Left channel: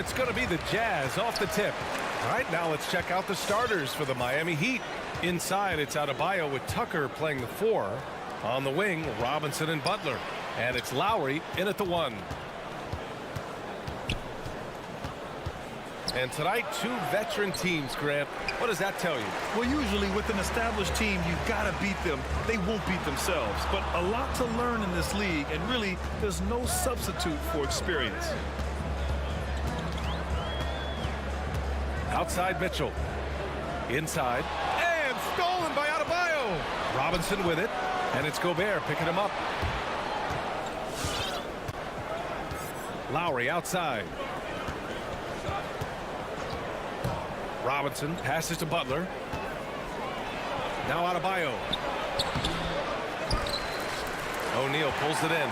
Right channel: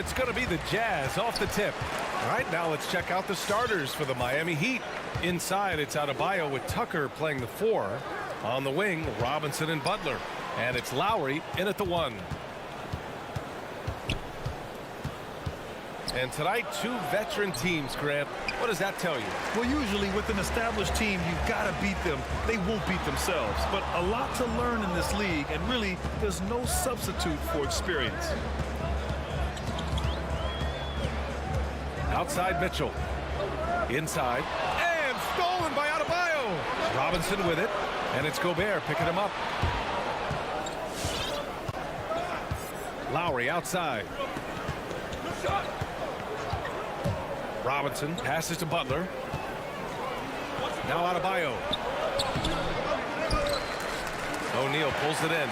it's going to be the Jazz off the tip. All right, now let's check out the starters for the Miami Heat. Inside, it's Adebayo with Tucker playing the 4. On the wing, Robinson and Butler. And it's Lowry in at the 1. And tonight, 2 veteran teams, Grant. What does that tell you? Well, usually with an established team, you've got to beat them. They won't beat themselves. But a lot to learn in this league, and really, there's no substitute for experience. Outside Mitchell. Inside. And stolen by Adebayo. Robinson with it. And it's Gobert picking him up. Lowry outside. Robinson passes to Butler. Now Adebayo. O'Neal pulls it in.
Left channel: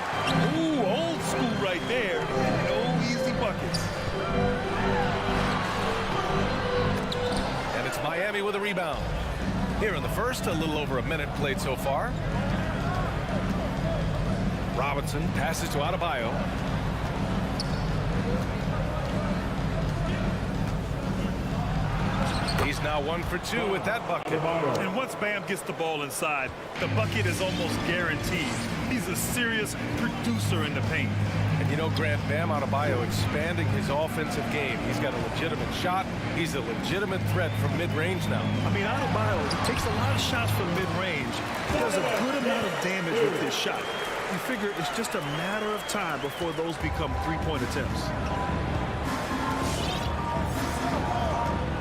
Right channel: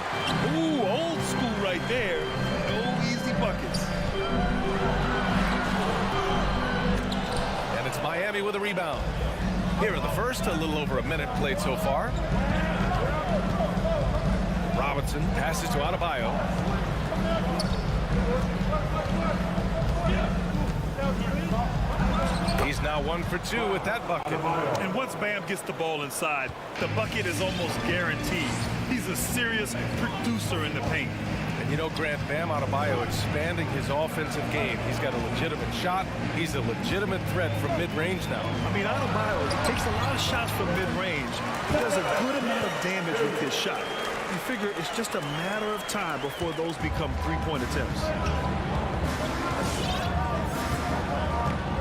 Ooh, old school right there. No easy buckets. And it's Miami with a rebound. Here in the first, a little over a minute played so far. Robinson passes to Adebayo. He's now 1 for 2 with that bucket. And once Bam gets the ball inside, the bucket is almost guaranteed. He's a serious producer in the paint. And you know, Grant, Bam Adebayo expanding his offensive game. He's got a legitimate shot. He's a legitimate threat from mid-range now. I mean, Adebayo, he takes a lot of shots from mid-range. He does a good amount of damage with his shot. You figure it's just a matter of time before those become three-point attempts.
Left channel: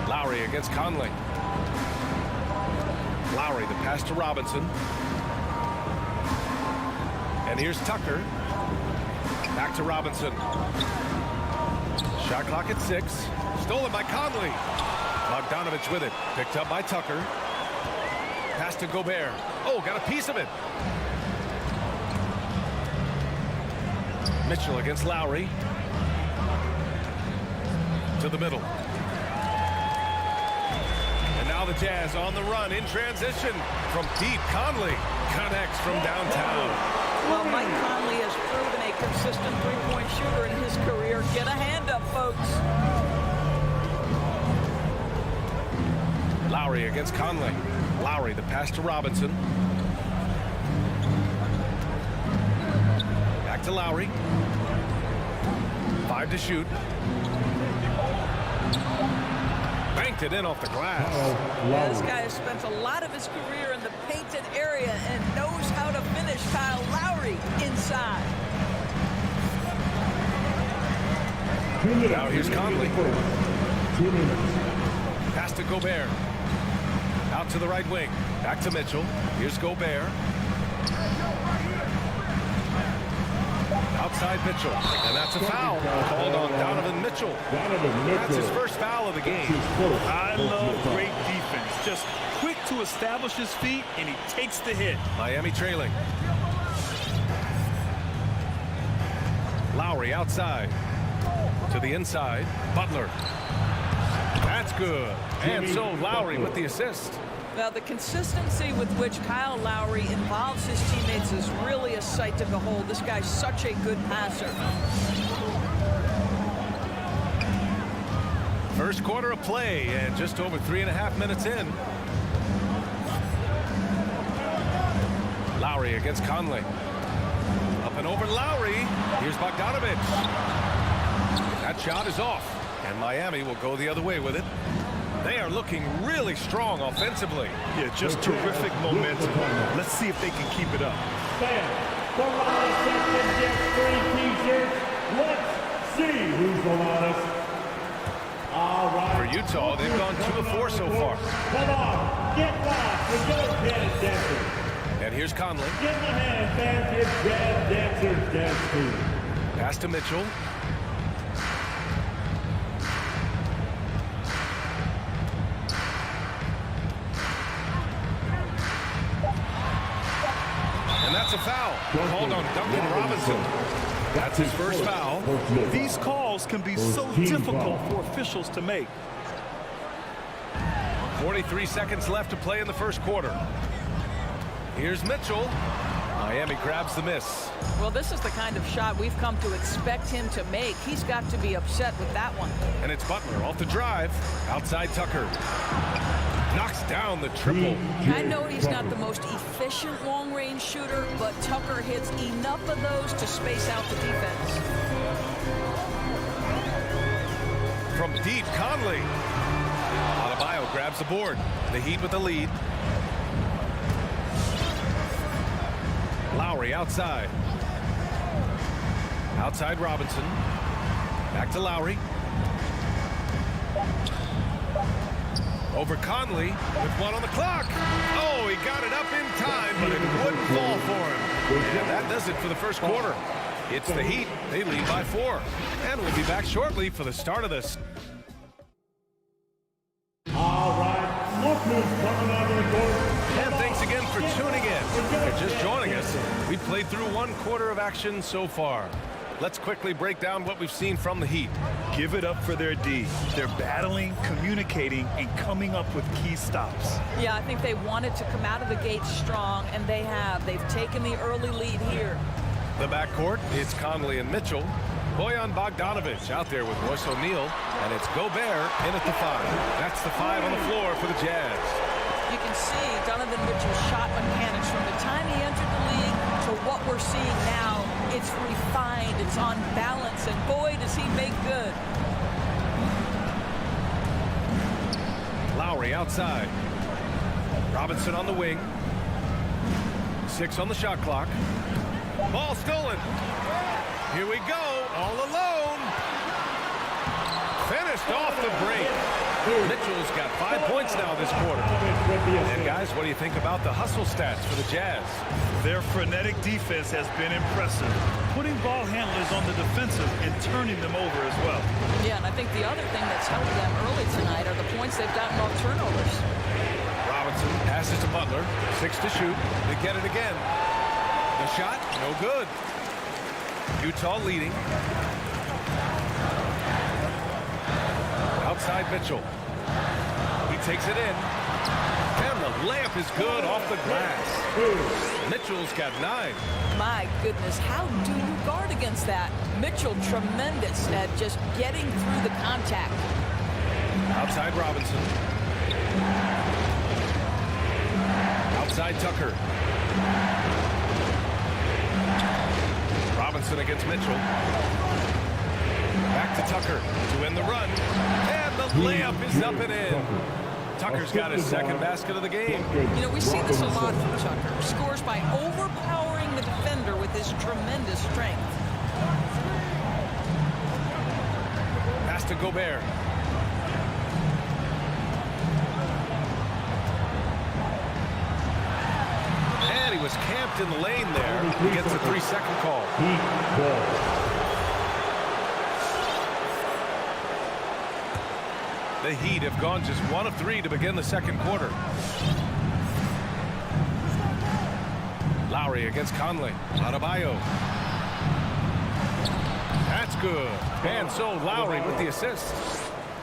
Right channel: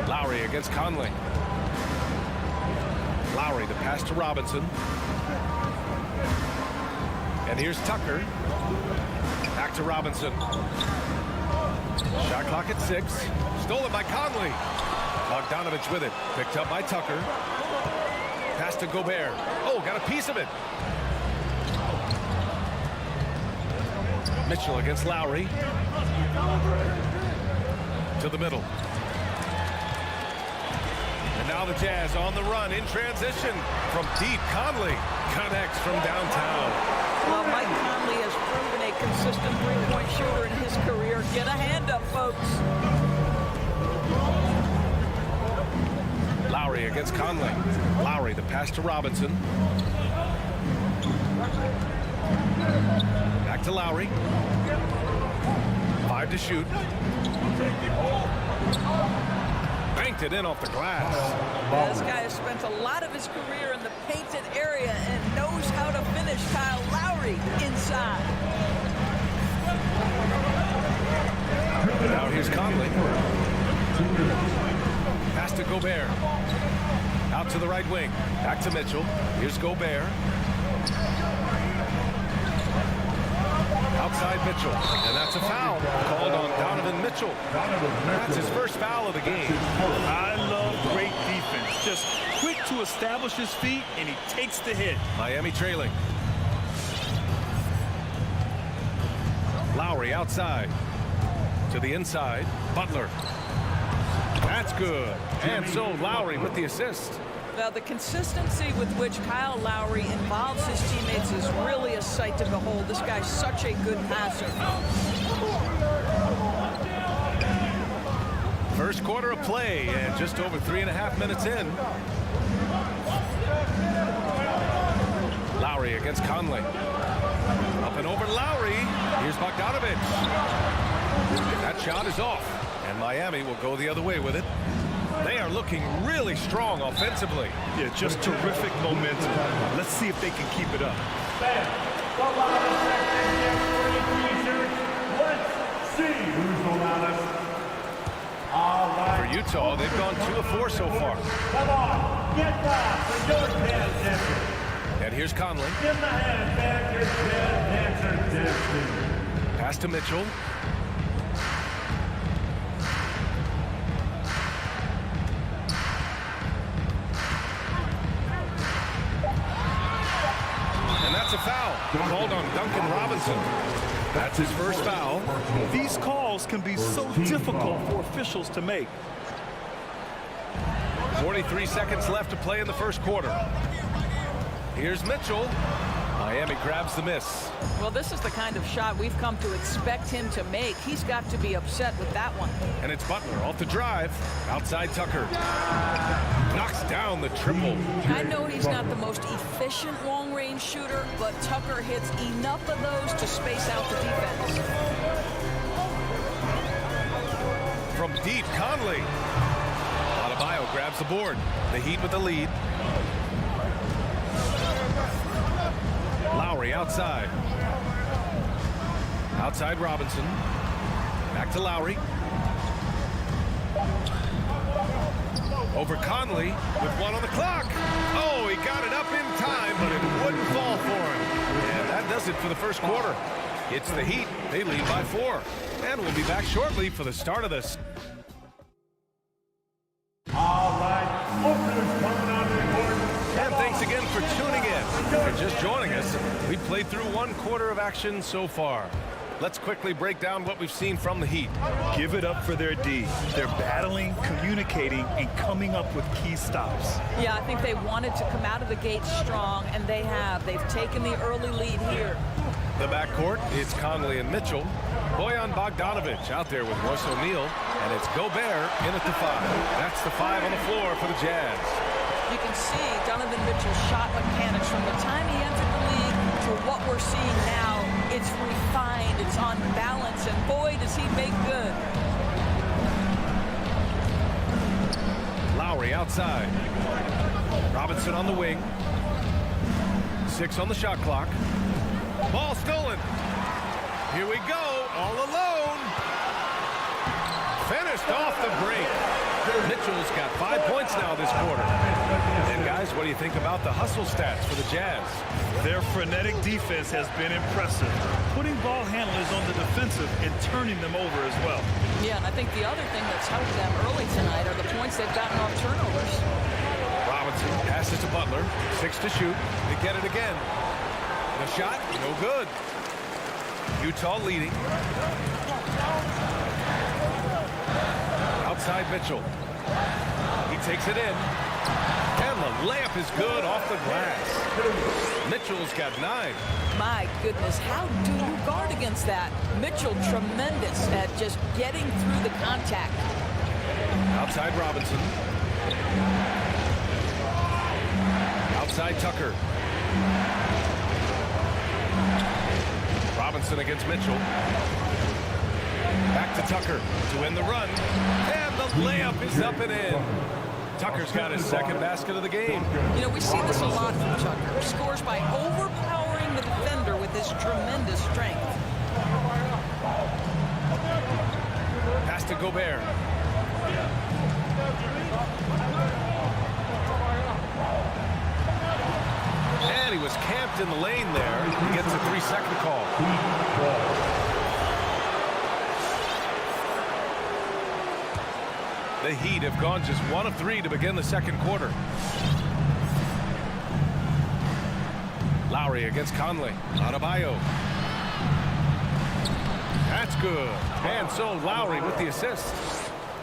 Lowry against Conley. Lowry, the pass to Robinson. And here's Tucker. Back to Robinson. Shot clock at 6. Stolen by Conley. Bogdanovich with it. Picked up by Tucker. Pass to Gobert. Oh, got a piece of it. Mitchell against Lowry. To the middle. And now the Jazz on the run in transition. From deep, Conley connects from downtown. Well, Mike Conley has proven a consistent three-point shooter in his career. Get a hand up, folks. Lowry against Conley. Lowry, the pass to Robinson. Back to Lowry. 5 to shoot. Banked it in off the glass. Yeah, this guy has spent a lot of his career in the painted area and knows how to finish. Kyle Lowry inside. Now here's Conley. Pass to Gobert. Out to the right wing. Back to Mitchell. Here's Gobert. Outside Mitchell. And that's a foul called on Donovan Mitchell. That's his first foul of the game. I love great defense. Just quick to establish his feet, and he takes the hit. Miami trailing. Lowry outside. To the inside. Butler. That's good. And so Lowry with the assist. Now, the consistency with which Kyle Lowry involves his teammates is really a sight to behold. This guy's such a good passer. First quarter of play, and just over 3.5 minutes in. Lowry against Conley. Up and over Lowry. Here's Bogdanovich. That shot is off, and Miami will go the other way with it. They are looking really strong offensively. Yeah, just terrific momentum. Let's see if they can keep it up. Fans, the loudest section gets free t-shirts. Let's see who's the loudest. All right. For Utah, they've gone 2 of 4 so far. Come on, get back with your jazz dancers. And here's Conley. Give them a hand, fans, your jazz dancers dancing. Pass to Mitchell. And that's a foul called on Duncan Robinson. That's his first foul. These calls can be so difficult for officials to make. 43 seconds left to play in the first quarter. Here's Mitchell. Miami grabs the miss. Well, this is the kind of shot we've come to expect him to make. He's got to be upset with that one. And it's Butler off the drive. Outside Tucker. Knocks down the triple. I know he's not the most efficient long-range shooter, but Tucker hits enough of those to space out the defense. From deep, Conley. Adebayo grabs the board. The Heat with the lead. Lowry outside. Outside Robinson. Back to Lowry. Over Conley with one on the clock. Oh, he got it up in time, but it wouldn't fall for him. And that does it for the first quarter. It's the Heat. They lead by 4. And we'll be back shortly for the start of this. All right, look who's coming onto the court. And thanks again for tuning in. If you're just joining us, we've played through 1 quarter of action so far. Let's quickly break down what we've seen from the Heat. Give it up for their D. They're battling, communicating, and coming up with key stops. Yeah, I think they wanted to come out of the gate strong, and they have. They've taken the early lead here. The backcourt, it's Conley and Mitchell. Bojan Bogdanovic out there with Royce O'Neal, and it's Gobert in at the 5. That's the 5 on the floor for the Jazz. You can see Donovan Mitchell's shot mechanics from the time he entered the league to what we're seeing now. It's refined, it's on balance, and boy, does he make good. Lowry outside. Robinson on the wing. 6 on the shot clock. Ball stolen. Here we go, all alone. Finished off the break. Mitchell's got 5 points now this quarter. And guys, what do you think about the hustle stats for the Jazz? Their frenetic defense has been impressive, putting ball handlers on the defensive and turning them over as well. Yeah, and I think the other thing that's helped them early tonight are the points they've gotten off turnovers. Robinson passes to Butler. 6 to shoot. They get it again. The shot, no good. Utah leading. Outside Mitchell. He takes it in. And the layup is good off the glass. Mitchell's got 9. My goodness, how do you guard against that? Mitchell tremendous at just getting through the contact. Outside Robinson. Outside Tucker. Robinson against Mitchell. Back to Tucker to end the run. And the layup is up and in. Tucker's got his 2nd basket of the game. You know, we see this a lot from Tucker. Scores by overpowering the defender with his tremendous strength. Pass to Gobert. And he was camped in the lane there. He gets a 3-second call. Heat ball. The Heat have gone just 1 of 3 to begin the second quarter. Lowry against Conley. Adebayo. That's good. And so Lowry with the assist.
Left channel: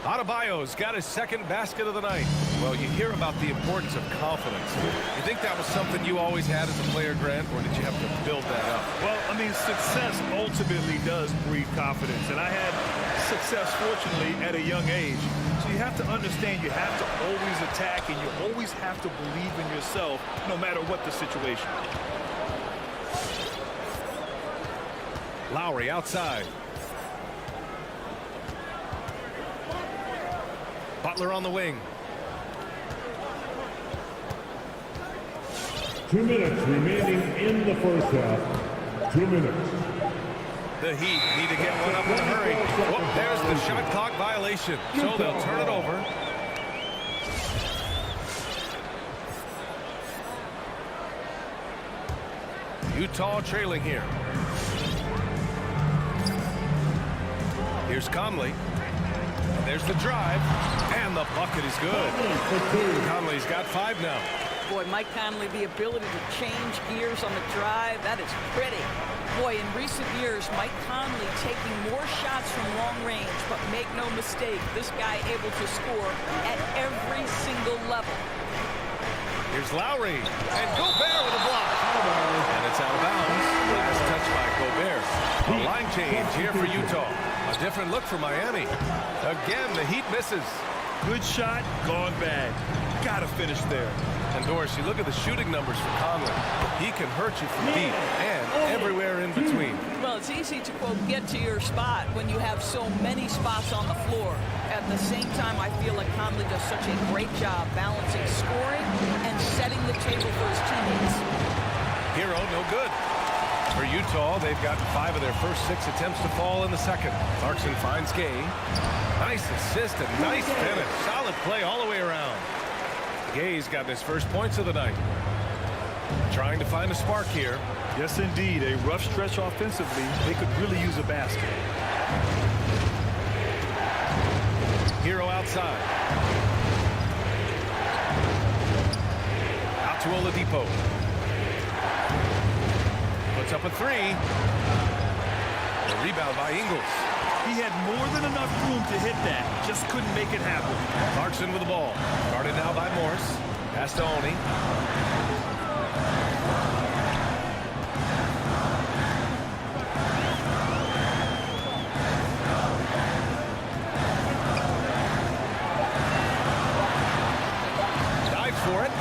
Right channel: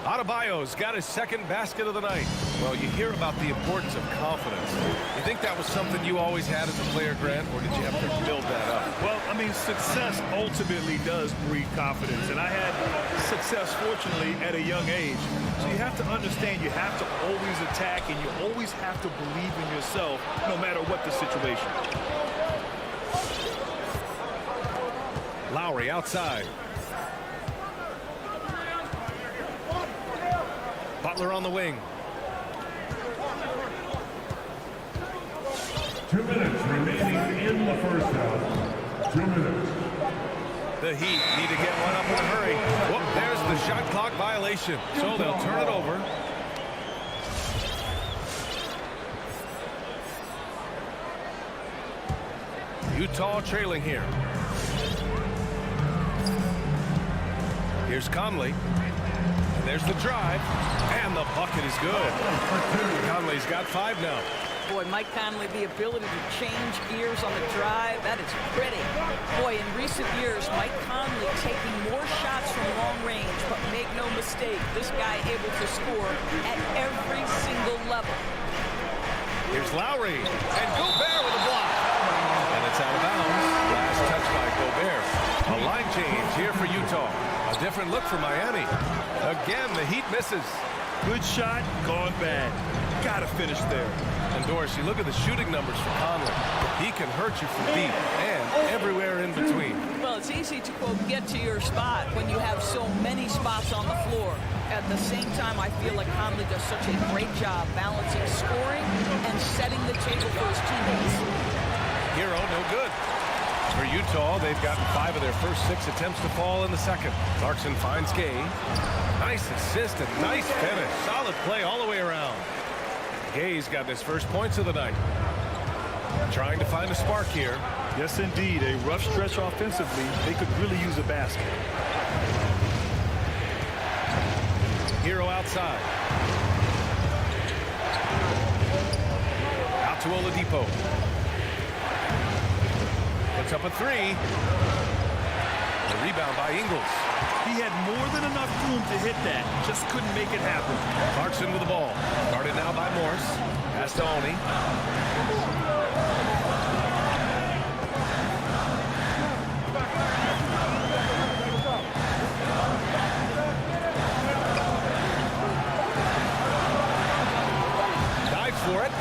Adebayo's got his 2nd basket of the night. Well, you hear about the importance of confidence. You think that was something you always had as a player, Grant, or did you have to build that up? Well, I mean, success ultimately does breed confidence. And I had success, fortunately, at a young age. So you have to understand you have to always attack and you always have to believe in yourself no matter what the situation. Lowry outside. Butler on the wing. 2 minutes remaining in the first half. 2 minutes. The Heat need to get one up in a hurry. Whoop, there's the shot clock violation. So they'll turn it over. Utah trailing here. Here's Conley. And there's the drive. And the bucket is good. Conley's got 5 now. Boy, Mike Conley, the ability to change gears on the drive, that is pretty. Boy, in recent years, Mike Conley taking more shots from long range, but make no mistake, this guy able to score at every single level. Here's Lowry, and Gobert with a block. And it's It's out of bounds. Last touch by Gobert. A line change here for Utah. A different look for Miami. Again, the Heat misses. Good shot, gone bad. Gotta finish there. And Doris, you look at the shooting numbers for Conley. He can hurt you from deep and everywhere in between. Well, it's easy to, quote, get to your spot when you have so many spots on the floor. At the same time, I feel like Conley does such a great job balancing scoring and setting the table for his teammates. Hero, no good. For Utah, they've gotten 5 of their first 6 attempts to fall in the second. Clarkson finds Gay. Nice assist and nice finish. Solid play all the way around. Gay's gotten his first points of the night. Trying to find a spark here. Yes, indeed. A rough stretch offensively. They could really use a basket. Hero outside. Out to Oladipo. Puts up a 3. The rebound by Ingles. He had more than enough room to hit that. Just couldn't make it happen. Clarkson with the ball. Guarded now by Morris. Pass to Oni. Dives for it.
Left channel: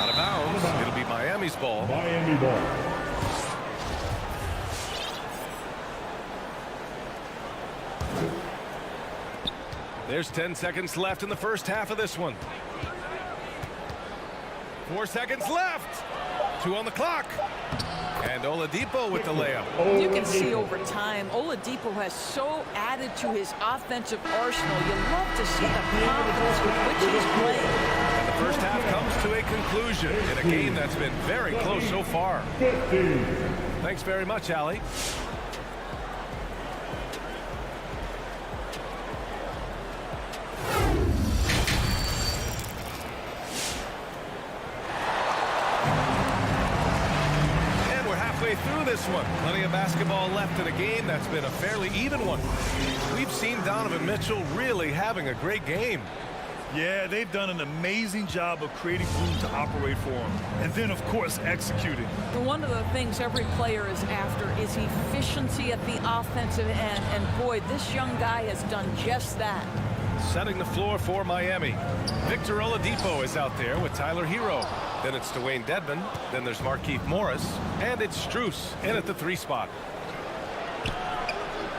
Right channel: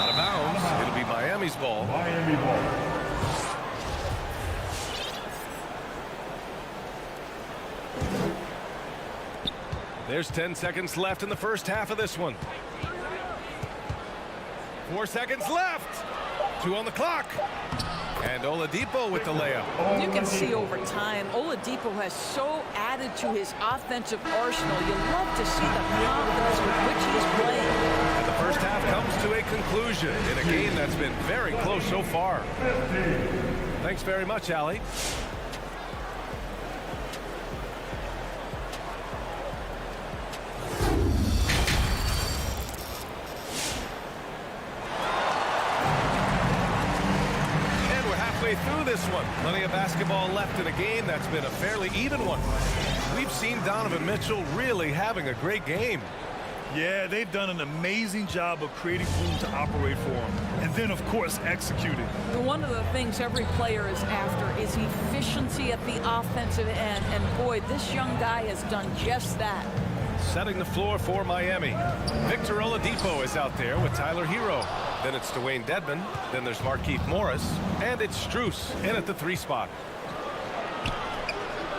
Out of bounds. It'll be Miami's ball. Miami ball. There's 10 seconds left in the first half of this one. 4 seconds left. 2 on the clock. And Oladipo with the layup. You can see over time, Oladipo has so added to his offensive arsenal. You love to see the confidence with which he's playing. And the first half comes to a conclusion in a game that's been very close so far. 15. Thanks very much, Allie. Through this one. Plenty of basketball left in a game that's been a fairly even one. We've seen Donovan Mitchell really having a great game. Yeah, they've done an amazing job of creating room to operate for him. And then, of course, executing. One of the things every player is after is efficiency at the offensive end. And boy, this young guy has done just that. Setting the floor for Miami. Victor Oladipo is out there with Tyler Hero. Then it's Dwayne Dedmon. Then there's Markieff Morris. And it's Strus in at the 3 spot.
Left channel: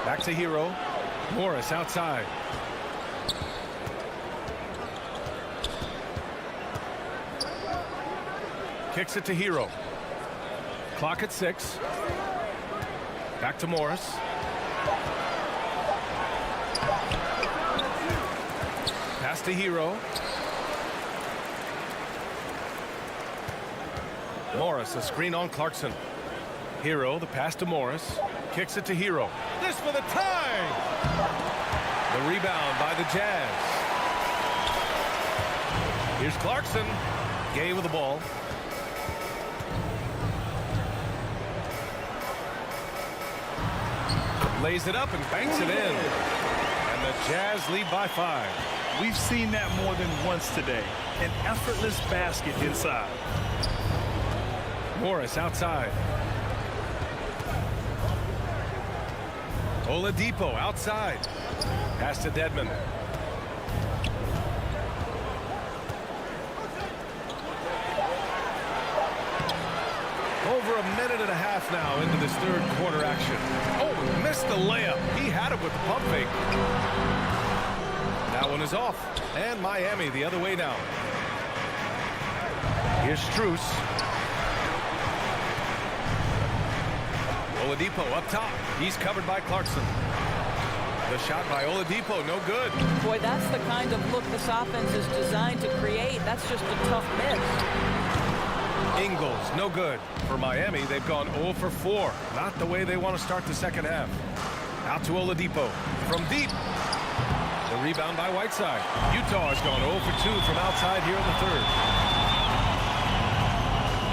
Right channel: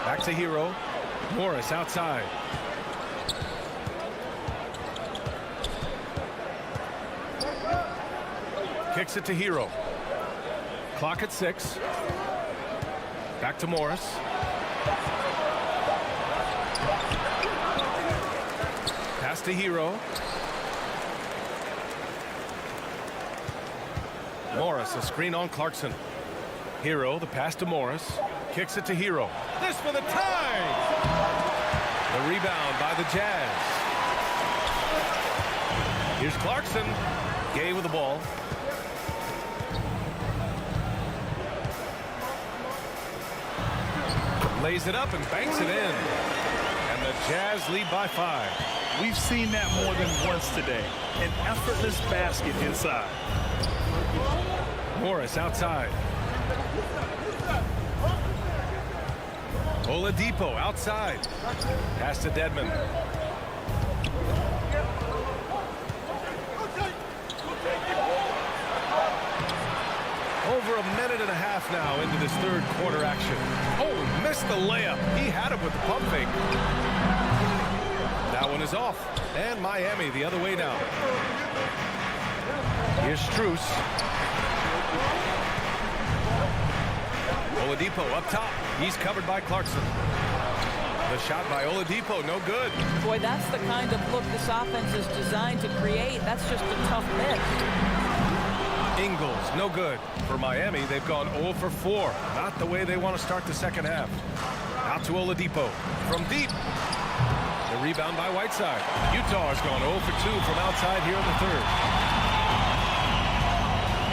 Back to Hero. Morris outside. Kicks it to Hero. Clock at 6. Back to Morris. Pass to Hero. Morris, a screen on Clarkson. Hero, the pass to Morris. Kicks it to Hero. This for the tie! The rebound by the Jazz. Here's Clarkson. Gay with the ball. Lays it up and banks it in. And the Jazz lead by 5. We've seen that more than once today. An effortless basket inside. Morris outside. Oladipo outside. Pass to Dedmon. Over a minute and a half now into this third quarter action. Oh, missed the layup. He had it with the pump fake. That one is off. And Miami the other way now. Here's Strus. Oladipo up top. He's covered by Clarkson. The shot by Oladipo, no good. Boy, that's the kind of look this offense is designed to create. That's just a tough miss. Ingles, no good. For Miami, they've gone 0 for 4. Not the way they want to start the second half. Out to Oladipo. From deep. The rebound by Whiteside. Utah has gone 0 for 2 from outside here in the third.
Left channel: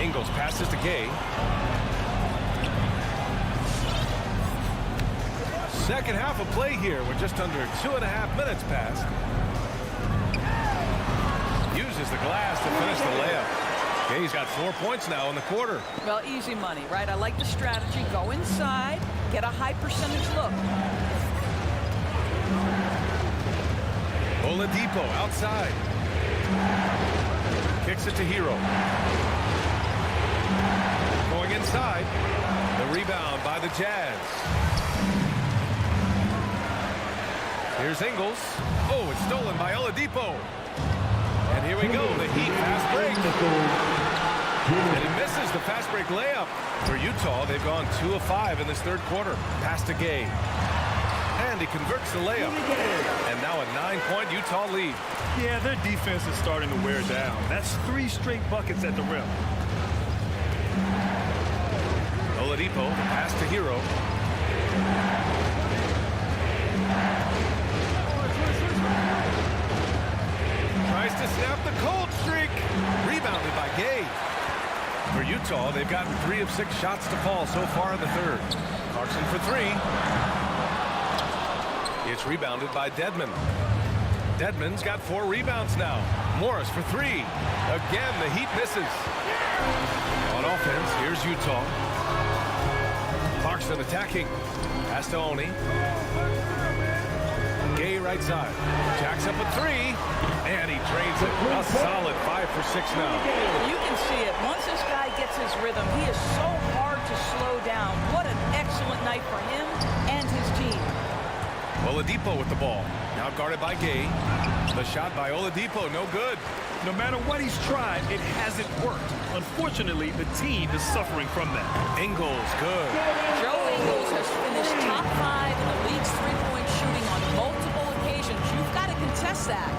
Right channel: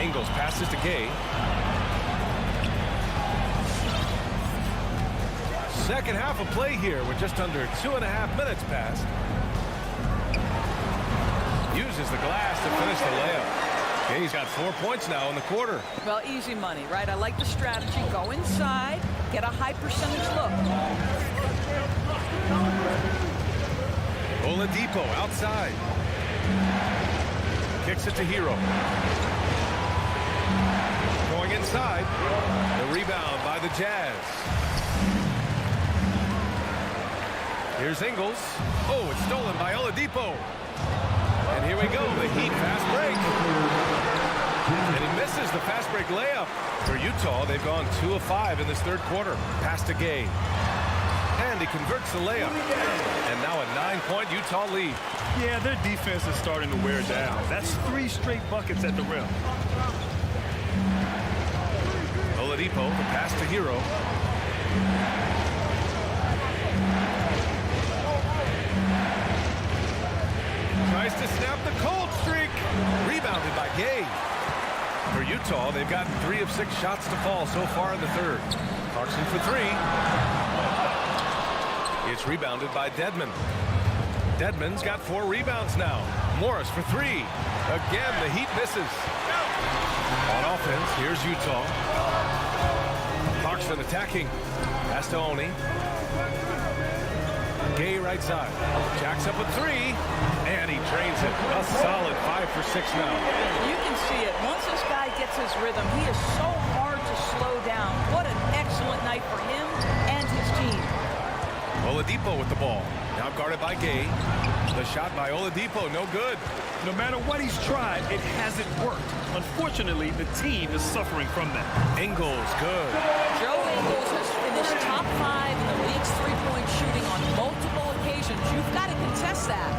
Ingles passes to Gay. Second half of play here with just under 2.5 minutes passed. Uses the glass to finish the layup. Gay's got 4 points now in the quarter. Well, easy money, right? I like the strategy. Go inside, get a high percentage look. Oladipo outside. Kicks it to Hero. Going inside. The rebound by the Jazz. Here's Ingles. Oh, it's stolen by Oladipo. And here we go, the Heat fast break. And he misses the fast break layup. For Utah, they've gone 2 of 5 in this third quarter. Pass to Gay. And he converts the layup. And now a 9-point Utah lead. Yeah, their defense is starting to wear down. That's 3 straight buckets at the rim. Oladipo, the pass to Hero. Tries to snap the cold streak. Rebounded by Gay. For Utah, they've gotten 3 of 6 shots to fall so far in the third. Clarkson for 3. It's rebounded by Dedmon. Dedmon's got 4 rebounds now. Morris for 3. Again, the Heat misses. On offense, here's Utah. Clarkson attacking. Pass to Oni. Gay right side. Jacks up a 3. And he drains it. A solid 5 for 6 now. You can see it. Once this guy gets his rhythm, he is so hard to slow down. What an excellent night for him and his team. Oladipo with the ball. Now guarded by Gay. The shot by Oladipo, no good. No matter what he's tried, it hasn't worked. Unfortunately, the team is suffering from that. Ingles, good. Joe Ingles has finished top 5 in the league's three-point shooting on multiple occasions. You've got to contest that.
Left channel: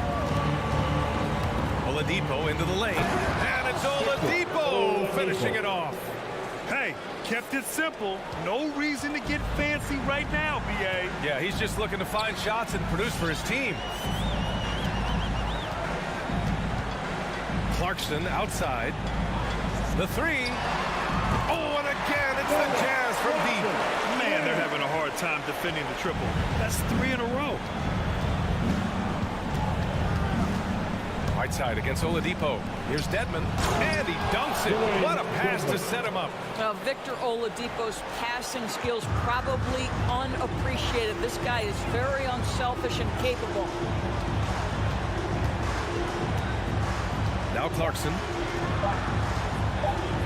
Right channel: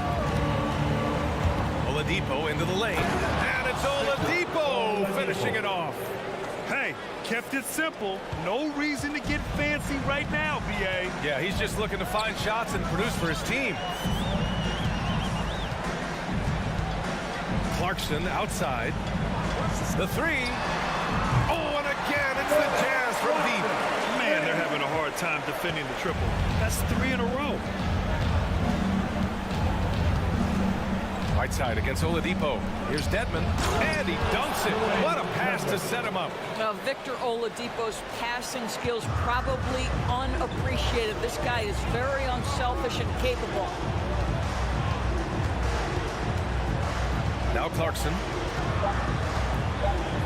Oladipo into the lane. And it's Oladipo finishing it off. Hey, kept it simple. No reason to get fancy right now, B.A. Yeah, he's just looking to find shots and produce for his team. Clarkson outside. The 3. Oh, and again, it's the Jazz from deep. Man, they're having a hard time defending the triple. That's 3 in a row. Right side against Oladipo. Here's Dedmon, and he dunks it. What a pass to set him up. Well, Victor Oladipo's passing skills probably unappreciated. This guy is very unselfish and capable. Now Clarkson.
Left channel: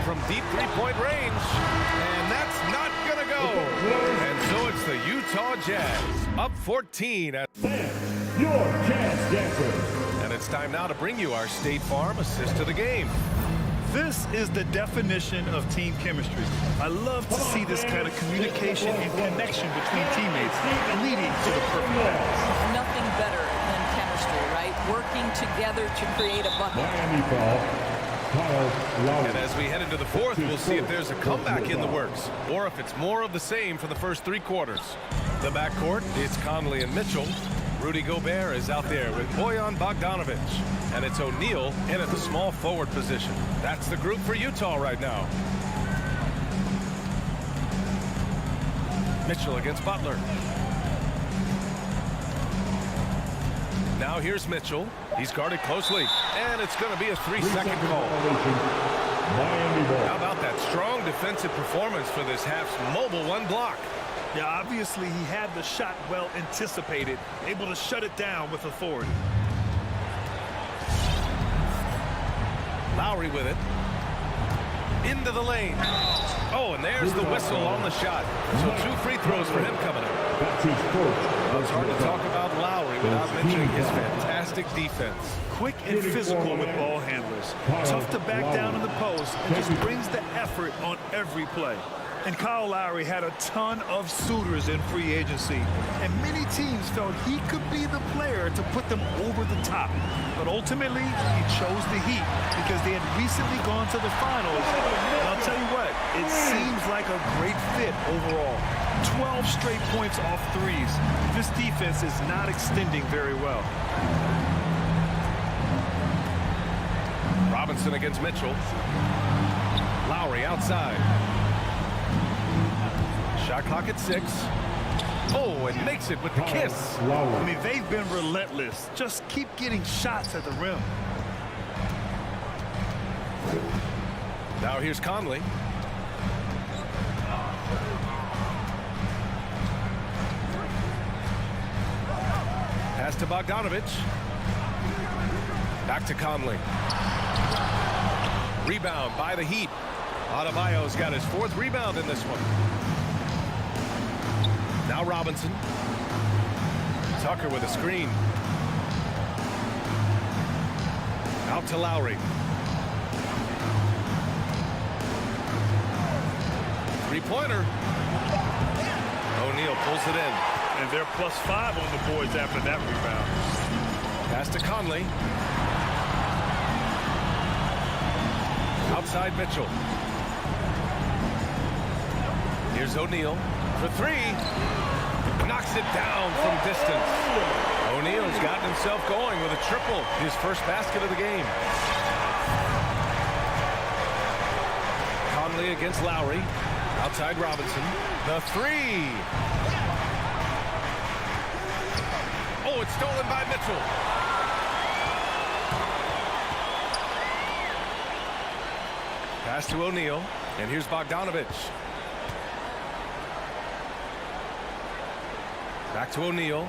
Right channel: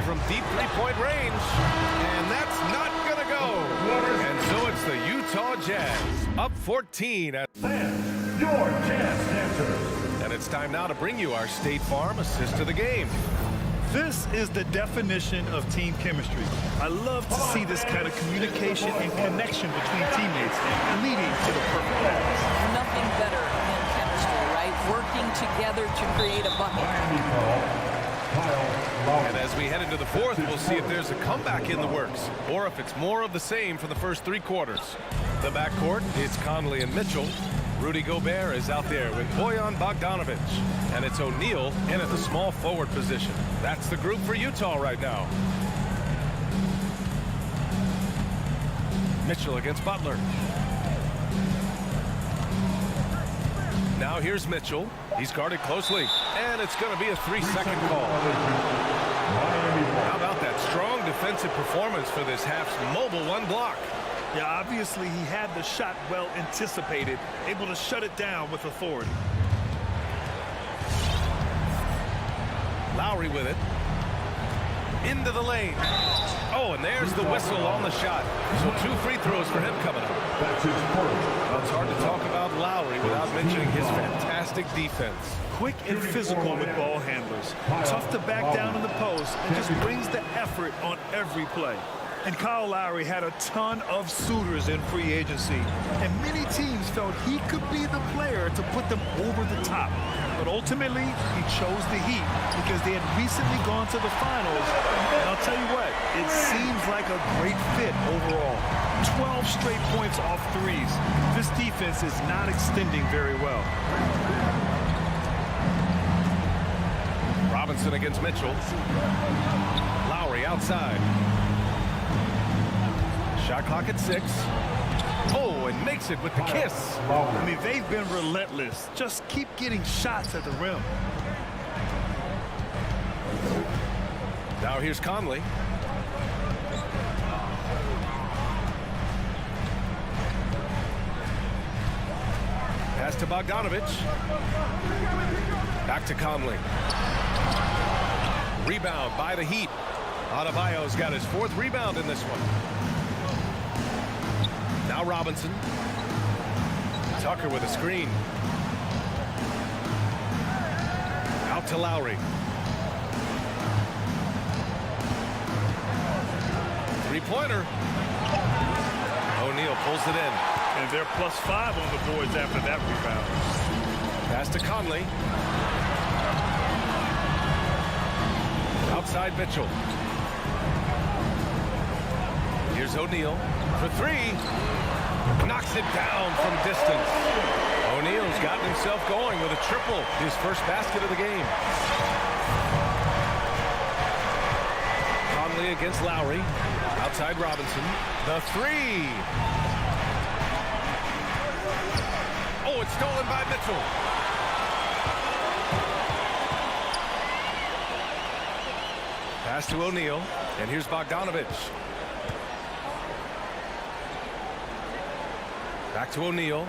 From deep three-point range. And that's not going to go. And so it's the Utah Jazz. Up 14. Fans, your Jazz dancers. And it's time now to bring you our State Farm assist to the game. This is the definition of team chemistry. I love to see this kind of communication and connection between teammates leading to the perfect pass. Nothing better than chemistry, right? Working together to create a bucket. Miami foul. Kyle Lowry. And as we head into the fourth, we'll see if there's a comeback in the works or if it's more of the same for the first 3 quarters. The backcourt, it's Conley and Mitchell. Rudy Gobert is out there with Bojan Bogdanovic. And it's O'Neal in at the small forward position. That's the group for Utah right now. Mitchell against Butler. Now here's Mitchell. He's guarded closely. And it's going to be a 3-second call. Miami ball. How about that strong defensive performance for this half's mobile 1 block? Yeah, obviously he had the shot well anticipated, able to shut it down with authority. Lowry with it. Into the lane. Oh, and there's the whistle on the shot. So 2 free throws for him coming up. That's his first. Well, it's hard to talk about Lowry without mentioning his fantastic defense. Quick and physical with ball handlers. Tough to back down in the post and just brings the effort on every play. And Kyle Lowry had a ton of suitors in free agency, and many teams felt he could be the player to put them over the top. But ultimately, he chose the Heat because they had recently gone to the finals. And I'll tell you what, it seems like a great fit overall. 12 straight points off threes. This defense is not extending very well. Robinson against Mitchell. Lowry outside. Shot clock at 6. Oh, and makes it with the kiss. I mean, they've been relentless. Just keep getting shots at the rim. Now here's Conley. Pass to Bogdanovich. Back to Conley. Rebound by the Heat. Adebayo's got his 4th rebound in this one. Now Robinson. Tucker with a screen. Out to Lowry. 3-pointer. O'Neal pulls it in. And they're +5 on the boards after that rebound. Pass to Conley. Outside Mitchell. Here's O'Neal for 3. Knocks it down from distance. O'Neal's gotten himself going with a triple. His first basket of the game. Conley against Lowry. Outside Robinson. The 3. Oh, it's stolen by Mitchell. Pass to O'Neal. And here's Bogdanovich. Back to O'Neal.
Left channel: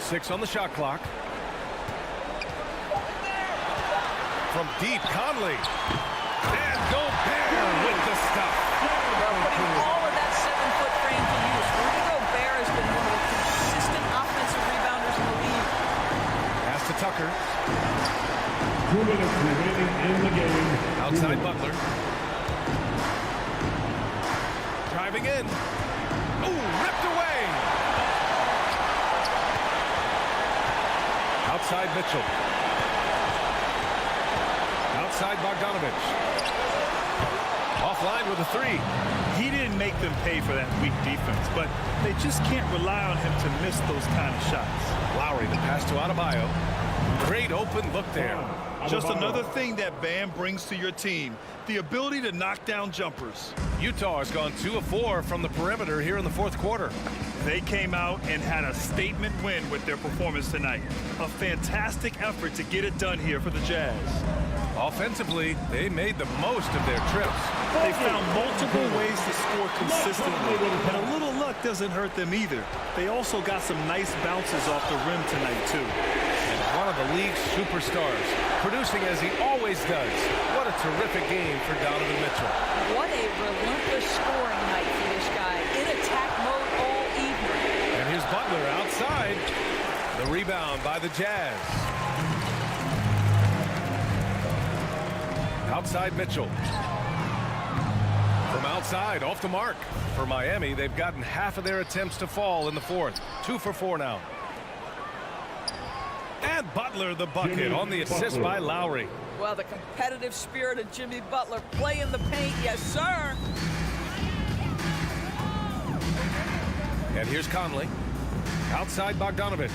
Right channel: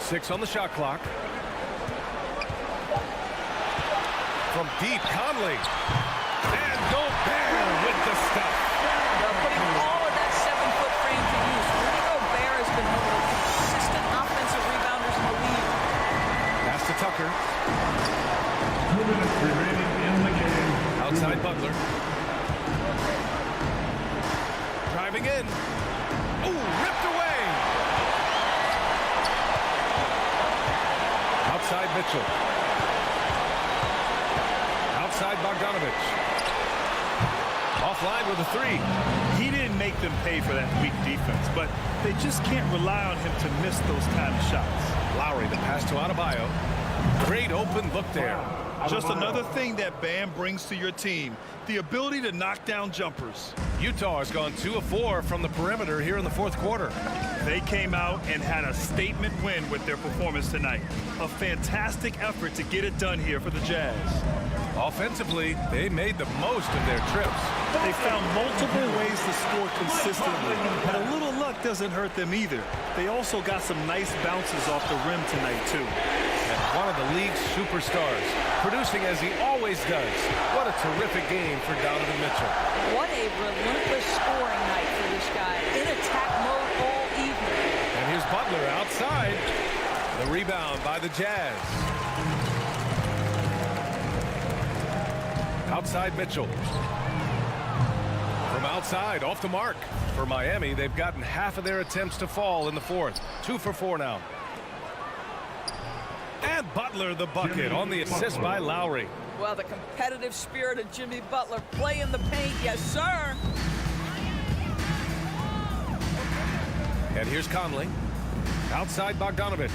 6 on the shot clock. From deep, Conley. And Gobert with the stuff. Well, putting all of that 7-foot frame to use. Rudy Gobert has been one of the consistent offensive rebounders in the league. Pass to Tucker. 2 minutes remaining in the game. Outside Butler. Driving in. Ooh, ripped away. Outside Mitchell. Outside Bogdanovich. Offline with a 3. He didn't make them pay for that weak defense, but they just can't rely on him to miss those kind of shots. Lowry, the pass to Adebayo. Great open look there. Just another thing that Bam brings to your team, the ability to knock down jumpers. Utah has gone 2 of 4 from the perimeter here in the 4th quarter. They came out and had a statement win with their performance tonight. A fantastic effort to get it done here for the Jazz. Offensively, they made the most of their trips. They found multiple ways to score consistently, and a little luck doesn't hurt them either. They also got some nice bounces off the rim tonight, too. And one of the league's superstars, producing as he always does. What a terrific game for Donovan Mitchell. What a relentless scoring night for this guy. In attack mode all evening. And here's Butler outside. The rebound by the Jazz. Outside Mitchell. From outside, off the mark. For Miami, they've gotten half of their attempts to fall in the 4th. 2 for 4 now. And Butler the bucket on the assist by Lowry. Well, the competitive spirit of Jimmy Butler. Play in the paint, yes, sir. And here's Conley. Outside Bogdanovich.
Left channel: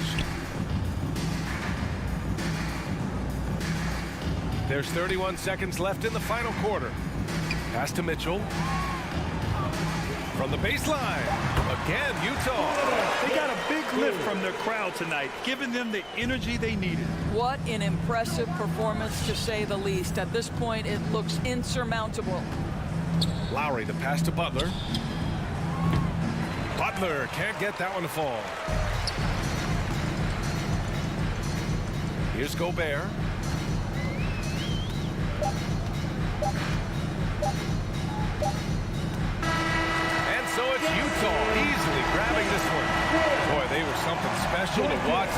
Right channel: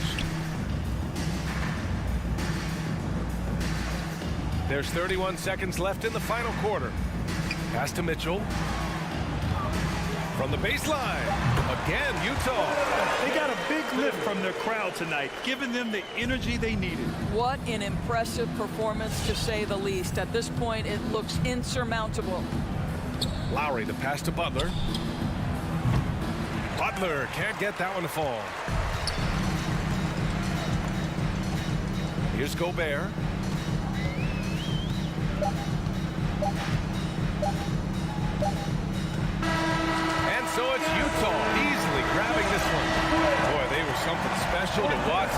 There's 31 seconds left in the final quarter. Pass to Mitchell. From the baseline. Again, Utah. They got a big lift from their crowd tonight, giving them the energy they needed. What an impressive performance, to say the least. At this point, it looks insurmountable. Lowry, the pass to Butler. Butler can't get that one to fall. Here's Gobert. And so it's Utah easily grabbing this one. Boy, they were something special to watch.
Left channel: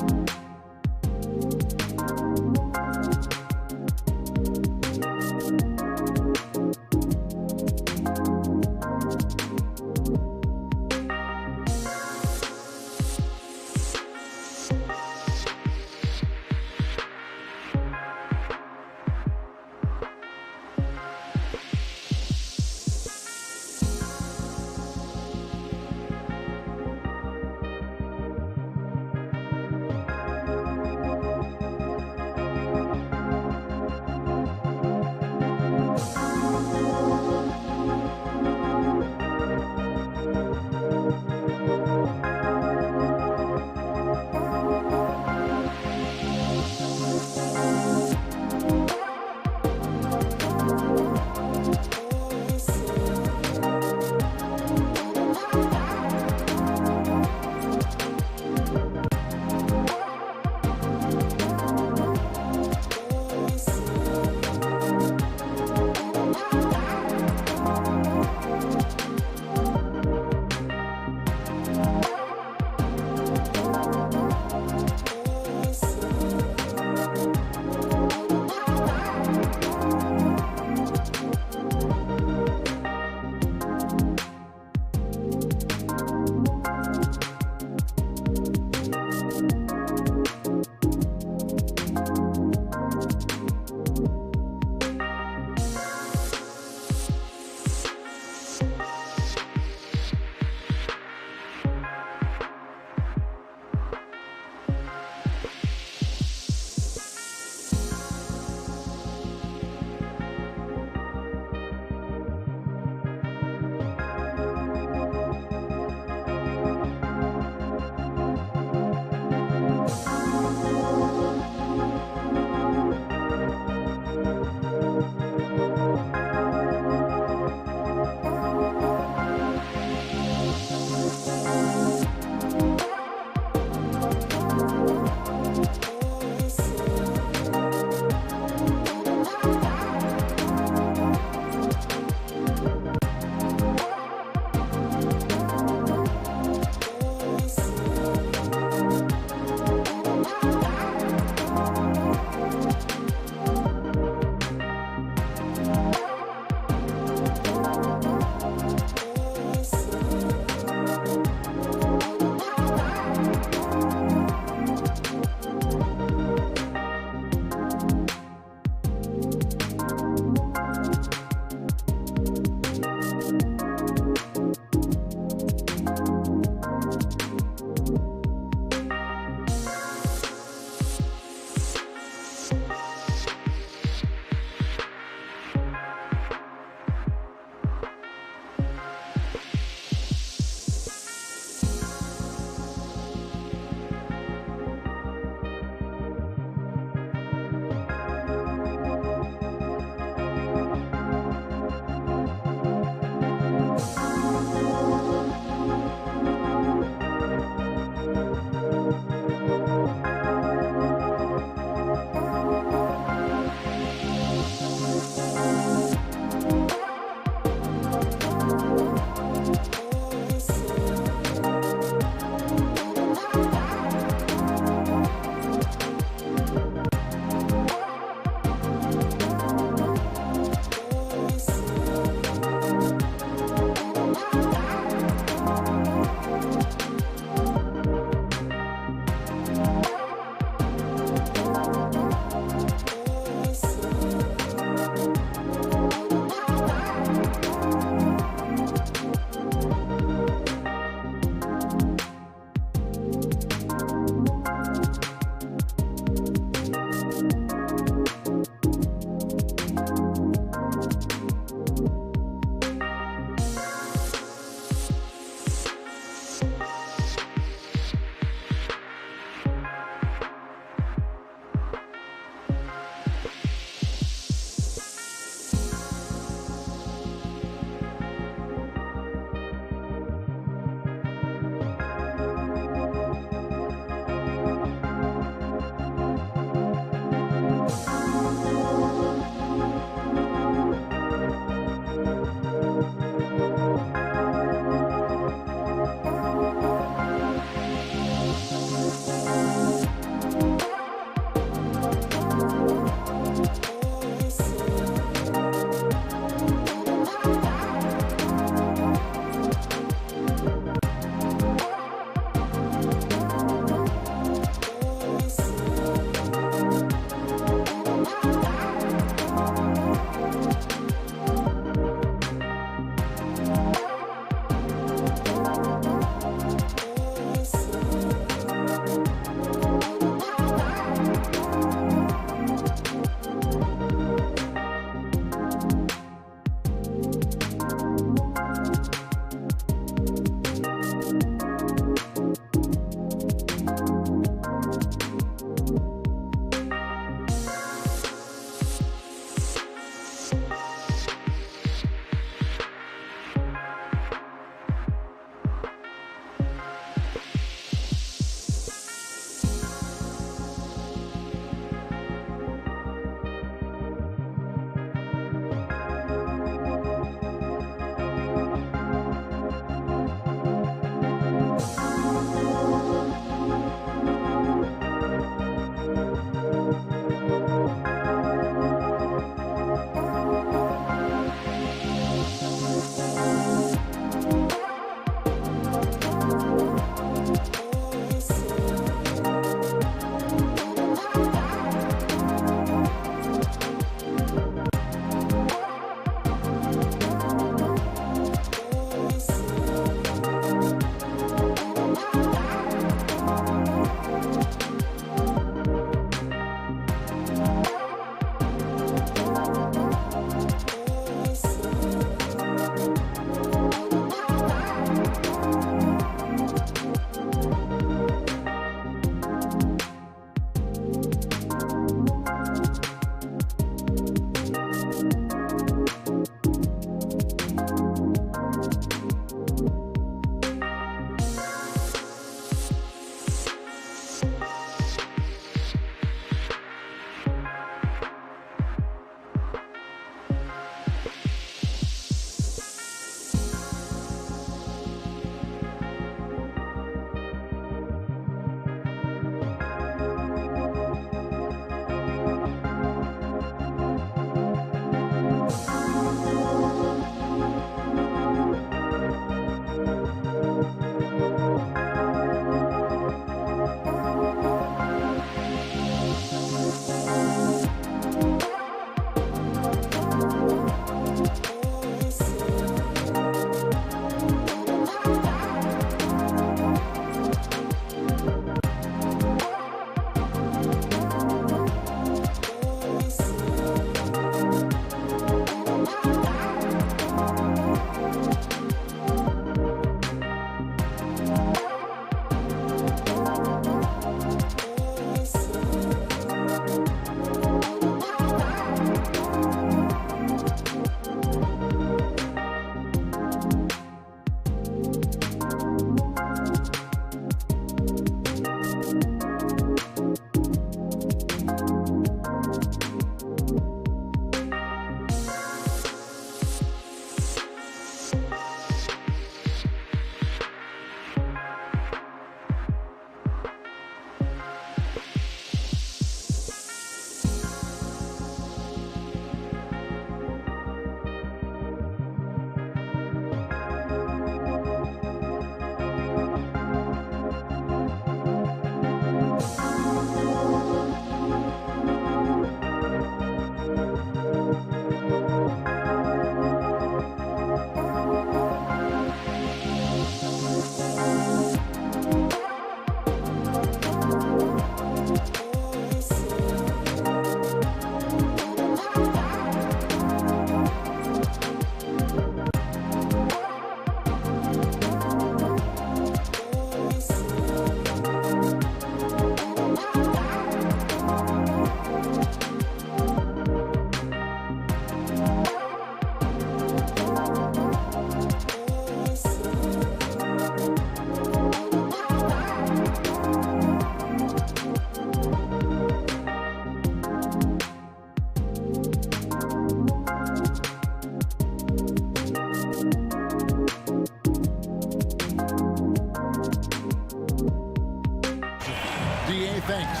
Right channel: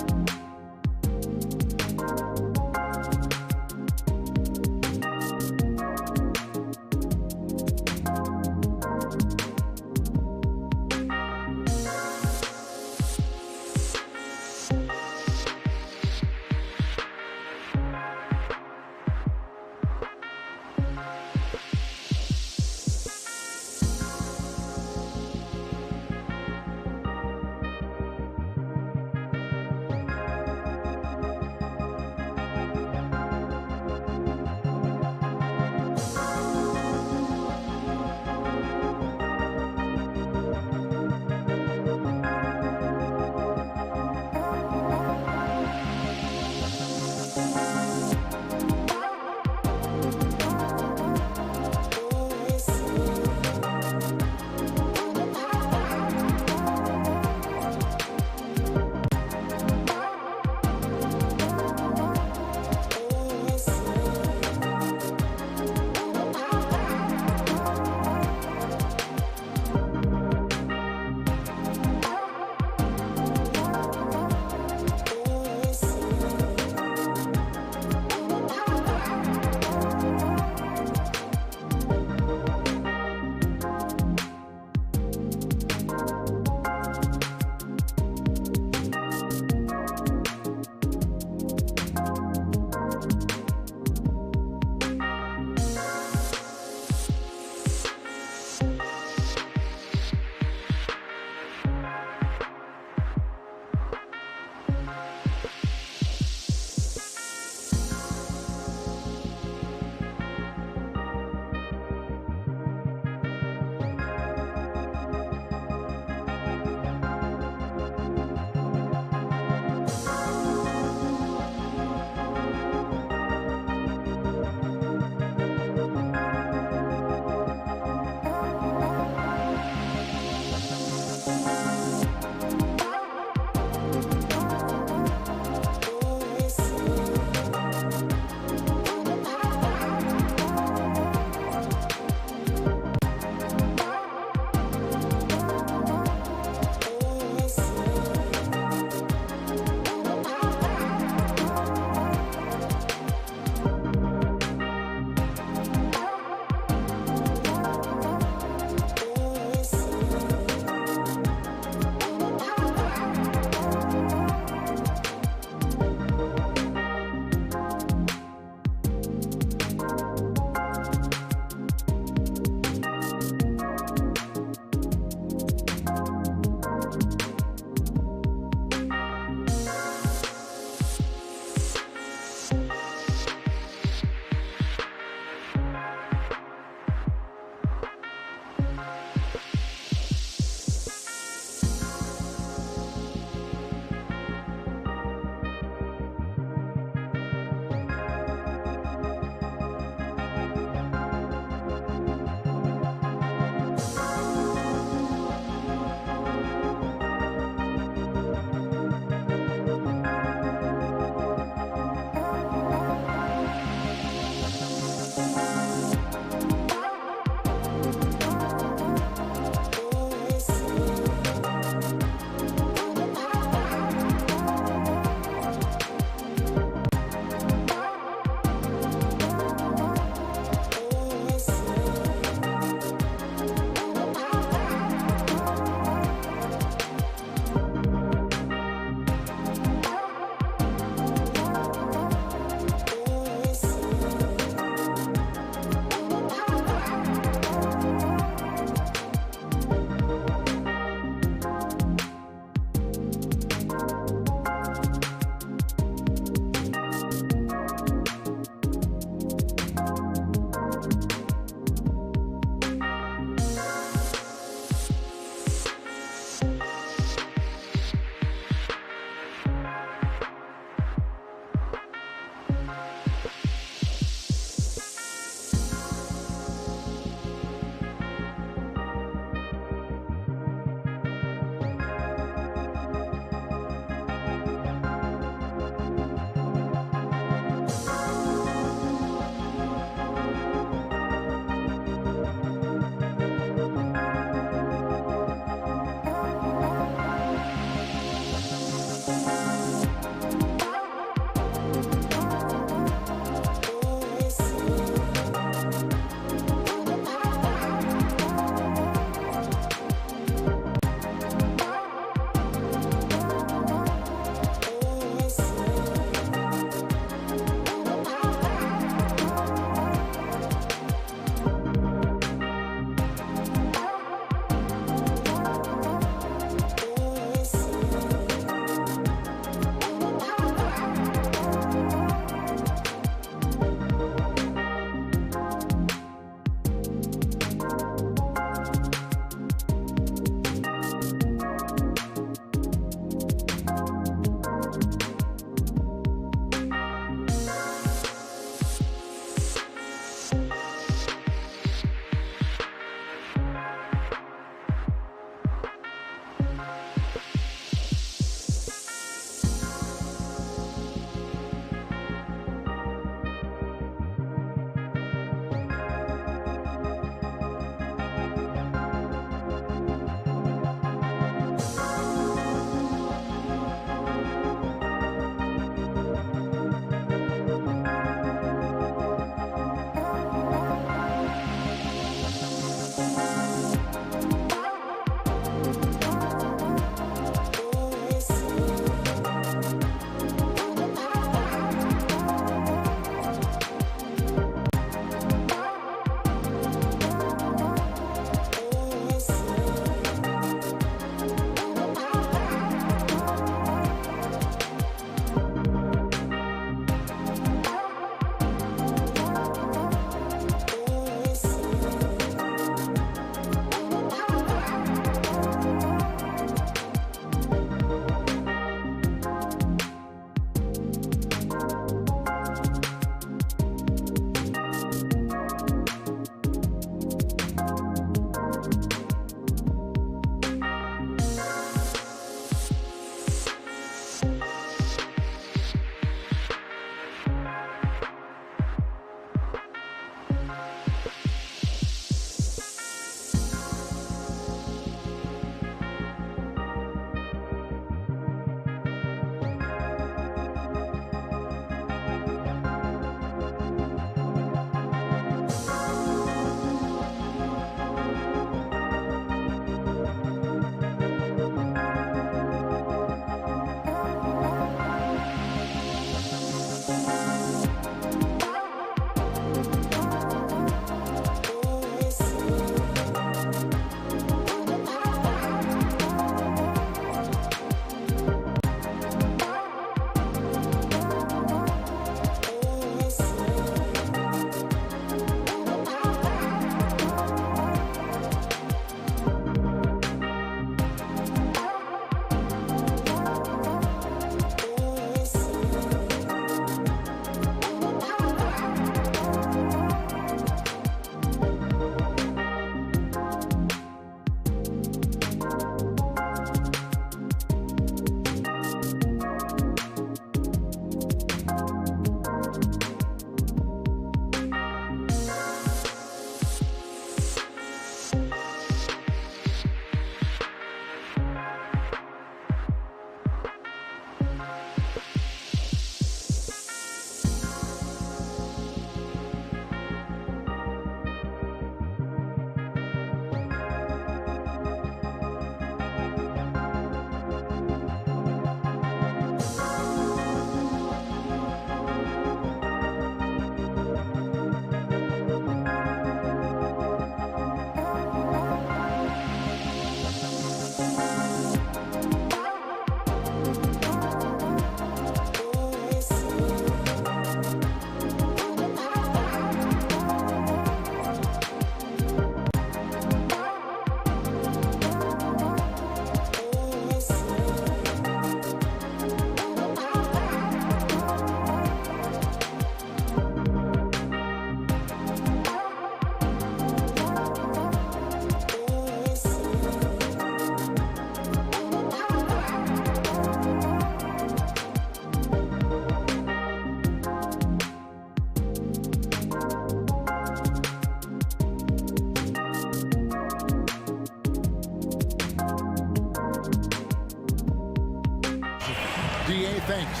Thanks.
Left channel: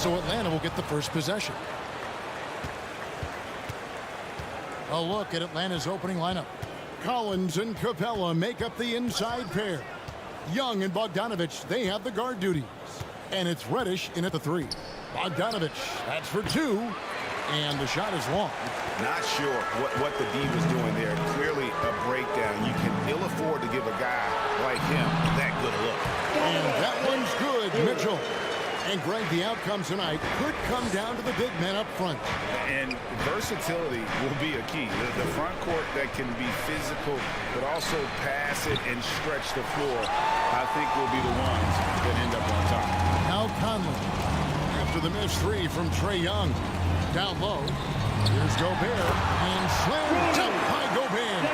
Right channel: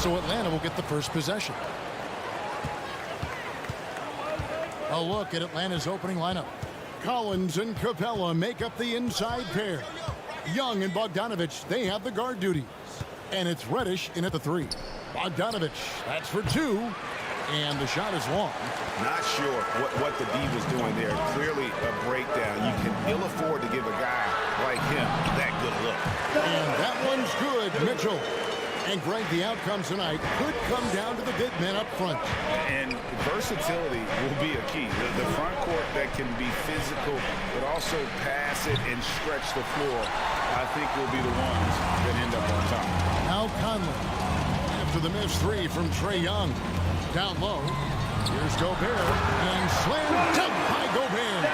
So Atlanta will get the first possession. A look at Atlanta's opening lineup. Collins and Capella make up the inside pair. Young and Bogdanovich, they have the guard duties. And it's Reddish in at the 3. Bogdanovich, that's for 2. And the shot is long. Not sure what the D was doing there. Clearly a breakdown. You can ill afford to give a guy like him that good a look. And that one's good, Mitchell. And Greg, the outcome tonight could come down to the big man up front. And versatility will be a key. The front court that can be physical, but also pass it and stretch the floor, I think will be the ones that end up on top. Now Conley, after the missed 3 from Trae Young. Down low, here's Gobert, and slam dunk by Gobert.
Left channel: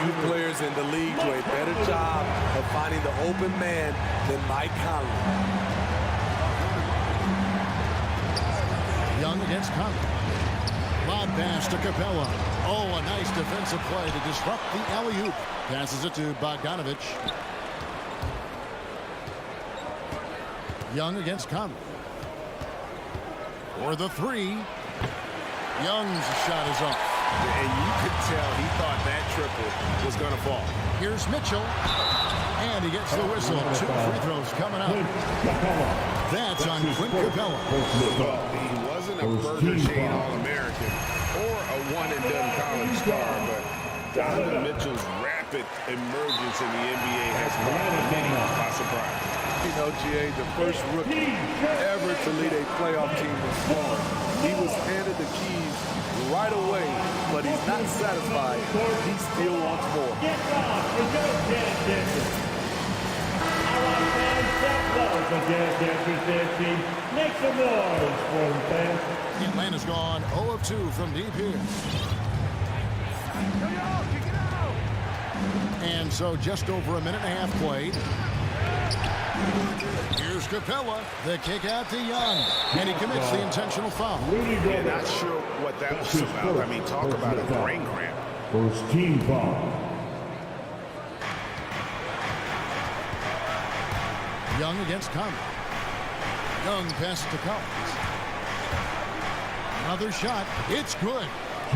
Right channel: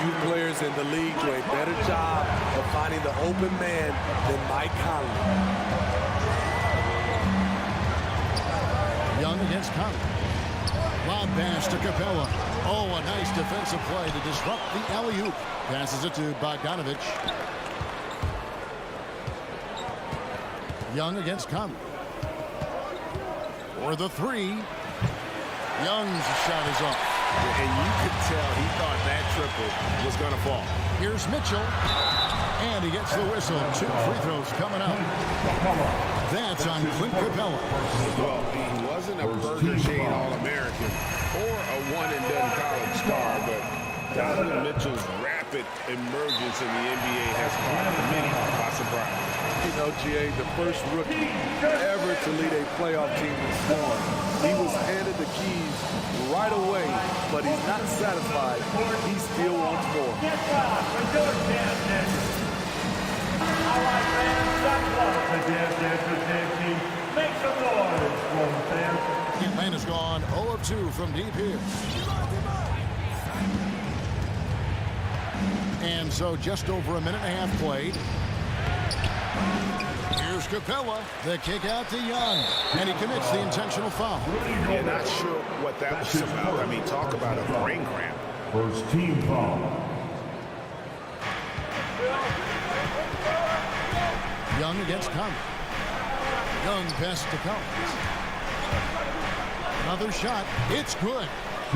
Few players in the league do a better job of finding the open man than Mike Conley. Young against Conley. Lob pass to Capella. Oh, a nice defensive play to disrupt the alley-oop. Passes it to Bogdanovich. Young against Conley. For the 3. Young's shot is up. And you could tell he thought that triple was going to fall. Here's Mitchell. And he gets the whistle. 2 free throws coming up. That's on Clint Capella. Well, he wasn't a Burger Chain All-American or a one-and-done college star, but Donovan Mitchell's rapid emergence in the NBA has caught many by surprise. You know, GA, the first rookie ever to lead a playoff team in scoring. He was handed the keys right away, but he's not satisfied. He still wants more. Get down for your Dance Dancers. All right, fans, that was the Dance Dancers dance team. Make some noise for them, fans. Atlanta's gone 0 of 2 from deep here. And so just over a minute and a half played. Here's Capella, the kick out to Young, and he commits the intentional foul. Yeah, not sure what that was about. I mean, talk about a brain cramp. First team foul. Young against Conley. Young passes to Collins. Another shot. It's good.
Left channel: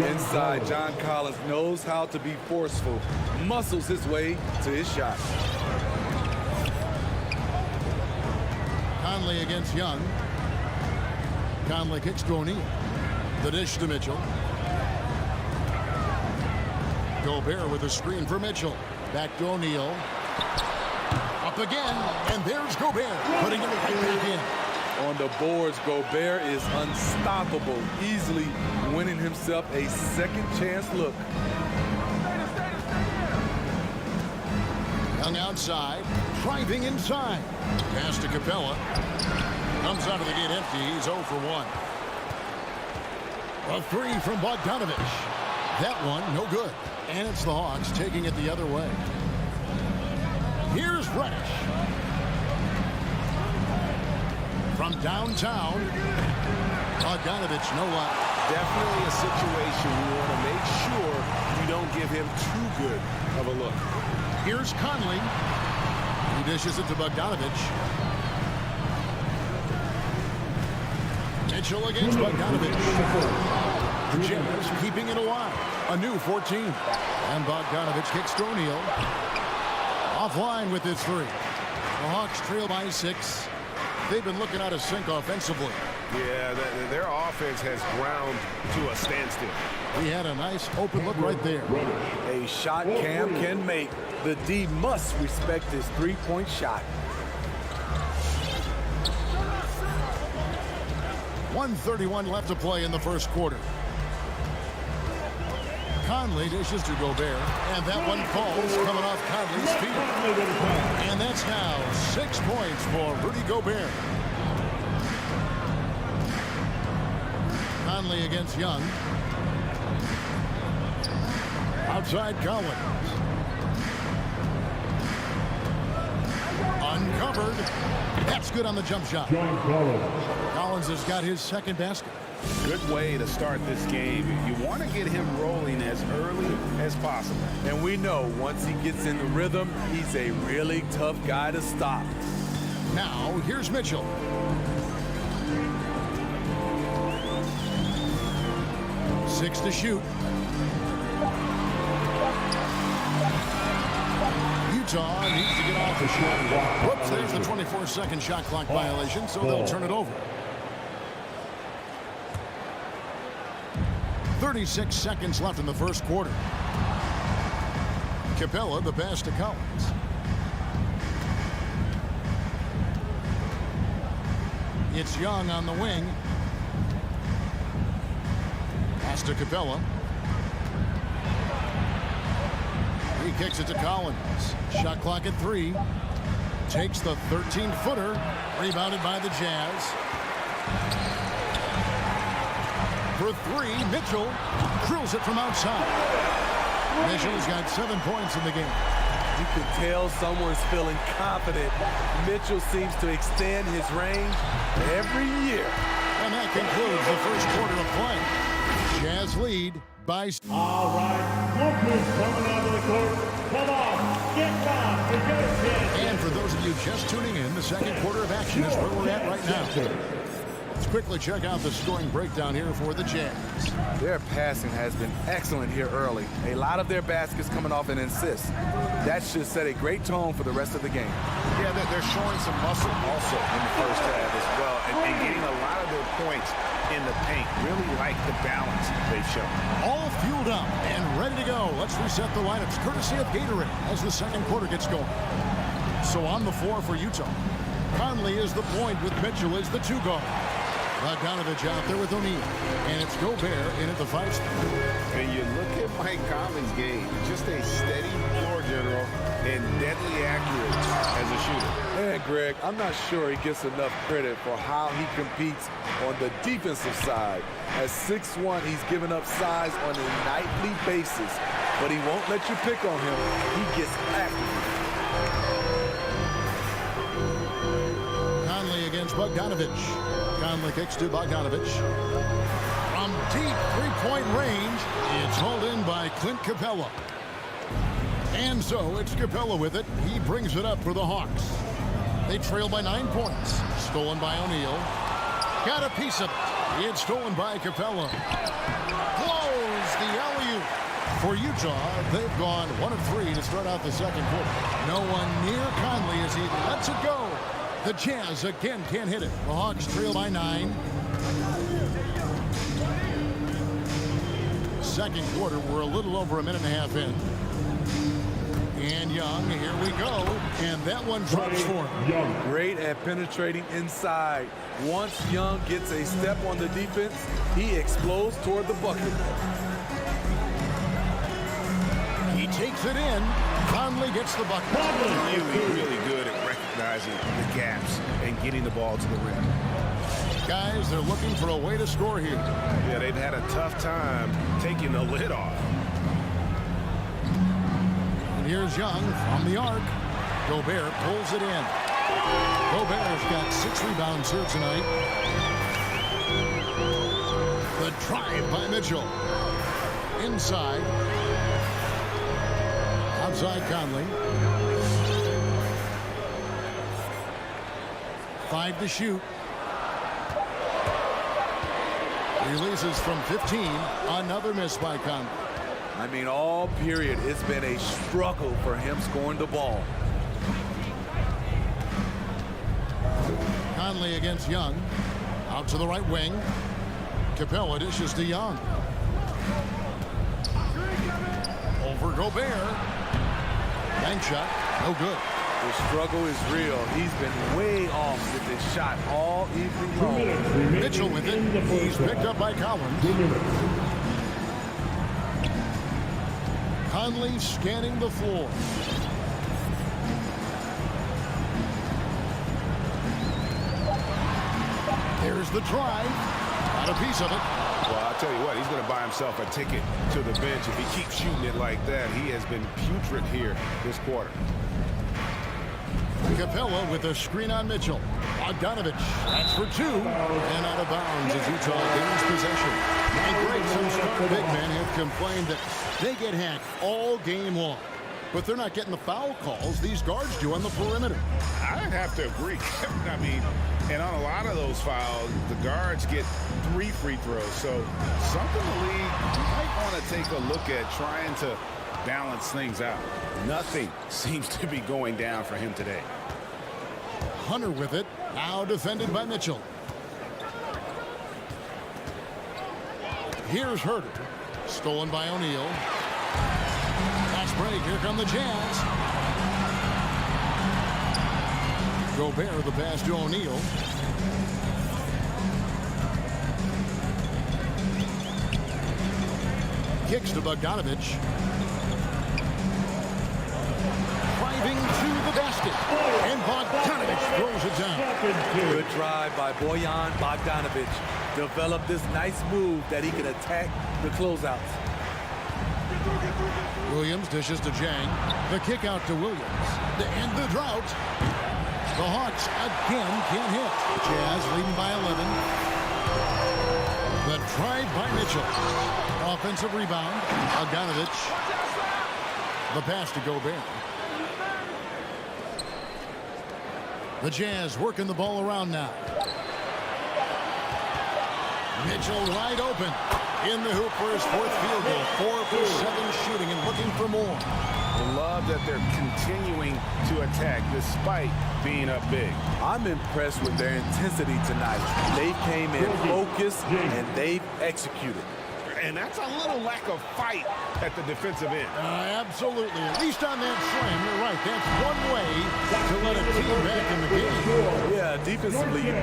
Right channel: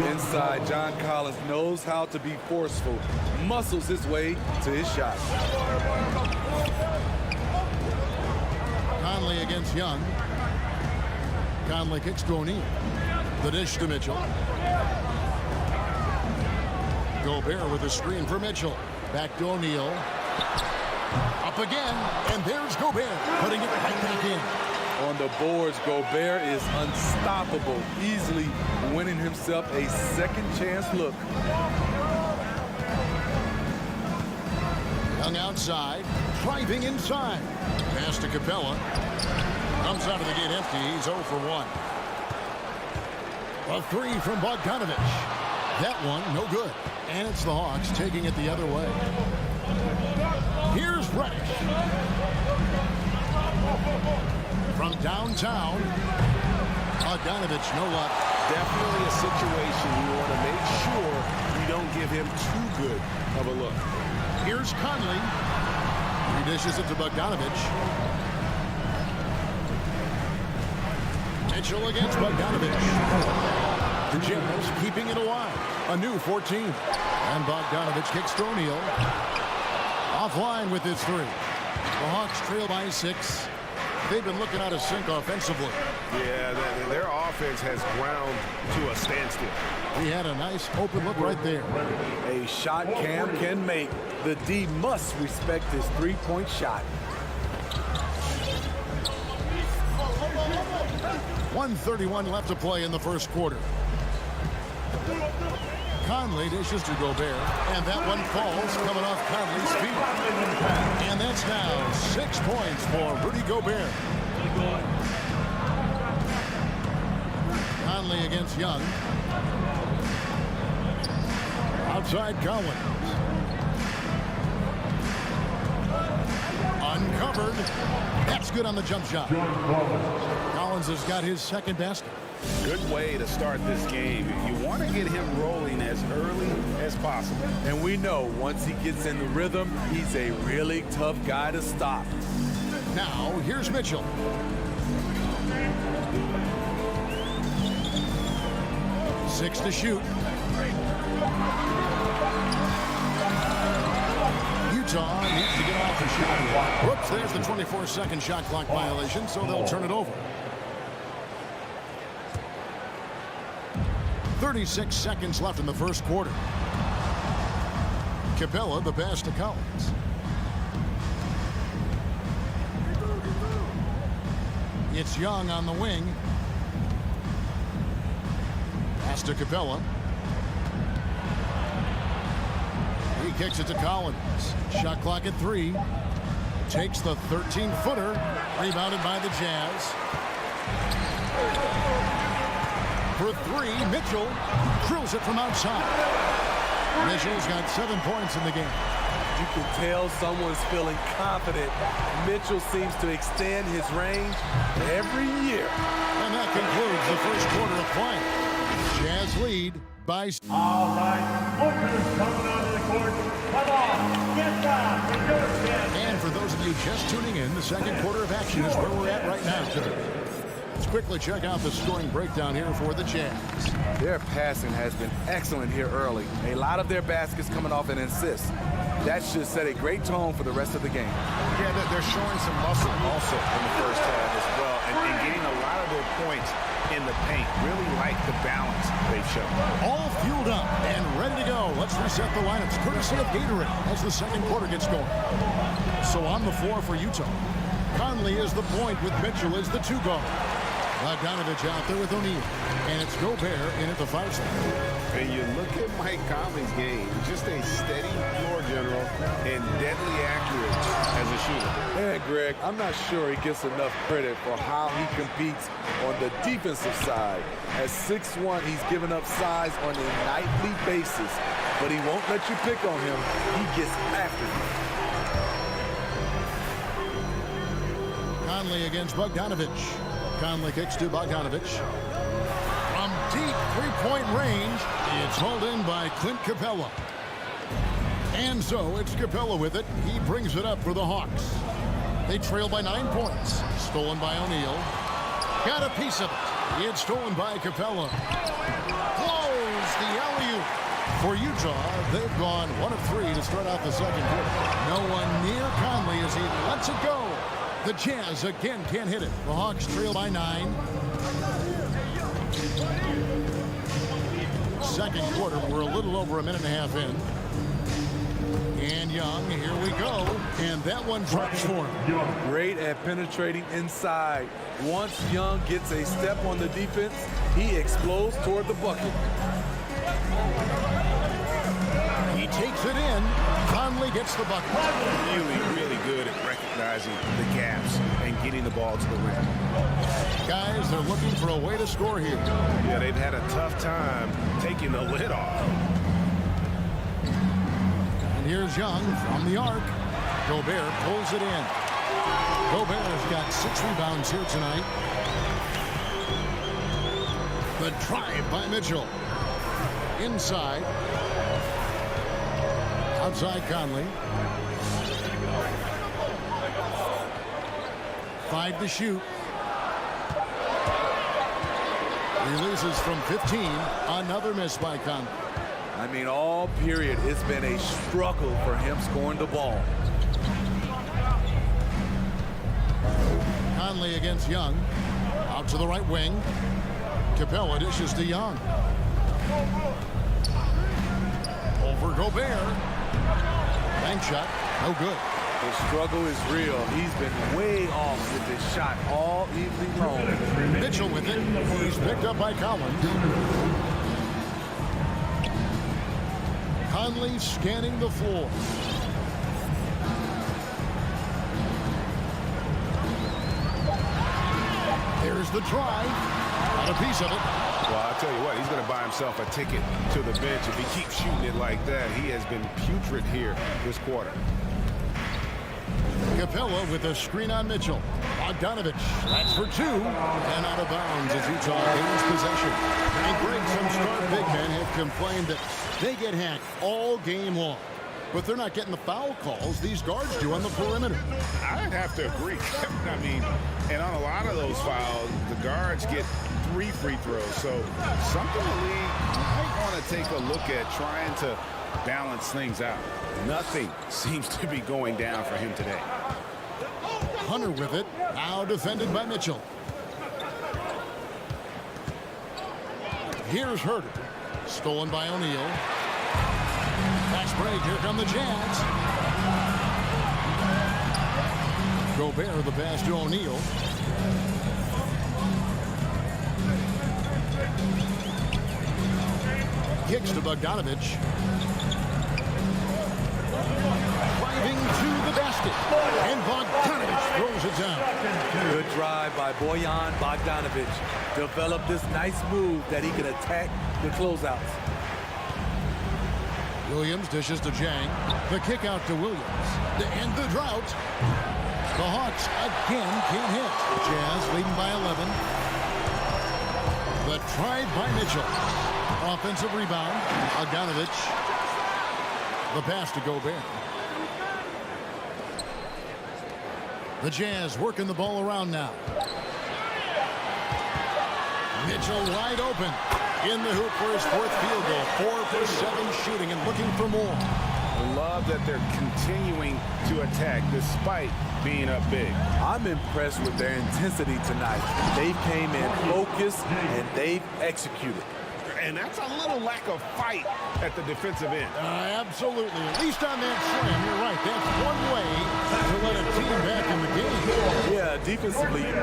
Inside, John Collins knows how to be forceful, muscles his way to his shot. Conley against Young. Conley kicks to O'Neal. The dish to Mitchell. Gobert with a screen for Mitchell. Back to O'Neal. Up again, and there's Gobert, putting it right back in. On the boards, Gobert is unstoppable, easily winning himself a second chance look. Young outside, driving inside. Pass to Capella. Comes out of the gate empty. He's 0 for 1. A 3 from Bogdanovich. That one, no good. And it's the Hawks taking it the other way. Here's Reddish. From downtown, Bogdanovich, no luck. Definitely a situation you want to make sure you don't give him too good of a look. Here's Conley. He dishes it to Bogdanovich. Mitchell against Bogdanovich. The Jazz keeping it alive. A new 14. And Bogdanovich kicks to O'Neal. Offline with his 3. The Hawks trail by 6. They've been looking out of sync offensively. Yeah, their offense has ground to a standstill. He had a nice open look right there. A shot Cam can make. The D must respect his three-point shot. 1:31 left to play in the first quarter. Conley dishes to Gobert, and that one falls coming off Conley's feet. And that's now 6 points for Rudy Gobert. Conley against Young. Outside Collins. Uncovered. That's good on the jump shot. Collins has got his second basket. Good way to start this game. You want to get him rolling as early as possible. And we know once he gets in the rhythm, he's a really tough guy to stop. Now, here's Mitchell. Six to shoot. Utah needs to get off the shot clock. Whoops, there's the 24-second shot clock violation, so they'll turn it over. 36 seconds left in the first quarter. Capella, the pass to Collins. It's Young on the wing. Pass to Capella. He kicks it to Collins. Shot clock at 3. Takes the 13-footer. Rebounded by the Jazz. For 3, Mitchell drills it from outside. Mitchell's got 7 points in the game. You can tell someone's feeling confident. Mitchell seems to extend his range every year. And that concludes the first quarter of play. Jazz lead by... All right, look who's coming onto the court. Come on, get round, it's your chance. And for those of you just tuning in, the second quarter of action is where we're at right now. Let's quickly check out the scoring breakdown here for the Jazz. Their passing has been excellent here early. A lot of their baskets coming off an assist. That should set a great tone for the rest of the game. Yeah, they're showing some muscle also in the first half as well, and getting a lot of their points in the paint. Really like the balance they've shown. All fueled up and ready to go. Let's reset the lineups, courtesy of Gatorade, as the second quarter gets going. So on the floor for Utah, Conley is the point with Mitchell as the 2 guard. Bogdanovich out there with O'Neal, and it's Gobert in at the 5 spot. And you look at Mike Conley's game, just a steady floor general and deadly accurate as a shooter. And Greg, I'm not sure he gets enough credit for how he competes on the defensive side. At 6'1", he's given up size on a nightly basis, but he won't let you pick on him. He gets after you. Conley against Bogdanovich. Conley kicks to Bogdanovich. From deep three-point range, it's hauled in by Clint Capella. And so it's Capella with it. He brings it up for the Hawks. They trail by 9 points. Stolen by O'Neal. Got a piece of it. It's stolen by Capella. Blows the alley-oop. For Utah, they've gone 1 of 3 to start out the second quarter. No one near Conley as he lets it go. The Jazz again can't hit it. The Hawks trail by 9. Second quarter, we're a little over a minute and a half in. And Young, here we go. And that one drops for him. Great at penetrating inside. Once Young gets a step on the defense, he explodes toward the bucket. He takes it in. Conley gets the bucket. Really good at recognizing the gaps and getting the ball to the rim. Guys, they're looking for a way to score here. Yeah, they've had a tough time taking the lid off. And here's Young from the arc. Gobert pulls it in. Gobert's got 6 rebounds here tonight. The drive by Mitchell. Inside. Outside Conley. 5 to shoot. Releases from 15. Another miss by Conley. I mean, all period, it's been a struggle for him scoring the ball. Conley against Young. Out to the right wing. Capella dishes to Young. Over Gobert. Bank shot. No good. The struggle is real. He's been way off with this shot all evening long. Mitchell with it. He's picked up by Collins. Conley scanning the floor. There's the drive. Got a piece of it. Well, I'll tell you what, he's going to buy himself a ticket to the bench. If he keeps shooting it like that, he has been putrid here this quarter. Capella with a screen on Mitchell. Bogdanovich, that's for two, and out of bounds as Utah gains possession. And Greg, some star big men have complained that they get hacked all game long. But they're not getting the foul calls these guards do on the perimeter. I'd have to agree. I mean, and on a lot of those fouls, the guards get 3 free throws. So something the league might want to take a look at, trying to balance things out. Nothing seems to be going down for him today. Hunter with it, now defended by Mitchell. Here's Herter, stolen by O'Neal. Fast break, here come the Jazz. Gobert the pass to O'Neal. Kicks to Bogdanovich. Driving to the basket. And Bogdanovich throws it down. Good drive by Bojan Bogdanovich. Developed this nice move that he can attack the closeouts. Williams dishes to Jang. The kick out to Williams. To end the drought. The Hawks again can't hit. Jazz leading by 11. The try by Mitchell. Offensive rebound. Bogdanovich. The pass to Gobert. The Jazz working the ball around now. Mitchell wide open. In the hoop for his 4th field goal. 4 for 7 shooting and looking for more. I love that they're continuing to attack despite being up big. I'm impressed with their intensity tonight. They came in focused and they've executed. And that's a little lack of fight at the defensive end. Absolutely. At least on that slam, you're right. That's one way to let a team back in the game. Yeah, defensively.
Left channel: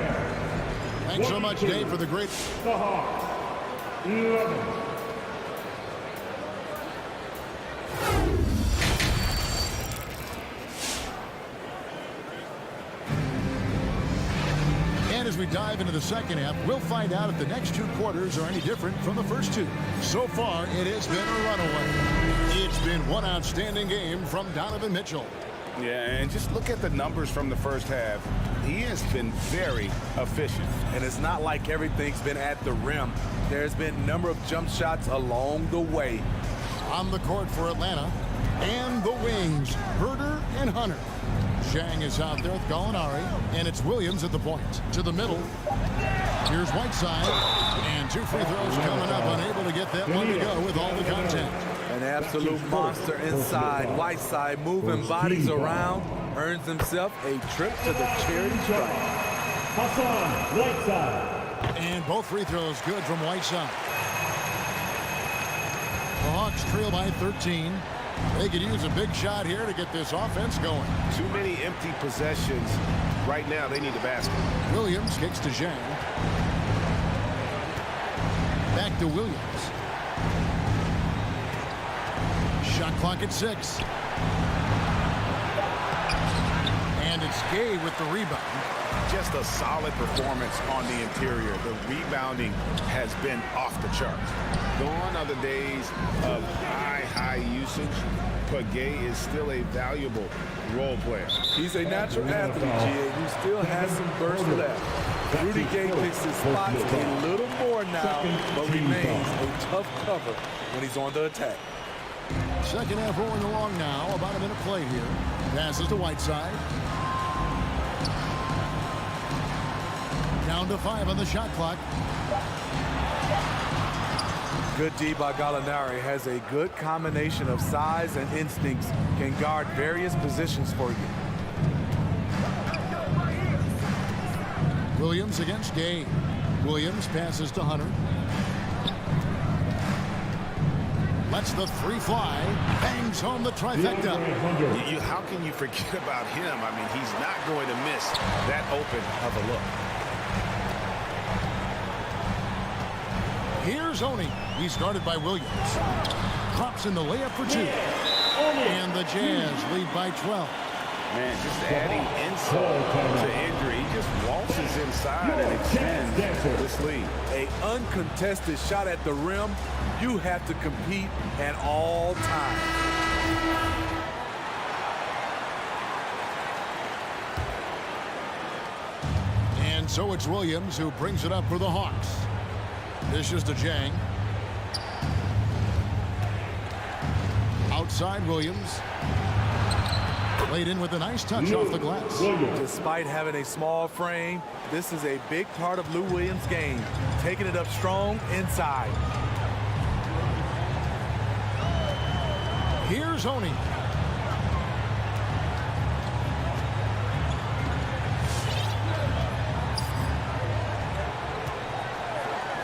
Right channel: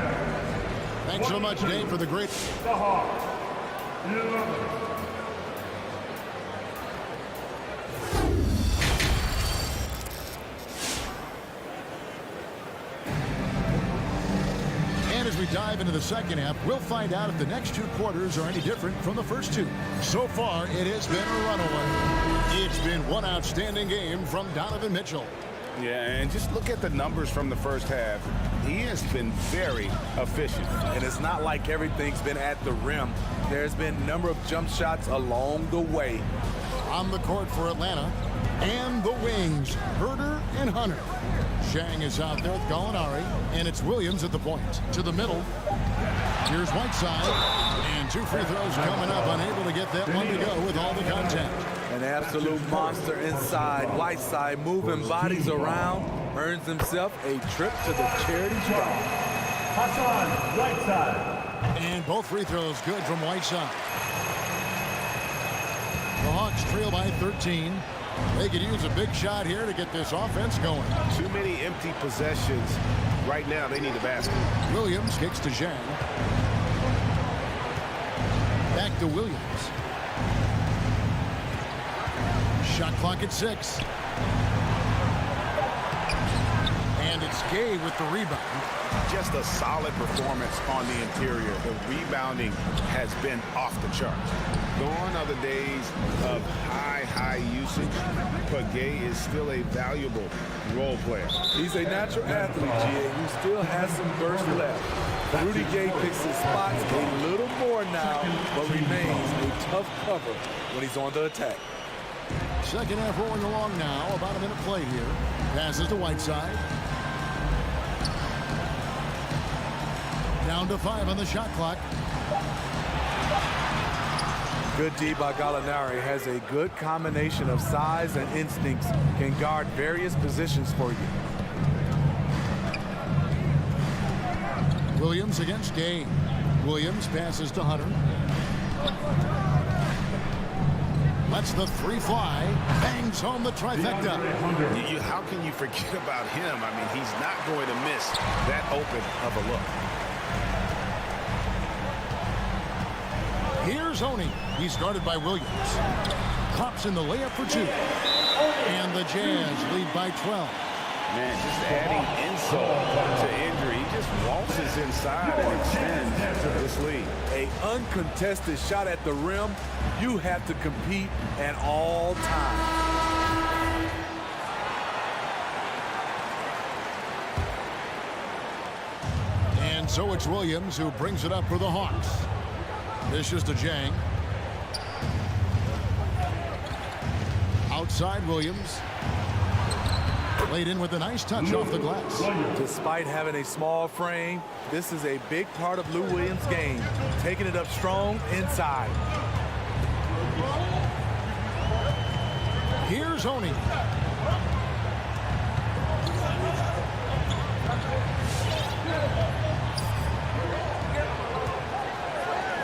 Thanks so much, Dave, for the great... The Hawks. 11. And as we dive into the second half, we'll find out if the next 2 quarters are any different from the first 2. So far, it has been a runaway. It's been one outstanding game from Donovan Mitchell. Yeah, and just look at the numbers from the first half. He has been very efficient. And it's not like everything's been at the rim. There's been a number of jump shots along the way. On the court for Atlanta, and the wings, Herter and Hunter. Zhang is out there with Gallinari, and it's Williams at the point. To the middle. Here's Whiteside, and 2 free throws coming up, unable to get that one to go with all the contact. An absolute monster inside. Whiteside moving bodies around, earns himself a trip to the charity stripe. Hassan Whiteside. And both free throws good from Whiteside. The Hawks trail by 13. They could use a big shot here to get this offense going. Too many empty possessions. Right now, they need a basket. Williams kicks to Zhang. Back to Williams. Shot clock at 6. And it's Gay with the rebound. Just a solid performance on the interior. The rebounding has been off the charts. Gone are the days of high usage, but Gay is still a valuable role player. He's a natural athlete, GA, who still has some burst left. Rudy Gay picks his spots a little more now, but remains a tough cover when he's on the attack. Second half rolling along now. About a minute played here. Passes to Whiteside. Down to 5 on the shot clock. Good D by Gallinari. Has a good combination of size and instincts. Can guard various positions for you. Williams against Gay. Williams passes to Hunter. Lets the 3 fly. Bangs home the trifecta. How can you forget about him? I mean, he's not going to miss that open of a look. Here's Oni. He's guarded by Williams. Pops in the layup for 2. And the Jazz lead by 12. Man, just adding insult to injury. He just waltzes inside and extends this lead. A uncontested shot at the rim. You have to compete at all times. And so it's Williams who brings it up for the Hawks. This is to Jang. Outside Williams. Laid in with a nice touch off the glass. Despite having a small frame, this is a big part of Lou Williams' game. Taking it up strong inside. Here's Oni.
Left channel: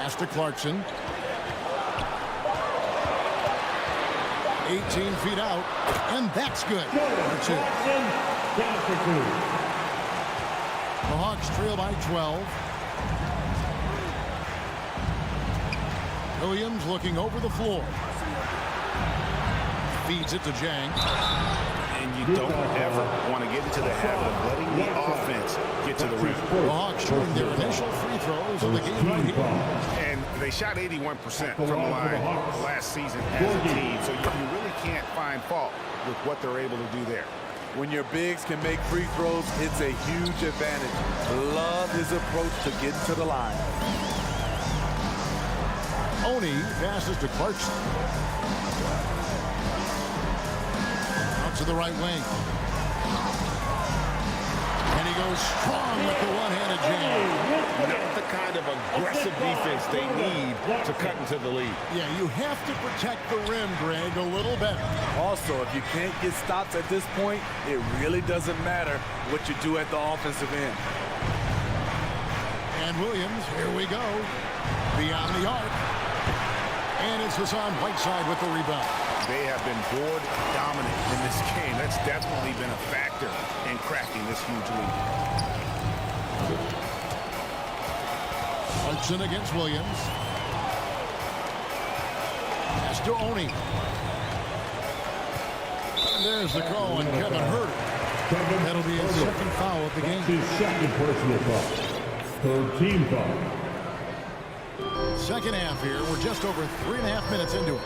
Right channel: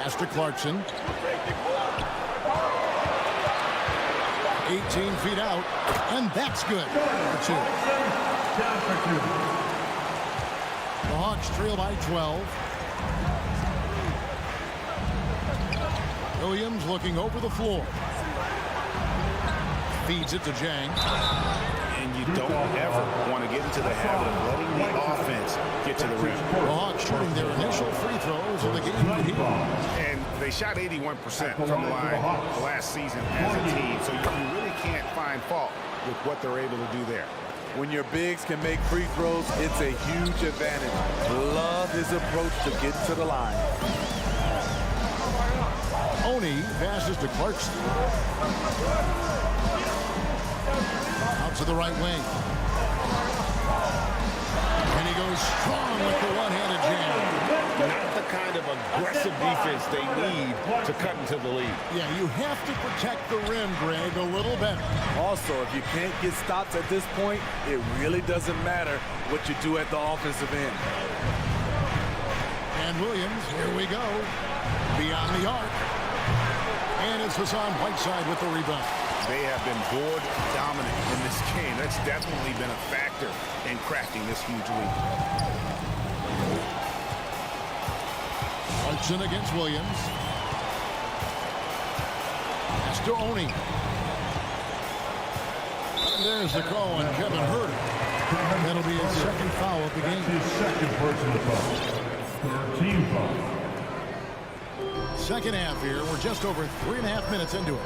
Pass to Clarkson. 18 feet out, and that's good. For 2. Down for 2. The Hawks trail by 12. Williams looking over the floor. Feeds it to Jang. And you don't ever want to get into the habit of letting the offense get to the rim. The Hawks shooting their initial free throws of the game here. And they shot 81% from the line last season as a team, so you really can't find fault with what they're able to do there. When your bigs can make free throws, it's a huge advantage. Love his approach to getting to the line. Oni passes to Clarkson. Out to the right wing. And he goes strong with the one-handed jam. Not the kind of aggressive defense they need to cut into the lead. Yeah, you have to protect the rim, Greg, a little better. Also, if you can't get stops at this point, it really doesn't matter what you do at the offensive end. And Williams, here we go. Beyond the arc. And it's Hassan Whiteside with the rebound. They have been board dominant in this game. That's definitely been a factor in cracking this huge lead. Clarkson against Williams. Pass to Oni. And there's the call on Kevin Huerter. That'll be his second foul of the game. His second personal foul. Third team foul. Second half here. We're just over 3.5 minutes into it.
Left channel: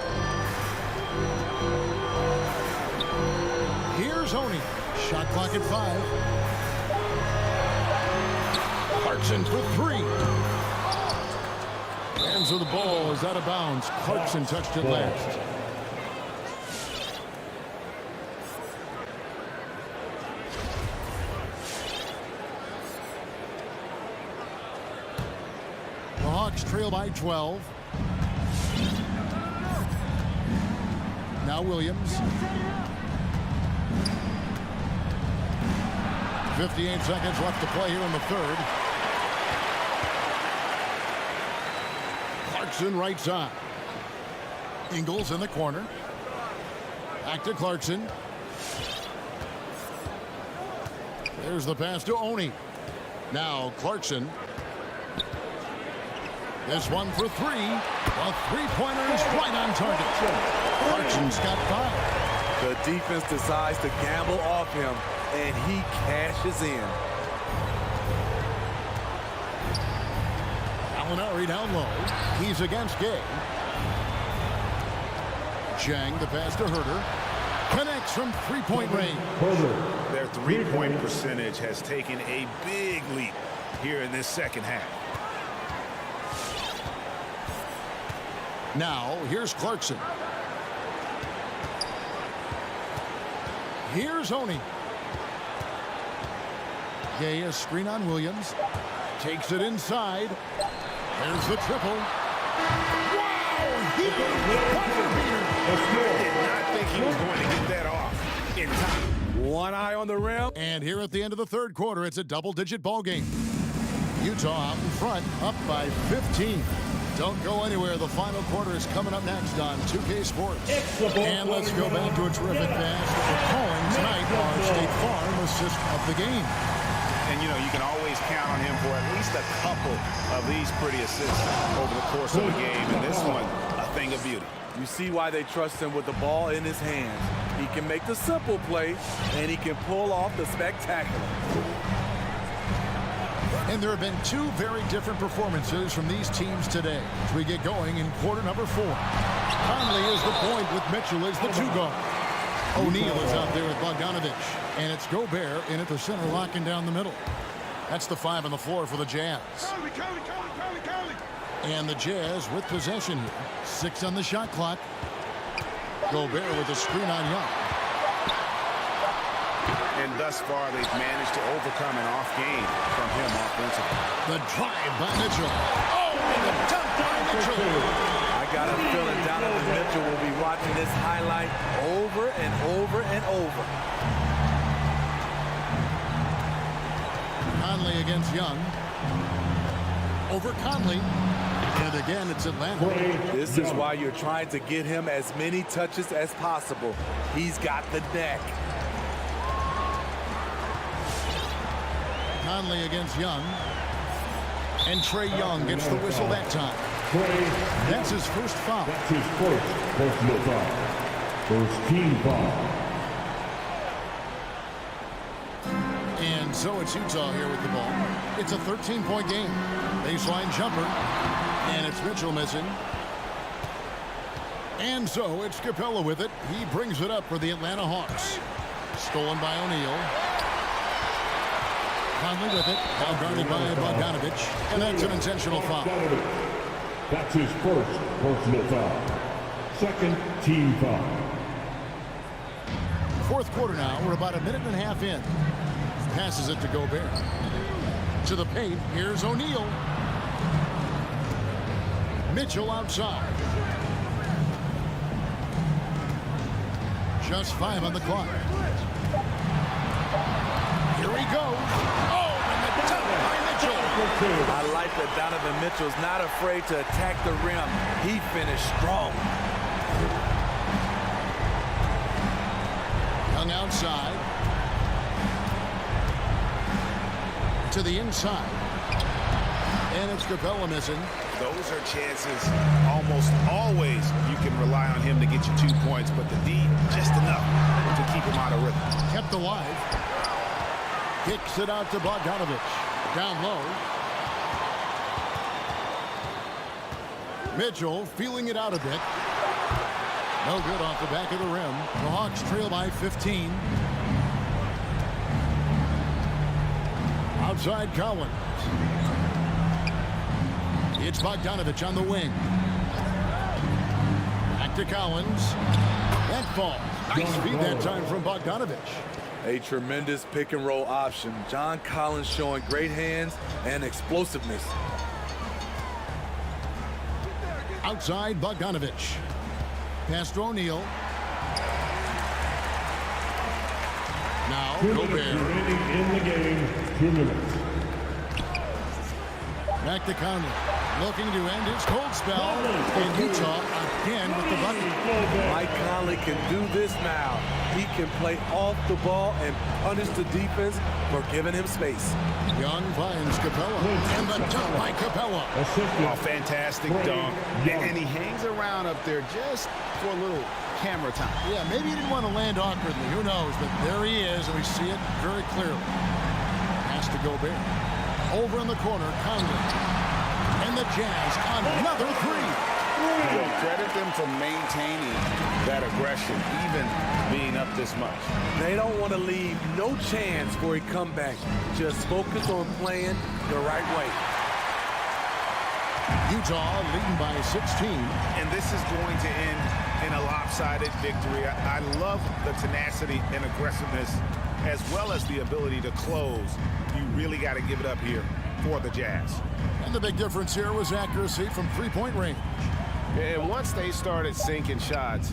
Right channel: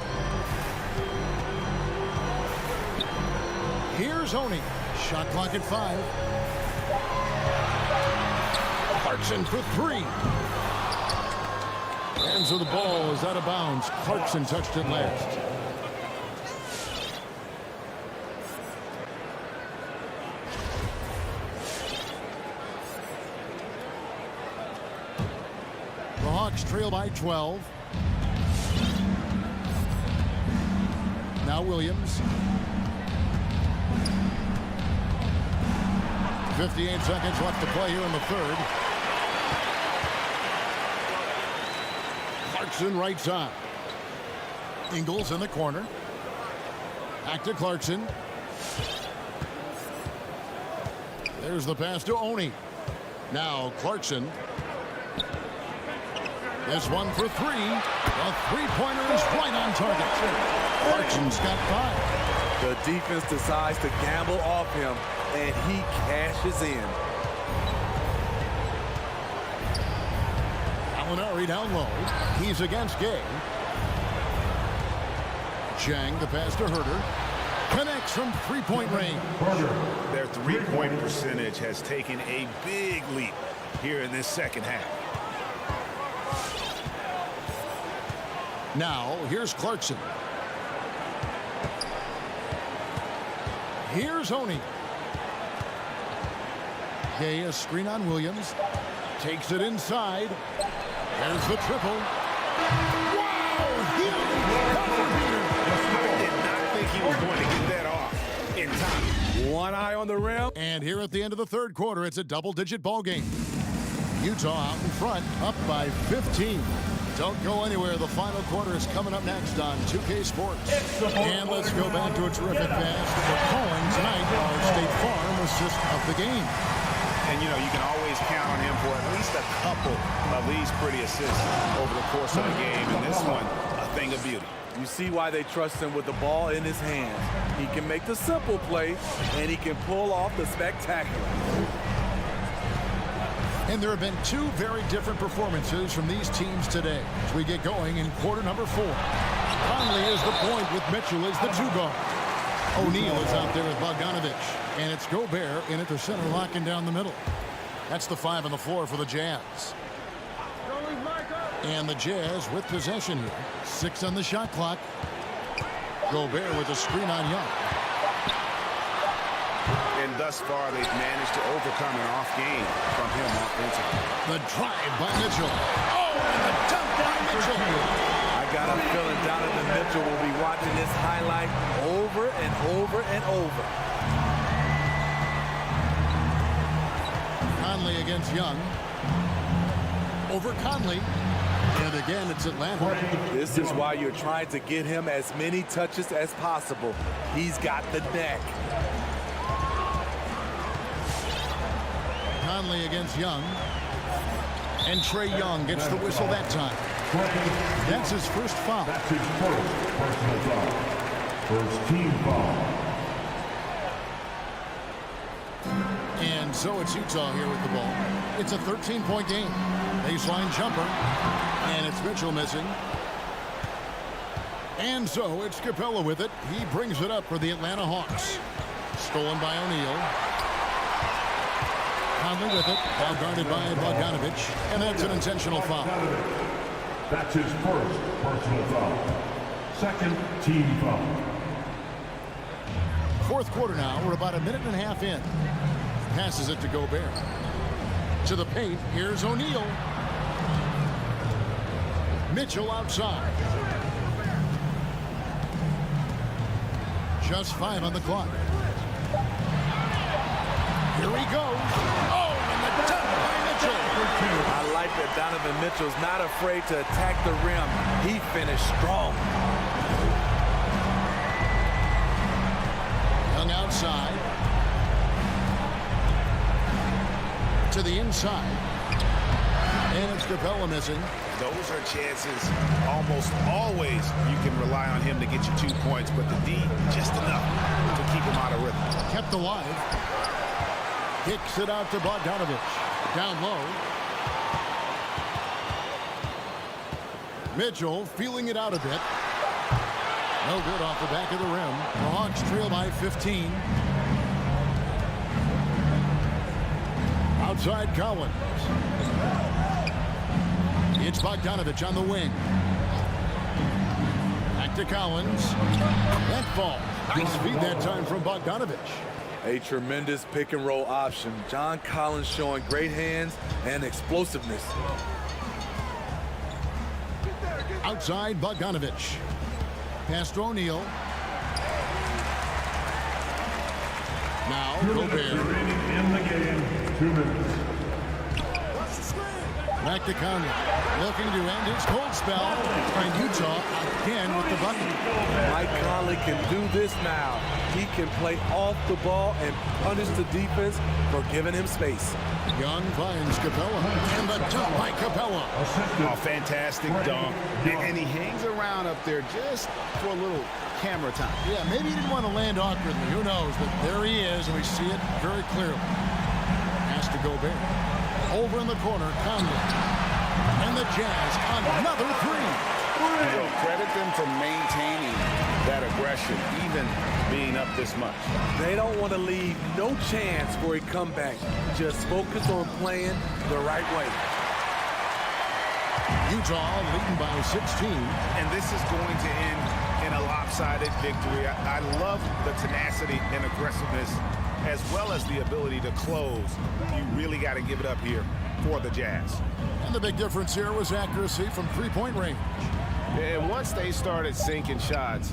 Here's Oni. Shot clock at 5. Clarkson for 3. And so the ball is out of bounds. Clarkson touched it last. The Hawks trail by 12. Now Williams. 58 seconds left to play here in the third. Clarkson right side. Ingles in the corner. Back to Clarkson. There's the pass to Oni. Now Clarkson. This one for 3. The three-pointer is right on target. Clarkson's got 5. The defense decides to gamble off him, and he cashes in. Alinari down low. He's against Gay. Jang, the pass to Huerter. Connects from three-point range. Their three-point percentage has taken a big leap here in this second half. Now, here's Clarkson. Here's Oni. Gay, a screen on Williams. Takes it inside. There's the triple. Wow! Huge buzzer beater. I did not think he was going to get that off in time. One eye on the rim. And here at the end of the third quarter, it's a double-digit ball game. Utah out in front, up by 15. Don't go anywhere. The final quarter is coming up next on 2K Sports. And let's go back to a terrific pass that we're calling tonight our State Farm assist of the game. And, you know, you can always count on him for at least a couple of these pretty assists over the course of the game. And this one, a thing of beauty. You see why they trust him with the ball in his hands. He can make the simple play, and he can pull off the spectacular. And there have been two very different performances from these teams today as we get going in quarter number 4. Conley is the point with Mitchell as the 2 guard. O'Neal is out there with Bogdanovich. And it's Gobert in at the center, locking down the middle. That's the 5 on the floor for the Jazz. And the Jazz with possession here. 6 on the shot clock. Gobert with a screen on Young. And thus far, they've managed to overcome an off game from him offensively. The drive by Mitchell. Oh, and the dunk by Mitchell. I got a feeling Donovan Mitchell will be watching this highlight over and over and over. Conley against Young. Over Conley. And again, it's Atlanta. This is why you're trying to get him as many touches as possible. He's got the neck. Conley against Young. And Trae Young gets the whistle that time. That's his first foul. That's his first personal foul. First team foul. And so it's Utah here with the ball. It's a 13-point game. Baseline jumper. And it's Mitchell missing. And so it's Capella with it. He brings it up for the Atlanta Hawks. Stolen by O'Neal. Conley with it. Now guarded by Bogdanovich. And that's an intentional foul. That's his first personal foul. Second team foul. Fourth quarter now. We're about a minute and a half in. Passes it to Gobert. To the paint. Here's O'Neal. Mitchell outside. Just 5 on the clock. Here he goes. Oh, and the dunk by Mitchell. I like that Donovan Mitchell's not afraid to attack the rim. He finished strong. Young outside. To the inside. And it's Capella missing. Those are chances almost always you can rely on him to get you 2 points, but the D just enough to keep him out of rhythm. Kept alive. Kicks it out to Bogdanovich. Down low. Mitchell feeling it out a bit. No good off the back of the rim. The Hawks trail by 15. Outside Collins. It's Bogdanovich on the wing. Back to Collins. That falls. Nice feed that time from Bogdanovich. A tremendous pick and roll option. John Collins showing great hands and explosiveness. Outside Bogdanovich. Pass to O'Neal. Now Gobert. Remaining in the game. 2 minutes. Back to Conley. Looking to end his cold spell. And Utah again with the bucket. Mike Conley can do this now. He can play off the ball and punish the defense for giving him space. Young finds Capella. And the dunk by Capella. Oh, fantastic dunk. And he hangs around up there just for a little camera time. Yeah, maybe he didn't want to land awkwardly. Who knows? But there he is, and we see it very clearly. Pass to Gobert. Over in the corner, Conley. And the Jazz on another 3. Well, credit them for maintaining that aggression, even being up this much. They don't want to leave no chance for a comeback. Just focus on playing the right way. Utah leading by 16. And this is going to end in a lopsided victory. I love the tenacity and aggressiveness as well as the ability to close. You really got to give it up here for the Jazz. And the big difference here was accuracy from 3-point range. And once they started sinking shots,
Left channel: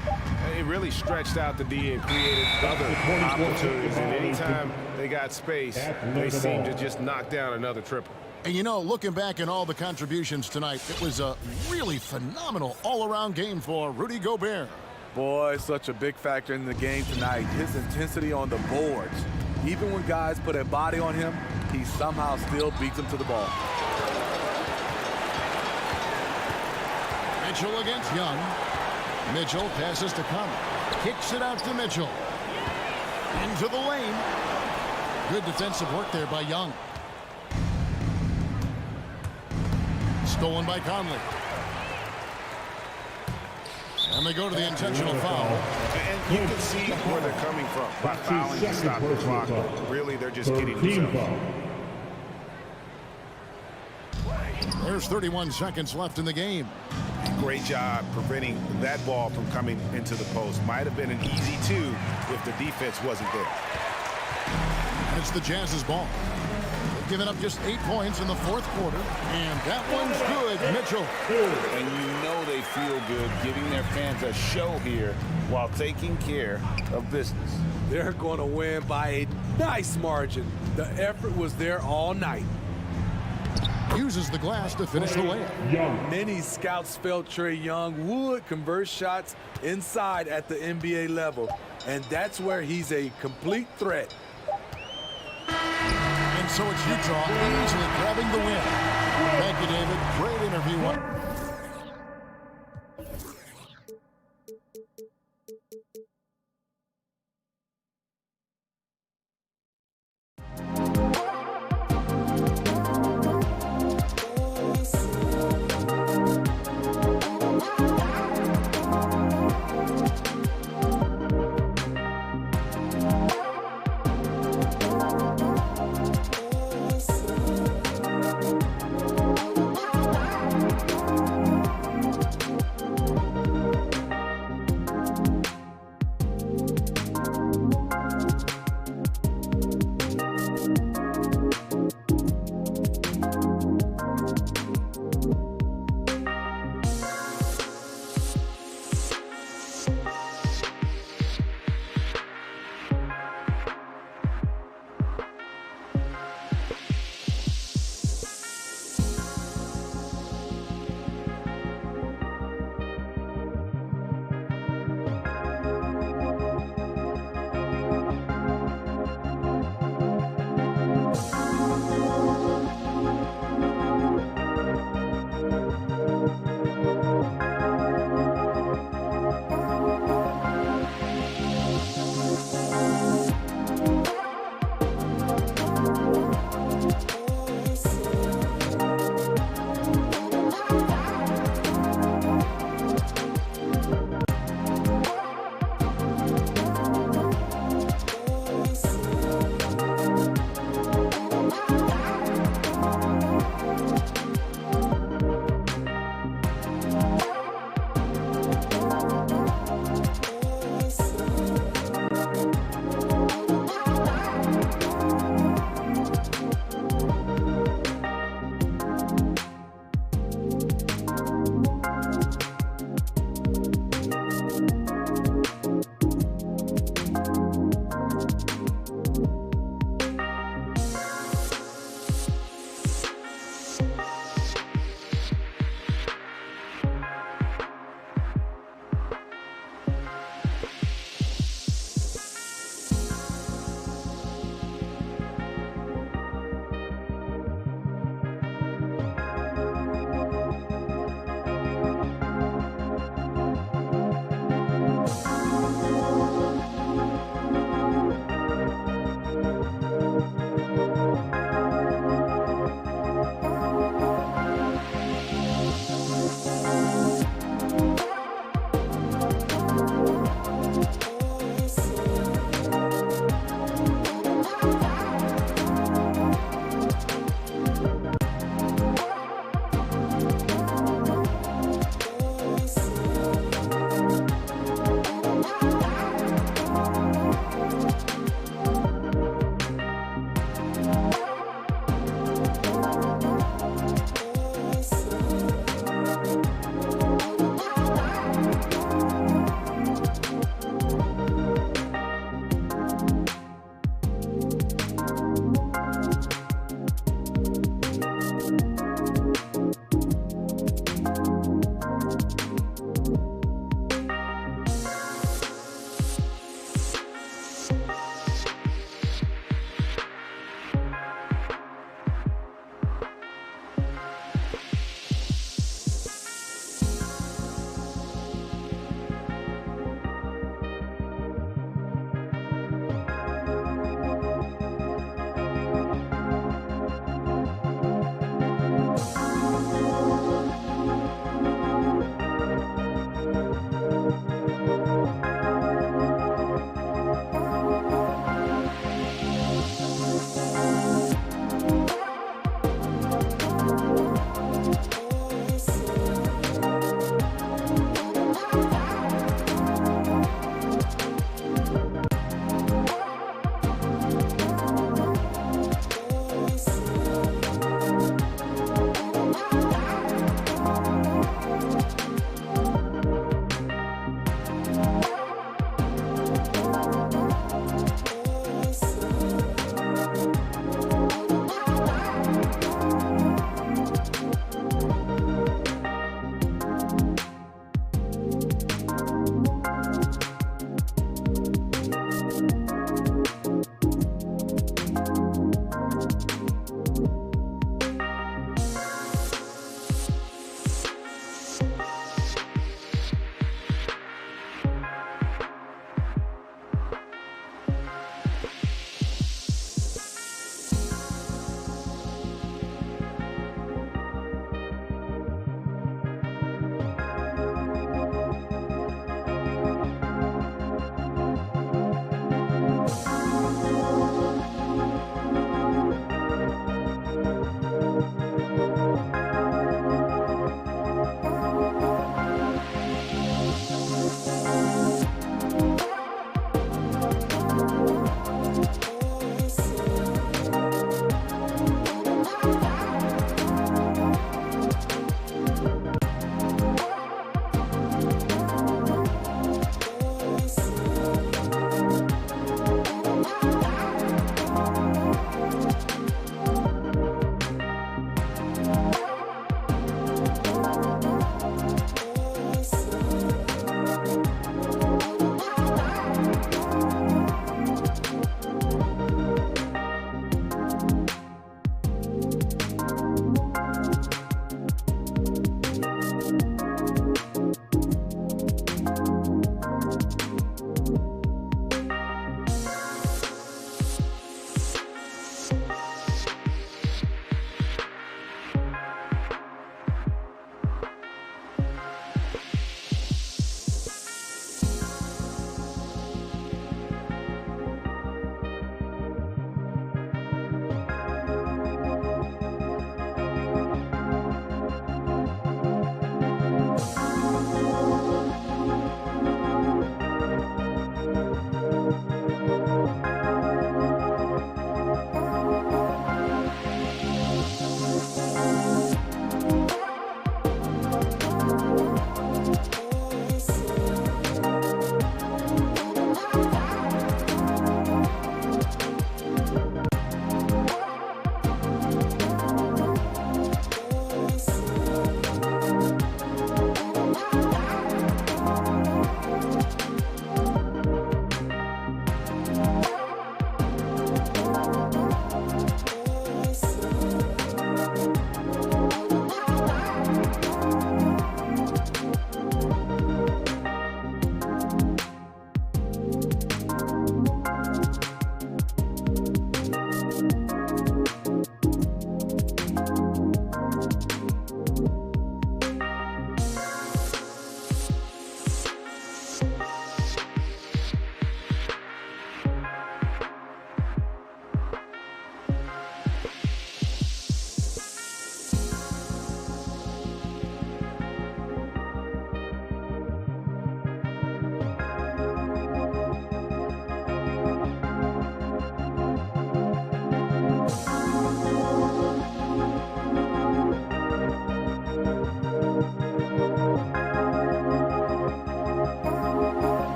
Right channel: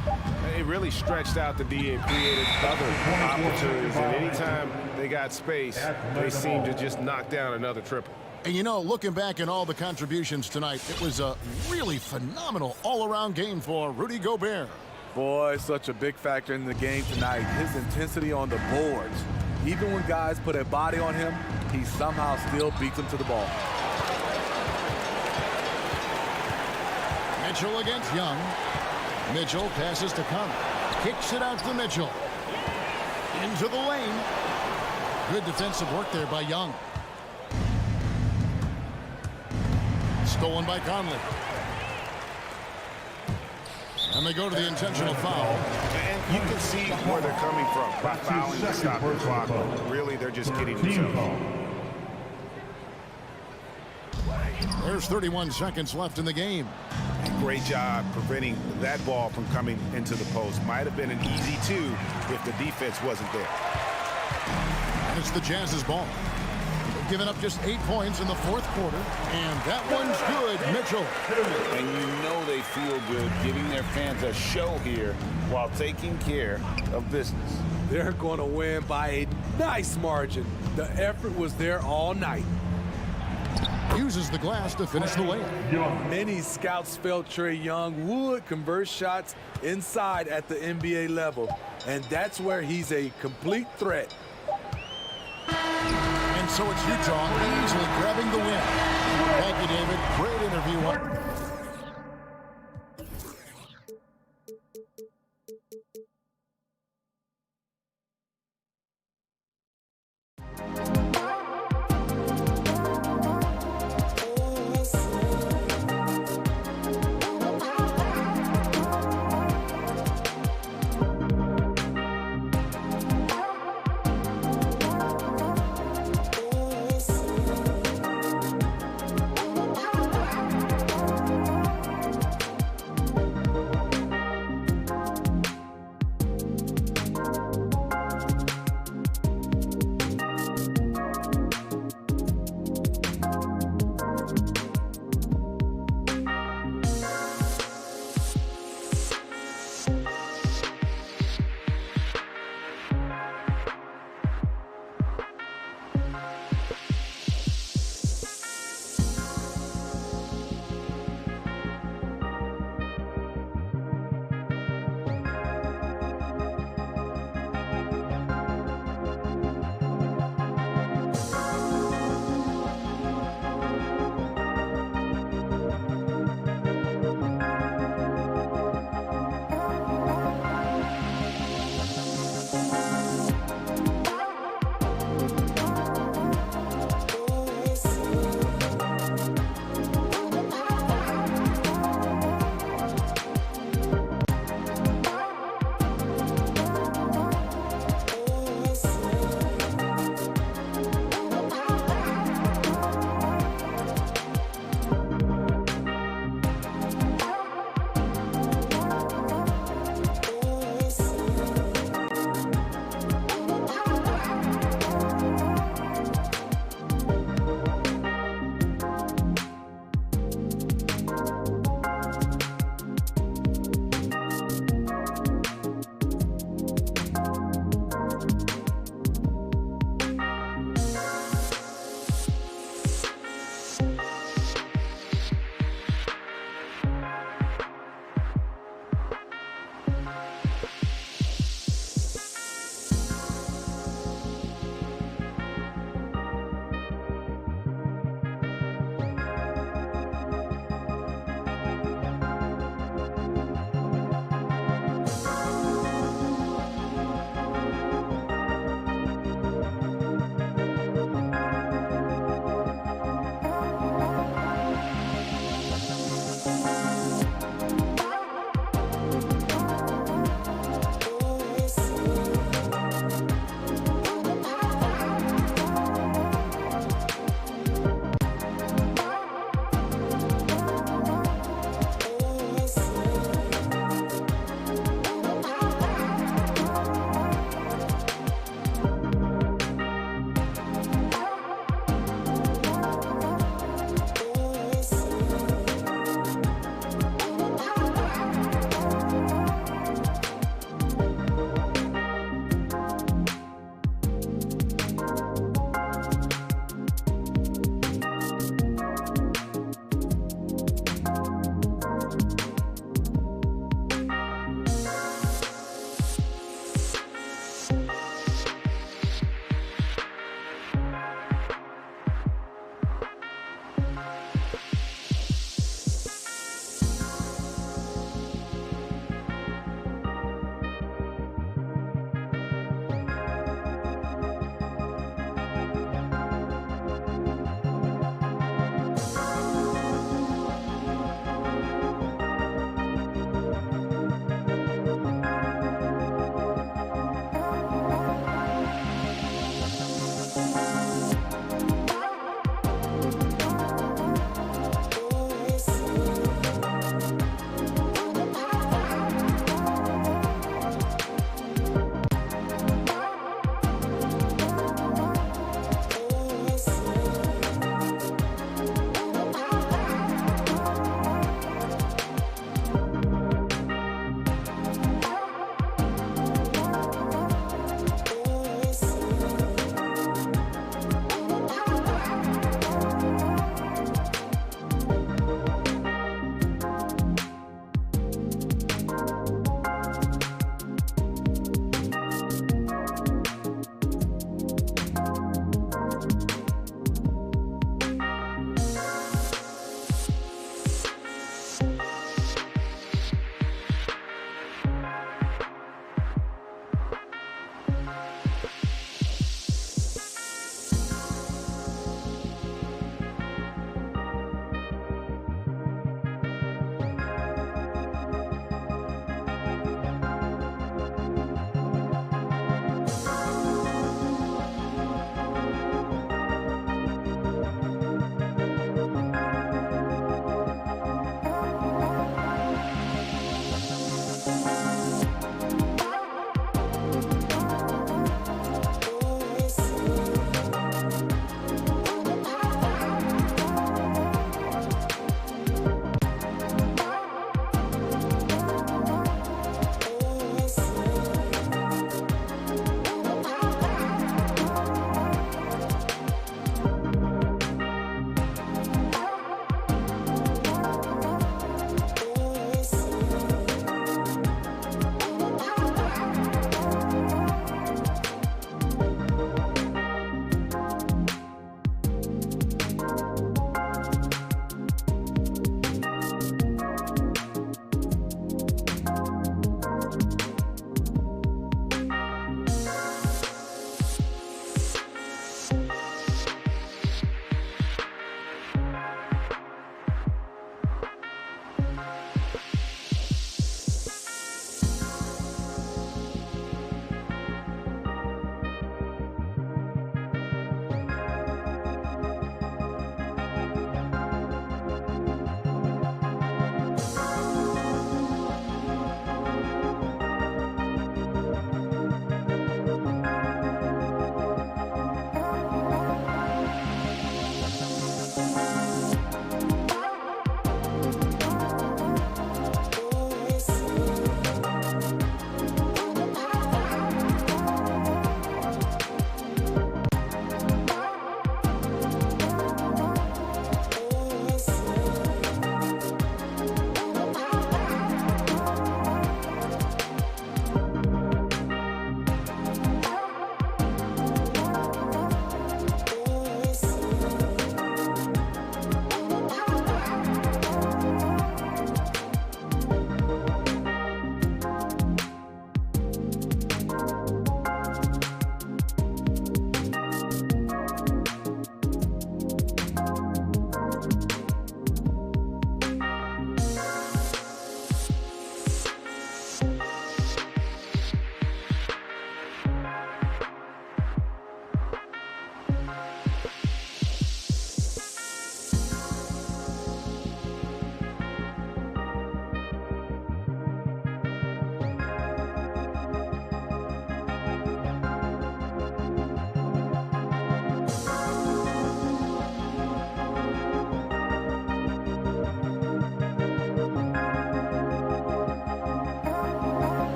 it really stretched out the D and created other opportunities. And anytime they got space, they seemed to just knock down another triple. And you know, looking back at all the contributions tonight, it was a really phenomenal all-around game for Rudy Gobert. Boy, such a big factor in the game tonight. His intensity on the boards. Even when guys put a body on him, he somehow still beats them to the ball. Mitchell against Young. Mitchell passes to Conley. Kicks it out to Mitchell. Into the lane. Good defensive work there by Young. Stolen by Conley. And they go to the intentional foul. And you can see where they're coming from by fouling to stop the clock. But really, they're just kidding themselves. There's 31 seconds left in the game. Great job preventing that ball from coming into the post. Might have been an easy 2 if the defense wasn't there. And it's the Jazz's ball. They've given up just 8 points in the fourth quarter. And that one's good, Mitchell. And you know they feel good giving their fans a show here while taking care of business. They're going to win by a nice margin. The effort was there all night. Uses the glass to finish the layup. Many scouts felt Trae Young would convert shots inside at the NBA level, and that's where he's a complete threat. And so it's Utah easily grabbing the win. Thank you, David. Great interview.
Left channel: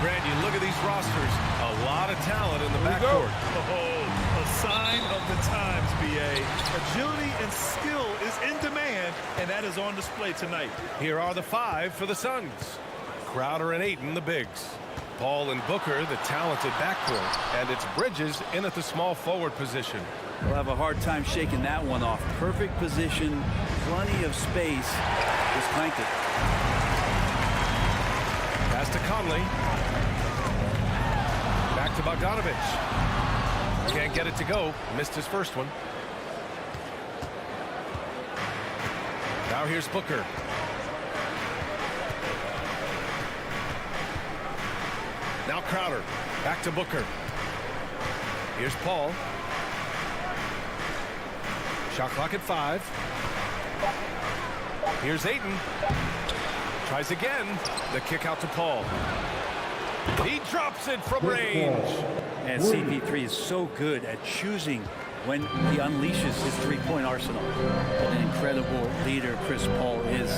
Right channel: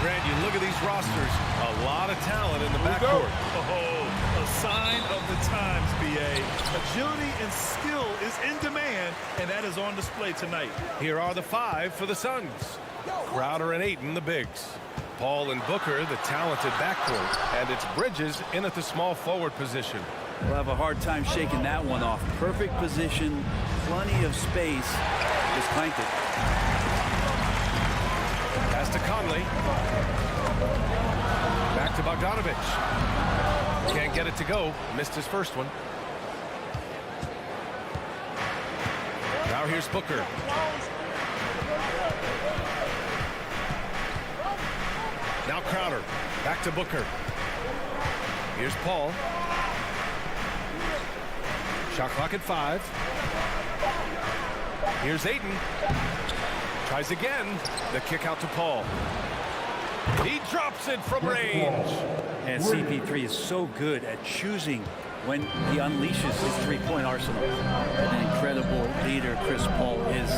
Grant, you look at these rosters, a lot of talent in the backcourt. Oh, a sign of the times, B.A. Agility and skill is in demand, and that is on display tonight. Here are the 5 for the Suns. Crowder and Ayton, the bigs. Paul and Booker, the talented backcourt. And it's Bridges in at the small forward position. We'll have a hard time shaking that one off. Perfect position, plenty of space. Just clanked it. Pass to Conley. Back to Bogdanovich. Can't get it to go. Missed his first one. Now here's Booker. Now Crowder. Back to Booker. Here's Paul. Shot clock at 5. Here's Ayton. Tries again. The kick out to Paul. He drops it from range. And CP3 is so good at choosing when he unleashes his three-point arsenal. An incredible leader Chris Paul is.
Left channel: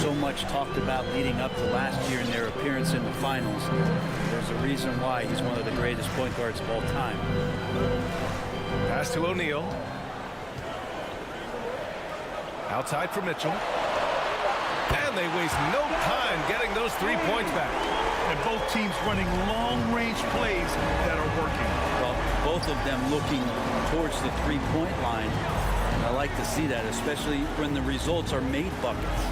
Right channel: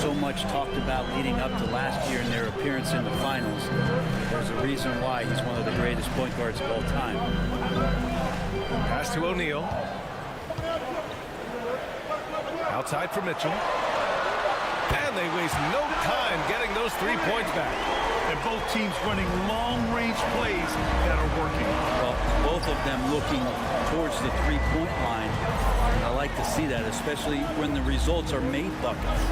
So much talked about leading up to last year in their appearance in the finals. There's a reason why he's one of the greatest point guards of all time. Pass to O'Neal. Outside for Mitchell. And they waste no time getting those 3 points back. And both teams running long-range plays that are working. Well, both of them looking towards the three-point line. And I like to see that, especially when the results are made buckets.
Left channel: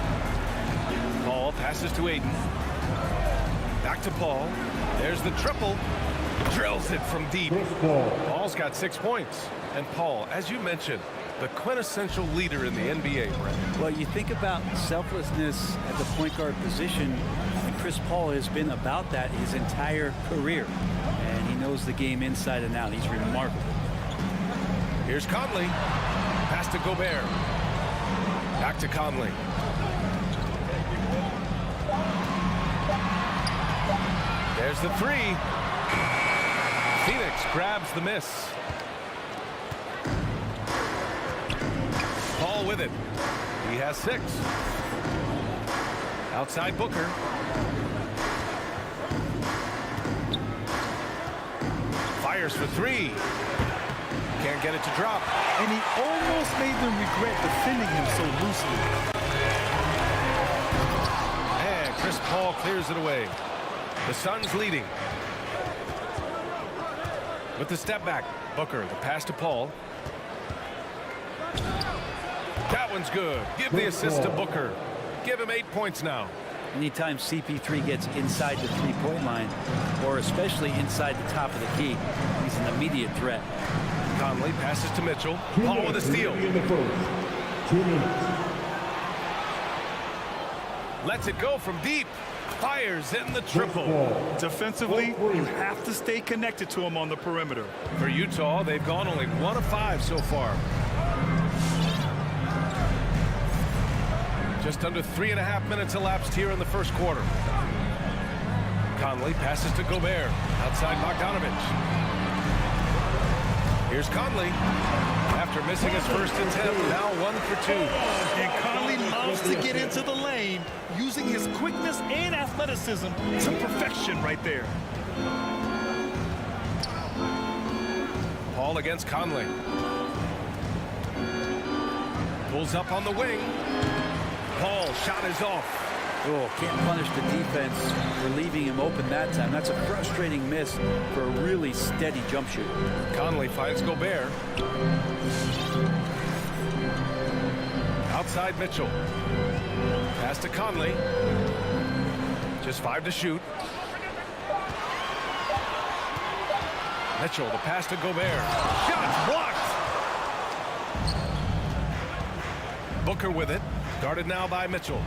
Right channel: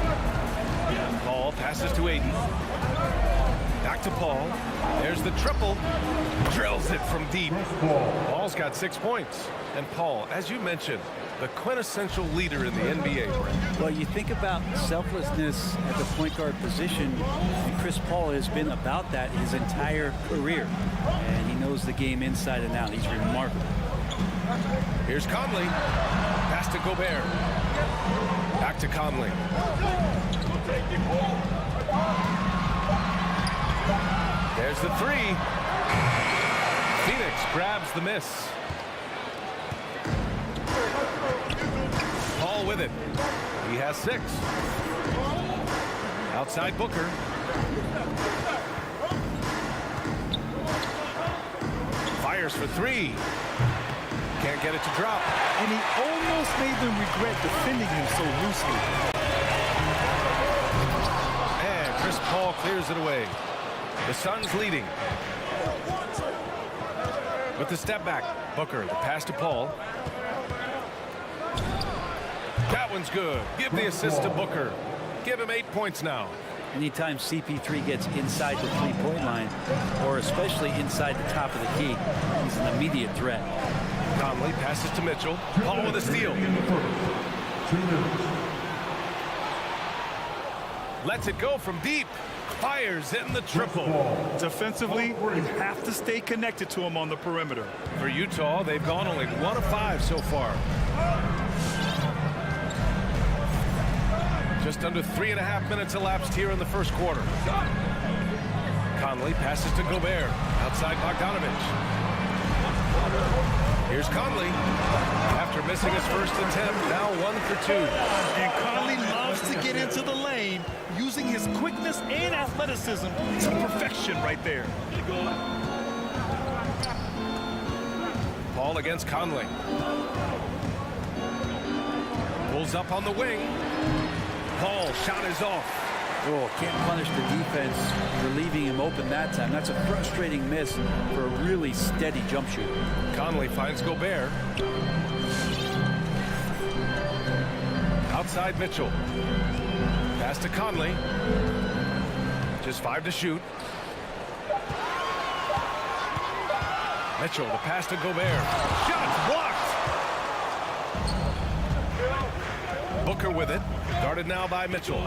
Paul passes to Ayton. Back to Paul. There's the triple. Drills it from deep. Paul's got 6 points. And Paul, as you mentioned, the quintessential leader in the NBA, Brent. Well, you think about selflessness at the point guard position, and Chris Paul has been about that his entire career. And he knows the game inside and out. He's remarkable. Here's Conley. Pass to Gobert. Back to Conley. There's the 3. Phoenix grabs the miss. Paul with it. He has 6. Outside Booker. Fires for 3. Can't get it to drop. And he almost made them regret defending him so loosely. And Chris Paul clears it away. The Suns leading. With the step back. Booker, the pass to Paul. That one's good. Give the assist to Booker. Give him 8 points now. Anytime CP3 gets inside the three-point line, or especially inside the top of the key, he's an immediate threat. Conley passes to Mitchell. Paul with a steal. In the first. 2 minutes. Lets it go from deep. Fires in the triple. Defensively, you have to stay connected to him on the perimeter. For Utah, they've gone only 1 of 5 so far. Just under 3.5 minutes elapsed here in the first quarter. Conley passes to Gobert. Outside Bogdanovich. Here's Conley. After missing his first attempt, now 1 for 2. And Conley loves to get into the lane, using his quickness and athleticism to perfection right there. Paul against Conley. Pulls up on the wing. Paul, shot is off. Oh, can't punish the defense for leaving him open that time. That's a frustrating miss for a really steady jump shooter. Conley finds Gobert. Outside Mitchell. Pass to Conley. Just 5 to shoot. Mitchell, the pass to Gobert. Shot blocked. Booker with it. Guarded now by Mitchell.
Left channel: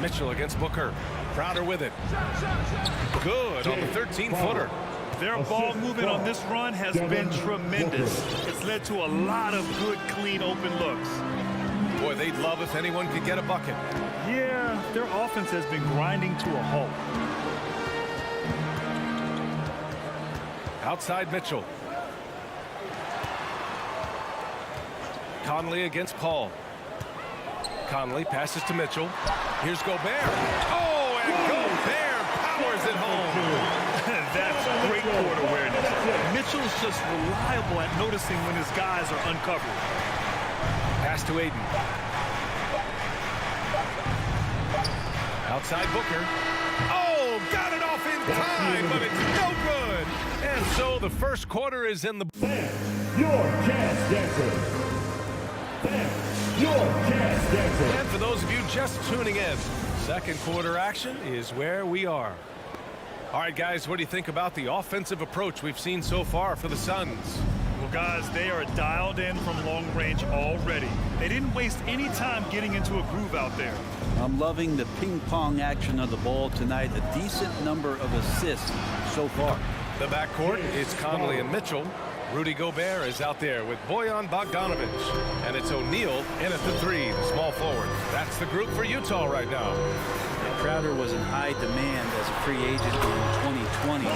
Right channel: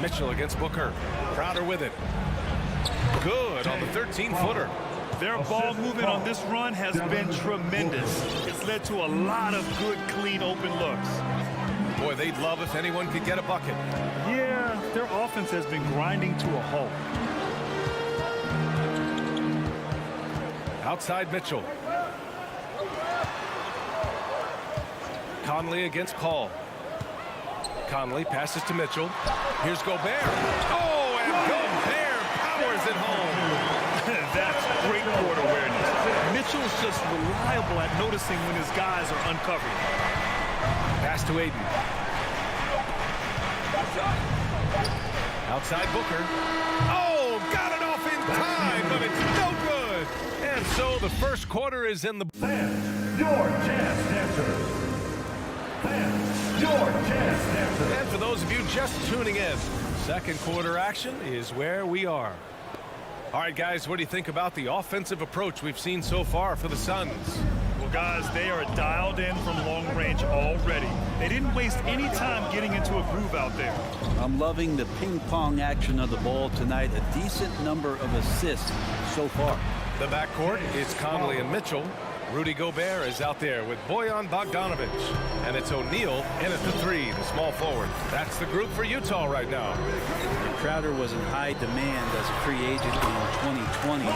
Mitchell against Booker. Crowder with it. Good on the 13-footer. Their ball movement on this run has been tremendous. It's led to a lot of good, clean, open looks. Boy, they'd love if anyone could get a bucket. Yeah, their offense has been grinding to a halt. Outside Mitchell. Conley against Paul. Conley passes to Mitchell. Here's Gobert. Oh, and Gobert powers it home. That's great court awareness. Mitchell's just reliable at noticing when his guys are uncovered. Pass to Aiden. Outside Booker. Oh, got it off in time, but it's no good. And so the first quarter is in the... Fans, your jazz dancers. Fans, your jazz dancers. And for those of you just tuning in, second quarter action is where we are. All right, guys, what do you think about the offensive approach we've seen so far for the Suns? Well, guys, they are dialed in from long range already. They didn't waste any time getting into a groove out there. I'm loving the ping pong action of the ball tonight. A decent number of assists so far. The backcourt is Conley and Mitchell. Rudy Gobert is out there with Bojan Bogdanovic. And it's O'Neal in at the three, the small forward. That's the group for Utah right now. Crowder was in high demand as a free agent in 2020. A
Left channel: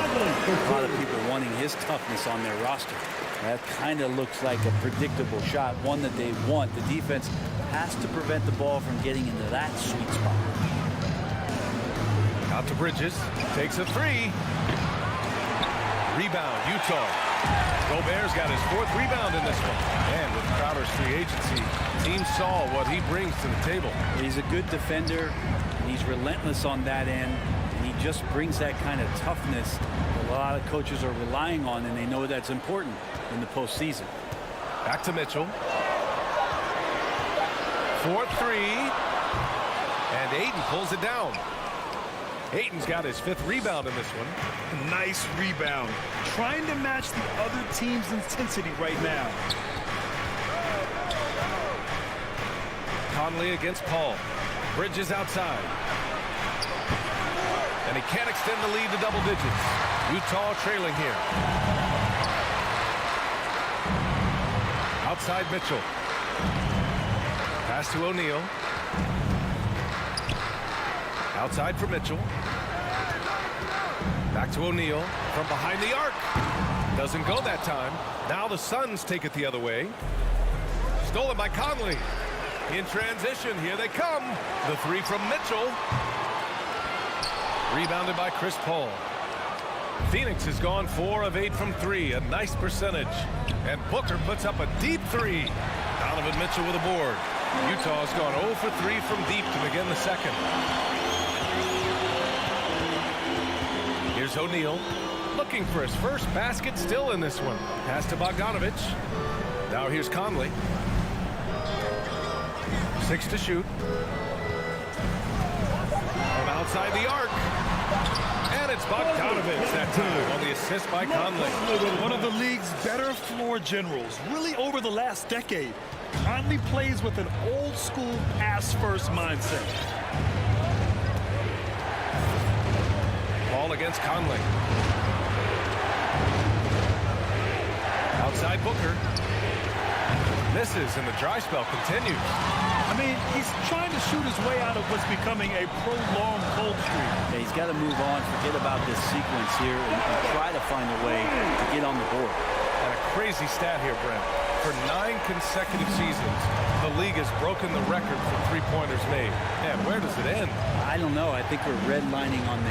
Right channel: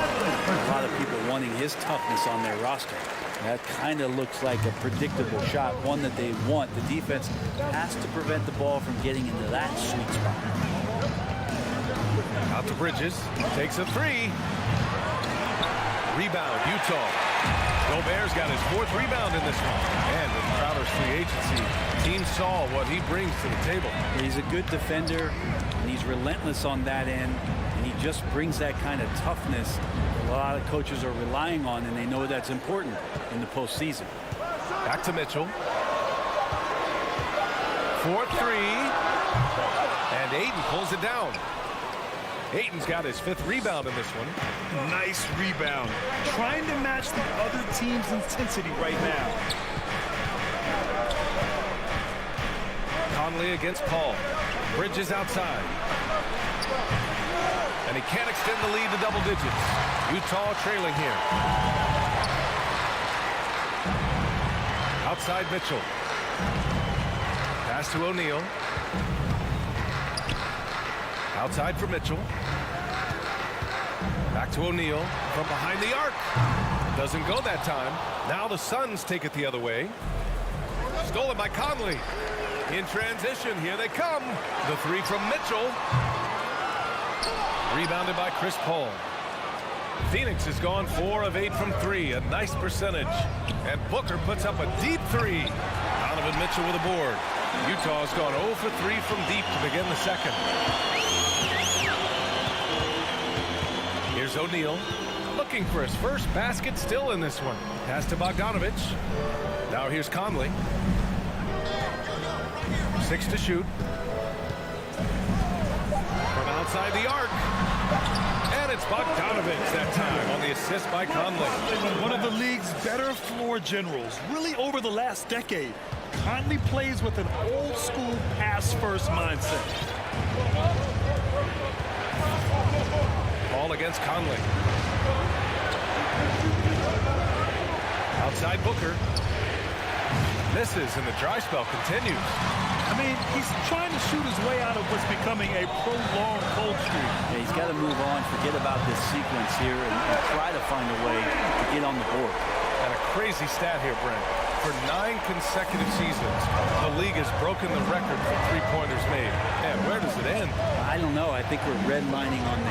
lot of people wanting his toughness on their roster. That kind of looks like a predictable shot, one that they want. The defense has to prevent the ball from getting into that sweet spot. Out to Bridges, takes a three. Rebound, Utah. Gobert's got his fourth rebound in this one. And with Crowder's free agency, teams saw what he brings to the table. He's a good defender, and he's relentless on that end, and he just brings that kind of toughness that a lot of coaches are relying on, and they know that's important in the postseason. Back to Mitchell. 4-3. And Aiden pulls it down. Aiden's got his fifth rebound in this one. Nice rebound. Trying to match the other team's intensity right now. Conley against Paul. Bridges outside. And he can't extend the lead to double digits. Utah trailing here. Outside Mitchell. Pass to O'Neal. Outside for Mitchell. Back to O'Neal from behind the arc. Doesn't go that time. Now the Suns take it the other way. Stolen by Conley. In transition, here they come. The three from Mitchell. Rebounded by Chris Paul. Phoenix has gone 4 of 8 from 3, a nice percentage. And Booker puts up a deep three. Donovan Mitchell with a board. Utah has gone 0 for 3 from deep to begin the second. Here's O'Neal, looking for his first basket, still in this one. Pass to Bogdanovic. Now here's Conley. 6 to shoot. From outside the arc. And it's Bogdanovic that time on the assist by Conley. One of the league's better floor generals, really over the last decade. Conley plays with an old-school pass-first mindset. Ball against Conley. Outside Booker. Misses and the dry spell continues. I mean, he's trying to shoot his way out of what's becoming a prolonged cold streak. Yeah, he's got to move on, forget about this sequence here, and try to find a way to get on the board. And a crazy stat here, Brent. For 9 consecutive seasons, the league has broken the record for three-pointers made. And where does it end? I don't know. I think we're redlining on the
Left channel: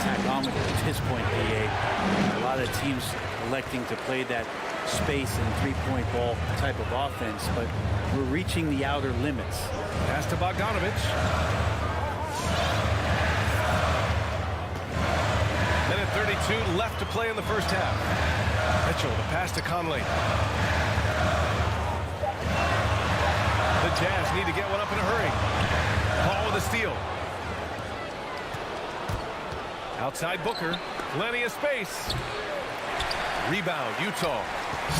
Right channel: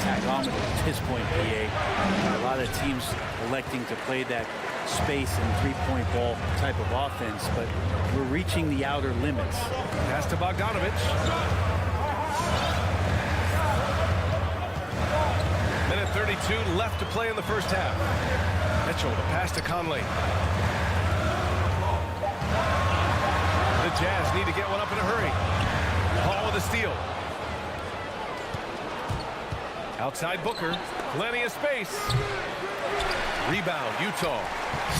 tachometer at this point, PA. A lot of teams electing to play that space and three-point ball type of offense, but we're reaching the outer limits. Pass to Bogdanovic. Minute 32 left to play in the first half. Mitchell, the pass to Conley. The Jazz need to get one up in a hurry. Paul with a steal. Outside Booker. Plenty of space. Rebound, Utah.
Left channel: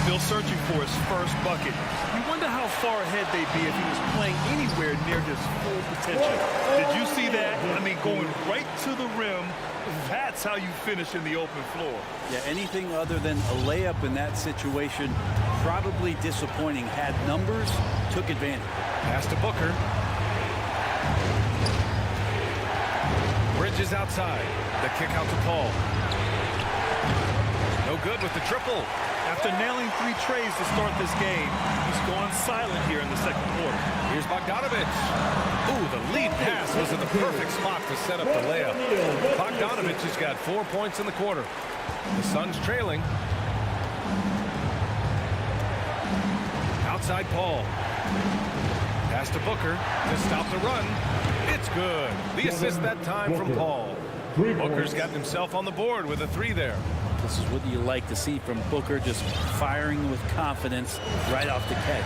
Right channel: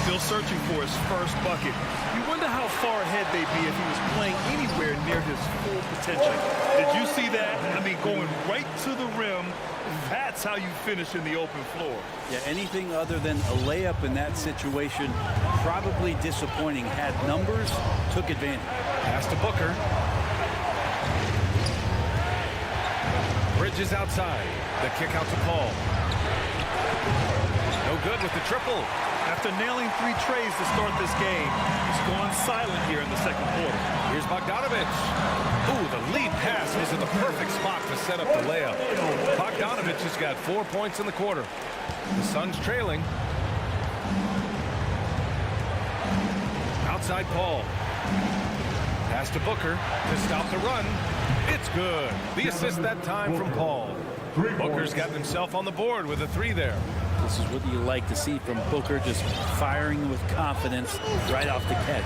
Still searching for his first bucket. You wonder how far ahead they'd be if he was playing anywhere near his full potential. Did you see that? I mean, going right to the rim. That's how you finish in the open floor. Yeah, anything other than a layup in that situation, probably disappointing. Had numbers, took advantage. Pass to Booker. Bridges outside. The kick out to Paul. No good with the triple. After nailing 3 trays to start this game, he's gone silent here in the second quarter. Here's Bogdanovich. Ooh, the lead pass was in the perfect spot to set up the layup. Bogdanovich has got 4 points in the quarter. The Suns trailing. Outside Paul. Pass to Booker to stop the run. It's good. The assist that time from Paul. Booker's gotten himself on the board with a 3 there. This is what you like to see from Booker, just firing with confidence right off the catch.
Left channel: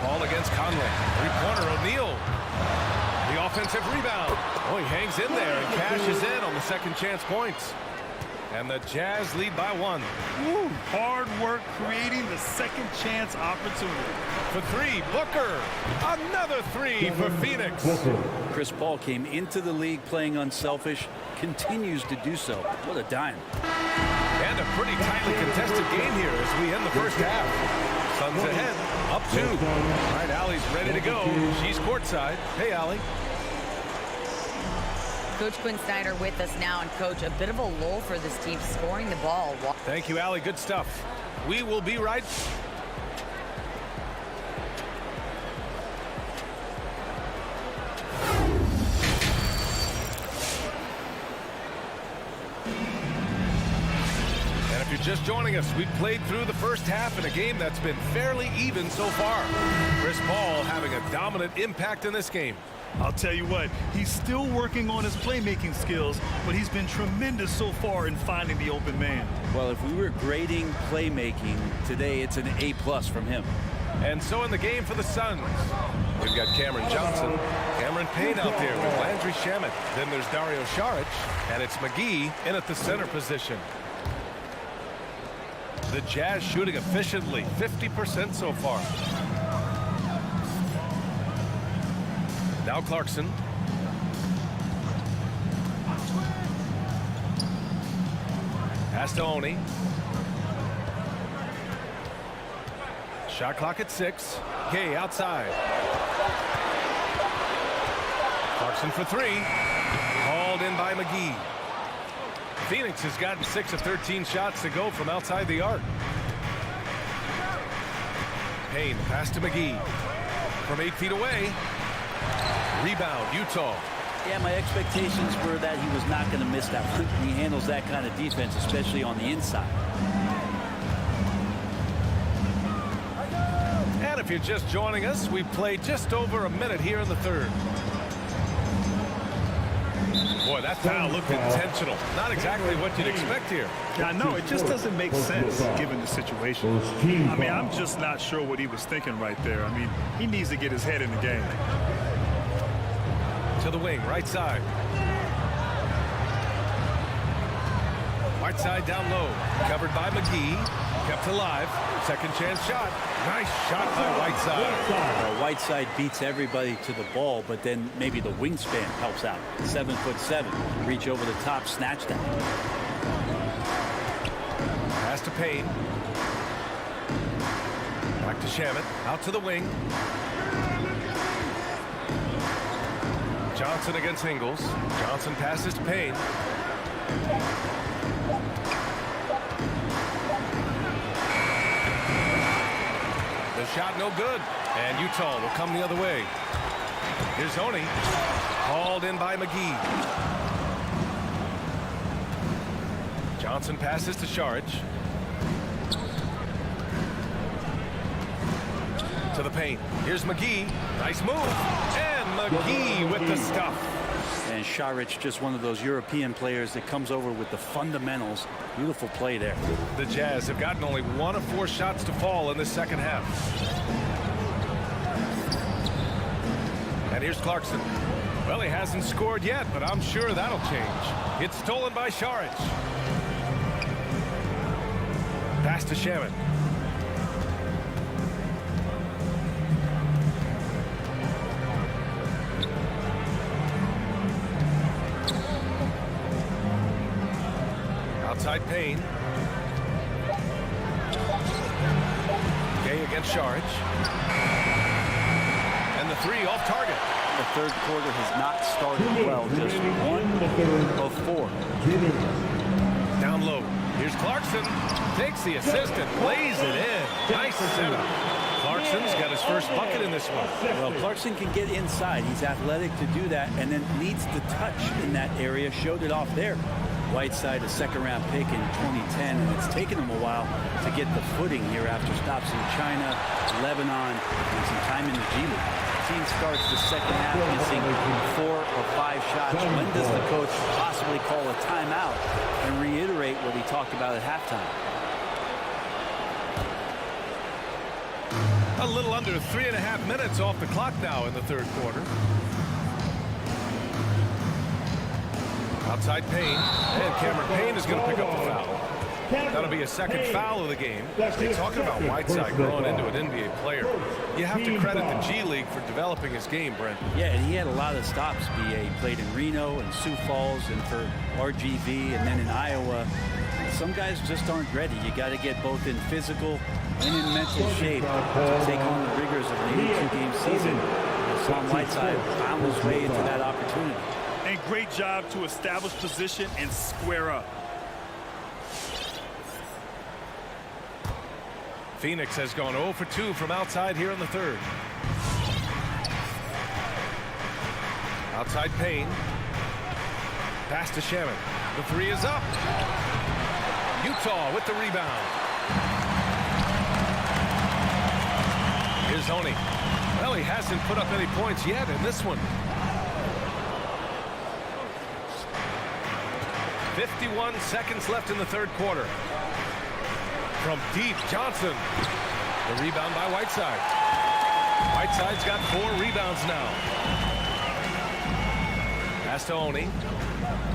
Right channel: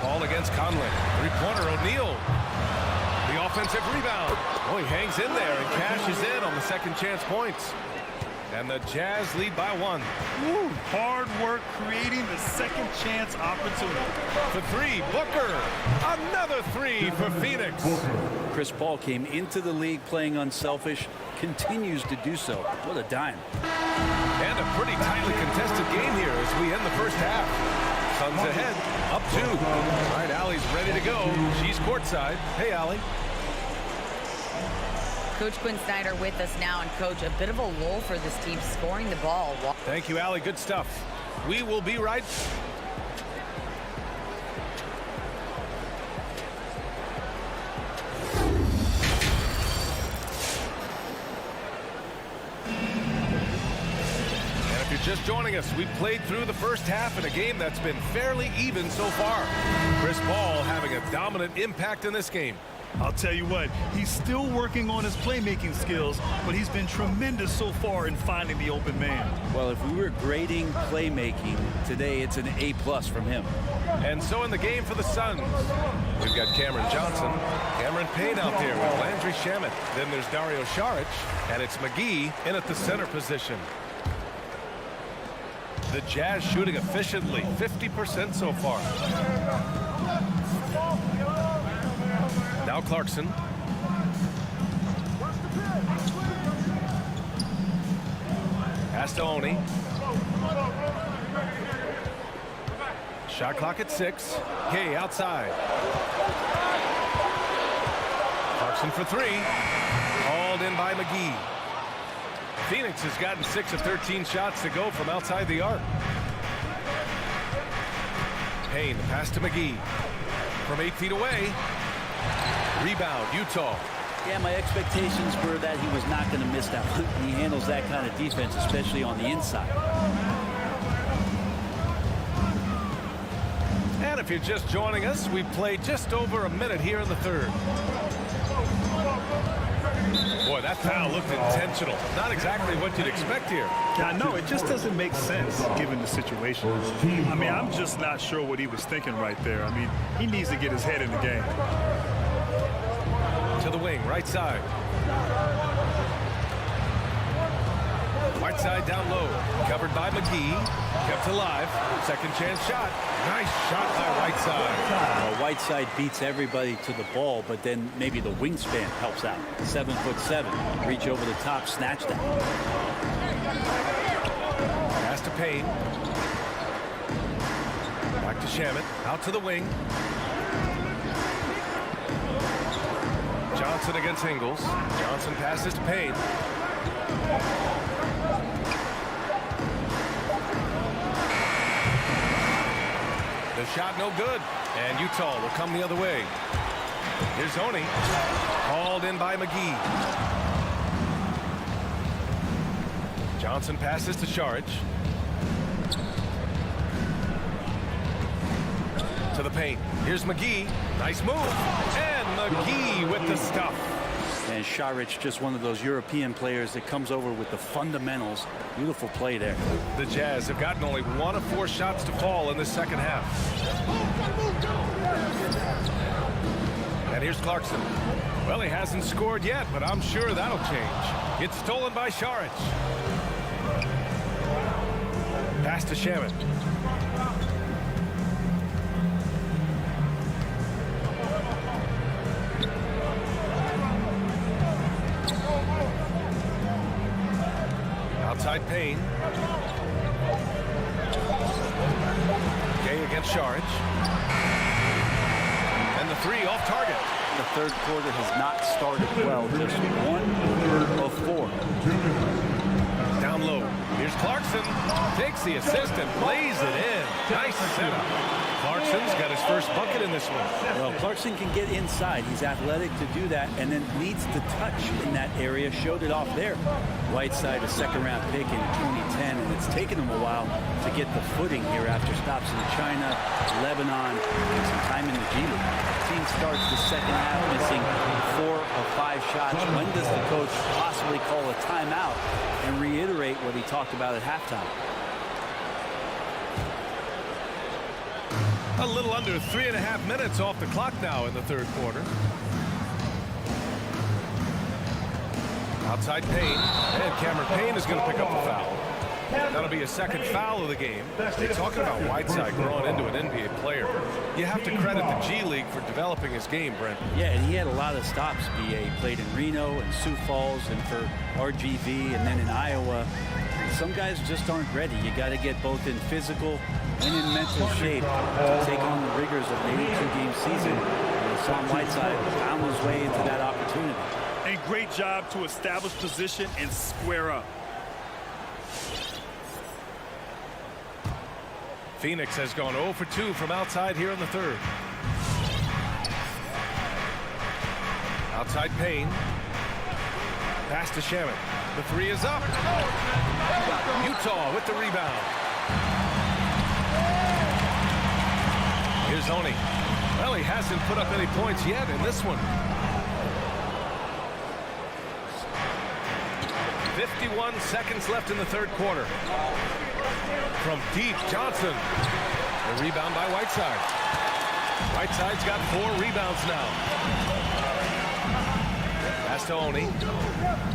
Paul against Conley. Three-pointer, O'Neal. The offensive rebound. Oh, he hangs in there and cashes in on the second chance points. And the Jazz lead by 1. Woo, hard work creating the second chance opportunity. For 3, Booker. Another 3 for Phoenix. Chris Paul came into the league playing unselfish, continues to do so. What a dime. And a pretty tightly contested game here as we end the first half. Suns ahead, up 2. All right, Allie's ready to go. She's courtside. Hey, Allie. Coach Quinn Snyder with us now, and Coach, a bit of a lull for this team scoring the ball. Thank you, Allie. Good stuff. We will be right. And if you're just joining us, we've played through the first half in a game that's been fairly even so far. Chris Paul having a dominant impact in this game. I'll tell you what, he's still working on his playmaking skills, but he's been tremendous so far in finding the open man. Well, if we were grading playmaking today, it's an A+ from him. And so in the game for the Suns, we've got Cameron Johnson, Cameron Payne out there with Landry Shamet. Then there's Dario Saric, and it's McGee in at the center position. The Jazz shooting efficiently, 50% so far. Now Clarkson. Pass to Oni. Shot clock at 6. Gay outside. Clarkson for 3. Hauled in by McGee. Phoenix has gotten 6 of 13 shots to go from outside the arc. Payne, the pass to McGee. From 8 feet away. Rebound, Utah. Yeah, my expectations were that he was not going to miss that one. He handles that kind of defense, especially on the inside. And if you're just joining us, we've played just over a minute here in the third. Boy, that foul looked intentional. Not exactly what you'd expect here. Yeah, I know. It just doesn't make sense given the situation. I mean, I'm just not sure what he was thinking right there. I mean, he needs to get his head in the game. To the wing, right side. Whiteside down low. Covered by McGee. Kept alive. Second chance shot. Nice shot by Whiteside. Well, Whiteside beats everybody to the ball, but then maybe the wingspan helps out. 7'7". Reach over the top, snatch that. Pass to Payne. Back to Shamet. Out to the wing. Johnson against Ingles. Johnson passes to Payne. The shot no good. And Utah will come the other way. Here's Oni. Hauled in by McGee. Johnson passes to Saric. To the paint. Here's McGee. Nice move. And McGee with the stuff. And Saric, just one of those European players that comes over with the fundamentals. Beautiful play there. The Jazz have gotten only 1 of 4 shots to fall in this second half. And here's Clarkson. Well, he hasn't scored yet, but I'm sure that'll change. It's stolen by Saric. Pass to Shamet. Outside Payne. Gay against Saric. And the 3 off target. the third quarter has not started well. Just 1 of 4. Down low. Here's Clarkson. Takes the assist and lays it in. Nice setup. Clarkson's got his first bucket in this one. Well, Clarkson can get inside. He's athletic to do that, and then needs to touch in that area. Showed it off there. Whiteside, a second-round pick in 2010, and it's taken him a while to get the footing here after stops in China, Lebanon, and some time in the G League. Team starts the second half missing 4 of 5 shots. When does the coach possibly call a timeout and reiterate what he talked about at halftime? A little under 3.5 minutes off the clock now in the third quarter. Outside Payne, and Cameron Payne is going to pick up the foul. That'll be a second foul of the game. They're talking about Whiteside growing into an NBA player. You have to credit the G League for developing his game, Brent. Yeah, and he had a lot of stops. He played in Reno and Sioux Falls and for RGV and then in Iowa. Some guys just aren't ready. You got to get both in physical and in mental shape to take on the rigors of an 82-game season. And Hassan Whiteside found his way into that opportunity. And great job to establish position and square up. Phoenix has gone 0 for 2 from outside here in the third. Outside Payne. Pass to Shaman. The 3 is up. Utah with the rebound. Here's Oni. Well, he hasn't put up any points yet in this one. 51 seconds left in the third quarter. From deep, Johnson. The rebound by Whiteside. Whiteside's got 4 rebounds now. Pass to Oni.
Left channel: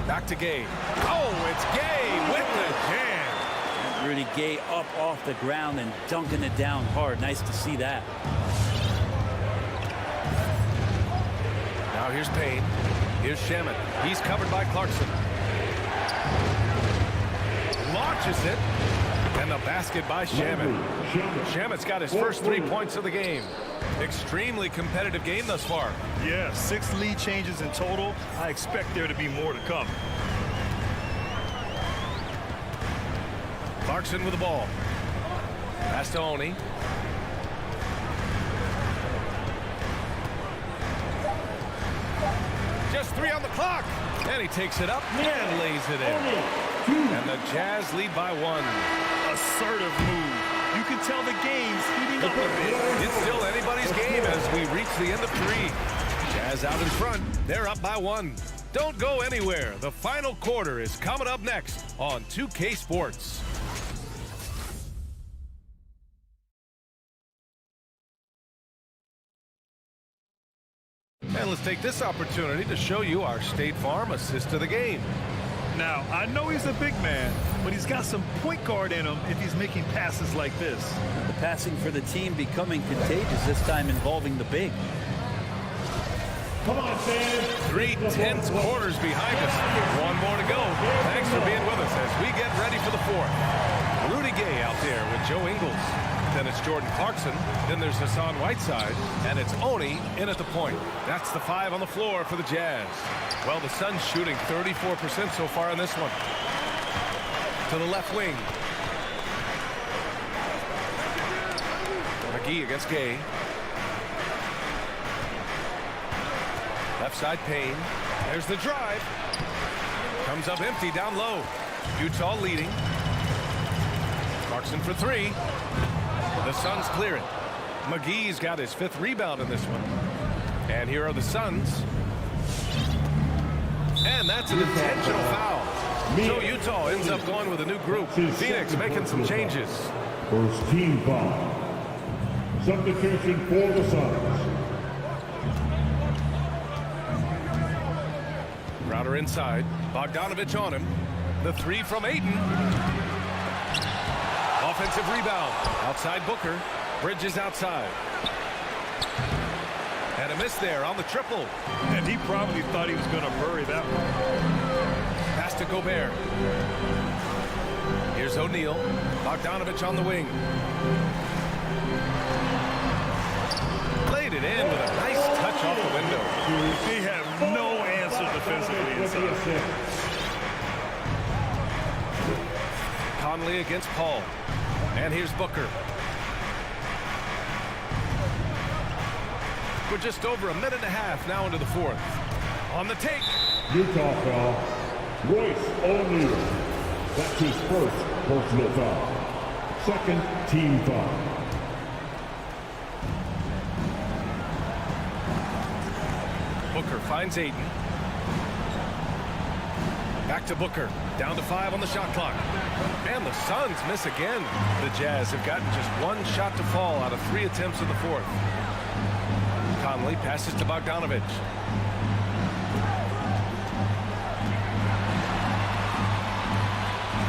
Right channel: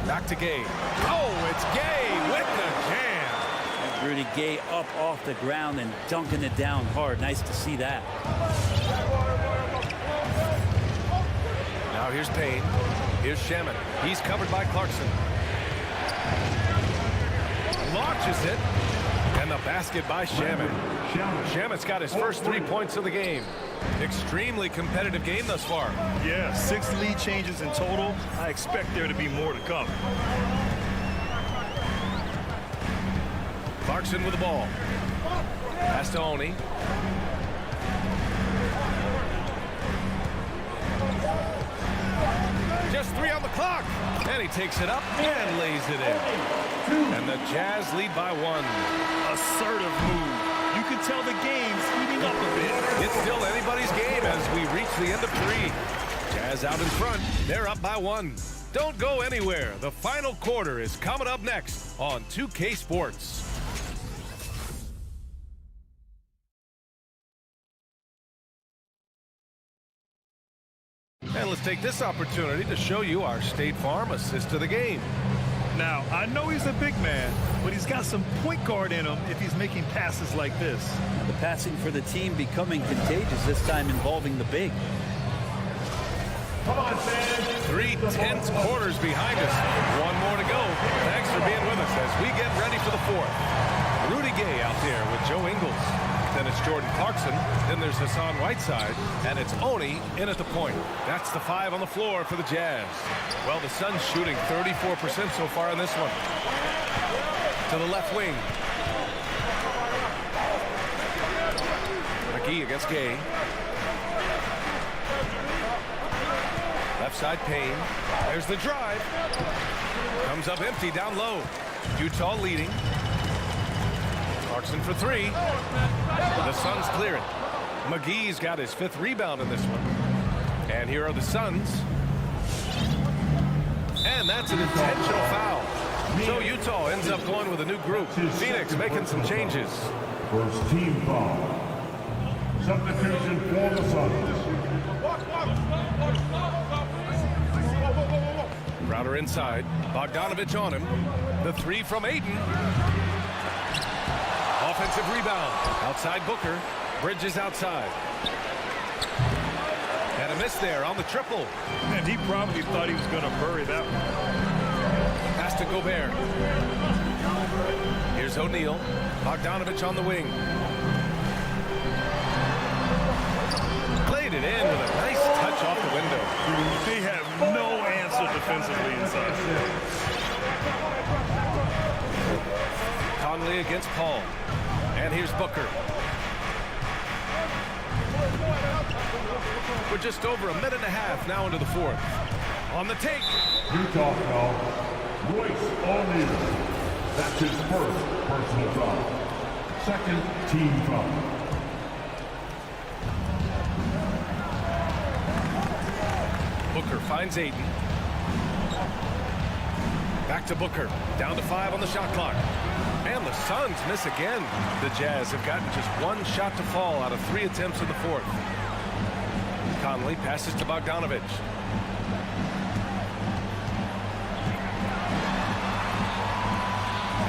Back to Gay. Oh, it's Gay with the jam. And Rudy Gay up off the ground and dunking it down hard. Nice to see that. Now here's Payne. Here's Shaman. He's covered by Clarkson. Launches it. And the basket by Shaman. Shaman's got his first 3 points of the game. Extremely competitive game thus far. Yeah, 6 lead changes in total. I expect there to be more to come. Clarkson with the ball. Pass to Oni. Just 3 on the clock. And he takes it up and lays it in. And the Jazz lead by 1. Assertive move. You can tell the game's heating up a bit. It's still anybody's game as we reach the end of 3. Jazz out in front. They're up by 1. Don't go anywhere. The final quarter is coming up next on 2K Sports. And let's take this opportunity to show you our State Farm assist of the game. Now, I know he's a big man, but he's got some point guard in him if he's making passes like this. The passing for the team becoming contagious, this time involving the big. Come on, fans. 3 tense quarters behind us. 1 more to go. Thanks for being with us as we get ready for the 4th. Rudy Gay out there with Joe Ingles. Then it's Jordan Clarkson. Then there's Hassan Whiteside. And it's Oni in at the point. That's the 5 on the floor for the Jazz. Well, the Suns shooting 34% so far in this one. To the left wing. McGee against Gay. Left side Payne. There's the drive. Comes up empty down low. Utah leading. Clarkson for 3. The Suns clear it. McGee's got his 5th rebound in this one. And here are the Suns. And that's an intentional foul. So Utah ends up going with a new group. Phoenix making some changes. First team foul. Substitution for the Suns. Crowder inside. Bogdanovich on him. The 3 from Ayton. Offensive rebound. Outside Booker. Bridges outside. And a miss there on the triple. And he probably thought he was going to bury that one. Pass to Gobert. Here's O'Neal. Bogdanovich on the wing. Laid it in with a nice touch off the window. They have no answer defensively inside. Conley against Paul. And here's Booker. We're just over a minute and a half now into the fourth. On the take. Utah foul. Royce O'Neal. That's his first personal foul. Second team foul. Booker finds Ayton. Back to Booker. Down to 5 on the shot clock. And the Suns miss again. The Jazz have gotten just one shot to fall out of 3 attempts in the fourth. Conley passes to Bogdanovich.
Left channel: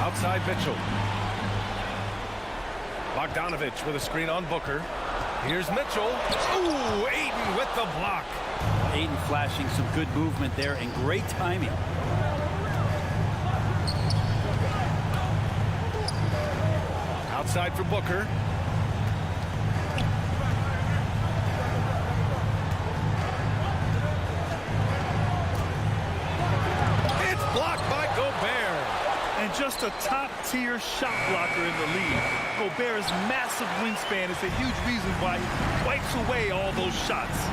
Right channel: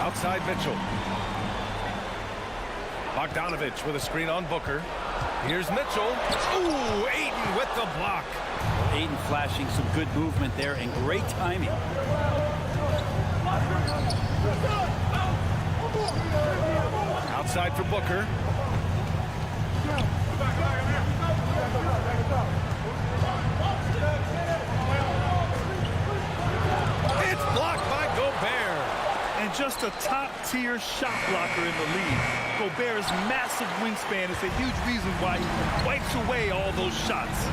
Outside Mitchell. Bogdanovich with a screen on Booker. Here's Mitchell. Ooh, Ayton with the block. Well, Ayton flashing some good movement there and great timing. Outside for Booker. It's blocked by Gobert. And just a top-tier shot blocker in the league. Gobert's massive wingspan is a huge reason why he wipes away all those shots.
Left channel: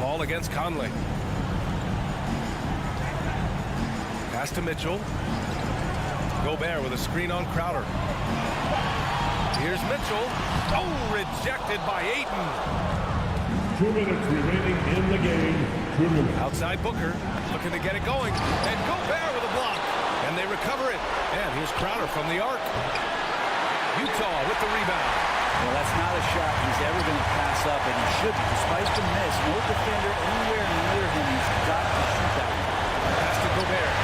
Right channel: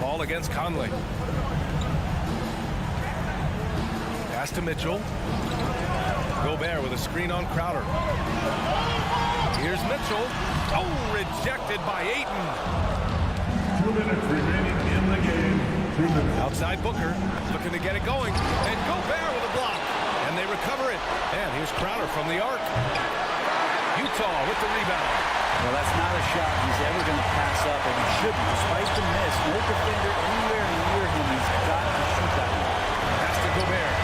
Ball against Conley. Pass to Mitchell. Gobert with a screen on Crowder. Here's Mitchell. Oh, rejected by Ayton. 2 minutes remaining in the game. 2 minutes. Outside Booker, looking to get it going. And Gobert with a block. And they recover it. And here's Crowder from the arc. Utah with the rebound. Well, that's not a shot he's ever going to pass up, and he shouldn't. Despite the miss, no defender anywhere near him. He's got to shoot that one. Pass to Gobert.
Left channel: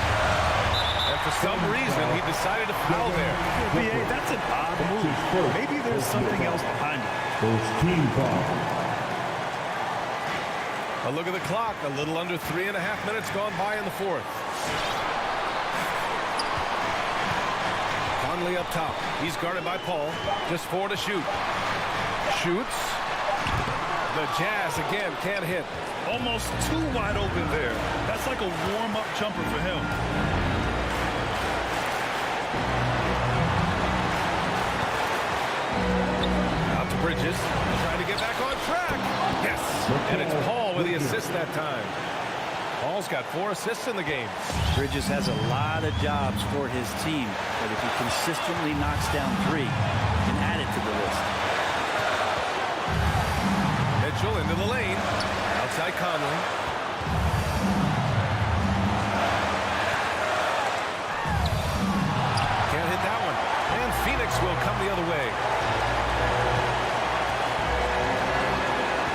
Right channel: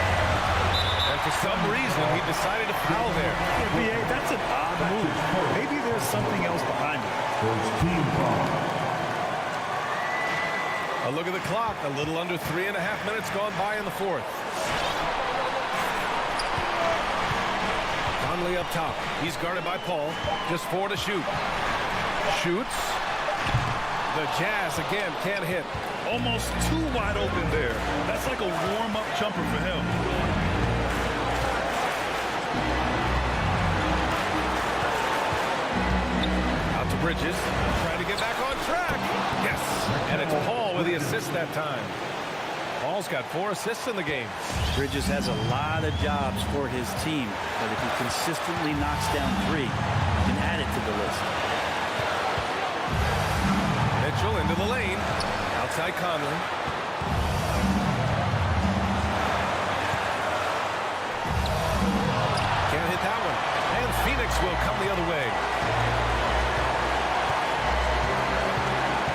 And for some reason, he decided to foul there. Yeah, B.A., that's an odd move. Maybe there's something else behind it. First team foul. A look at the clock. A little under 3.5 minutes gone by in the fourth. Conley up top. He's guarded by Paul. Just 4 to shoot. Shoots. The Jazz again can't hit. Almost too wide open there. That's like a warm-up jumper for him. Out to Bridges. Trying to get back on track. Yes. And it's Paul with the assist that time. Paul's got 4 assists in the game. Bridges has a lot of jobs for his team, but if he consistently knocks down 3, he can add it to the list. Mitchell into the lane. Outside Conley. Can't hit that one. And Phoenix will come the other way.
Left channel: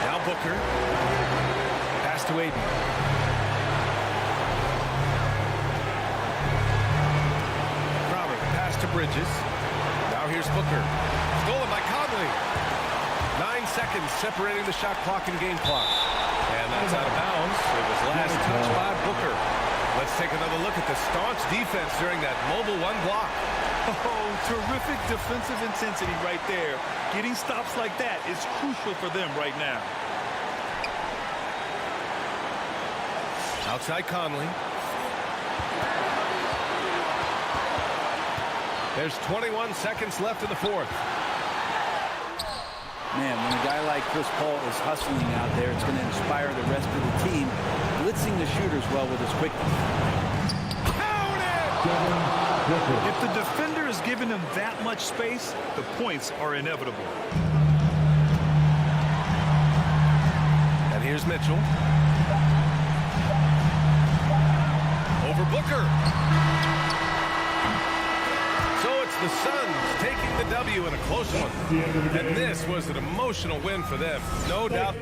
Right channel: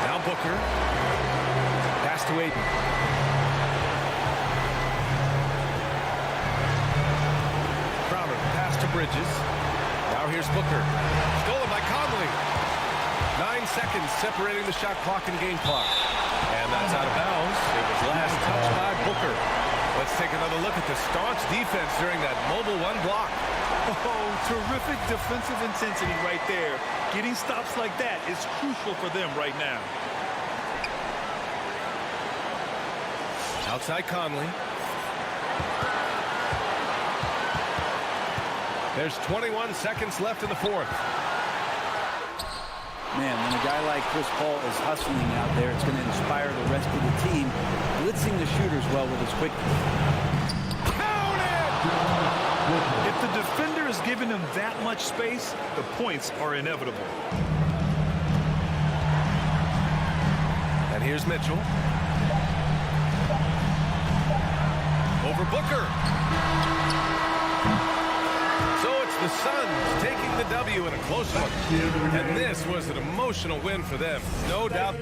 Now Booker. Pass to Ayton. Crowder, pass to Bridges. Now here's Booker. Stolen by Conley. 9 seconds separating the shot clock and game clock. And that's out of bounds. It was last touched by Booker. Let's take another look at the staunch defense during that mobile 1 block. Oh, terrific defensive intensity right there. Getting stops like that is crucial for them right now. Outside Conley. There's 21 seconds left in the fourth. Man, when a guy like Chris Paul is hustling out there, it's going to inspire the rest of the team, blitzing the shooters well with his quickness. Count it! If the defender is giving him that much space, the points are inevitable. And here's Mitchell. Over Booker. So it's the Suns taking the W in a close one. And this was an emotional win for them. No doubt.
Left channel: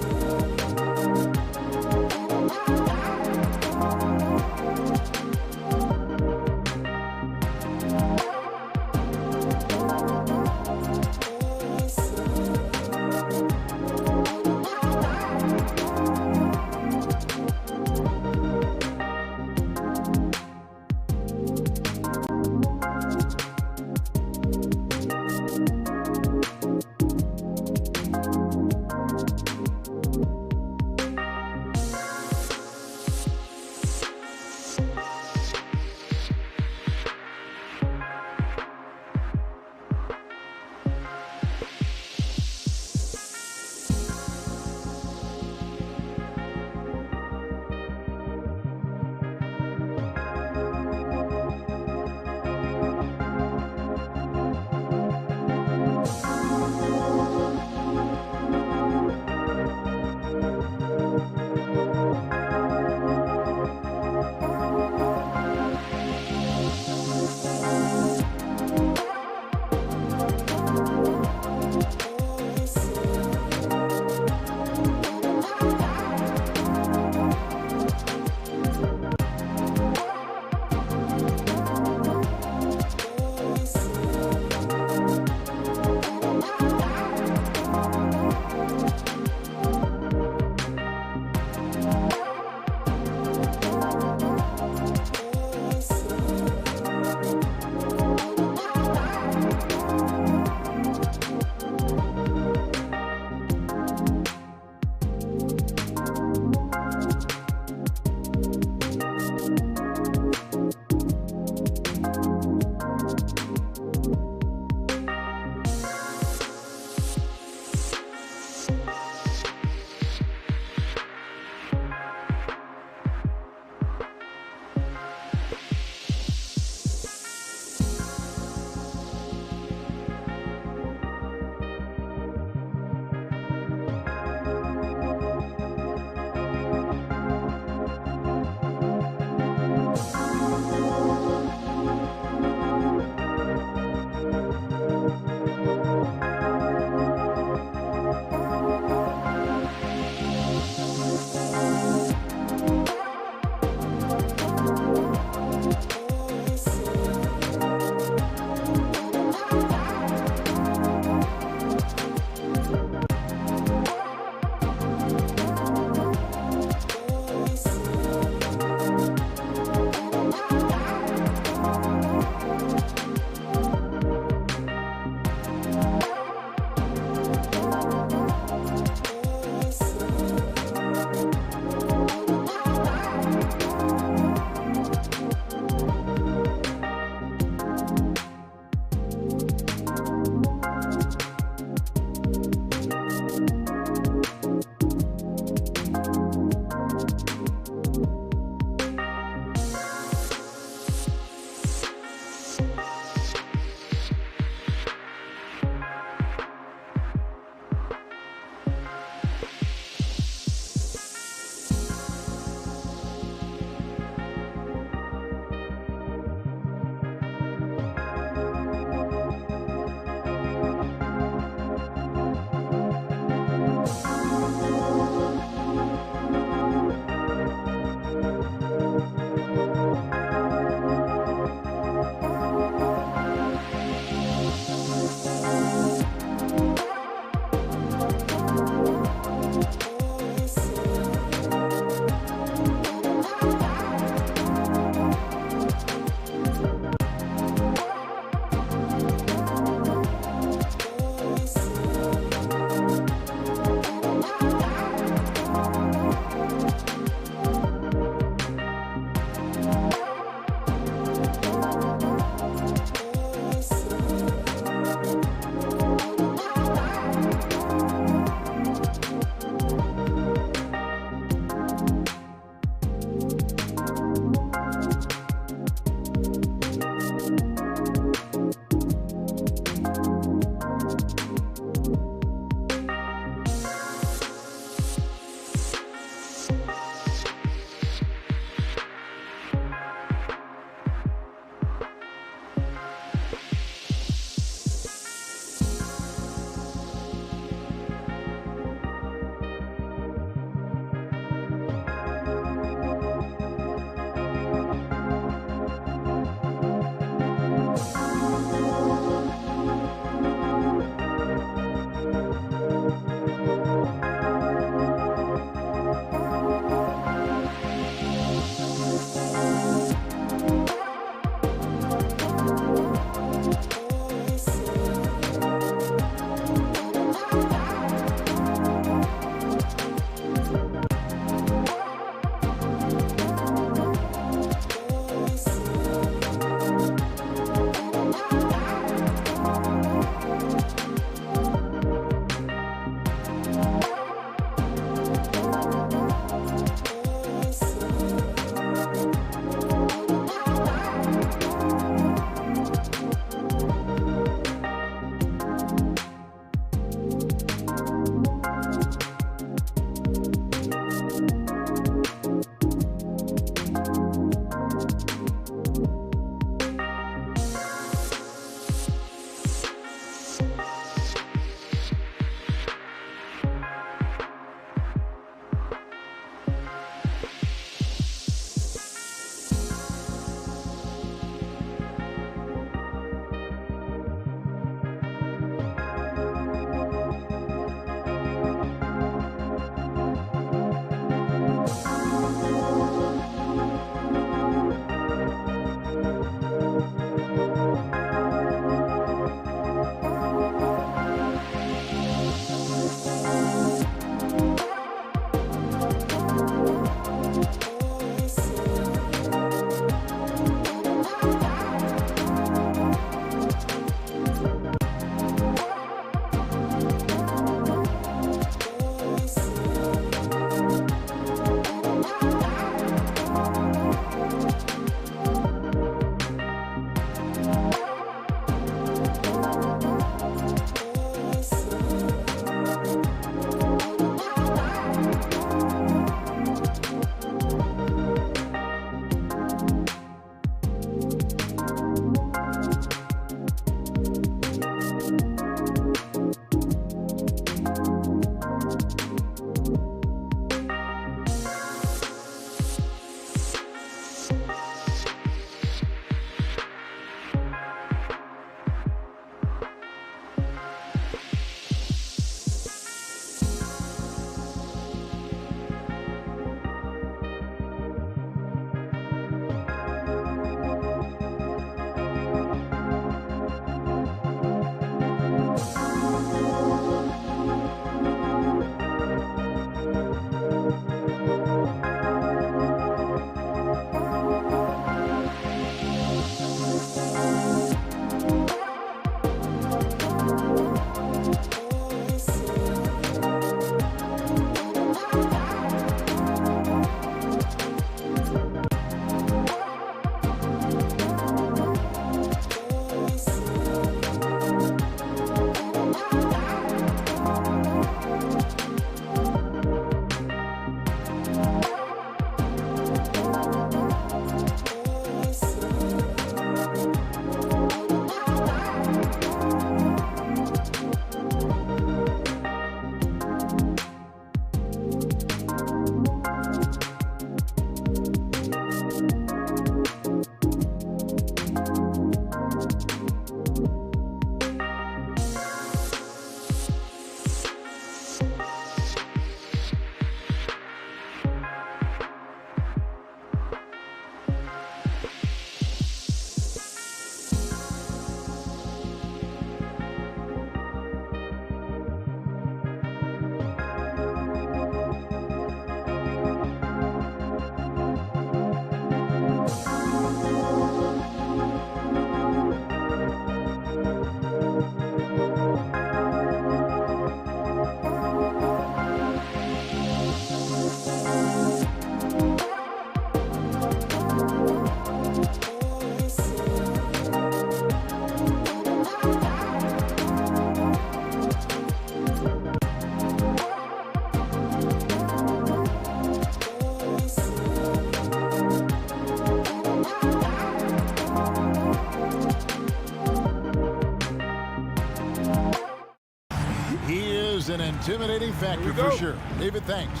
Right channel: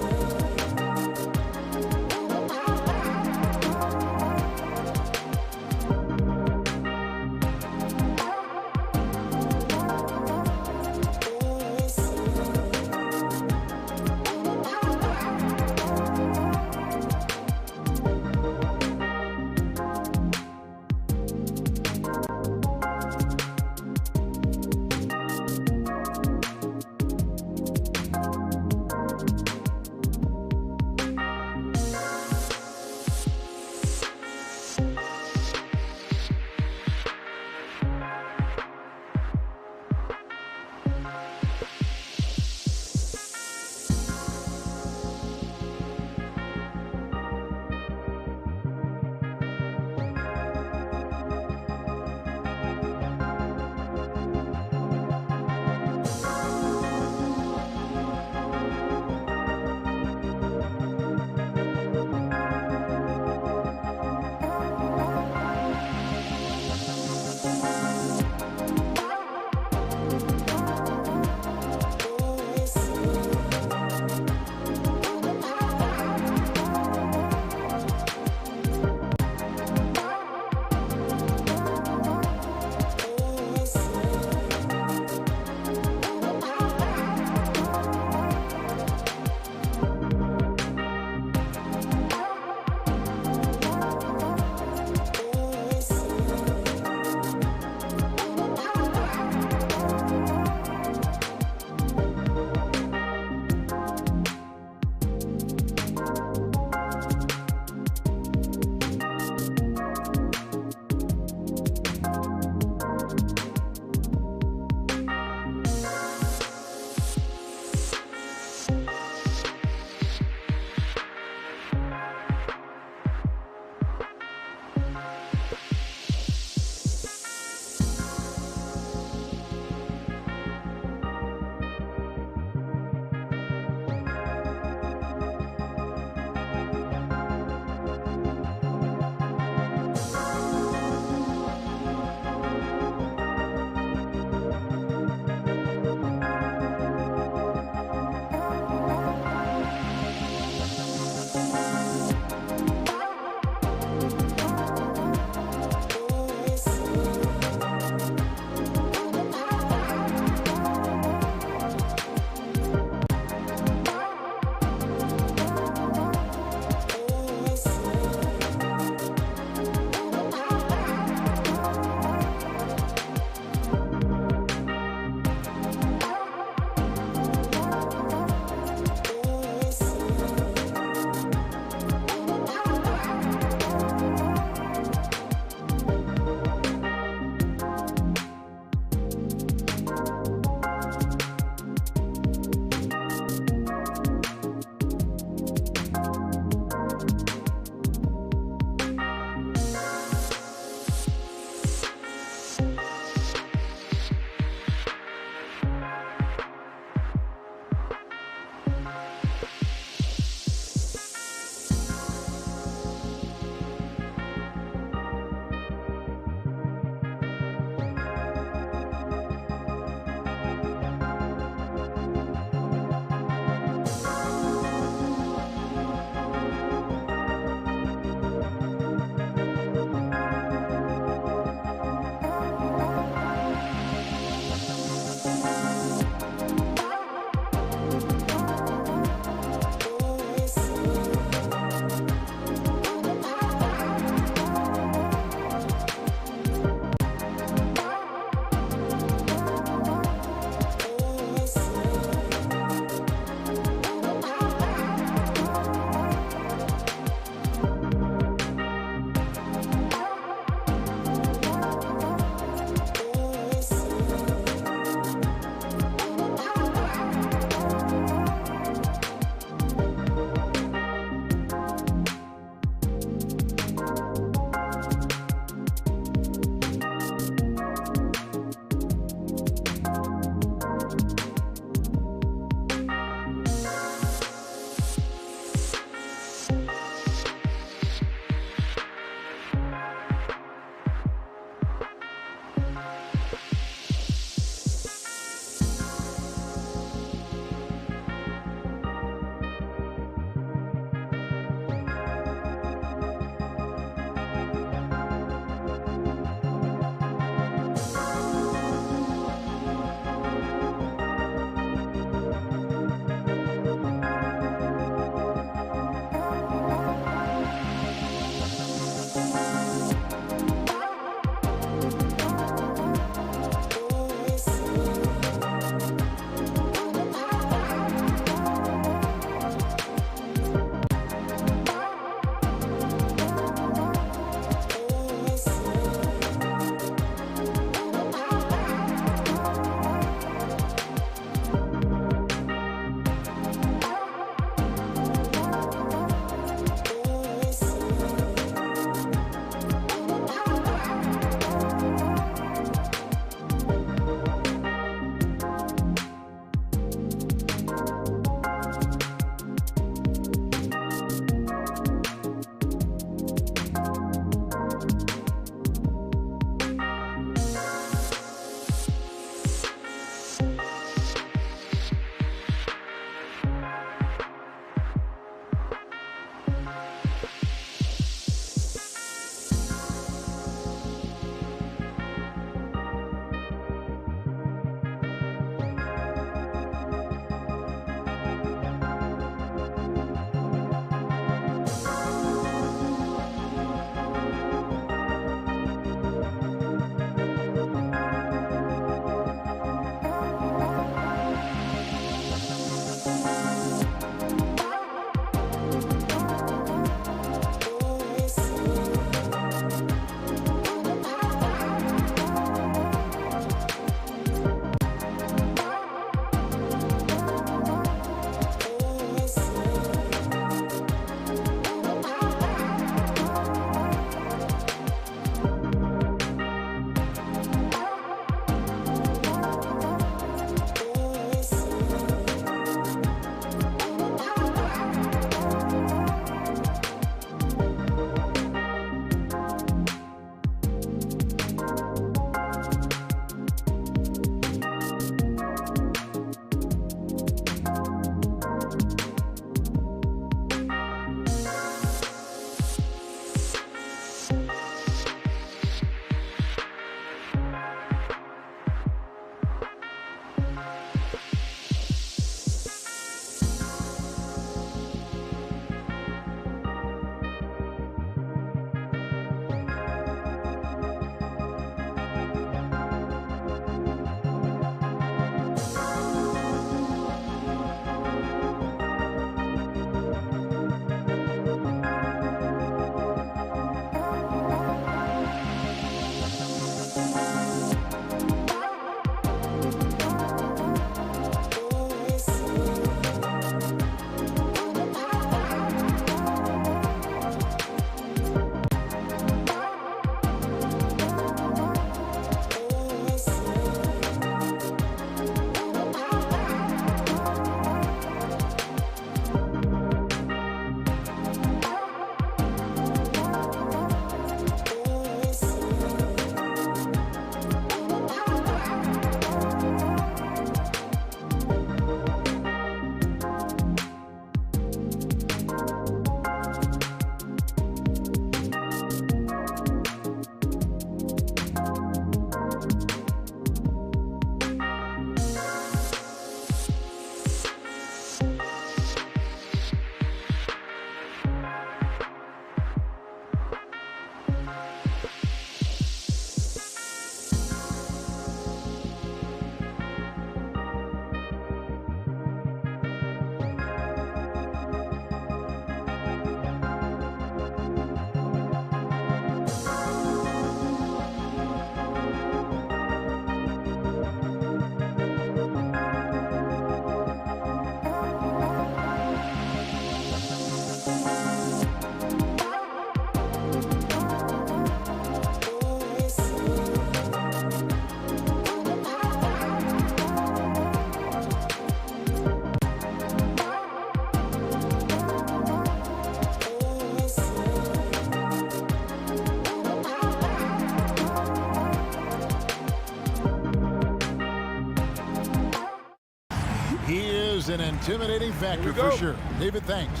He is an intimidating factor for sure. David, thanks.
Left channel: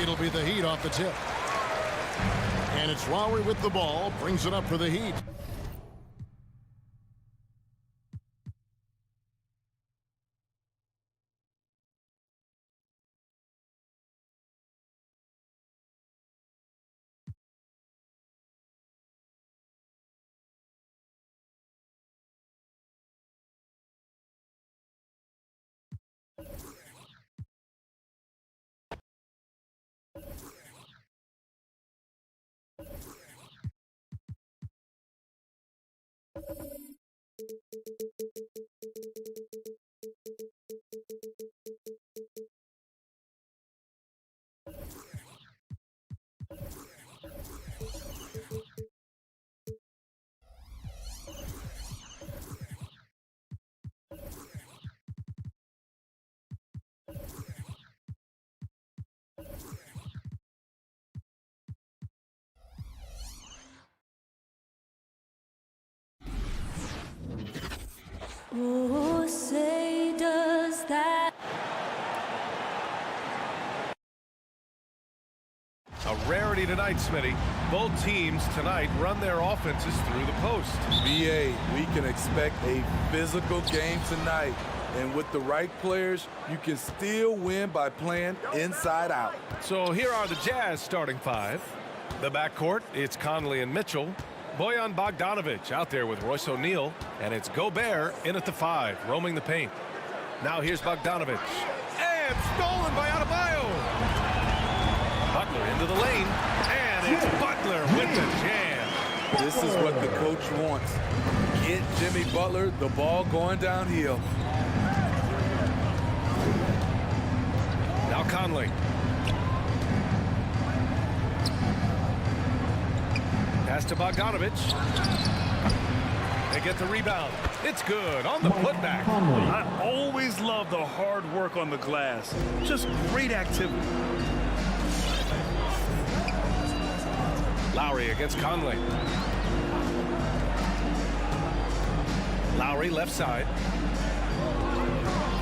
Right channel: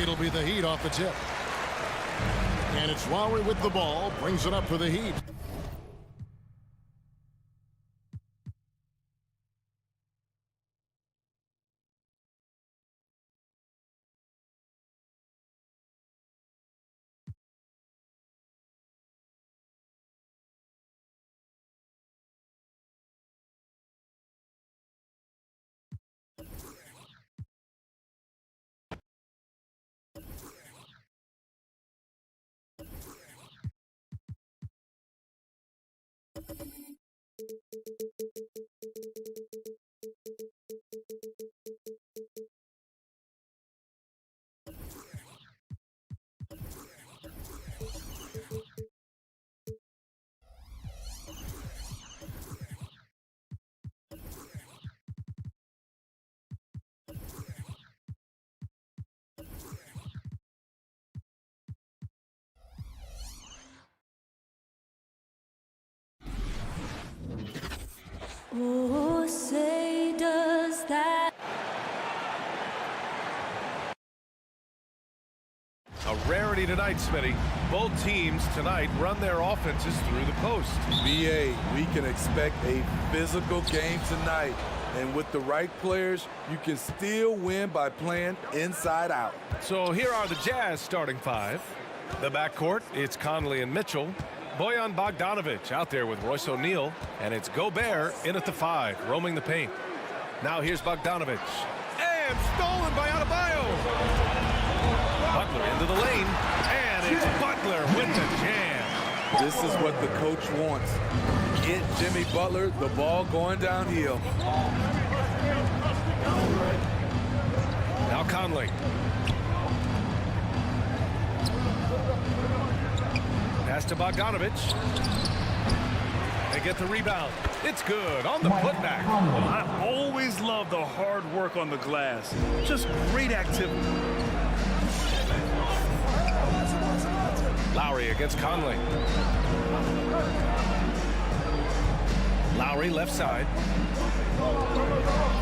It'll be the Heat off the tip. And it's Lowry with the ball, brings it up for the Heat. Oh, say does that. A rarity tonight, Smitty. Both teams tonight run their offenses through the post. VA, we can expect a physical game tonight. And with the right players, you can still win by playing inside out. So here are the Jazz starting five. The backcourt, it's Conley and Mitchell. Bojan Bogdanovic out there with Royce O'Neal. And it's Gobert in at the 5, roaming the paint. Now here's Bogdanovic. And stolen by Adebayo. Butler into the lane. And it's Butler with the jam. This is what the coach wants. Get Jimmy Butler the ball going downhill. Now Conley. Pass to Bogdanovic. They get the rebound. It's good on the putback. I always love the hard work on the glass. Just great activity. Lowry against Conley. Lowry left side.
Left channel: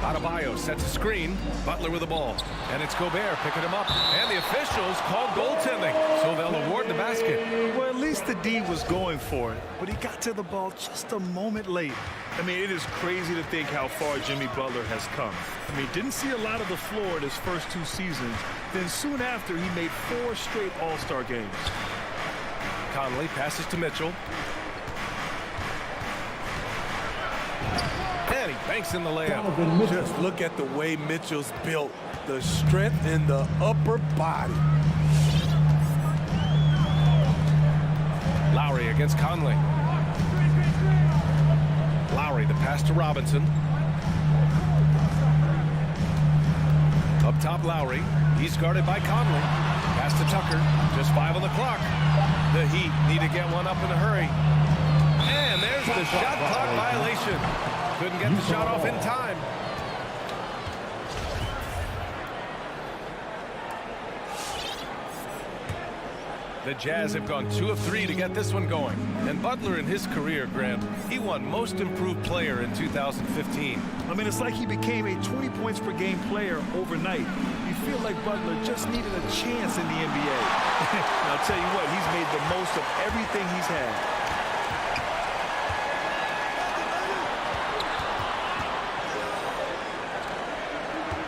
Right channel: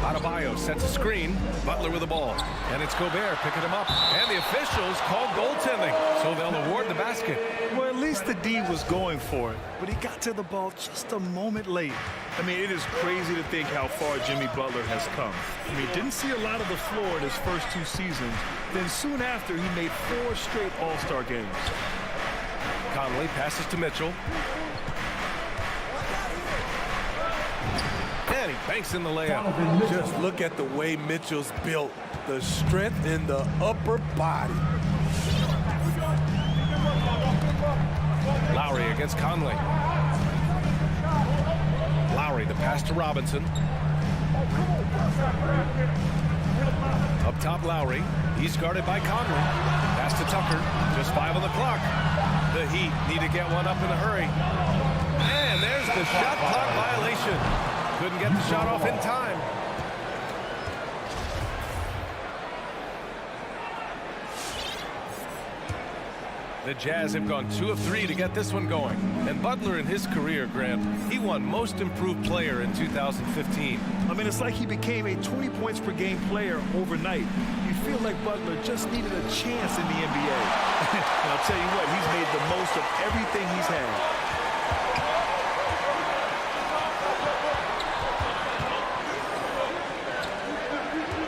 Adebayo sets a screen. Butler with the ball. And it's Gobert picking him up. And the officials call goaltending, so they'll award the basket. Well, at least the D was going for it, but he got to the ball just a moment late. I mean, it is crazy to think how far Jimmy Butler has come. I mean, didn't see a lot of the floor in his first 2 seasons. Then soon after, he made 4 straight All-Star games. Conley passes to Mitchell. And he banks in the layup. Just look at the way Mitchell's built. The strength in the upper body. Lowry against Conley. Lowry, the pass to Robinson. Up top, Lowry. He's guarded by Conley. Pass to Tucker. Just 5 on the clock. The Heat need to get one up in a hurry. And there's the shot clock violation. Couldn't get the shot off in time. The Jazz have gone 2 of 3 to get this one going. And Butler in his career, Grant, he won Most Improved Player in 2015. I mean, it's like he became a 20 points per game player overnight. You feel like Butler just needed a chance in the NBA. And I'll tell you what, he's made the most of everything he's had.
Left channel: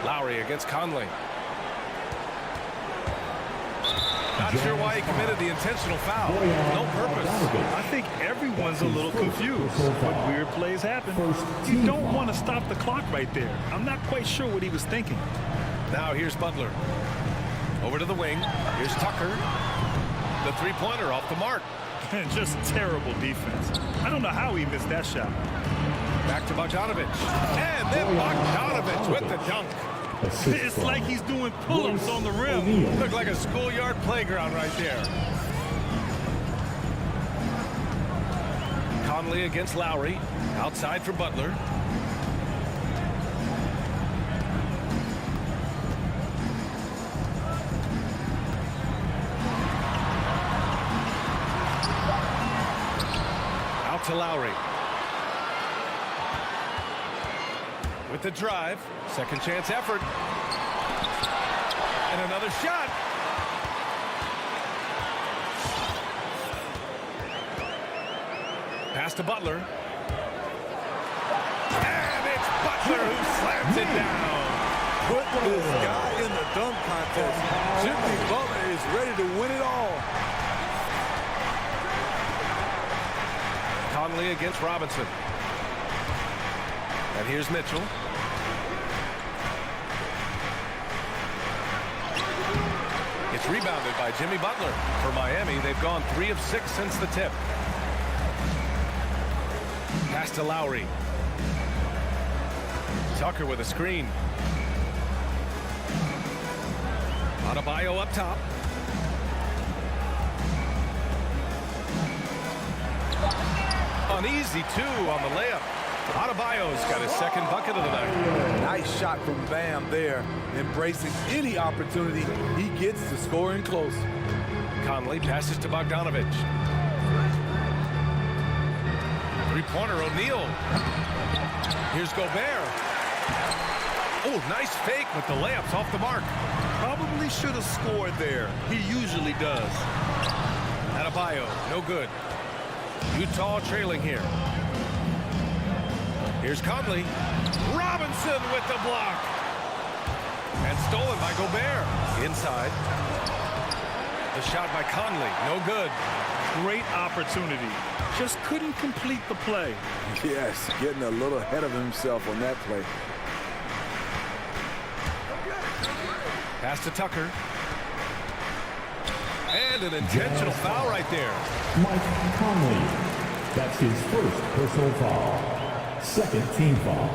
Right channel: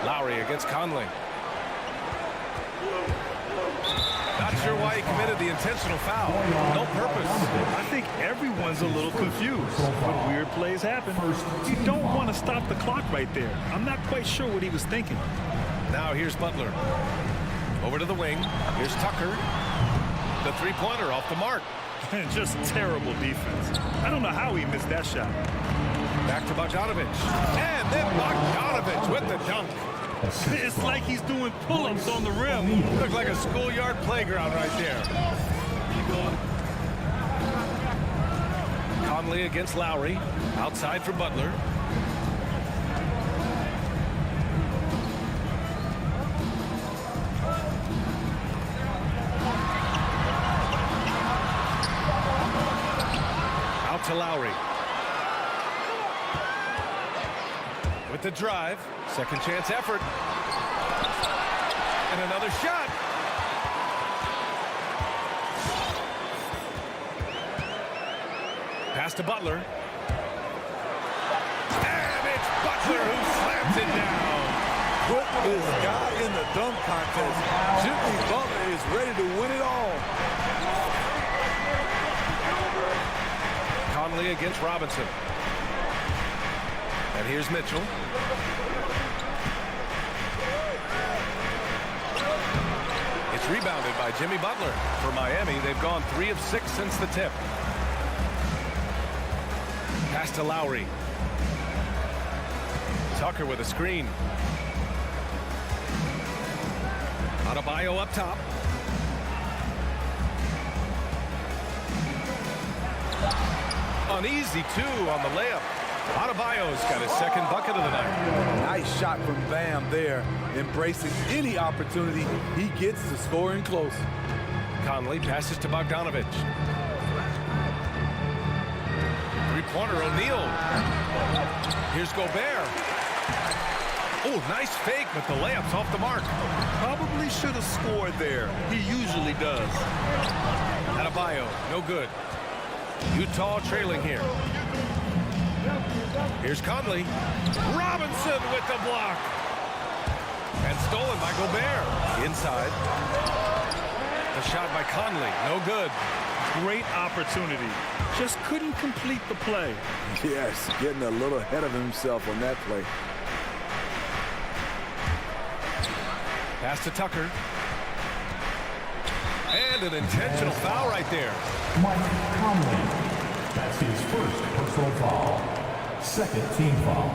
Lowry against Conley. Not sure why he committed the intentional foul. No purpose. I think everyone's a little confused, but weird plays happen. You don't want to stop the clock right there. I'm not quite sure what he was thinking. Now here's Butler. Over to the wing. Here's Tucker. The three-pointer off the mark. Just terrible defense. I don't know how he missed that shot. Back to Bogdanovic. And then Bogdanovic with the dunk. It's like he's doing pull-ups on the rim. Looked like a schoolyard playground right there. Conley against Lowry. Outside for Butler. Out to Lowry. with the drive. Second chance effort. And another shot. Pass to Butler. And it's Butler who slams it down. Put this guy in the dunk contest. Jimmy Butler is ready to win it all. Conley against Robinson. And here's Mitchell. It's rebounded by Jimmy Butler. For Miami, they've gone 3 of 6 since the tip. Pass to Lowry. Tucker with a screen. Adebayo up top. An easy 2 on the layup. Adebayo's got his second bucket of the night. Nice shot from Bam there, embracing any opportunity he gets to scoring close. Conley passes to Bogdanovich. Three-pointer, O'Neal. Here's Gobert. Oh, nice fake, but the layup's off the mark. Probably should have scored there. He usually does. Adebayo, no good. Utah trailing here. Here's Conley. Robinson with the block. And stolen by Gobert. Inside. The shot by Conley, no good. Great opportunity. Just couldn't complete the play. Yes, getting a little ahead of himself on that play. Pass to Tucker. And an intentional foul right there. Mike Conley. That's his first personal foul. Second team foul.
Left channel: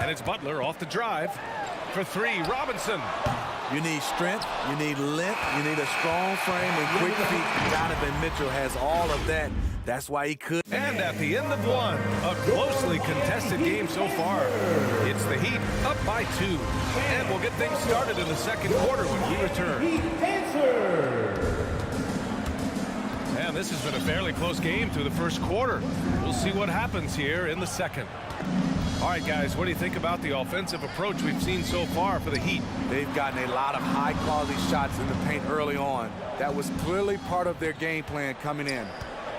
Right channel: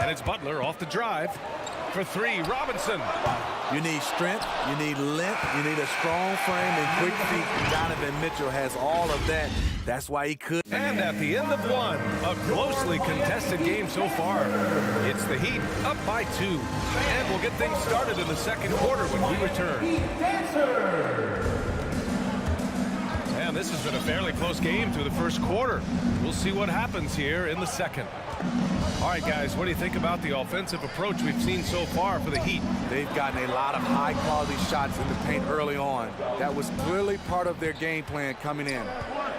And it's Butler off the drive. For 3, Robinson. You need strength, you need length, you need a strong frame and quick feet. Donovan Mitchell has all of that. That's why he could. And at the end of 1, a closely contested game so far. It's the Heat up by 2. And we'll get things started in the second quarter when we return. And this has been a fairly close game through the first quarter. We'll see what happens here in the second. All right, guys, what do you think about the offensive approach we've seen so far for the Heat? They've gotten a lot of high-quality shots in the paint early on. That was clearly part of their game plan coming in.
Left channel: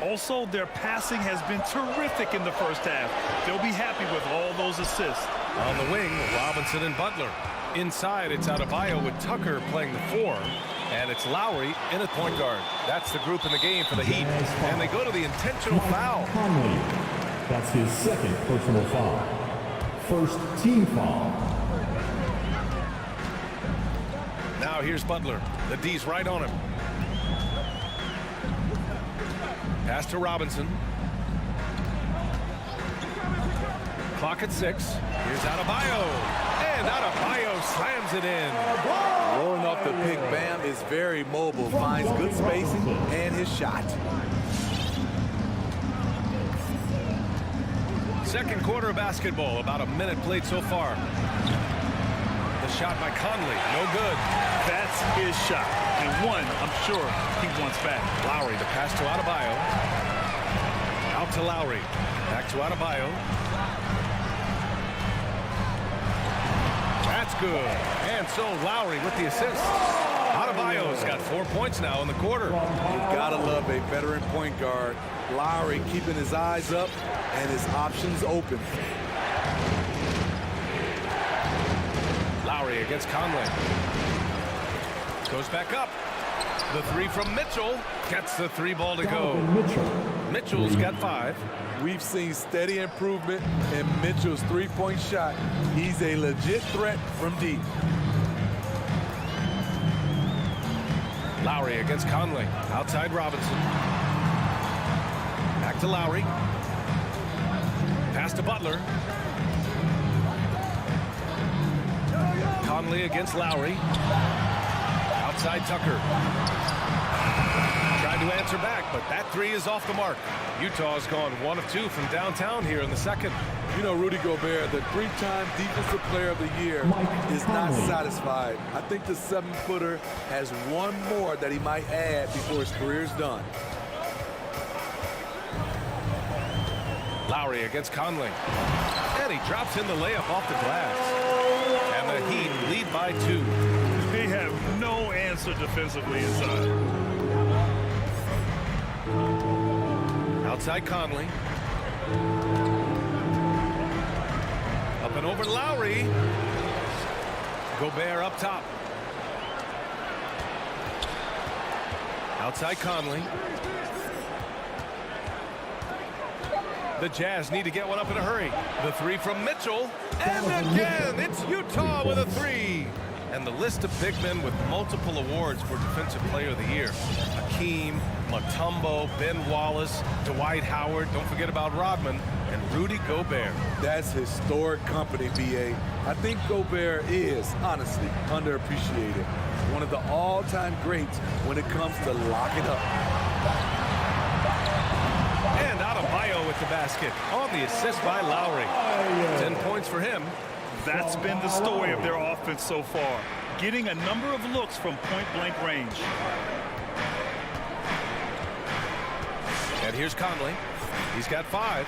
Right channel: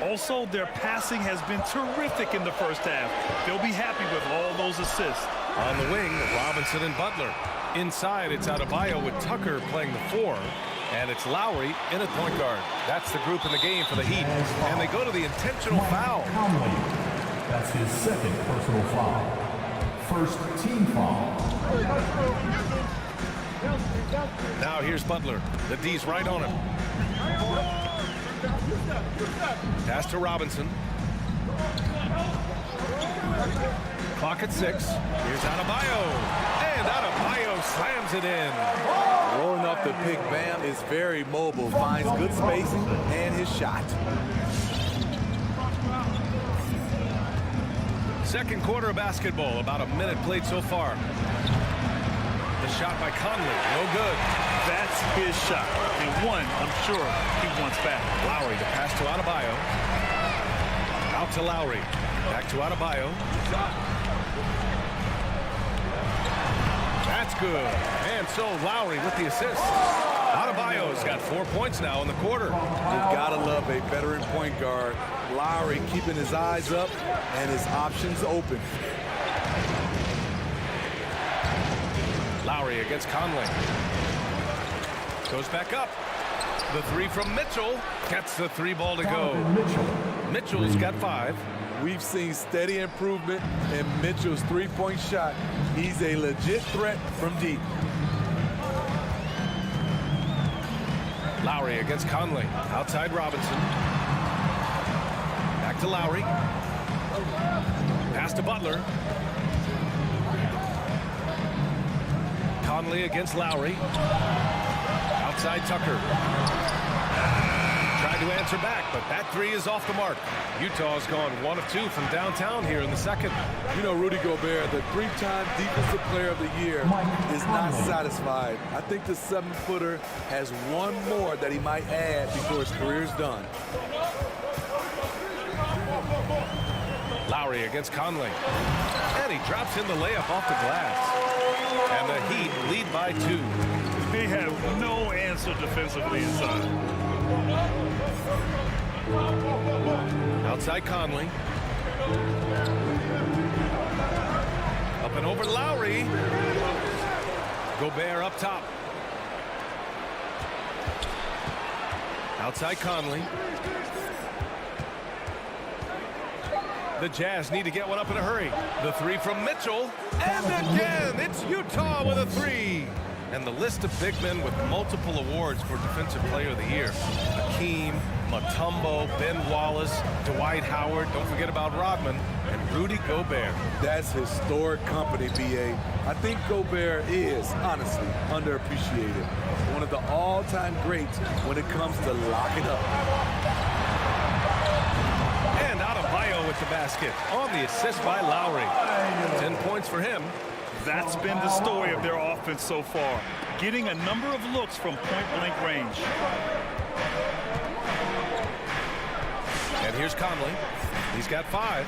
Also, their passing has been terrific in the first half. They'll be happy with all those assists. On the wing, Robinson and Butler. Inside, it's Adebayo with Tucker playing the 4. And it's Lowry in at point guard. That's the group in the game for the Heat. And they go to the intentional foul. Conley. That's his second personal foul. First team foul. Now here's Butler. The D's right on him. Pass to Robinson. Clock at 6. Here's Adebayo. And Adebayo slams it in. Rolling off the pick, Bam is very mobile, finds good spacing and his shot. Second quarter of basketball, about a minute played so far. The shot by Conley, no good. That's his shot, and one I'm sure he wants back. Lowry, the pass to Adebayo. Out to Lowry, back to Adebayo. That's good. And so Lowry with the assist. Adebayo's got 4 points now in the quarter. You've got to love a veteran point guard. Lowry keeping his eyes up and his options open. Lowry against Conley. Goes back up. The 3 from Mitchell. Gets the 3 ball to go. Mitchell's got 5. We've seen steady improvement in Mitchell's three-point shot. He's a legit threat from deep. Lowry against Conley. Outside Robinson. Back to Lowry. Pass to Butler. Conley against Lowry. Outside Tucker. Tried to answer back, but that 3 is off the mark. Utah's gone 1 of 2 from downtown here in the second. You know, Rudy Gobert, the 3-time Defensive Player of the Year, is not satisfied. I think the 7-footer has one more that he might add before his career's done. Lowry against Conley. And he drops in the layup off the glass. And the Heat lead by 2. They have no answer defensively inside. Outside Conley. Up and over Lowry. Gobert up top. Outside Conley. The Jazz need to get one up in a hurry. The 3 from Mitchell. And again, it's Utah with a 3. And the list of big men with multiple awards for Defensive Player of the Year. Hakeem, Mutombo, Ben Wallace, Dwight Howard, don't forget about Rodman, and Rudy Gobert. That's historic company, B.A. I think Gobert is, honestly, underappreciated. One of the all-time greats when it comes to locking up. And Adebayo with the basket on the assist by Lowry. 10 points for him. That's been the story of their offense so far, getting a number of looks from point-blank range. And here's Conley. He's got 5.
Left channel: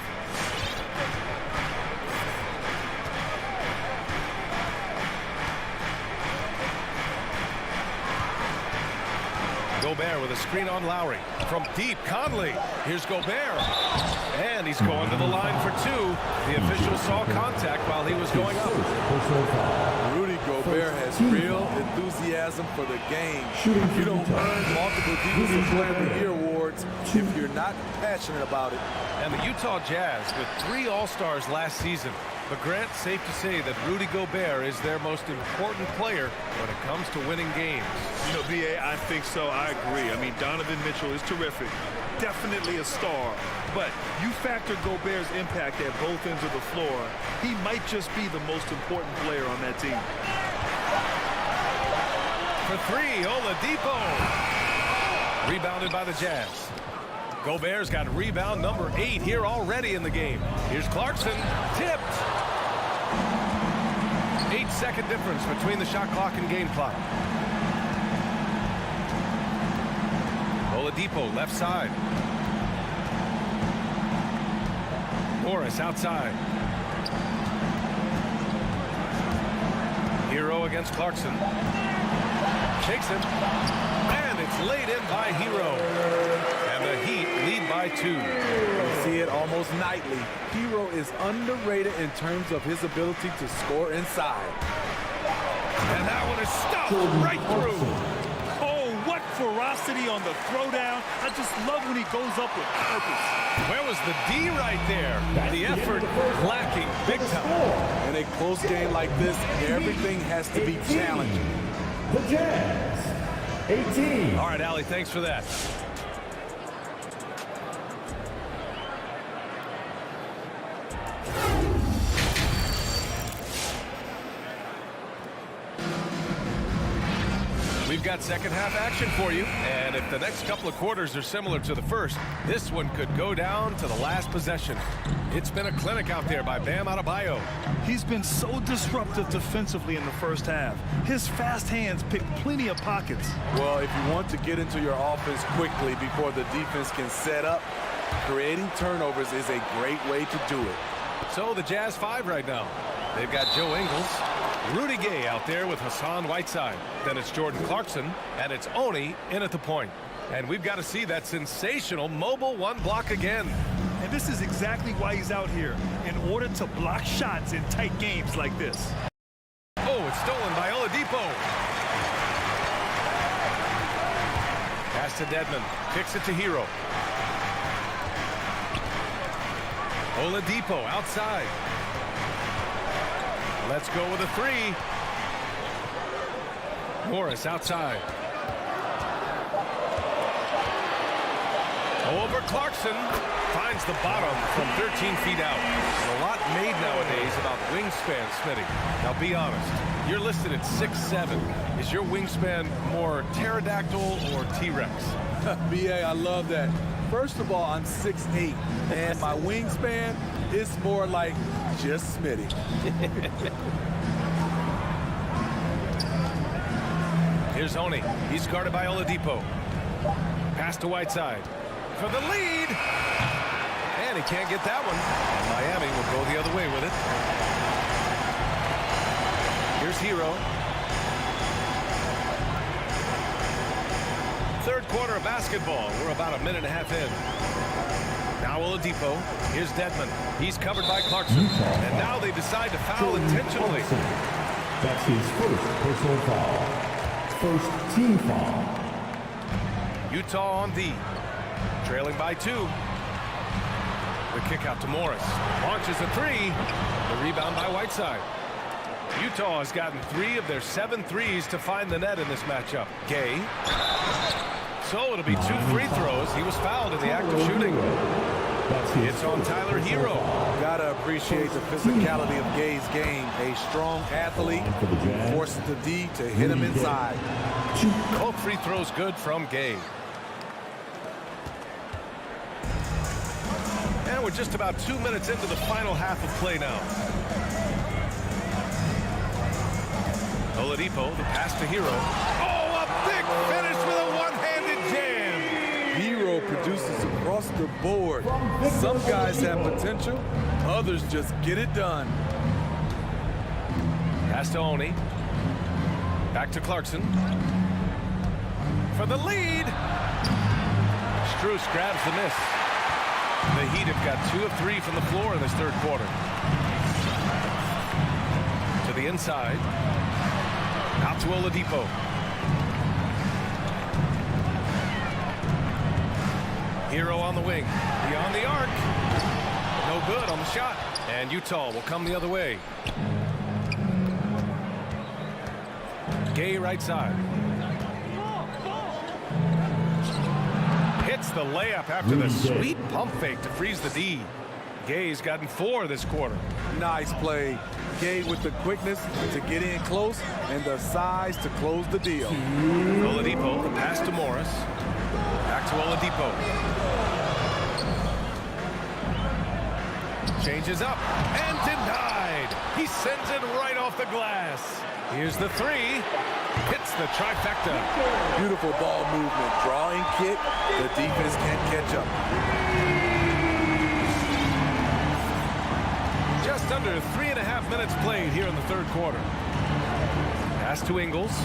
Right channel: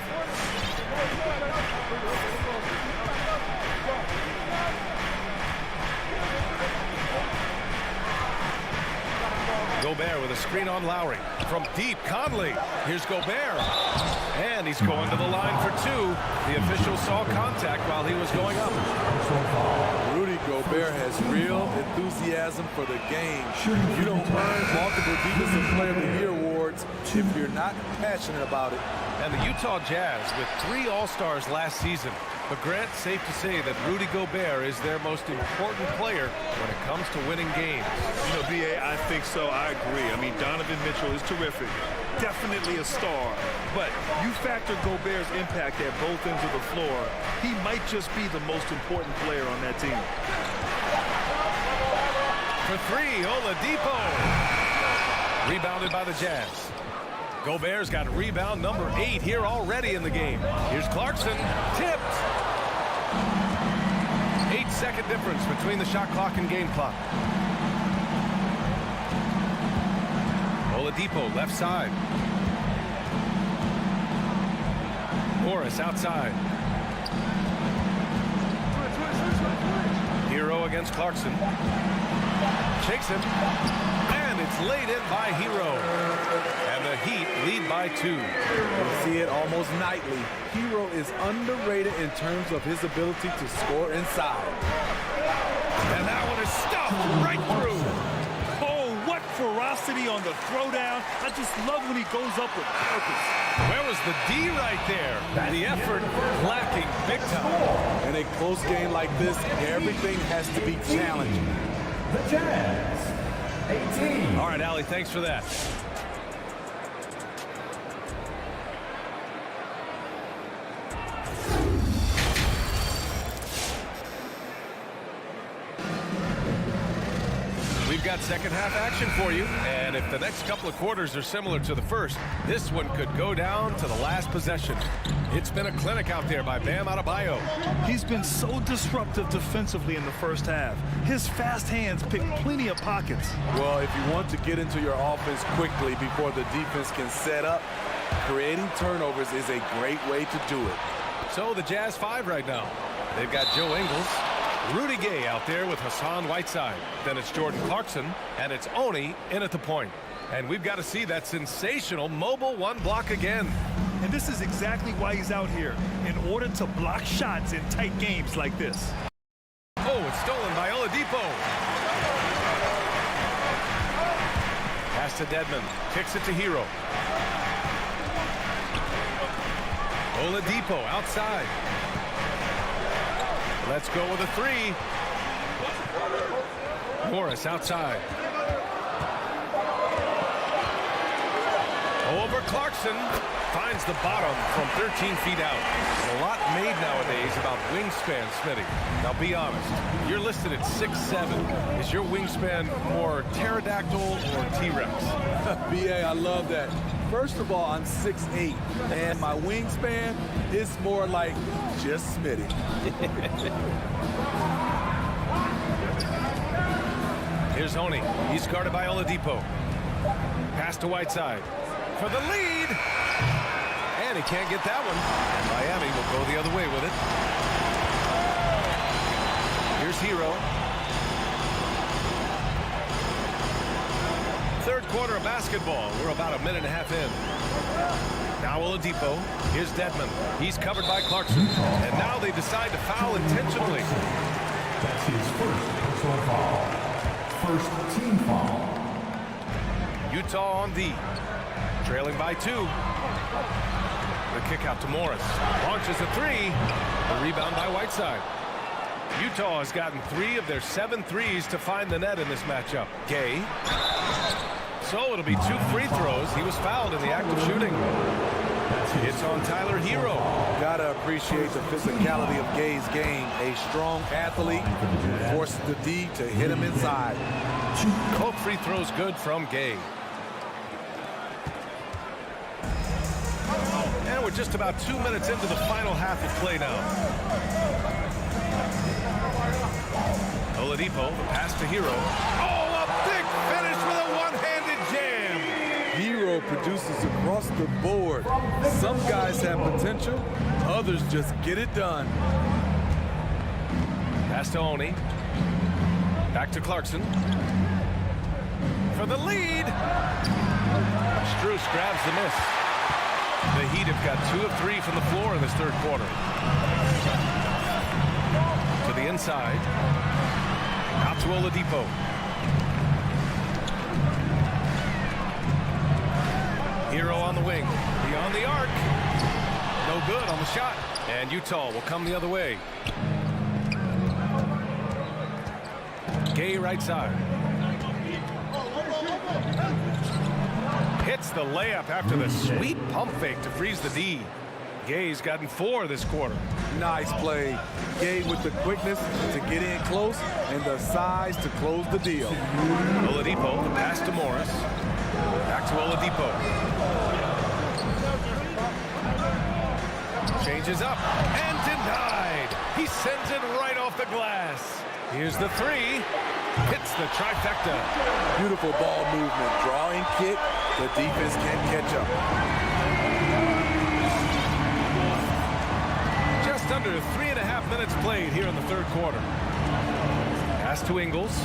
Gobert with a screen on Lowry. From deep, Conley. Here's Gobert. And he's going to the line for 2. The official saw contact while he was going up. Rudy Gobert has real enthusiasm for the game. You don't earn multiple Defensive Player of the Year awards if you're not passionate about it. And the Utah Jazz with 3 All-Stars last season. But Grant, safe to say that Rudy Gobert is their most important player when it comes to winning games. You know, B.A., I think so. I agree. I mean, Donovan Mitchell is terrific. Definitely a star. But you factor Gobert's impact at both ends of the floor, he might just be the most important player on that team. For 3, Oladipo. Rebounded by the Jazz. Gobert's got rebound number 8 here already in the game. Here's Clarkson. Tipped. 8-second difference between the shot clock and game clock. Oladipo left side. Morris outside. Hero against Clarkson. Shakes him. And it's laid in by Hero. And the Heat lead by 2. We see it almost nightly. Hero is underrated in terms of his ability to score inside. And that one is stopped right through. Oh, what ferocity on the throwdown. I just love when he goes up with purpose. Where was the D right there? The effort lacking big time. In a close game like this, everything has to be challenging. The Jazz, 18. All right, Allie, thanks for that. We've got second half action for you, and if the next couple of quarters are similar to the first, this one could go down to the last possession. It's been a clinic out there by Bam Adebayo. He's been so disruptive defensively in the first half. His fast hands pick plenty of pockets. Well, if you want to get into your offense quickly before the defense can set up, creating turnovers is a great way to do it. So the Jazz 5 right now. They've got Joe Ingles, Rudy Gay out there with Hassan Whiteside. Then it's Jordan Clarkson, and it's Oni in at the point. And we've got to see that sensational mobile 1 block again. And this is exactly why he's out here, in order to block shots in tight games like this. Oh, it's stolen by Oladipo. Pass to Dedmon. Kicks it to Hero. Oladipo outside. Let's go with a 3. Morris outside. Over Clarkson. Finds the bottom from 13 feet out. There's a lot made nowadays about wingspan, Smitty. Now be honest. You're listed at 6'7". Is your wingspan more pterodactyl or T-Rex? BA, I love that. First of all, I'm 6'8", and my wingspan is more like just Smitty. Here's Oni. He's guarded by Oladipo. Pass to Whiteside for the lead. And he can't get that one. And Miami will go the other way with it. Here's Hero. Third quarter of basketball. We're about a minute and a half in. Now Oladipo. Here's Dedmon. He's covered by Clarkson. And now they decide to foul intentionally. That's his first personal foul. First team foul. Utah on D. Trailing by 2. The kick out to Morris. Launches a 3. The rebound by Whiteside. Utah has gotten 3 of their 7 threes to find the net in this matchup. Gay. So it'll be 2 free throws. He was fouled in the act of shooting. It's on Tyler Hero. Gotta appreciate the physicality of Gay's game. A strong athlete who forces the D to hit him inside. Both free throws good from Gay. And we're just about 2 minutes into the final half of play now. Oladipo, the pass to Hero. Oh, a big finish with a one-handed jam. Hero produces across the board. Some guys have potential, others just get it done. Pass to Oni. Back to Clarkson. For the lead. Strus grabs the miss. The Heat have got 2 of 3 from the floor in this third quarter. To the inside. Out to Oladipo. Hero on the wing. Beyond the arc. No good on the shot. And Utah will come the other way. Gay right side. Hits the layup after the sweet pump fake to freeze the D. Gay's gotten 4 this quarter. Nice play. Gay with the quickness to get in close and the size to close the deal. Oladipo, the pass to Morris. Back to Oladipo. Changes up and denied. He sends it right off the glass. Here's the 3. Hits the trifecta. Beautiful ball movement. Draw and kick. The defense can't catch up. Just under 3.5 minutes played here in the third quarter. Pass to Ingles.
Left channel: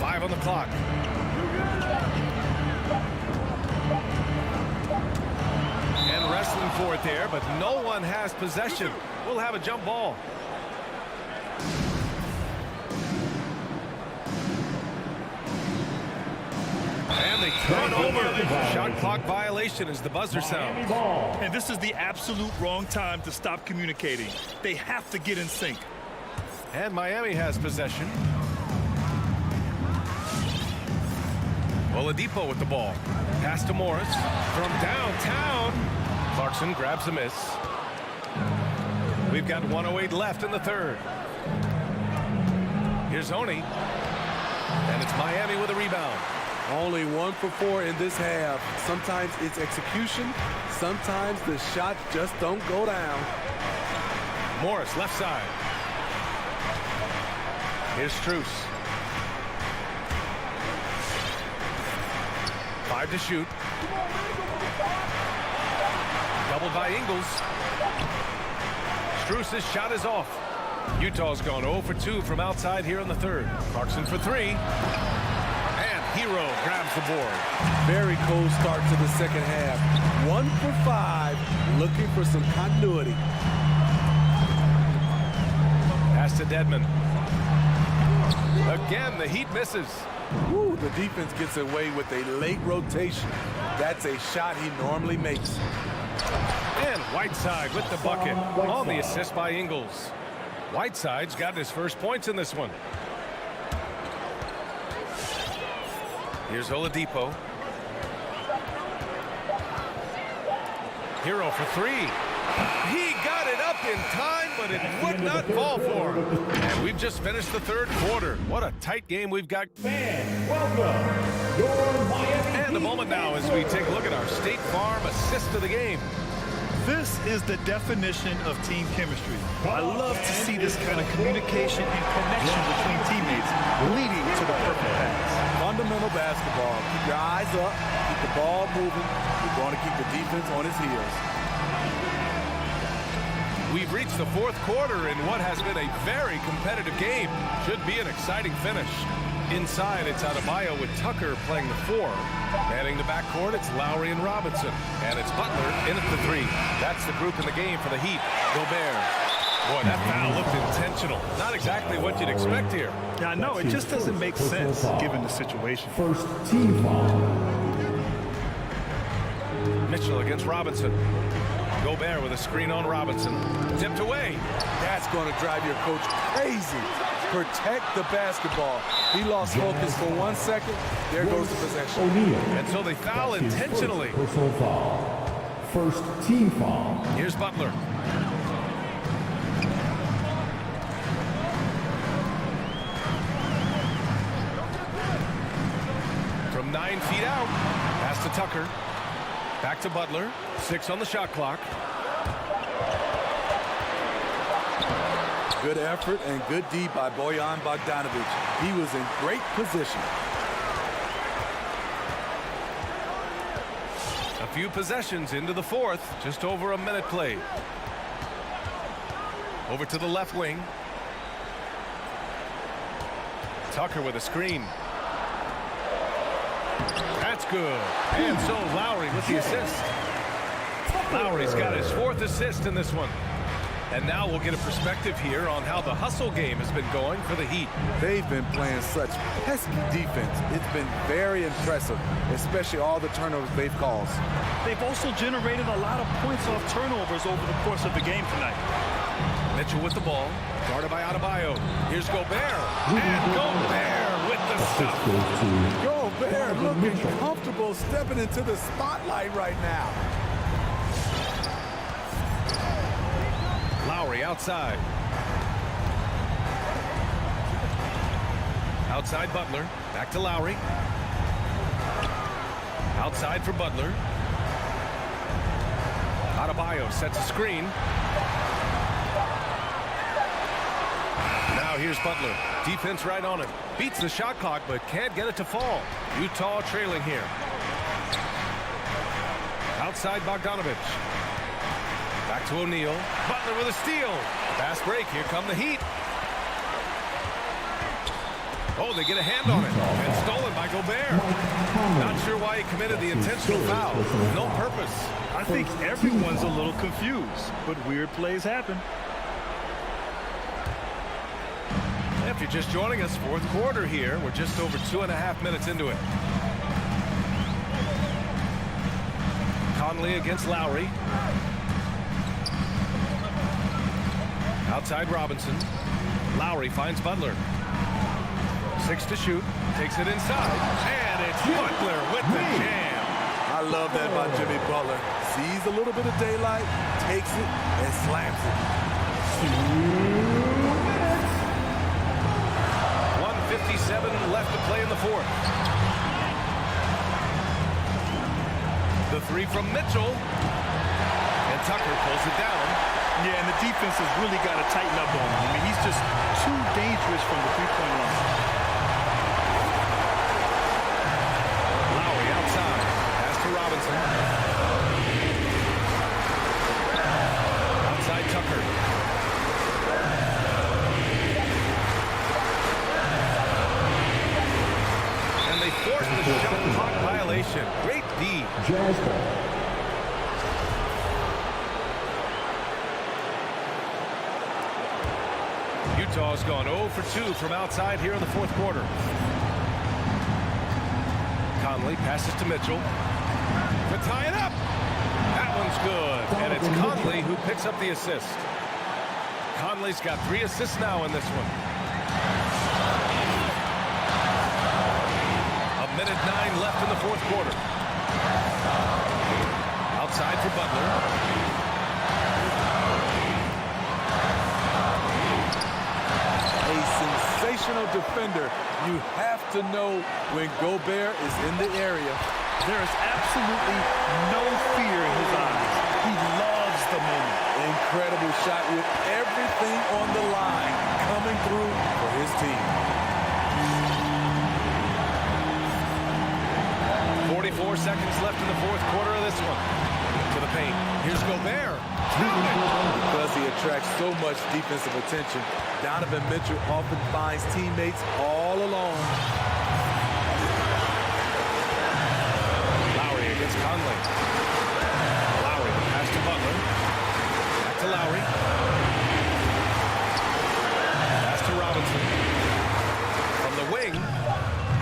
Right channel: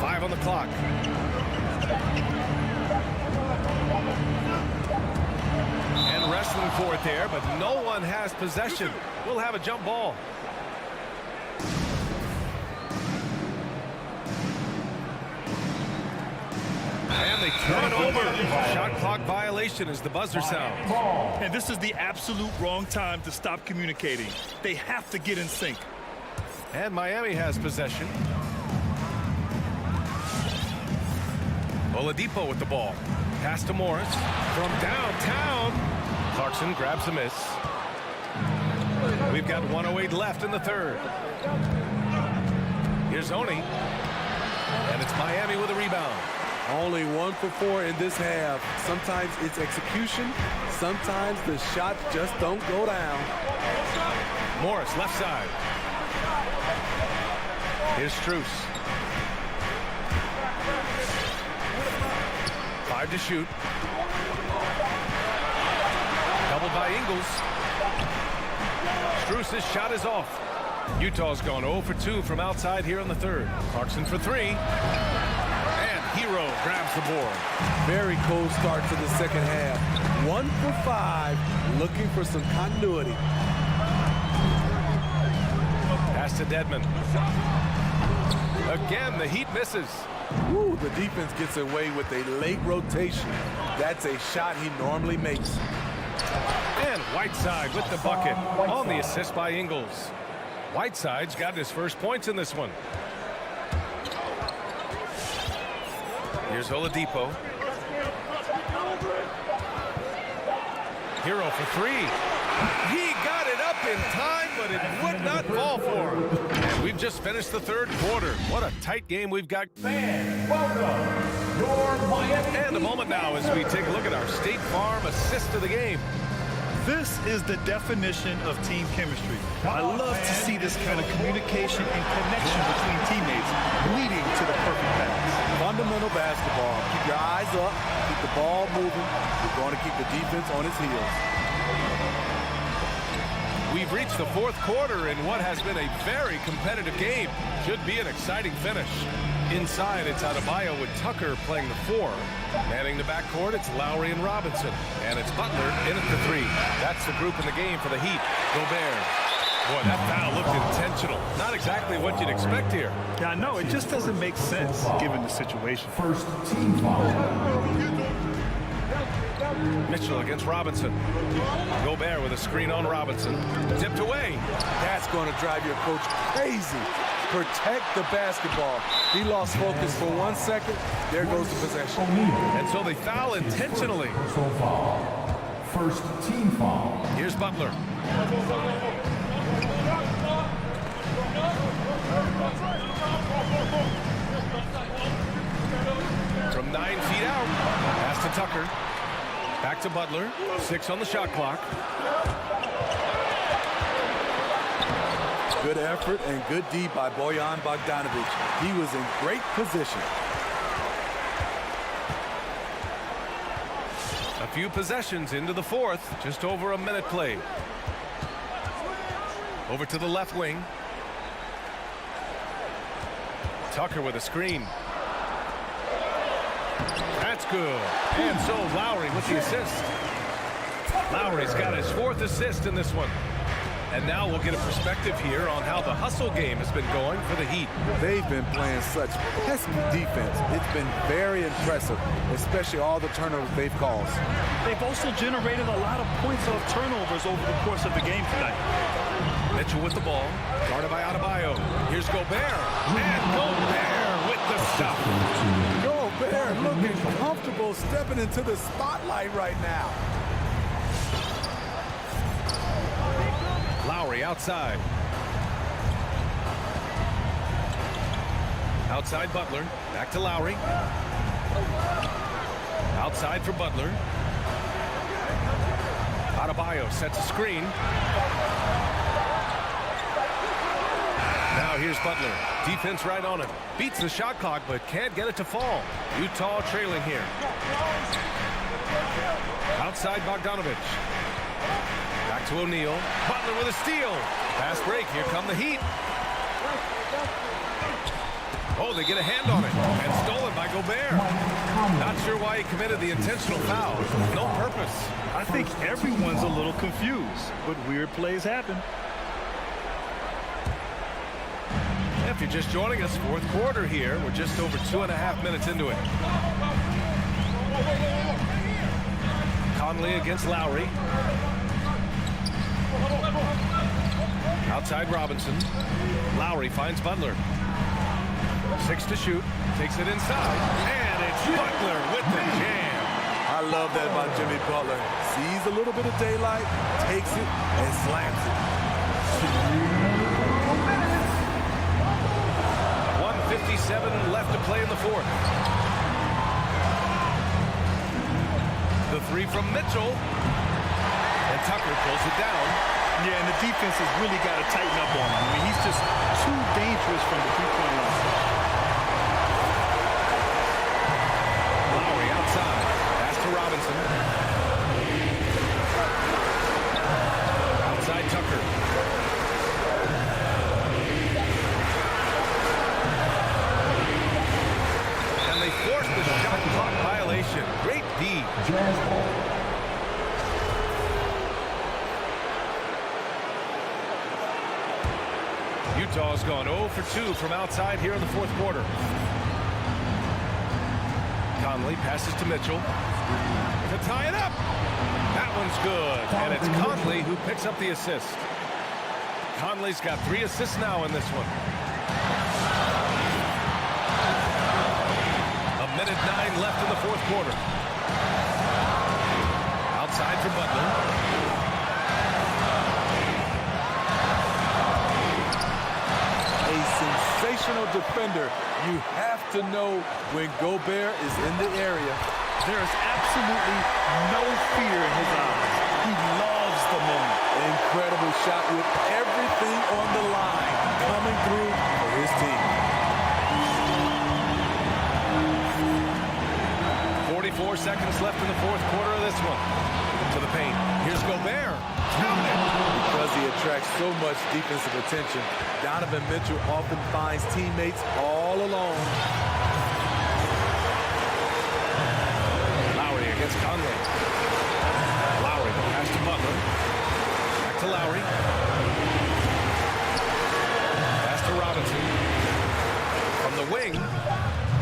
Five on the clock. And wrestling for it there, but no one has possession. We'll have a jump ball. And they turn over. Shot clock violation as the buzzer sounds. And this is the absolute wrong time to stop communicating. They have to get in sync. And Miami has possession. Oladipo with the ball. Pass to Morris. From downtown. Clarkson grabs a miss. We've got 1:08 left in the third. Here's Oni. And it's Miami with a rebound. Only 1 for 4 in this half. Sometimes it's execution. Sometimes the shots just don't go down. Morris left side. Here's Strus. 5 to shoot. Doubled by Ingles. Strus' shot is off. Utah's gone 0 for 2 from outside here in the third. Clarkson for 3. And Hero grabs the board. Very cold start to the second half. 1 for 5, looking for some continuity. Pass to Dedmon. Again, the Heat misses. Ooh, the defense gets away with a late rotation. That's a shot he normally makes. And Whiteside with the bucket on the assist by Ingles. Whiteside's got his first points in this one. Here's Oladipo. Hero for 3. He got it up in time, but it would not fall for him. And we've just finished the third quarter. What a tight game we've got. Fans, welcome your Miami. And a moment now as we take a look at our State Farm assist of the game. This is the definition of team chemistry. I love to see this kind of communication and connection between teammates leading to the perfect pass. Fundamental basketball. Keep your eyes up. Keep the ball moving. You're going to keep the defense on its heels. We've reached the fourth quarter in what has been a very competitive game. Should be an exciting finish. Inside, it's Adebayo with Tucker playing the 4. Manning the backcourt, it's Lowry and Robinson. And it's Butler in at the 3. That's the group in the game for the Heat. Gobert. Boy, that foul looked intentional. Not exactly what you'd expect here. Yeah, I know. It just doesn't make sense given the situation. First team foul. Mitchell against Robinson. Gobert with a screen on Robinson. Tipped away. That's going to drive your coach crazy. Protect the basketball. He lost focus for 1 second. There goes the possession. And so they foul intentionally. Personal foul. First team foul. Here's Butler. From 9 feet out. Pass to Tucker. Back to Butler. 6 on the shot clock. Good effort and good D by Bojan Bogdanovic. He was in great position. A few possessions into the fourth. Just over a minute played. Over to the left wing. Tucker with a screen. That's good. And so Lowry with the assist. Lowry's got his 4th assist in this one. And now we'll get a perspective here on how the hustle game has been going for the Heat. They've been playing such pesky defense. It's been very impressive, especially all the turnovers they've caused. They've also generated a lot of points off turnovers over the course of the game tonight. Mitchell with the ball, guarded by Adebayo. Here's Gobert, and Gobert with the stuff. Gobert looking comfortable stepping into the spotlight right now. Lowry outside. Outside Butler. Back to Lowry. Outside for Butler. Adebayo sets a screen. Now here's Butler. Defense right on him. Beats the shot clock, but can't get it to fall. Utah trailing here. Outside Bogdanovic. Back to O'Neal. Butler with a steal. Fast break. Here come the Heat. Oh, they get a hand on it. And stolen by Gobert. Not sure why he committed the intentional foul. No purpose. I think everyone's a little confused, but weird plays happen. If you're just joining us, fourth quarter here. We're just over 2.5 minutes into it. Conley against Lowry. Outside Robinson. Lowry finds Butler. 6 to shoot. Takes it inside. And it's Butler with the jam. I love that by Jimmy Butler. Sees a little bit of daylight, takes it, and slams it. 1:57 left to play in the fourth. The 3 from Mitchell. And Tucker pulls it down. Yeah, and the defense has really got to tighten up on him. I mean, he's just too dangerous from the three-point line. Lowry outside. Pass to Robinson. Outside Tucker. And they force the shot clock violation. Great D. Jazz ball. Utah's gone 0 for 2 from outside here in the fourth quarter. Conley passes to Mitchell to tie it up. That one's good. And it's Conley who picks up the assist. Conley's got 3 assists now in this one. 1:09 left in the fourth quarter. Outside for Butler. A sensational defender. You have to know when Gobert is in the area. There is absolutely no fear in his eyes. He loves the moment. Incredible shot with everything on the line coming through for his team. 4 seconds left in the fourth quarter of this one. To the paint. Here's Gobert. Count it! Because he attracts so much defensive attention, Donovan Mitchell often finds teammates all alone. Lowry against Conley. Lowry, the pass to Butler. Back to Lowry. Pass to Robinson. From the wing.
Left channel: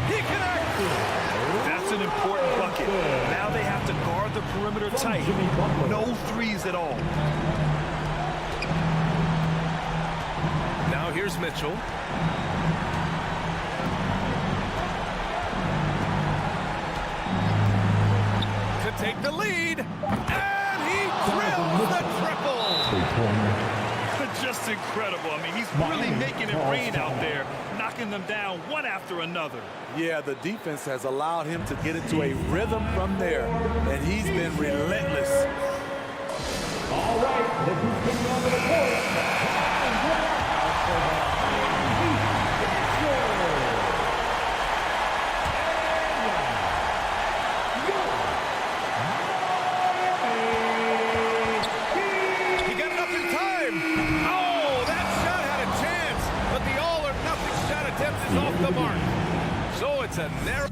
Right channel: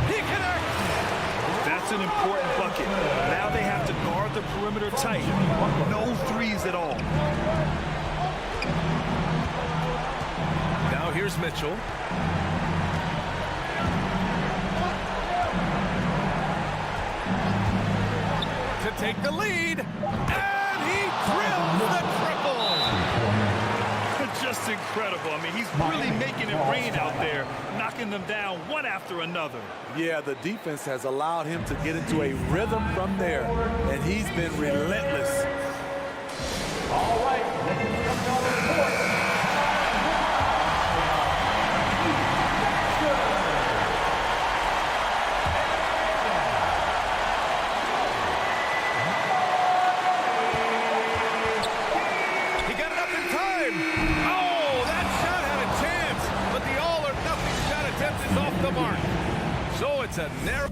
He connects! That's an important bucket. Now they have to guard the perimeter tight. No threes at all. Now here's Mitchell. To take the lead. And he drills the triple. Just incredible. I mean, he's really making it rain out there, knocking them down one after another. Yeah, the defense has allowed him to get into a rhythm from there, and he's been relentless. All right, look who's coming on the court. He got it up in time. Oh, that shot had a chance, but the all-or-nothing shot attempt is off the mark. So it's a narrow...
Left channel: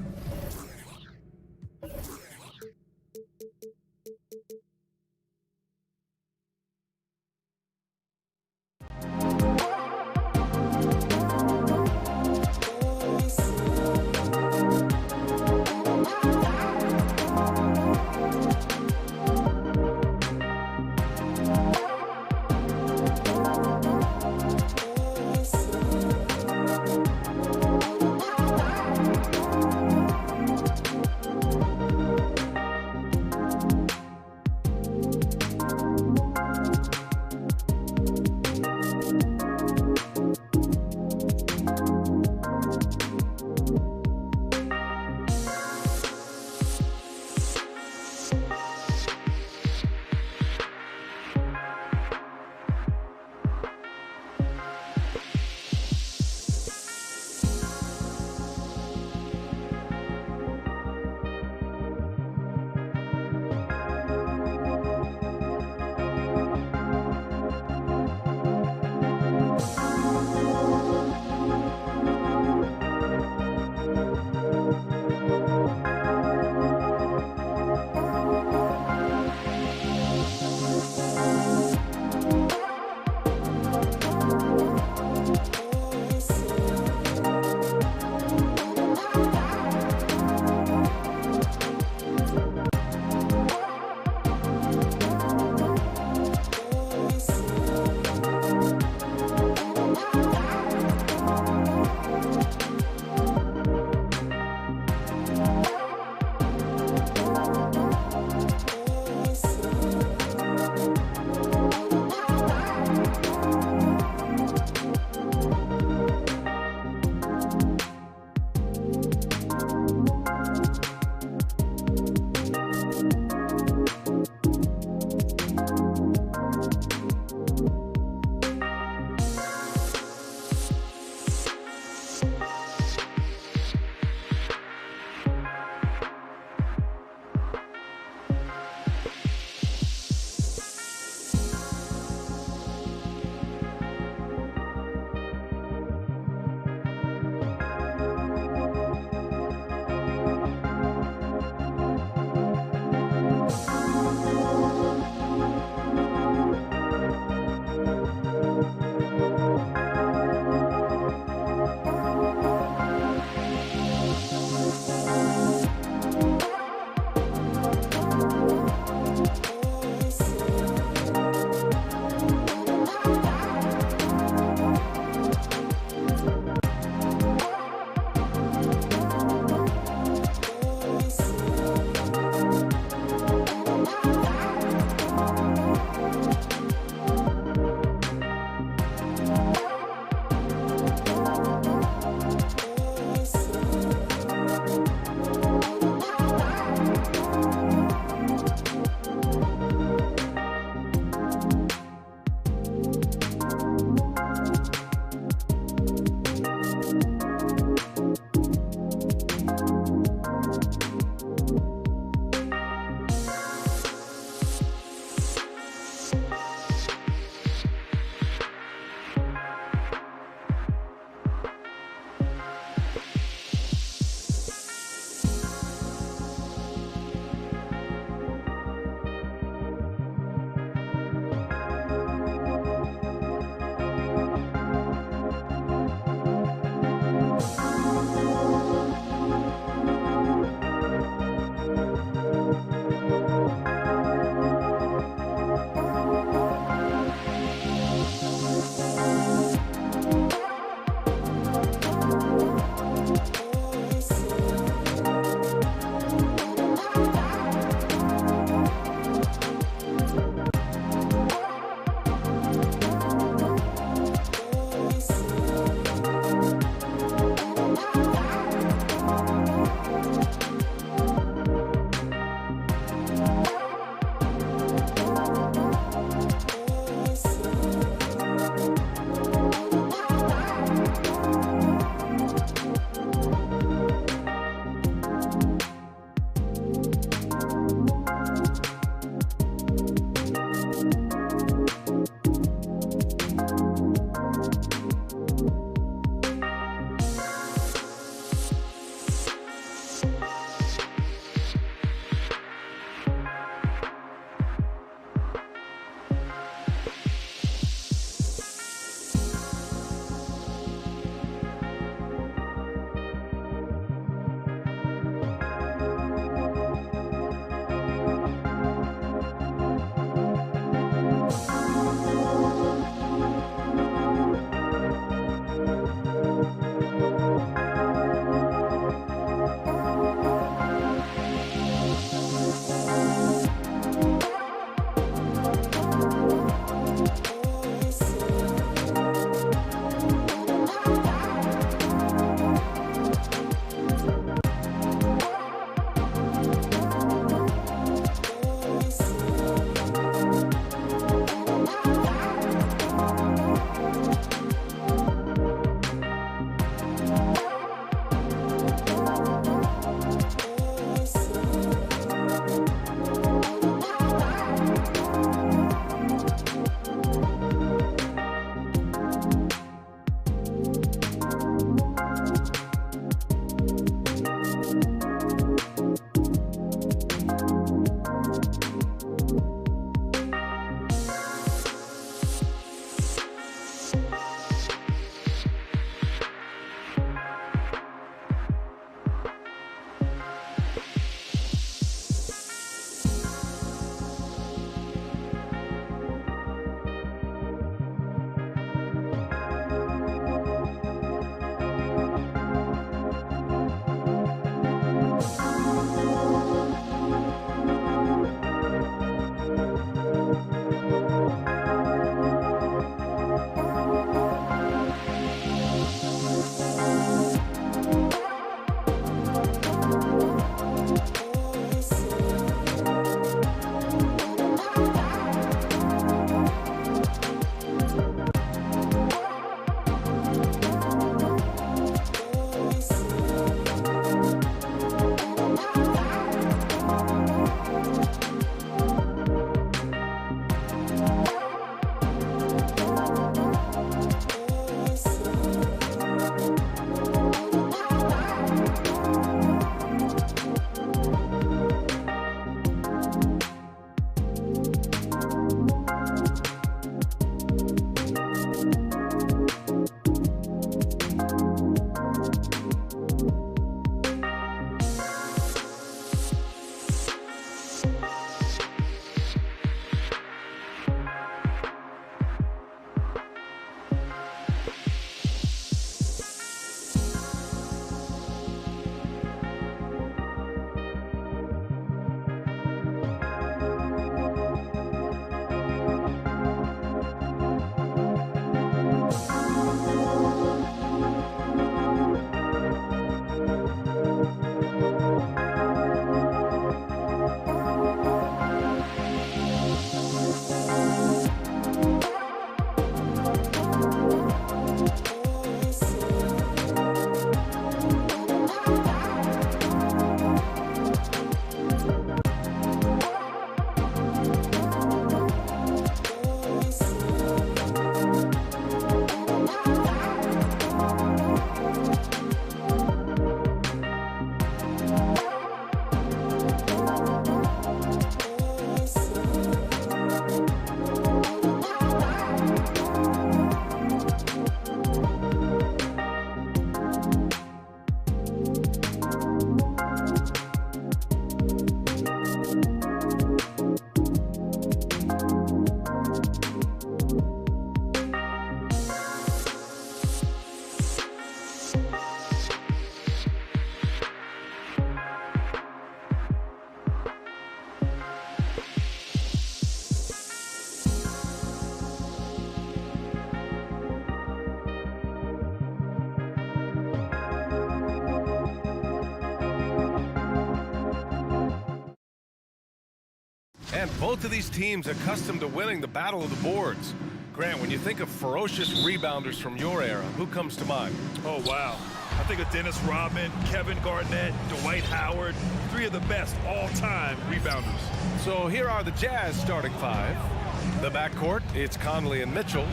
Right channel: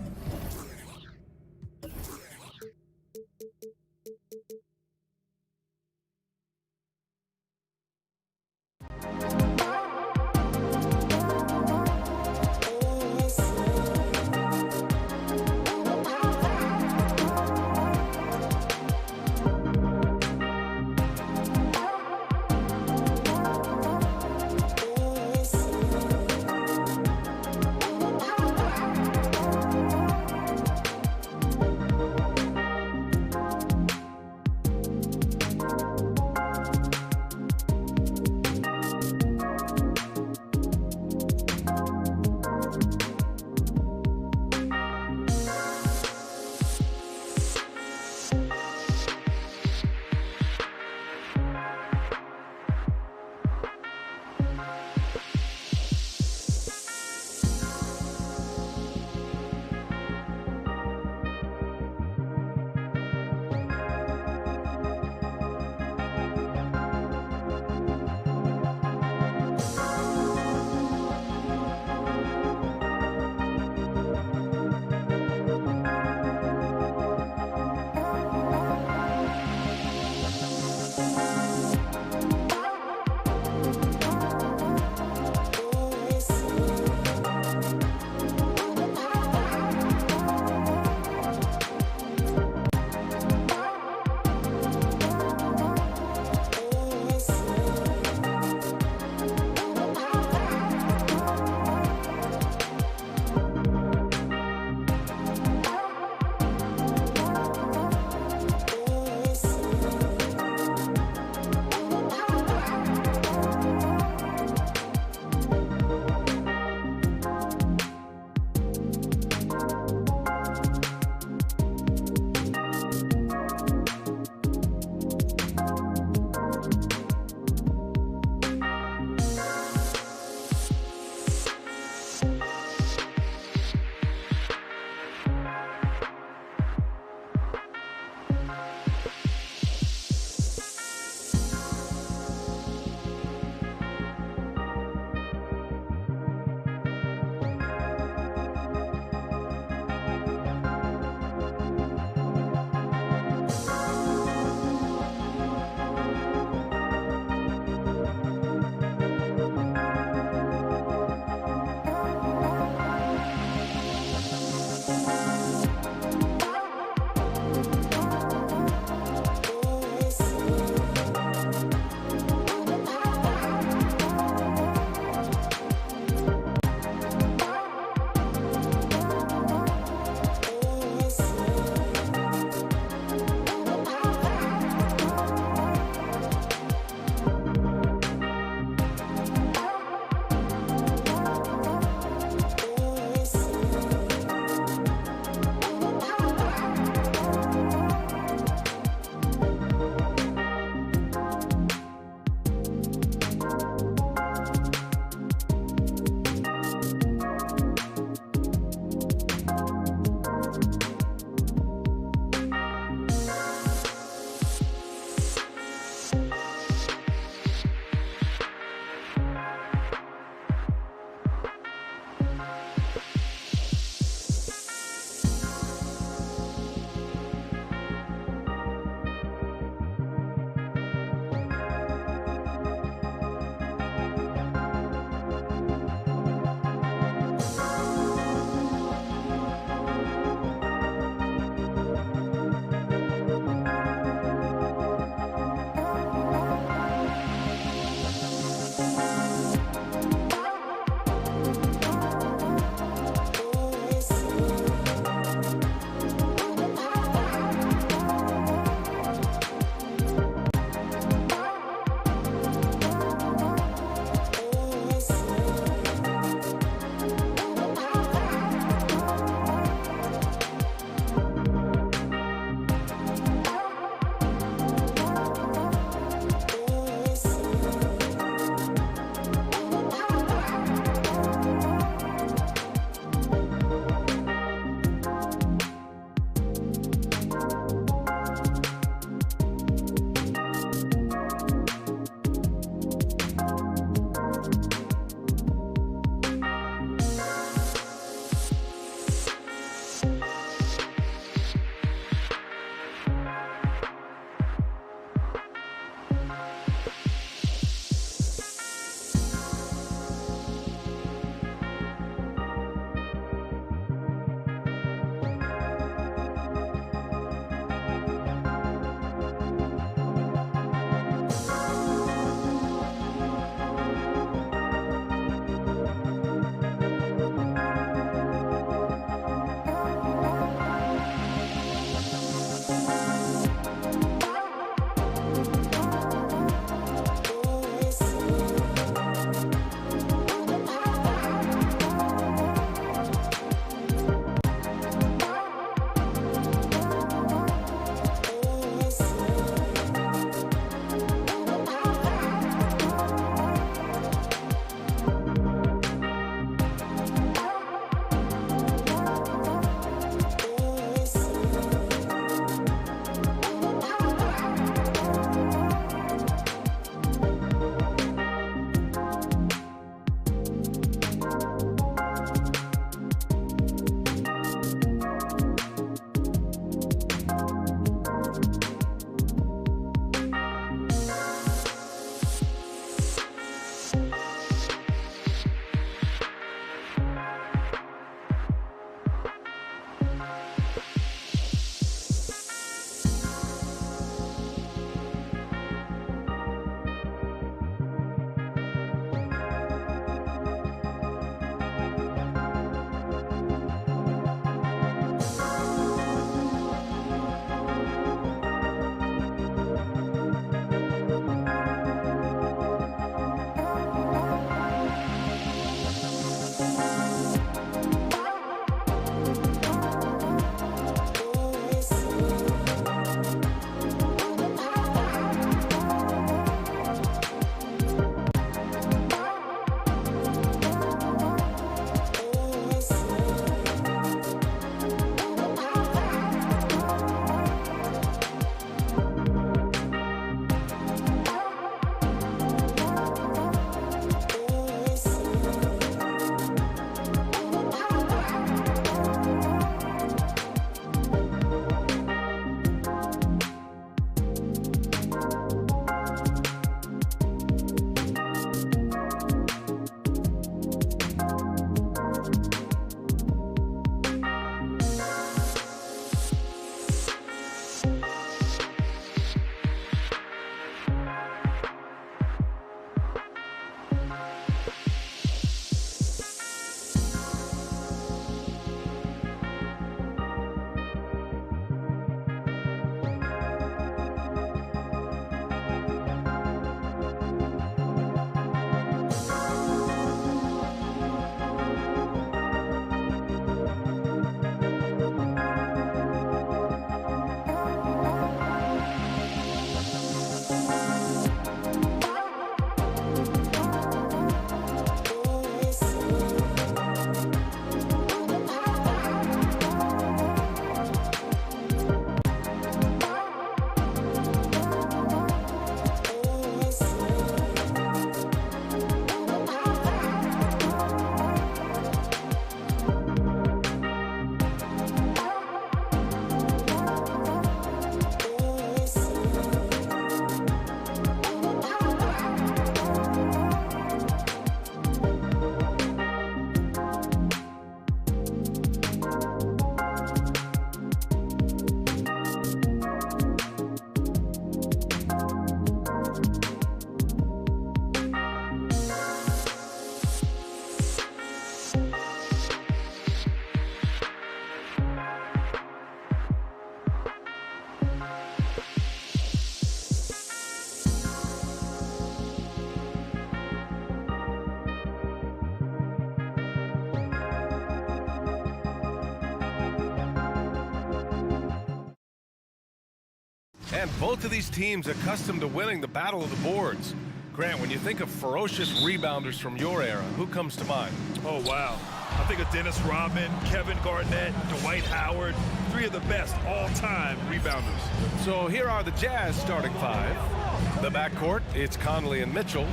And both of these teams accustomed to winning the battle of the boards. Grant, when you think of ferocious rebounders from your era, who comes to mind? Oh, wow. I think of Dennis Rodman, Kevin Garnett, Dwight Howard, 3 of the best all-time rebounders. So here are the Jazz starting 5. The backcourt, it's Conley and Mitchell.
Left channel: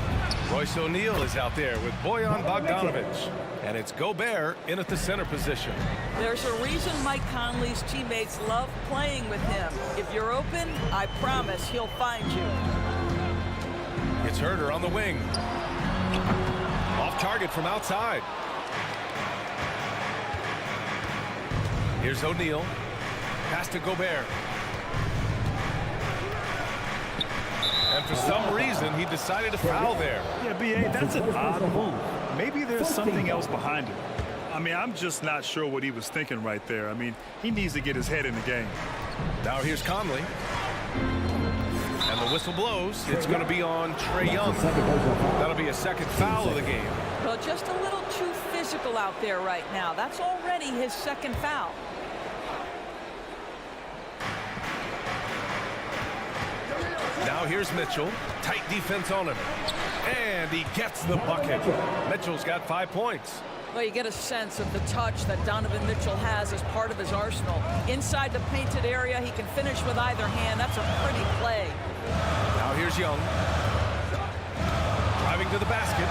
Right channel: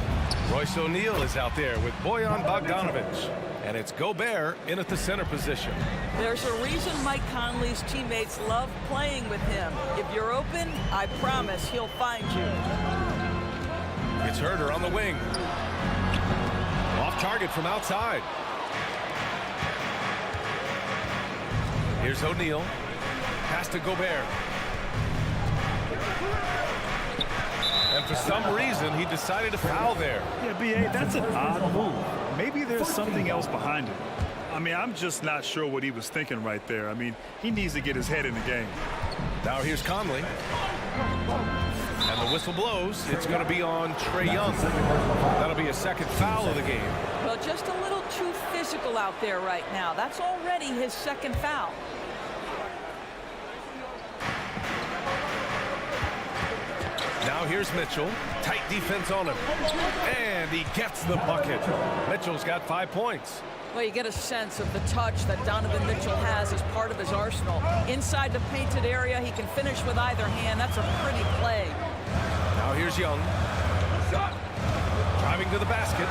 Royce O'Neal is out there with Bojan Bogdanovic. And it's Gobert in at the center position. There's a reason Mike Conley's teammates love playing with him. If you're open, I promise he'll find you. It's Herter on the wing. Off target from outside. Here's O'Neal. Pass to Gobert. And for some reason, he decided to foul there. Yeah, B.A., that's an odd move. Maybe there's something else behind it. I mean, I'm just not sure what he was thinking right there. I mean, he needs to get his head in the game. Now here's Conley. And the whistle blows. It's going to be on Trae Young. That'll be a second foul of the game. Well, just a little too physical out there right now. That's already his second foul. Now here's Mitchell. Tight defense on him. And he gets the bucket. Mitchell's got 5 points. Well, you get a sense of the touch that Donovan Mitchell has as part of his arsenal. Inside the painted area, he can finish with either hand. That's a pretty play. Now here's Young. Driving to the basket.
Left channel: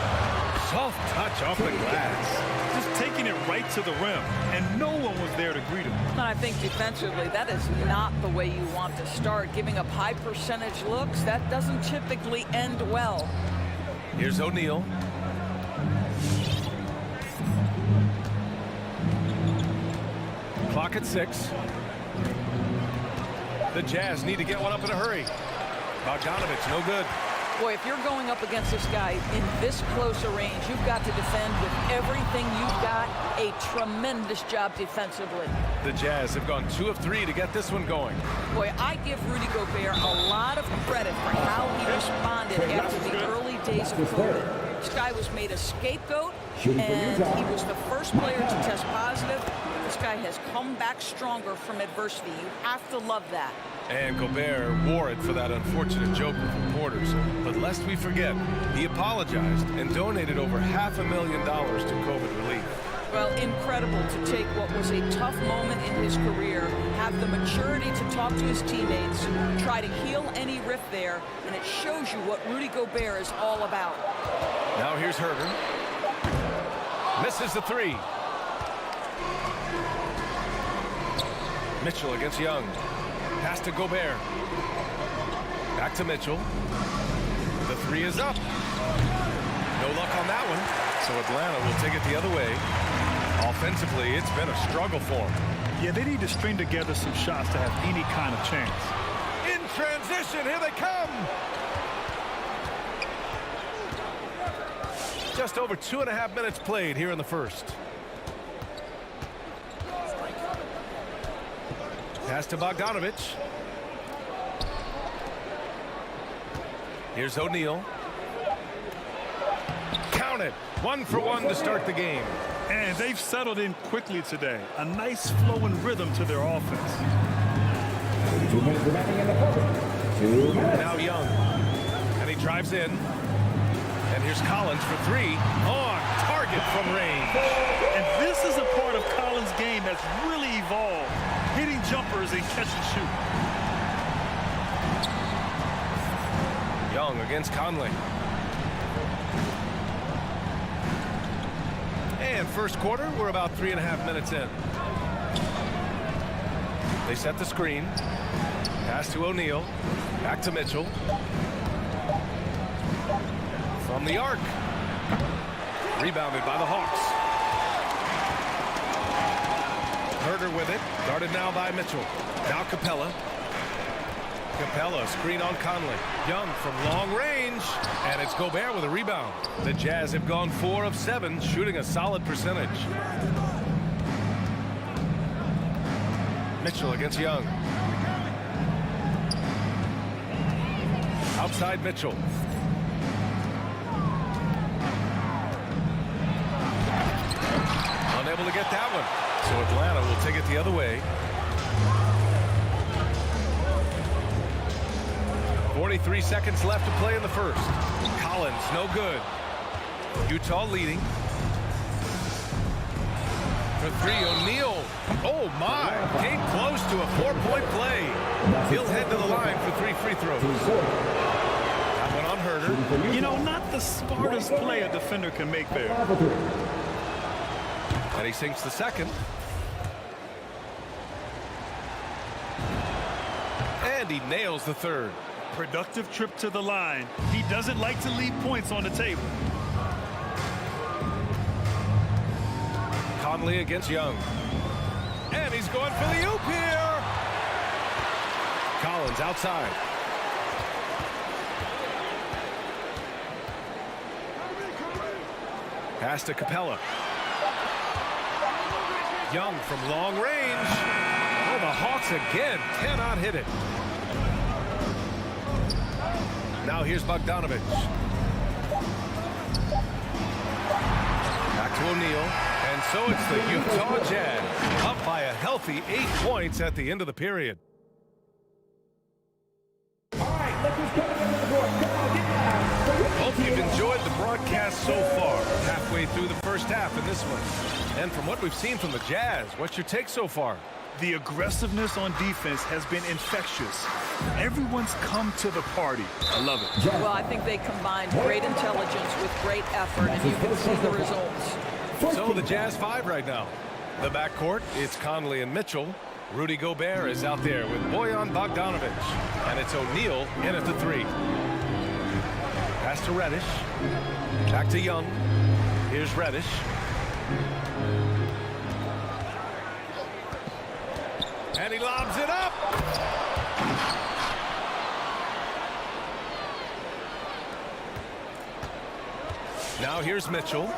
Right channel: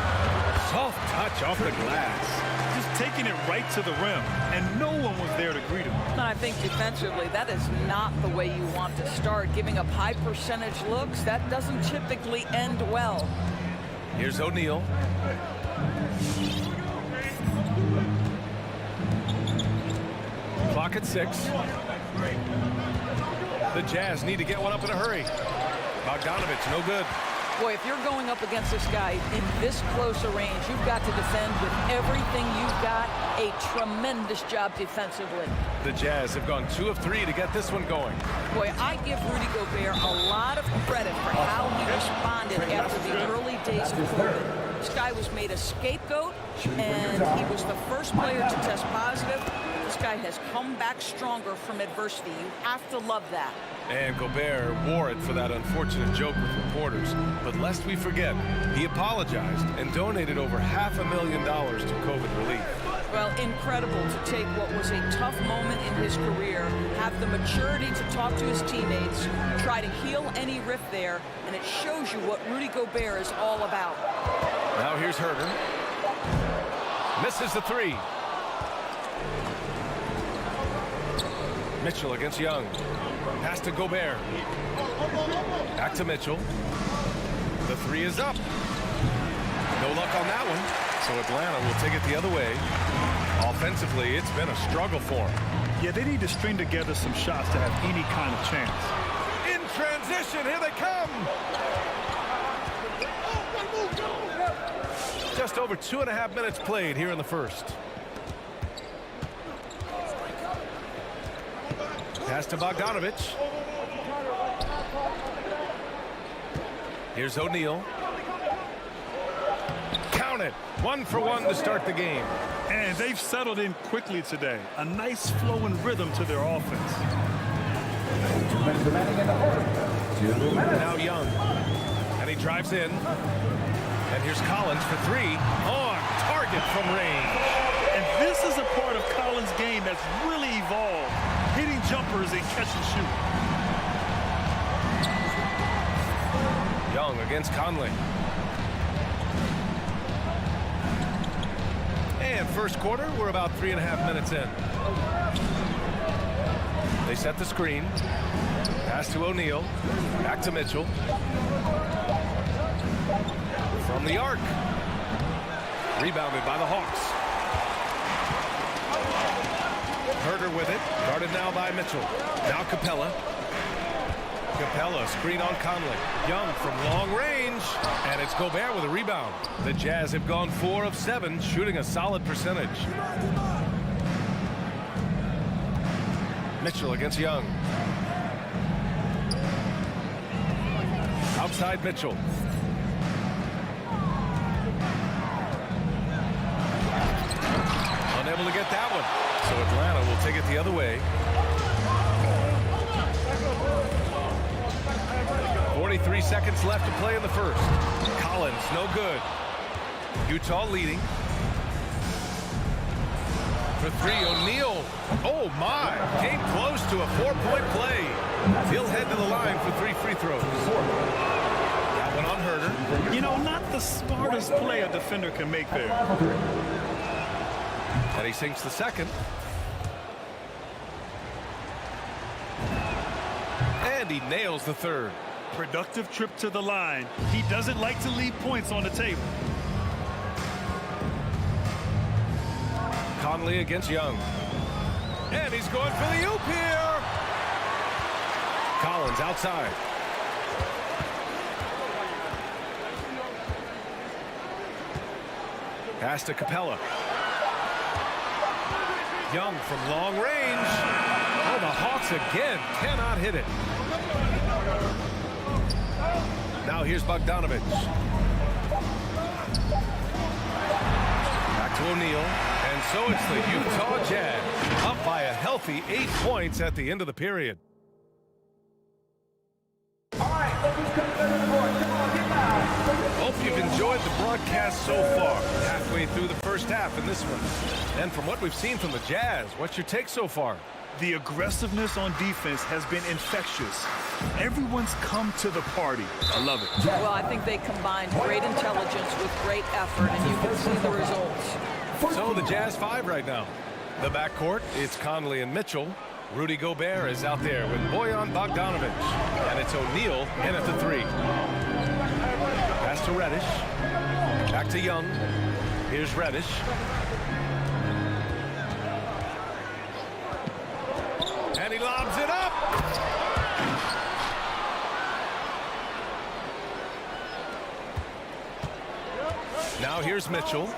Soft touch off the glass. Just taking it right to the rim, and no one was there to greet him. And I think defensively, that is not the way you want to start. Giving up high percentage looks, that doesn't typically end well. Here's O'Neal. Clock at 6. The Jazz need to get one up in a hurry. Bogdanovic, no good. Boy, if you're going up against this guy in this close a range, you've got to defend with everything you've got. A tremendous job defensively. The Jazz have gone 2 of 3 to get this one going. Boy, I give Rudy Gobert a lot of credit for how he responded after the early days of COVID. This guy was made a scapegoat, and he was the first player to test positive. This guy has come back stronger from adversity. You have to love that. And Gobert wore it for that unfortunate joke with reporters. But lest we forget, he apologized and donated over $500,000 to COVID relief. Well, incredible to take what was a tough moment in his career, have the maturity to talk to his teammates, try to heal any rift there, and it shows you what Rudy Gobert is all about. Now here's Herter. Misses the 3. Mitchell against Young. Pass to Gobert. Back to Mitchell. The 3 is up. No luck on that one. So Atlanta will take it the other way. Offensively, it's been a struggle for them. Yeah, they need to string together some shots to have any kind of chance. In transition, here they come. Just over 2.5 minutes played here in the first. Pass to Bogdanovic. Here's O'Neal. Count it. 1 for 1 to start the game. And they've settled in quickly today. A nice flowing rhythm to their offense. 2 minutes remaining in the fourth. 2 minutes. Now Young. And he drives in. And here's Collins for 3. On target from range. And this is a part of Collins' game that's really evolved. Hitting jumpers and catch and shoot. Young against Conley. And first quarter, we're about 3.5 minutes in. They set the screen. Pass to O'Neal. Back to Mitchell. From the arc. Rebounded by the Hawks. Herter with it. Guarded now by Mitchell. Now Capella. Capella, screen on Conley. Young from long range. And it's Gobert with a rebound. The Jazz have gone 4 of 7, shooting a solid percentage. Mitchell against Young. Outside Mitchell. Unable to get that one. So Atlanta will take it the other way. 43 seconds left to play in the first. Collins, no good. Utah leading. For three, O'Neal. Oh, my. Came close to a 4-point play. He'll head to the line for 3 free throws. That one on Herder. You know, not the smartest play a defender can make there. And he sinks the second. And he nails the third. Productive trip to the line. He doesn't like to leave points on the table. Conley against Young. And he's going for the oop here. Collins outside. Pass to Capella. Young from long range. Oh, the Hawks again cannot hit it. Now here's Bogdanovich. Back to O'Neal. And so it's the Utah Jazz up by a healthy 8 points at the end of the period. Hope you've enjoyed the broadcast so far. Halfway through the first half in this one. And from what we've seen from the Jazz, what's your take so far? The aggressiveness on defense has been infectious. Everyone's come to the party. I love it. Well, I think they combined great intelligence with great effort, and you can see the results. So the Jazz 5 right now. The backcourt, it's Conley and Mitchell. Rudy Gobert is out there with Bojan Bogdanovich. And it's O'Neal in at the 3. Pass to Reddish. Back to Young. Here's Reddish. And he lobs it up. Now here's Mitchell.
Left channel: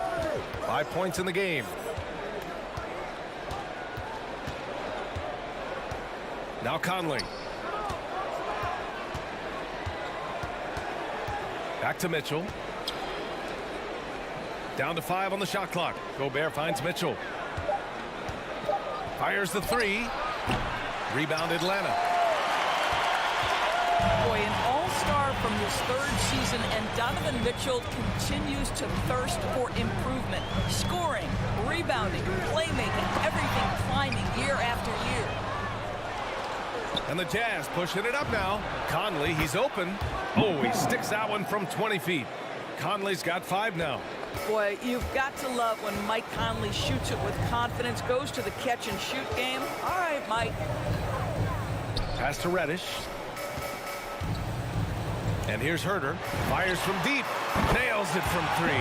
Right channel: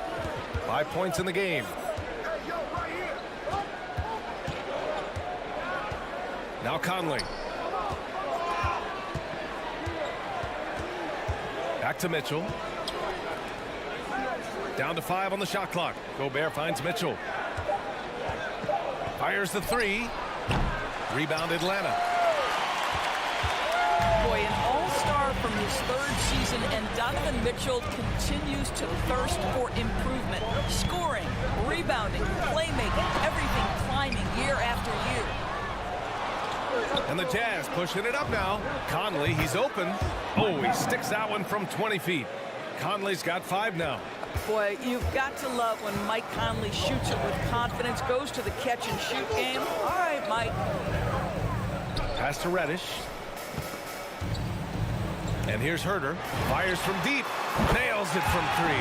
5 points in the game. Now Conley. Back to Mitchell. Down to 5 on the shot clock. Gobert finds Mitchell. Fires the 3. Rebound Atlanta. Boy, an all-star from his 3rd season, and Donovan Mitchell continues to thirst for improvement. Scoring, rebounding, playmaking, everything climbing year after year. And the Jazz pushing it up now. Conley, he's open. Oh, he sticks that one from 20 feet. Conley's got 5 now. Boy, you've got to love when Mike Conley shoots it with confidence, goes to the catch-and-shoot game. All right, Mike. Pass to Reddish. And here's Herder. Fires from deep. Nails it from 3.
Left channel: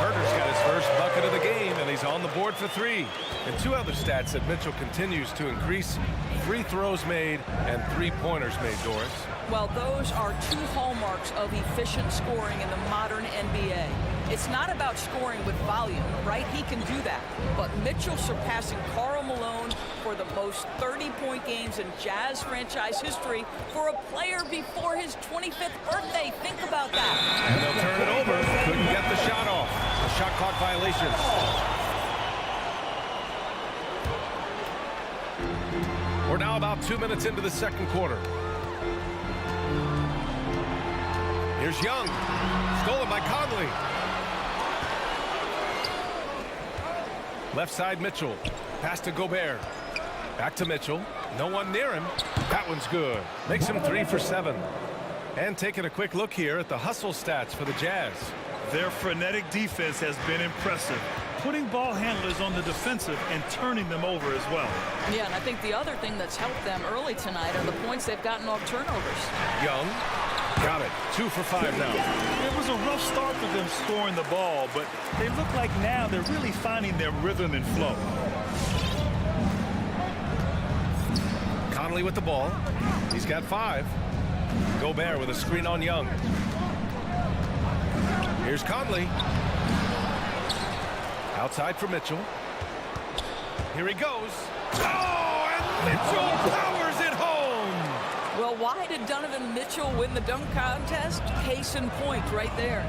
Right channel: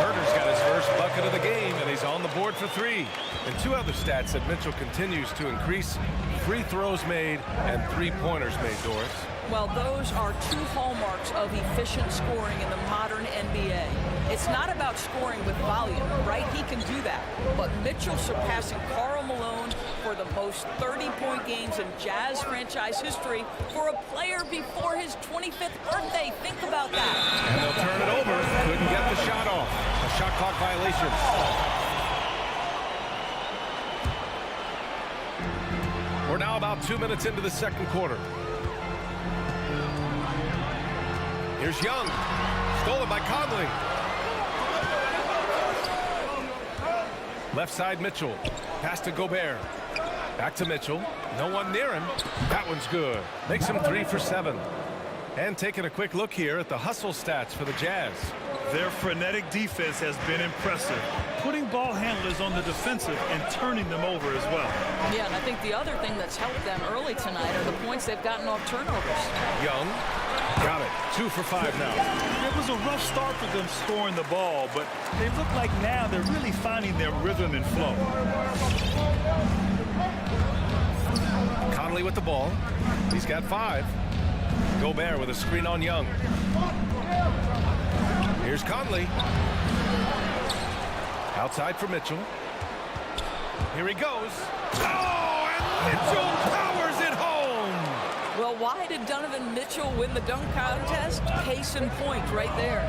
Herder's got his first bucket of the game, and he's on the board for 3. And 2 other stats that Mitchell continues to increase: free throws made and 3-pointers made, Doris. Well, those are 2 hallmarks of efficient scoring in the modern NBA. It's not about scoring with volume, right? He can do that. But Mitchell surpassing Karl Malone for the most 30-point games in Jazz franchise history for a player before his 25th birthday. Think about that. And they'll turn it over. Couldn't get the shot off. A shot clock violation. We're now about 2 minutes into the second quarter. Here's Young. Stolen by Conley. Left side Mitchell. Pass to Gobert. Back to Mitchell. No one near him. That one's good. Makes him 3 for 7. And taking a quick look here at the hustle stats for the Jazz. Their frenetic defense has been impressive, putting ball handlers on the defensive and turning them over as well. Yeah, and I think the other thing that's helped them early tonight are the points they've gotten off turnovers. Young. Got it. 2 for 5 now. It was a rough start for them scoring the ball, but they look like now they're really finding their rhythm and flow. Conley with the ball. He's got 5. Gobert with a screen on Young. Here's Conley. Outside for Mitchell. Here he goes. Oh, and Mitchell powers it home. Well, why did Donovan Mitchell win the dunk contest? Case in point right there.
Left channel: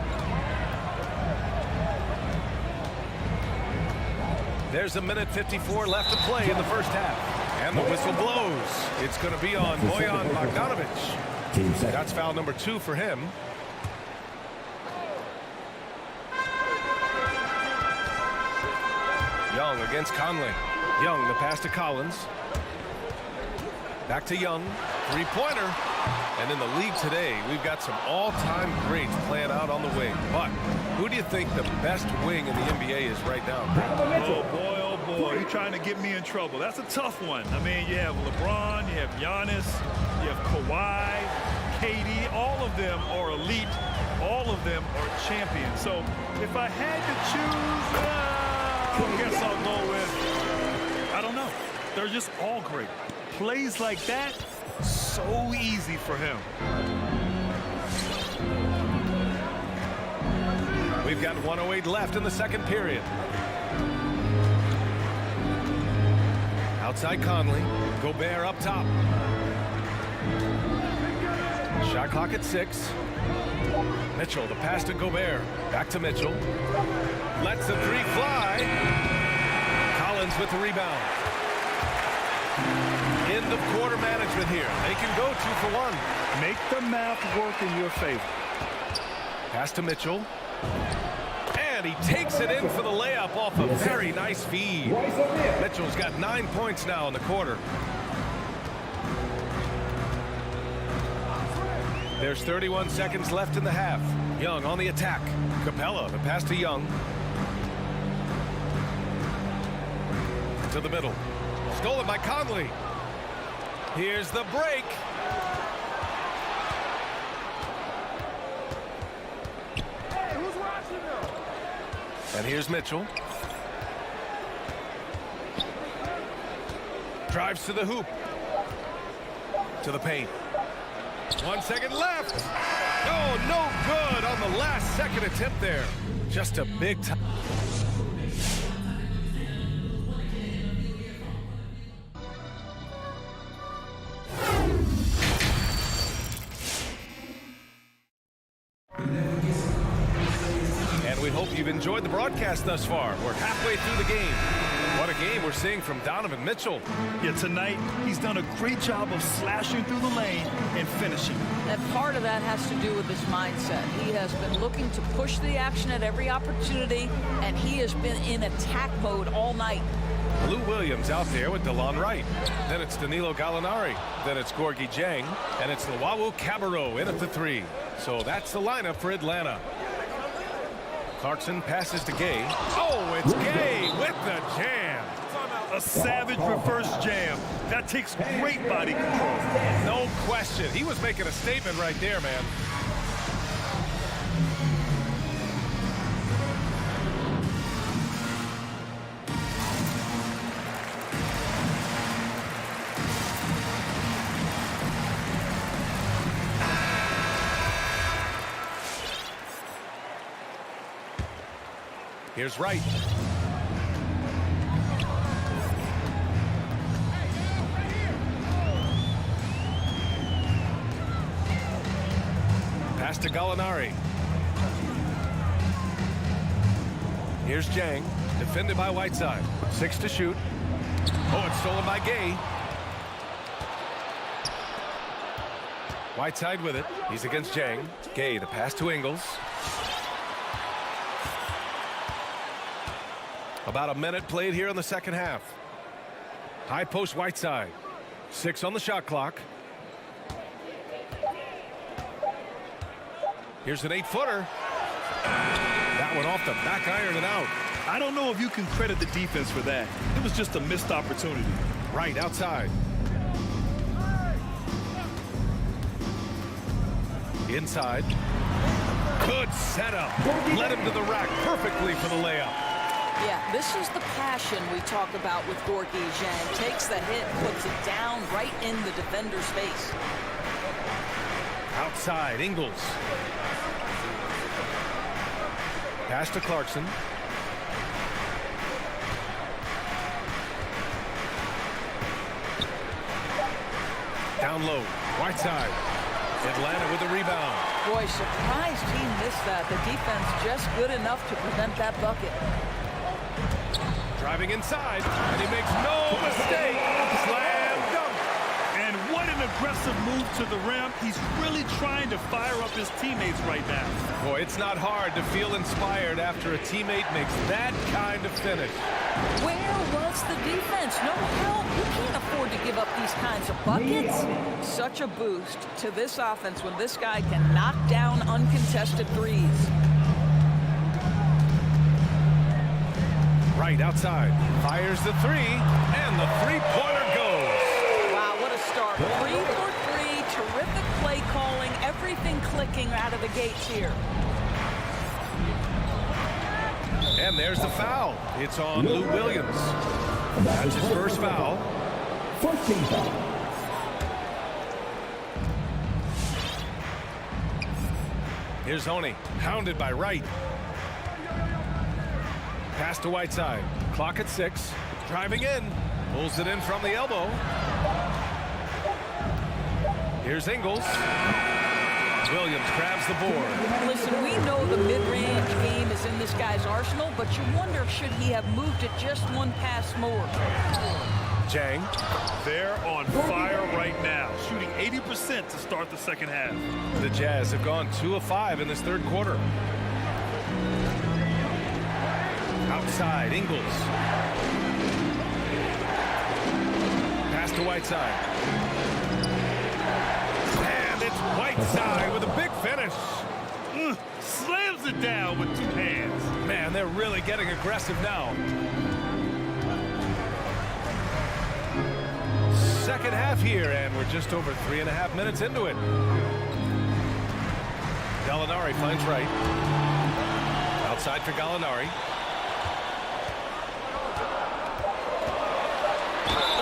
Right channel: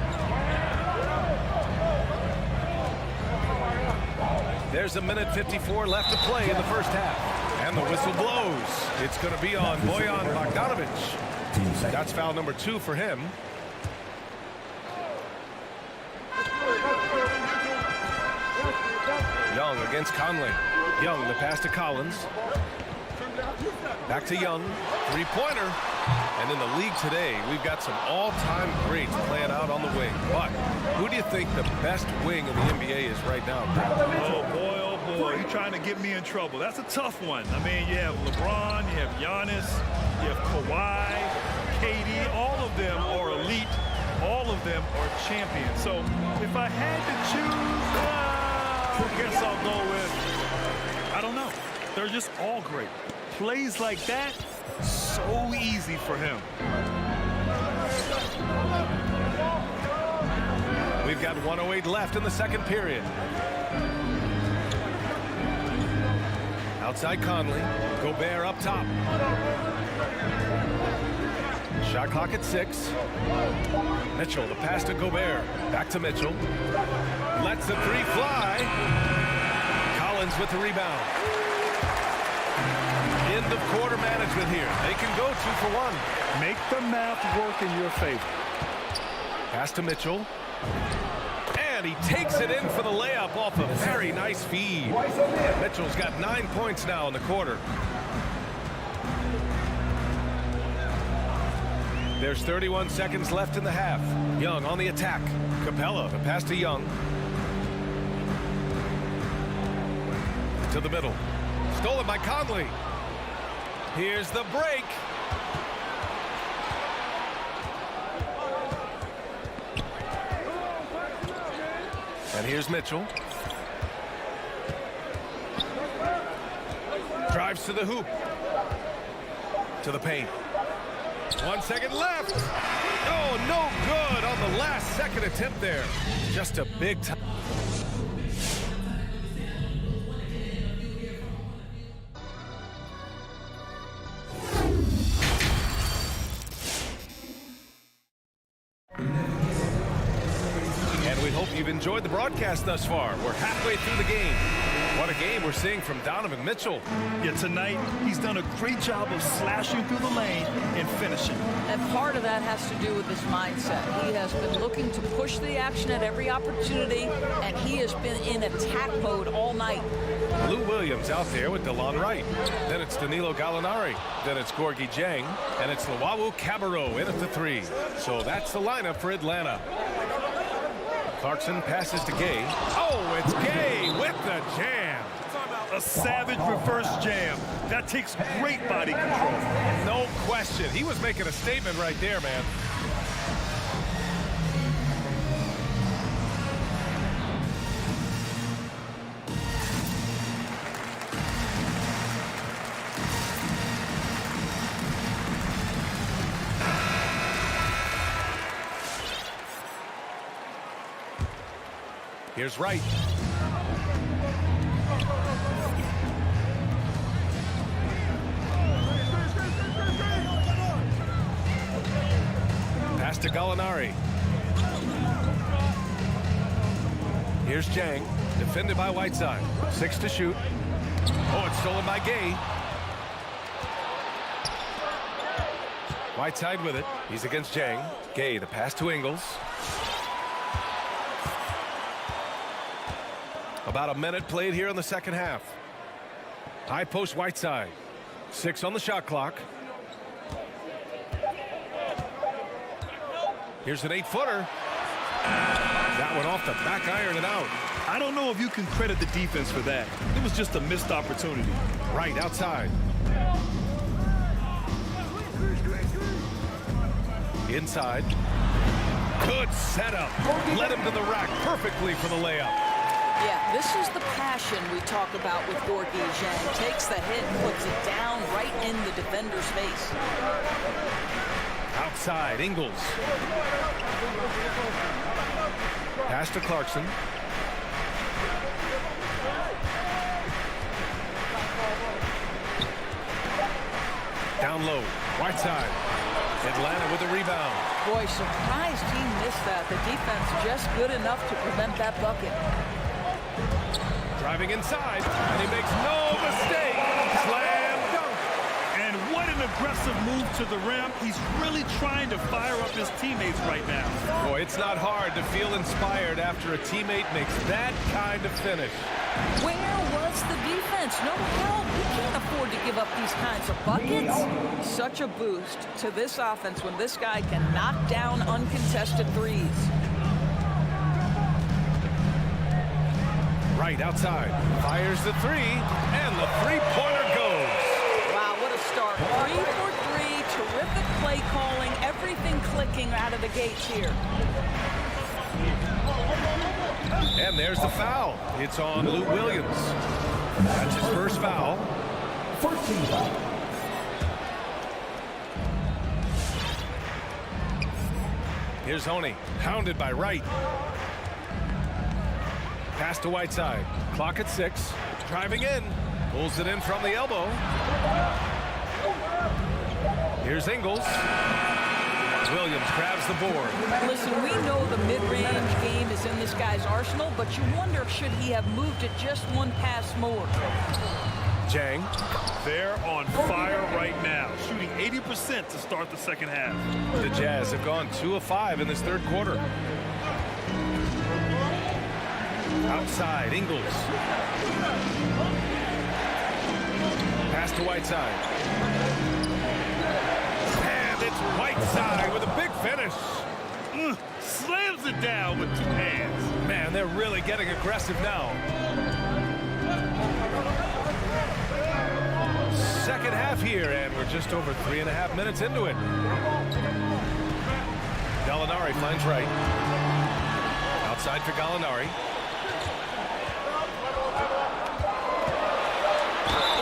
There's a minute 54 left to play in the first half. And the whistle blows. It's going to be on Bojan Bogdanovich. That's foul number 2 for him. Young against Conley. Young, the pass to Collins. Back to Young. Three-pointer. And in the league today, we've got some all-time greats playing out on the wing. But who do you think the best wing in the NBA is right now, Greg? Oh, boy, you're trying to get me in trouble. That's a tough one. I mean, you have LeBron, you have Giannis, you have Kawhi, KD. All of them are elite. All of them are champions. So if I had to choose, I guess I'll go with, I don't know. They're just all great. Plays like that, so easy for him. We've got 1:08 left in the second period. Outside Conley. Gobert up top. Shot clock at 6. Mitchell, the pass to Gobert. Back to Mitchell. Lets the three fly. Collins with the rebound. End of quarter management here. They can go 2 for 1. Make the math work in your favor. Pass to Mitchell. And he takes it in for the layup off a very nice feed. Mitchell's got 9 points now in the quarter. There's 31 seconds left in the half. Young on the attack. Capella, the pass to Young. To the middle. Stolen by Conley. Here's the break. And here's Mitchell. Drives to the hoop. To the paint. 1 second left. Oh, no good on the last second attempt there. Just a big time. And we hope you've enjoyed the broadcast thus far. We're halfway through the game. What a game we're seeing from Donovan Mitchell. Yeah, tonight he's done a great job of slashing through the lane and finishing. And part of that has to do with his mindset. He has been looking to push the action at every opportunity, and he has been in attack mode all night. Lou Williams out there with DeLon Wright. Then it's Danilo Gallinari. Then it's Gorgui Dieng. And it's Luau Cabarrot in at the 3. So that's the lineup for Atlanta. Clarkson passes to Gay. Oh, it's Gay with the jam. A savage reverse jam. That takes great body control. No question. He was making a statement right there, man. Here's Wright. Pass to Gallinari. Here's Dieng, defended by Whiteside. 6 to shoot. Oh, it's stolen by Gay. Whiteside with it. He's against Dieng. Gay, the pass to Ingles. About a minute played here in the second half. High post Whiteside. 6 on the shot clock. Here's an 8-footer. That one off the back iron and out. I don't know if you can credit the defense for that. It was just a missed opportunity. Right outside. Inside. Good setup. Led him to the rack perfectly for the layup. Yeah, this is the passion we talk about with Gorgui Dieng. Takes the hit, puts it down right in the defender's face. Outside, Ingles. Pass to Clarkson. Down low, Whiteside. Atlanta with the rebound. Boy, surprised he missed that. The defense just good enough to prevent that bucket. Driving inside, and he makes no mistake. Slam dunk. And what an aggressive move to the rim. He's really trying to fire up his teammates right now. Boy, it's not hard to feel inspired after a teammate makes that kind of finish. Where was the defense? No help. You can't afford to give up these kinds of buckets. Such a boost to this offense when this guy can knock down uncontested threes. Right outside. Fires the three, and the three-pointer goes. Wow, what a start. 3 for 3. Terrific play calling. Everything clicking out of the gates here. And there's the foul. It's on Lou Williams. That's his first foul. First team foul. Here's Honey, hounded by Wright. Pass to Whiteside. Clock at 6. Driving in. Pulls it in from the elbow. Here's Ingles. Williams grabs the board. Listen, we know the mid-range game is in this guy's arsenal, but you wonder, should he have moved it just one pass more? Jang. They're on fire right now, shooting 80% to start the second half. The Jazz have gone 2 of 5 in this third quarter. Outside, Ingles. Pass to Whiteside. And it's Whiteside with a big finish. Slams it down with 2 hands. Man, they're really getting aggressive now. Second half here, and we're just over 3.5 minutes into it. Gallinari finds Wright. Outside for Gallinari.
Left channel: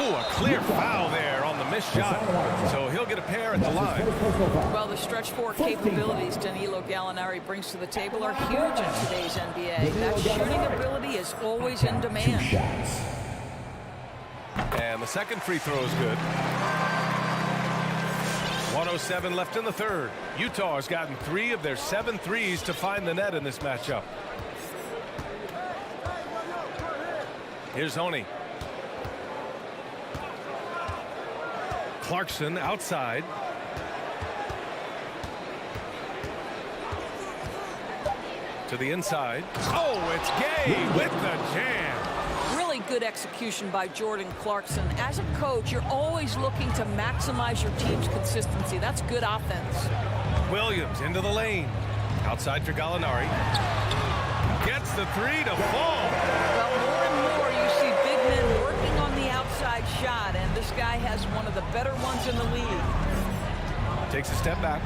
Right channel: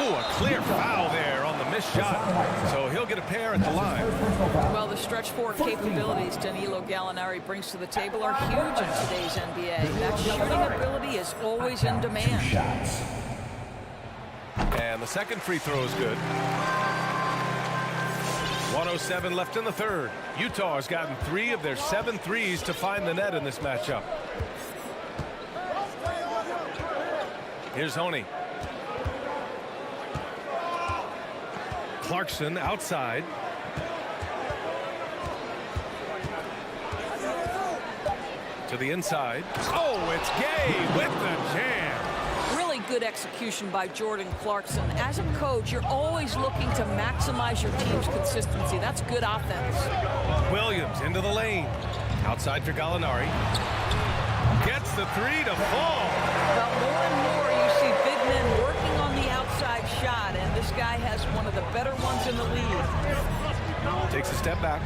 Ooh, a clear foul there on the missed shot. So he'll get a pair at the line. Well, the stretch four capabilities Danilo Gallinari brings to the table are huge in today's NBA. That shooting ability is always in demand. And the second free throw is good. 1:07 left in the third. Utah has gotten 3 of their 7 threes to find the net in this matchup. Here's Honey. Clarkson outside. To the inside. Oh, it's Gay with the jam. Really good execution by Jordan Clarkson. As a coach, you're always looking to maximize your team's consistency. That's good offense. Williams into the lane. Outside for Gallinari. Gets the 3 to fall. Well, more and more you see big men working on the outside shot, and this guy has one of the better ones in the league. Takes a step back.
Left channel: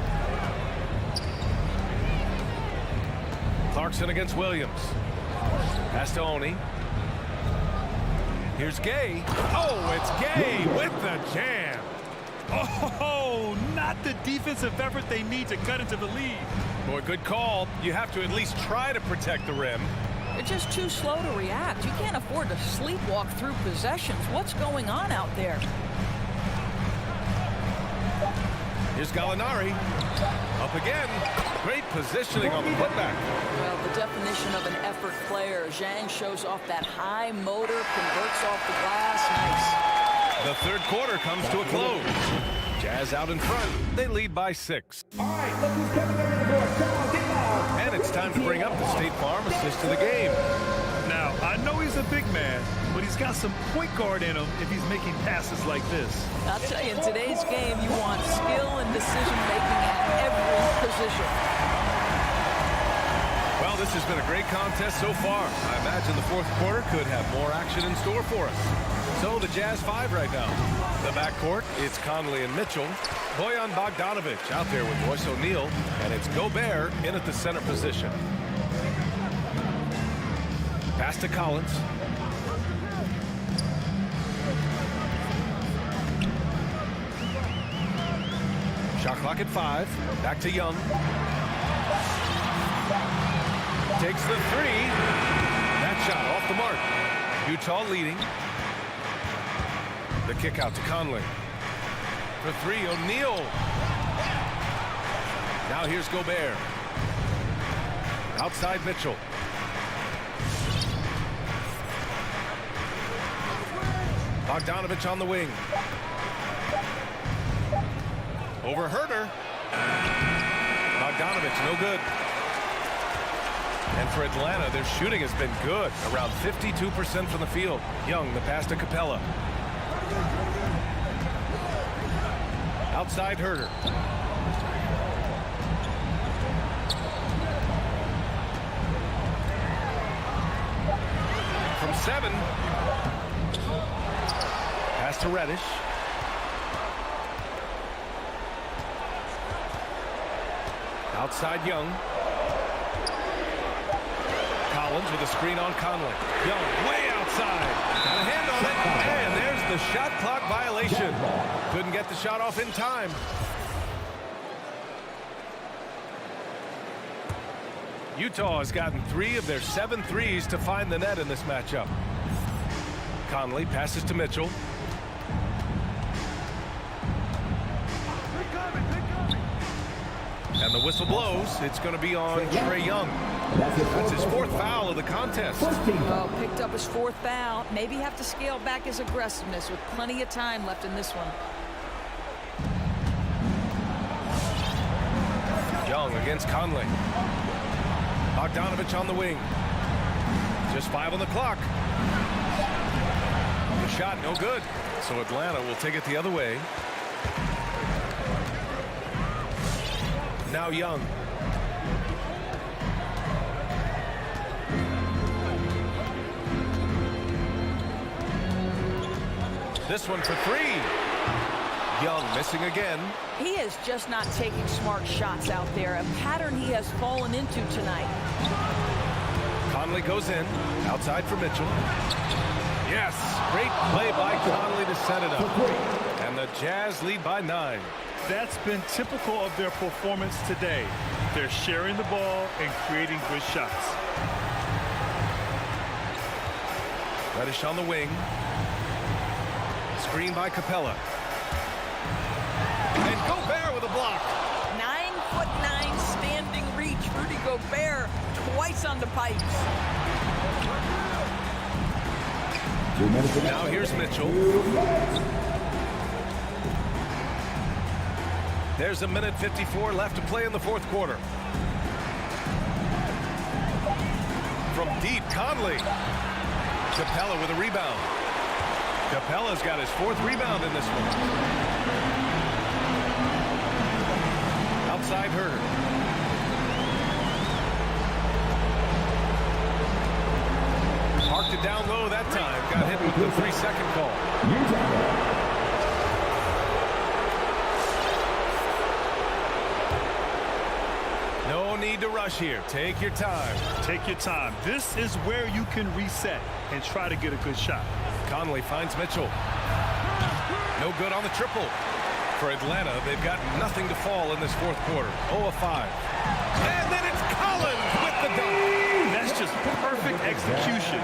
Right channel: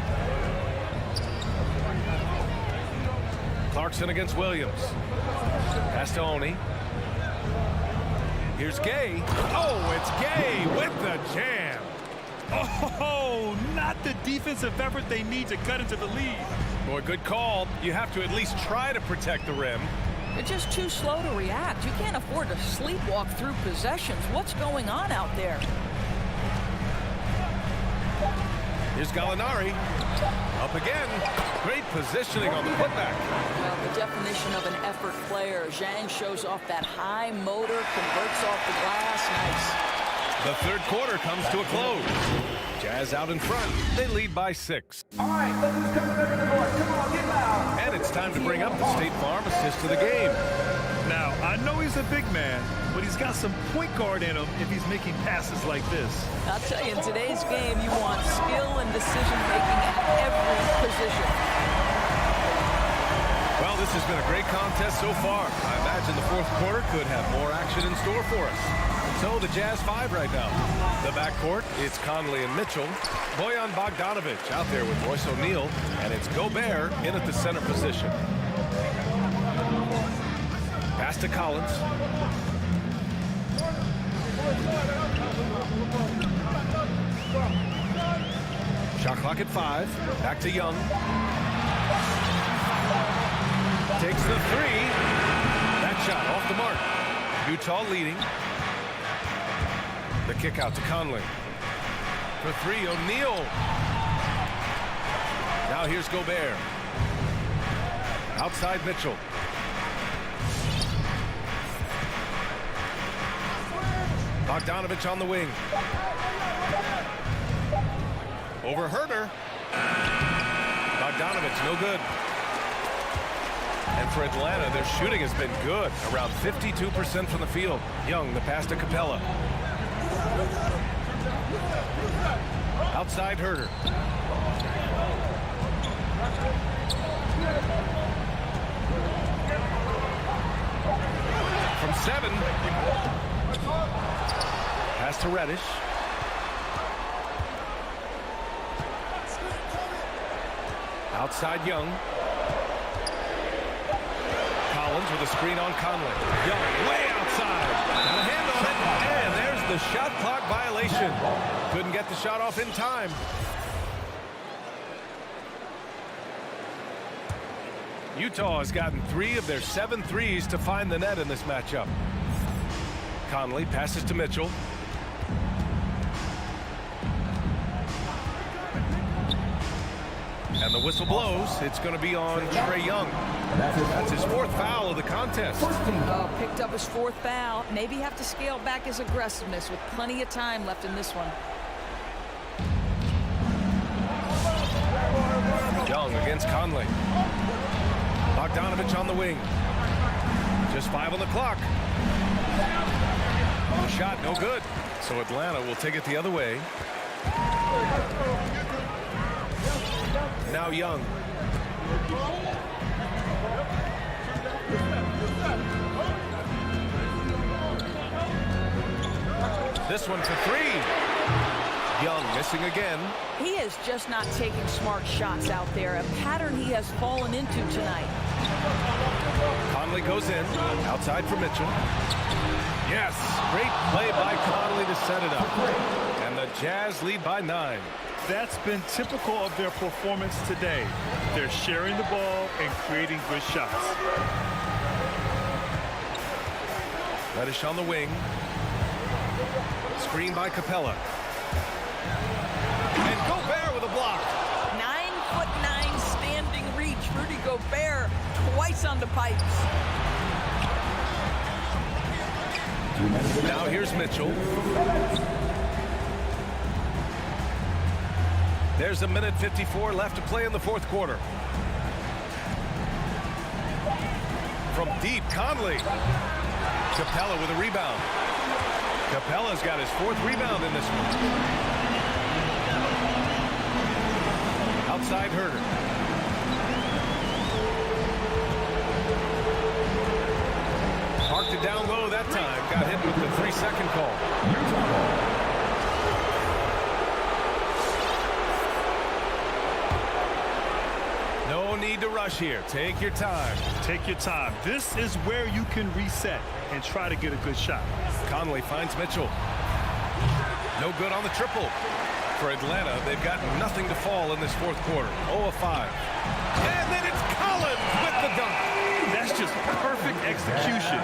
Clarkson against Williams. Pass to Oney. Here's Gay. Oh, it's Gay with the jam. Oh, not the defensive effort they need to cut into the lead. Boy, good call. You have to at least try to protect the rim. They're just too slow to react. You can't afford to sleepwalk through possessions. What's going on out there? Here's Gallinari. Up again. Great positioning on the putback. Well, the definition of an effort player. Zhang shows off that high motor, converts off the glass. Nice. The third quarter comes to a close. Jazz out in front. They lead by 6. All right, look who's coming over the board. Come on, get loud. And it's time to bring up the State Farm assist to the game. Now, I know he's a big man, but he's got some point guard in him if he's making passes like this. I'll tell you, in today's game, you want skill and decision-making at every position. Well, this has been a great contest so far. I imagine the fourth quarter could have more action in store for us. So the Jazz 5 right now. The backcourt, it's Conley and Mitchell. Bojan Bogdanovic out there with Royce O'Neal. And it's Gobert in at the center position. Pass to Collins. Shot clock at 5. Back to Young. Takes the 3. That shot off the mark. Utah leading. The kick out to Conley. For 3, O'Neal. Now here's Gobert. Outside Mitchell. Bogdanovic on the wing. Over Herder. Bogdanovich, no good. And for Atlanta, their shooting has been good, around 52% from the field. Young, the pass to Capella. Outside Herder. From 7. Pass to Reddish. Outside Young. Collins with a screen on Conley. Young way outside. Got a hand on it. And there's the shot clock violation. Couldn't get the shot off in time. Utah has gotten 3 of their 7 threes to find the net in this matchup. Conley passes to Mitchell. And the whistle blows. It's going to be on Trae Young. That's his 4th foul of the contest. Oh, picked up his 4th foul. Maybe have to scale back his aggressiveness with plenty of time left in this one. Young against Conley. Bogdanovich on the wing. Just 5 on the clock. The shot no good. So Atlanta will take it the other way. Now Young. This one for 3. Young missing again. He is just not taking smart shots out there, a pattern he has fallen into tonight. Conley goes in, outside for Mitchell. Yes, great play by Conley to set it up. And the Jazz lead by 9. That's been typical of their performance today. They're sharing the ball and creating good shots. Reddish on the wing. Screen by Capella. And Gobert with a block. 9'9" standing reach. Rudy Gobert twice on the pipes. Now here's Mitchell. There's a minute 54 left to play in the 4th quarter. From deep, Conley. Capella with a rebound. Capella's got his 4th rebound in this one. Outside Herder. Parked it down low that time. Got hit with the 3-second call. No need to rush here. Take your time. Take your time. This is where you can reset and try to get a good shot. Conley finds Mitchell. No good on the triple. For Atlanta, they've got nothing to fall in this 4th quarter. 0 of 5. And then it's Collins with the dunk. That's just perfect execution.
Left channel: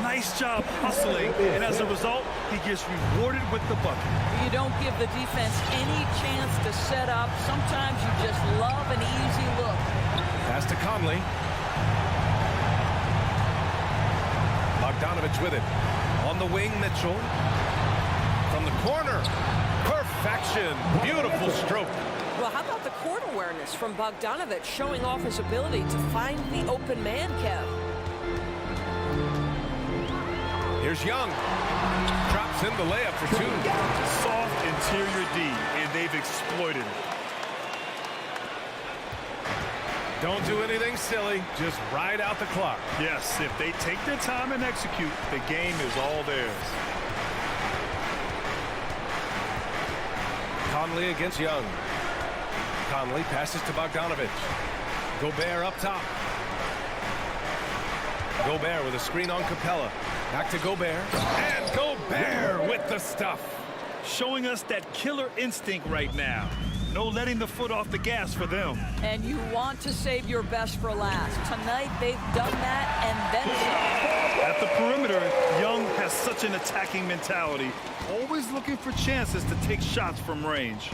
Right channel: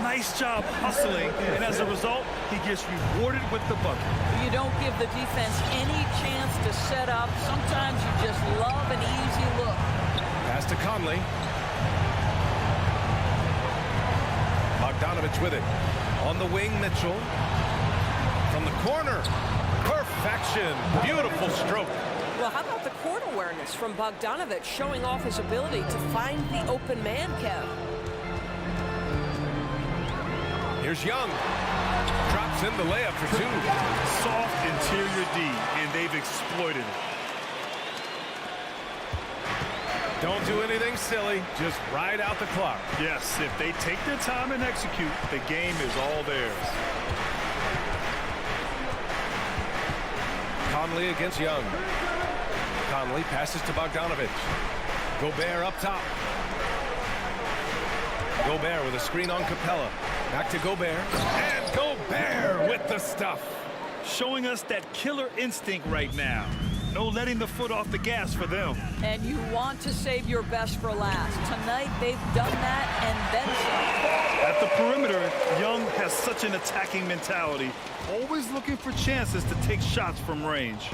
Nice job hustling, and as a result, he gets rewarded with the bucket. You don't give the defense any chance to set up. Sometimes you just love an easy look. Pass to Conley. Bogdanovich with it. On the wing, Mitchell. From the corner. Perfection. Beautiful stroke. Well, how about the court awareness from Bogdanovich showing off his ability to find the open man, Kev? Here's Young. Drops in the layup for 2. Soft interior D, and they've exploited it. Don't do anything silly. Just ride out the clock. Yes, if they take their time and execute, the game is all theirs. Conley against Young. Conley passes to Bogdanovich. Gobert up top. Gobert with a screen on Capella. Back to Gobert. And Gobert with the stuff. Showing us that killer instinct right now. No letting the foot off the gas for them. And you want to save your best for last. Tonight, they've done that and then some. At the perimeter, Young has such an attacking mentality. Always looking for chances to take shots from range.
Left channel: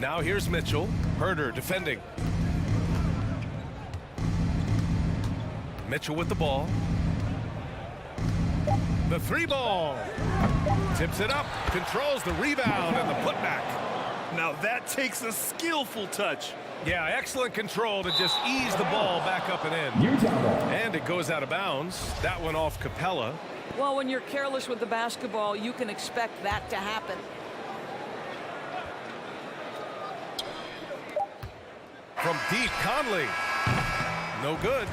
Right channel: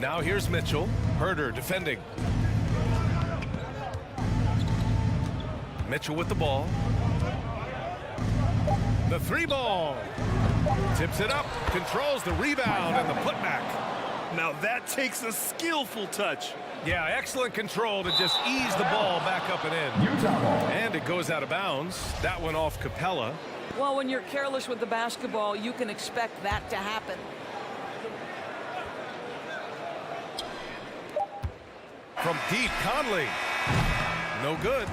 Now here's Mitchell. Herder defending. Mitchell with the ball. The 3 ball. Tips it up, controls the rebound and the putback. Now that takes a skillful touch. Yeah, excellent control to just ease the ball back up and in. And it goes out of bounds. That one off Capella. Well, when you're careless with the basketball, you can expect that to happen. From deep, Conley. No good.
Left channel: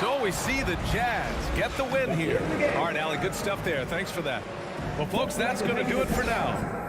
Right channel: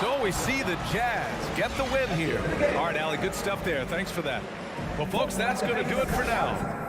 So we see the Jazz get the win here. All right, Allie, good stuff there. Thanks for that. Well, folks, that's going to do it for now.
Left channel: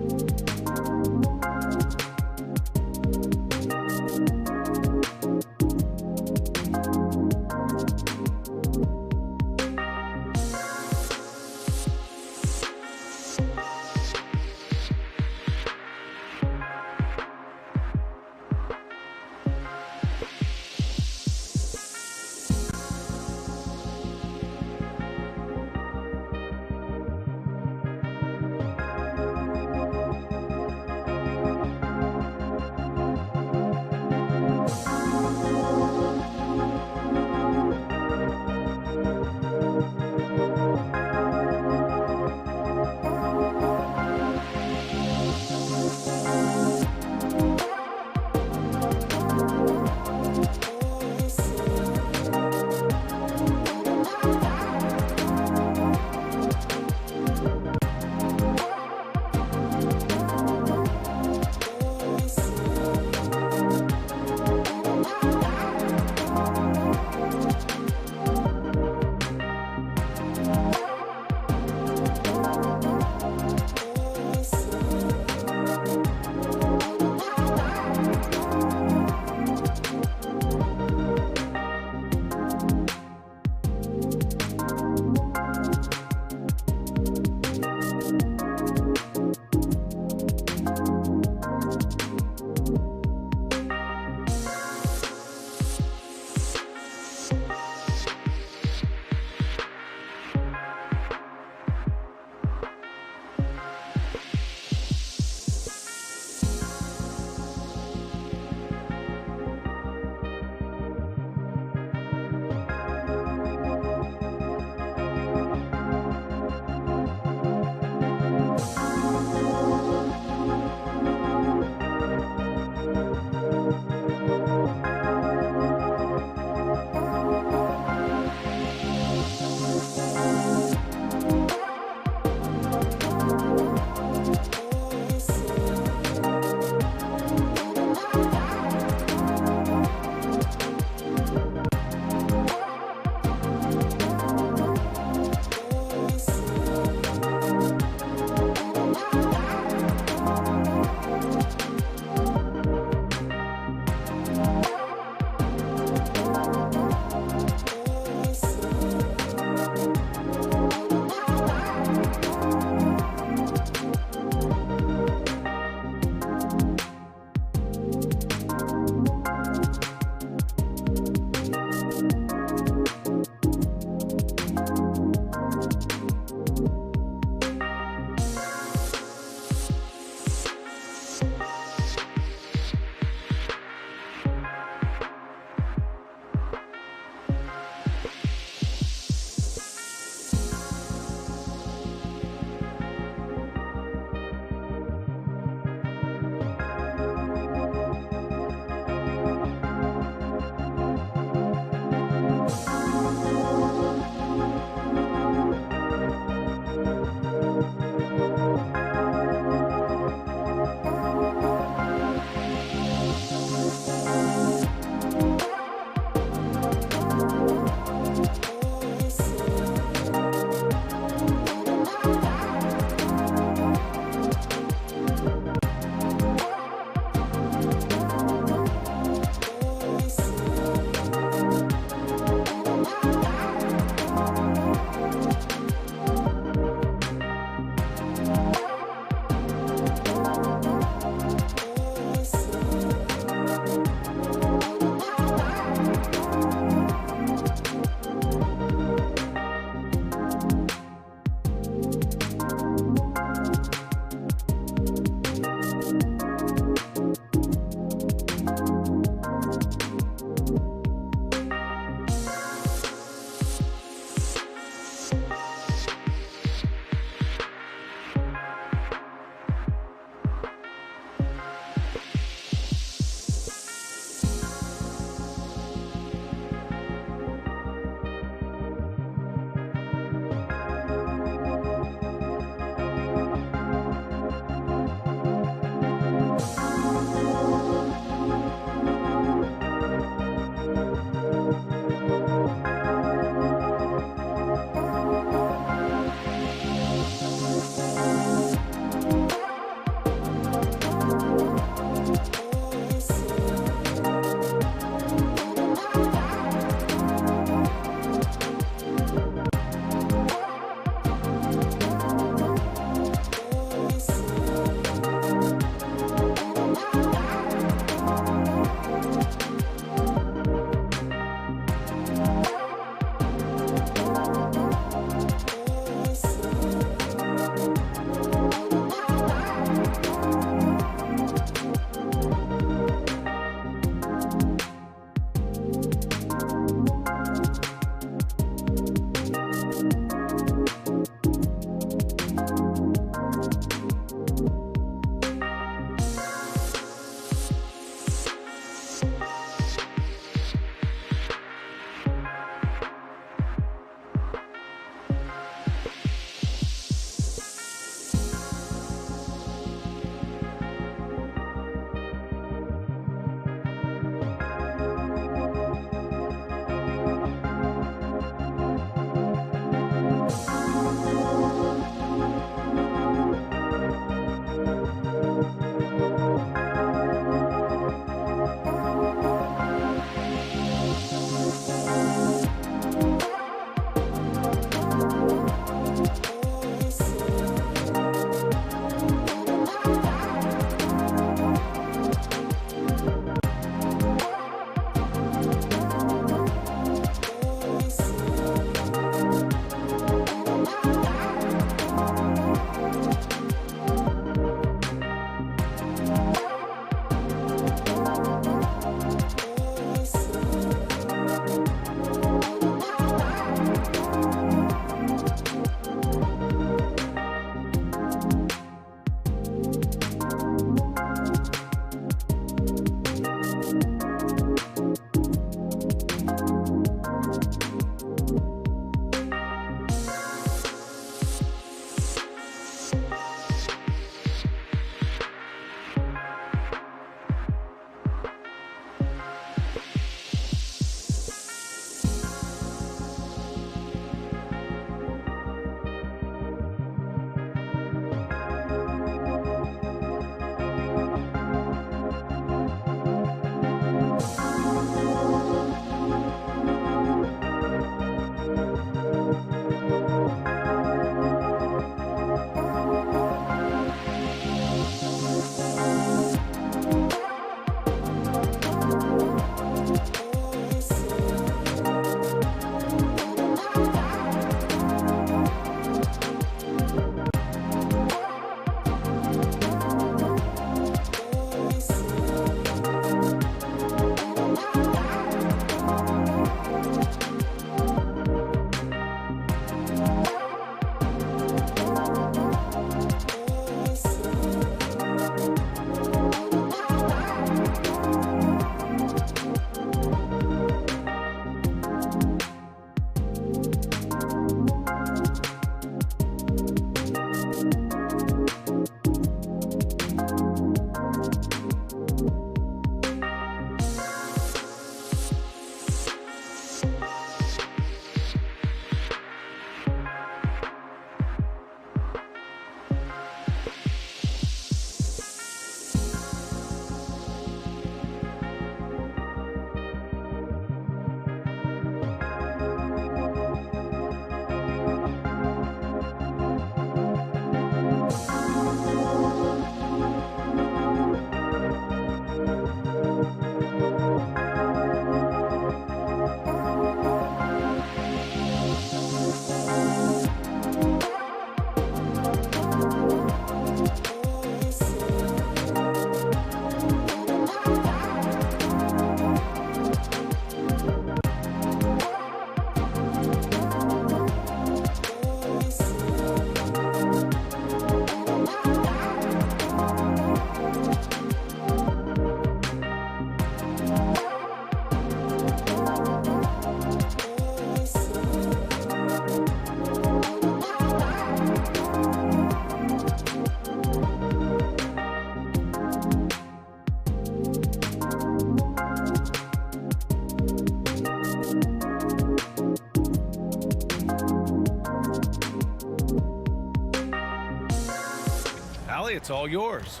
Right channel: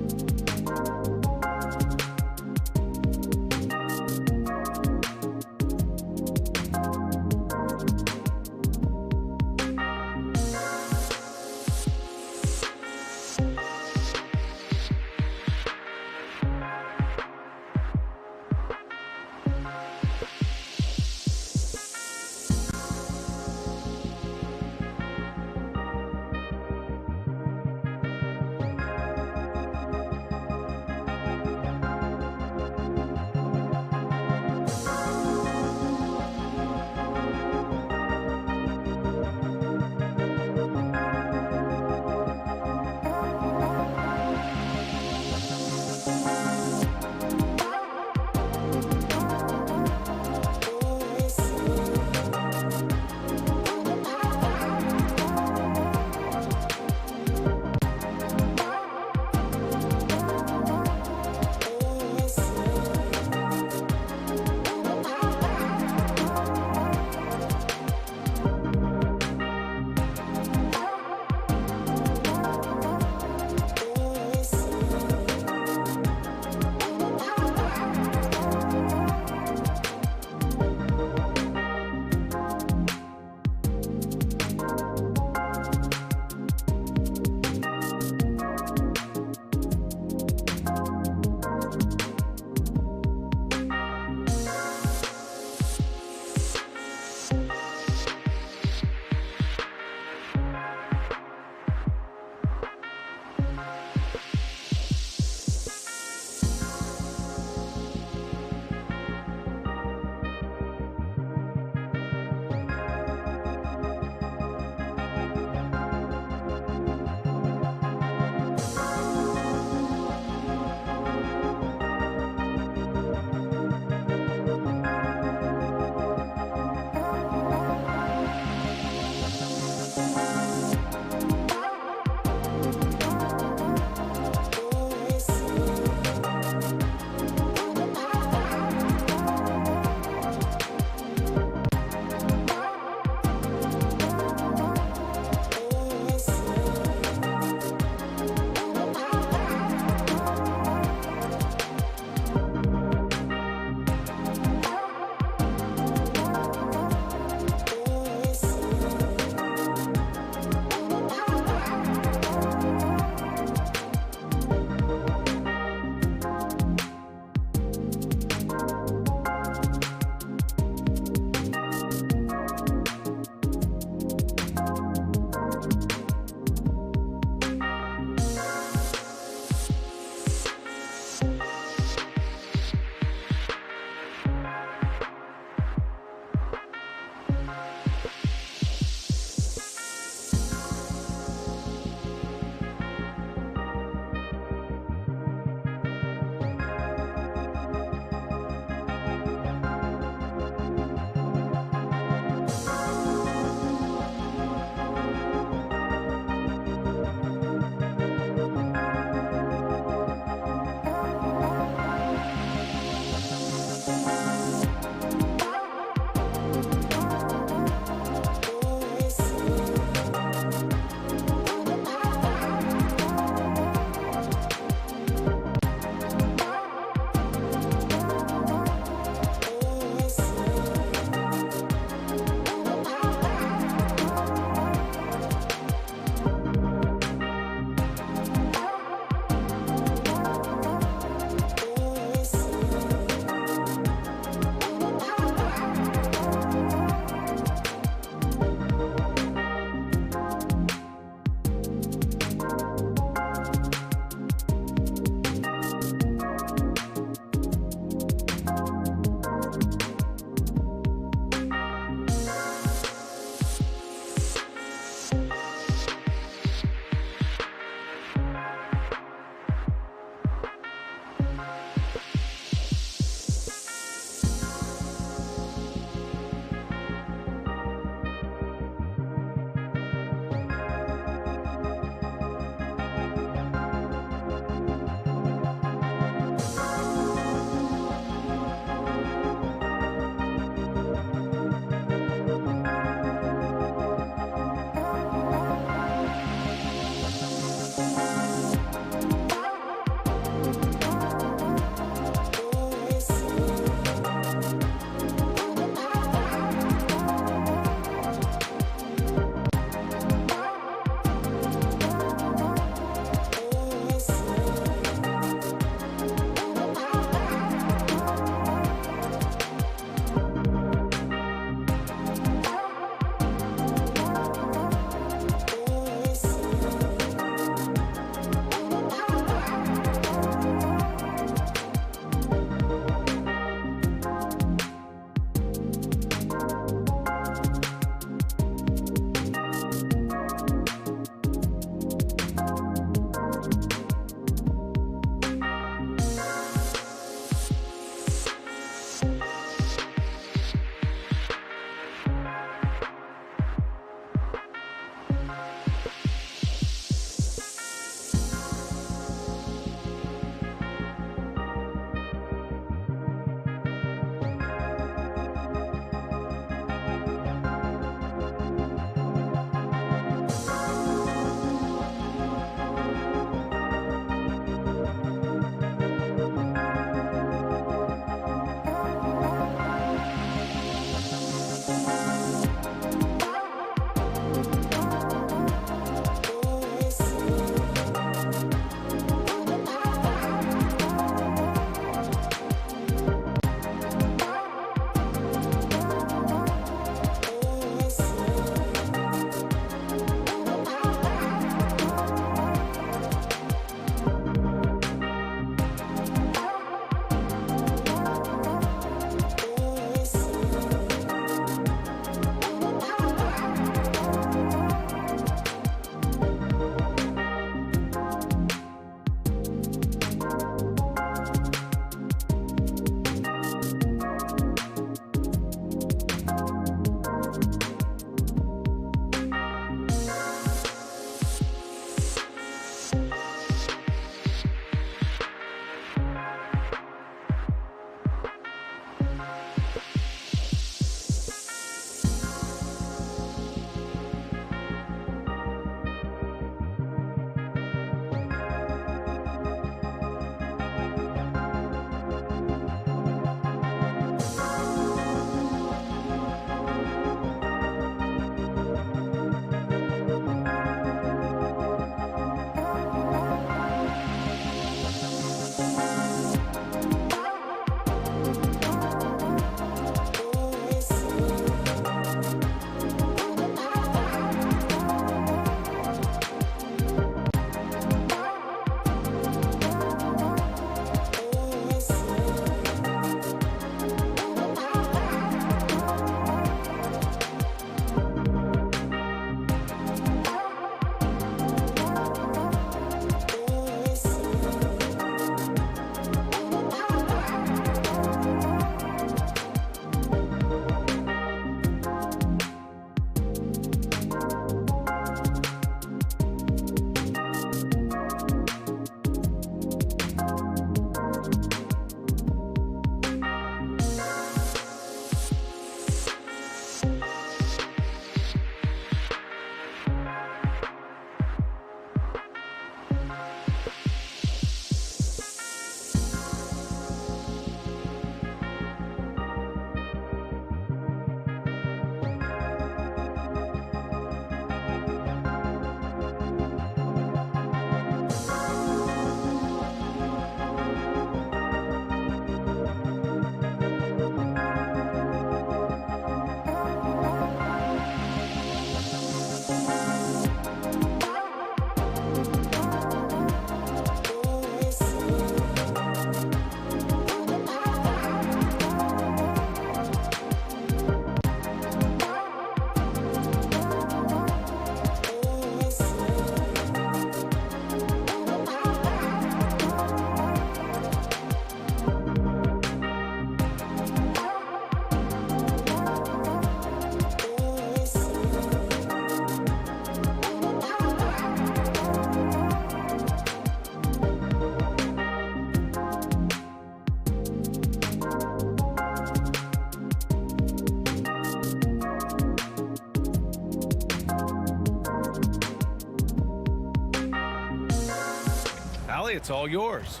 Allie, it's all yours.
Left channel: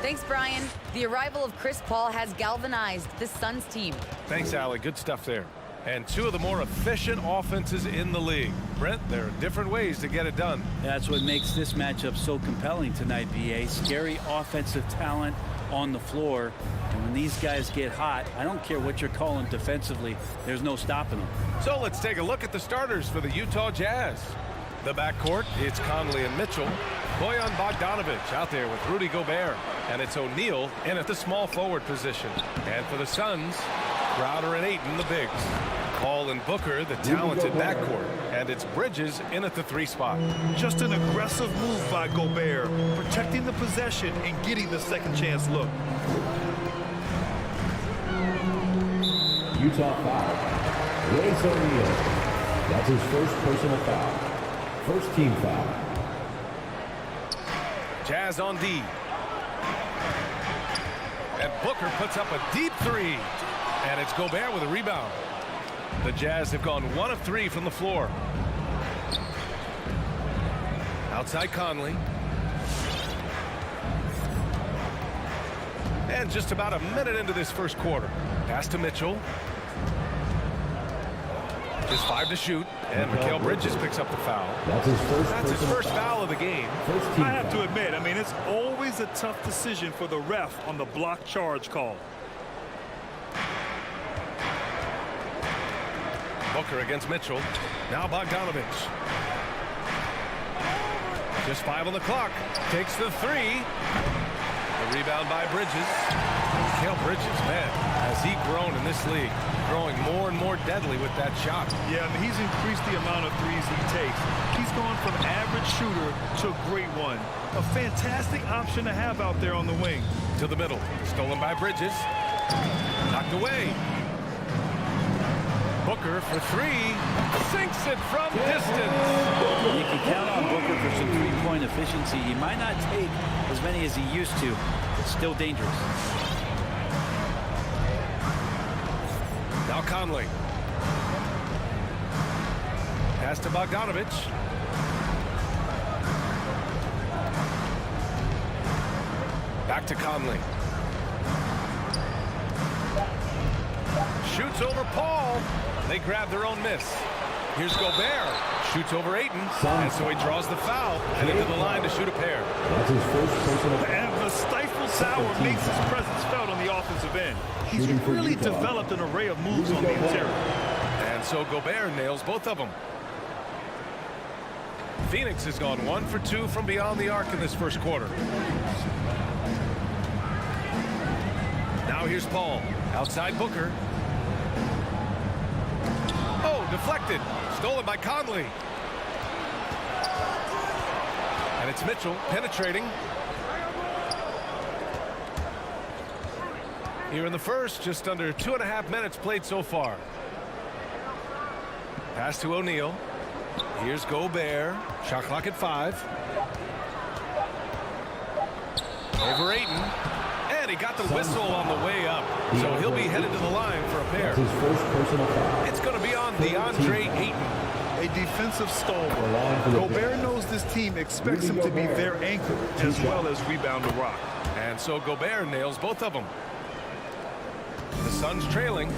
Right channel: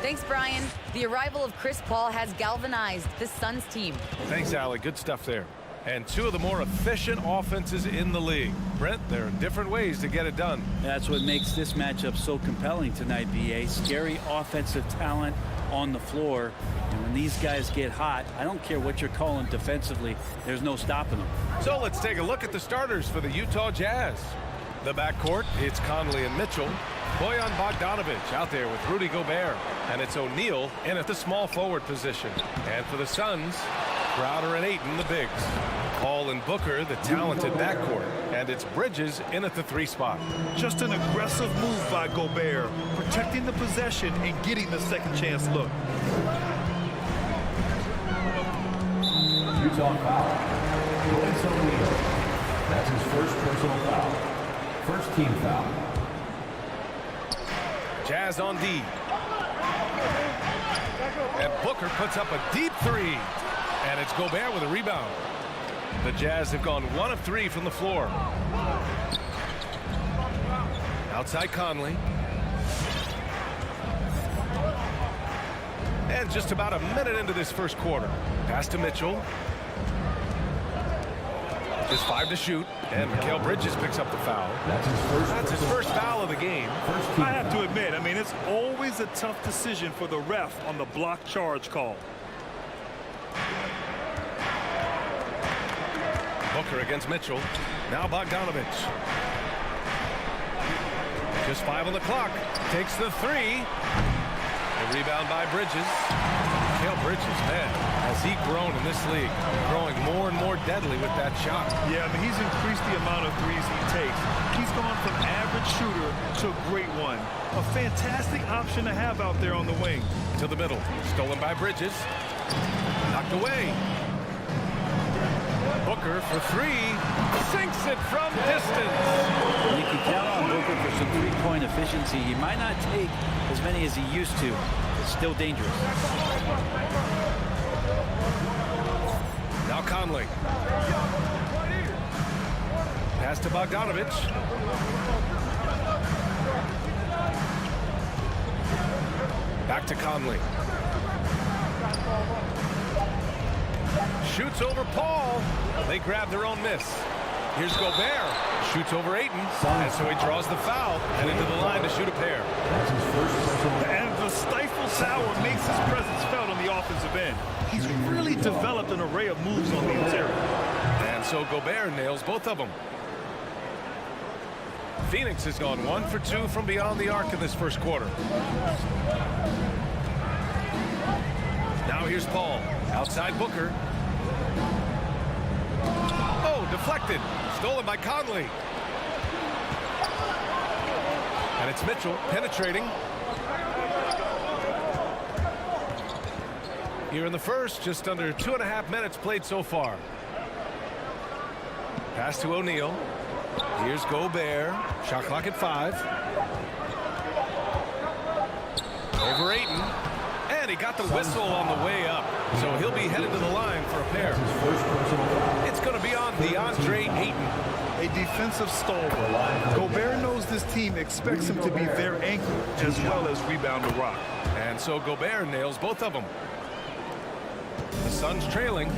Thanks, Brian. The arrival of Chris Paul has galvanized this Suns team. Thanks, Allie. Good stuff there. And two of the more efficient offenses in the league. Brent, there are different ways to get it done. That's what makes this matchup so compelling tonight, BA. Scary offensive talent on the floor. And when these guys get hot, I don't care what you're calling defensively, there's no stopping them. So let's take a look at the starters for the Utah Jazz. The backcourt, it's Conley and Mitchell. Bojan Bogdanovic out there with Rudy Gobert. And it's O'Neal in at the small forward position. And for the Suns, Crowder and Ayton, the bigs. Paul and Booker, the talented backcourt. And it's Bridges in at the 3 spot. Just an aggressive move by Gobert, protecting the possession and getting the second chance look. Utah foul. Royce O'Neal. That's his first personal foul. First team foul. Jazz on D. And Booker puts up a deep 3. And it's Gobert with a rebound. The Jazz have gone 1 of 3 from the floor. Outside Conley. And just about a minute into this first quarter. Pass to Mitchell. Just 5 to shoot. And Mikal Bridges picks up the foul. That's his first foul of the game. I have to admit, I mean, it's always a tough decision for the ref on the block charge call. Booker against Mitchell. Now Bogdanovic. Just 5 on the clock. Takes the 3. The rebound by Bridges. Mikal Bridges, man, has he grown in this league? Growing more and more deadly with that shot. Yeah, I mean, he's increased the amount of threes he takes. He's gone from average shooter to a great one. A fantastic option to have out there on the wing. To the middle. Stolen by Bridges. Knocked away. Booker for 3. Sinks it from distance. You can count on Booker for some three-point efficiency. He might not take as many as he used to. It's still dangerous. Now Conley. Pass to Bogdanovic. Back to Conley. Shoots over Paul. They grab their own miss. Here's Gobert. Shoots over Ayton. And so he draws the foul. And into the line to shoot a pair. That's his first personal foul. And the stifle tower makes his presence felt on the offensive end. He's really developed an array of moves on the interior. And so Gobert nails both of them. Phoenix has gone 1 for 2 from beyond the arc in this first quarter. Now here's Paul. Outside Booker. Oh, deflected. Stolen by Conley. And it's Mitchell penetrating. Here in the first, just under 2.5 minutes played so far. Pass to O'Neal. Here's Gobert. Shot clock at 5. Over Ayton. And he got the whistle on the way up. So he'll be headed to the line for a pair. His first personal foul. It's going to be on DeAndre Ayton. A defensive stalwart. Gobert knows this team expects him to be their anchor as well as rebound the rock. And so Gobert nails both of them. The Suns trailing.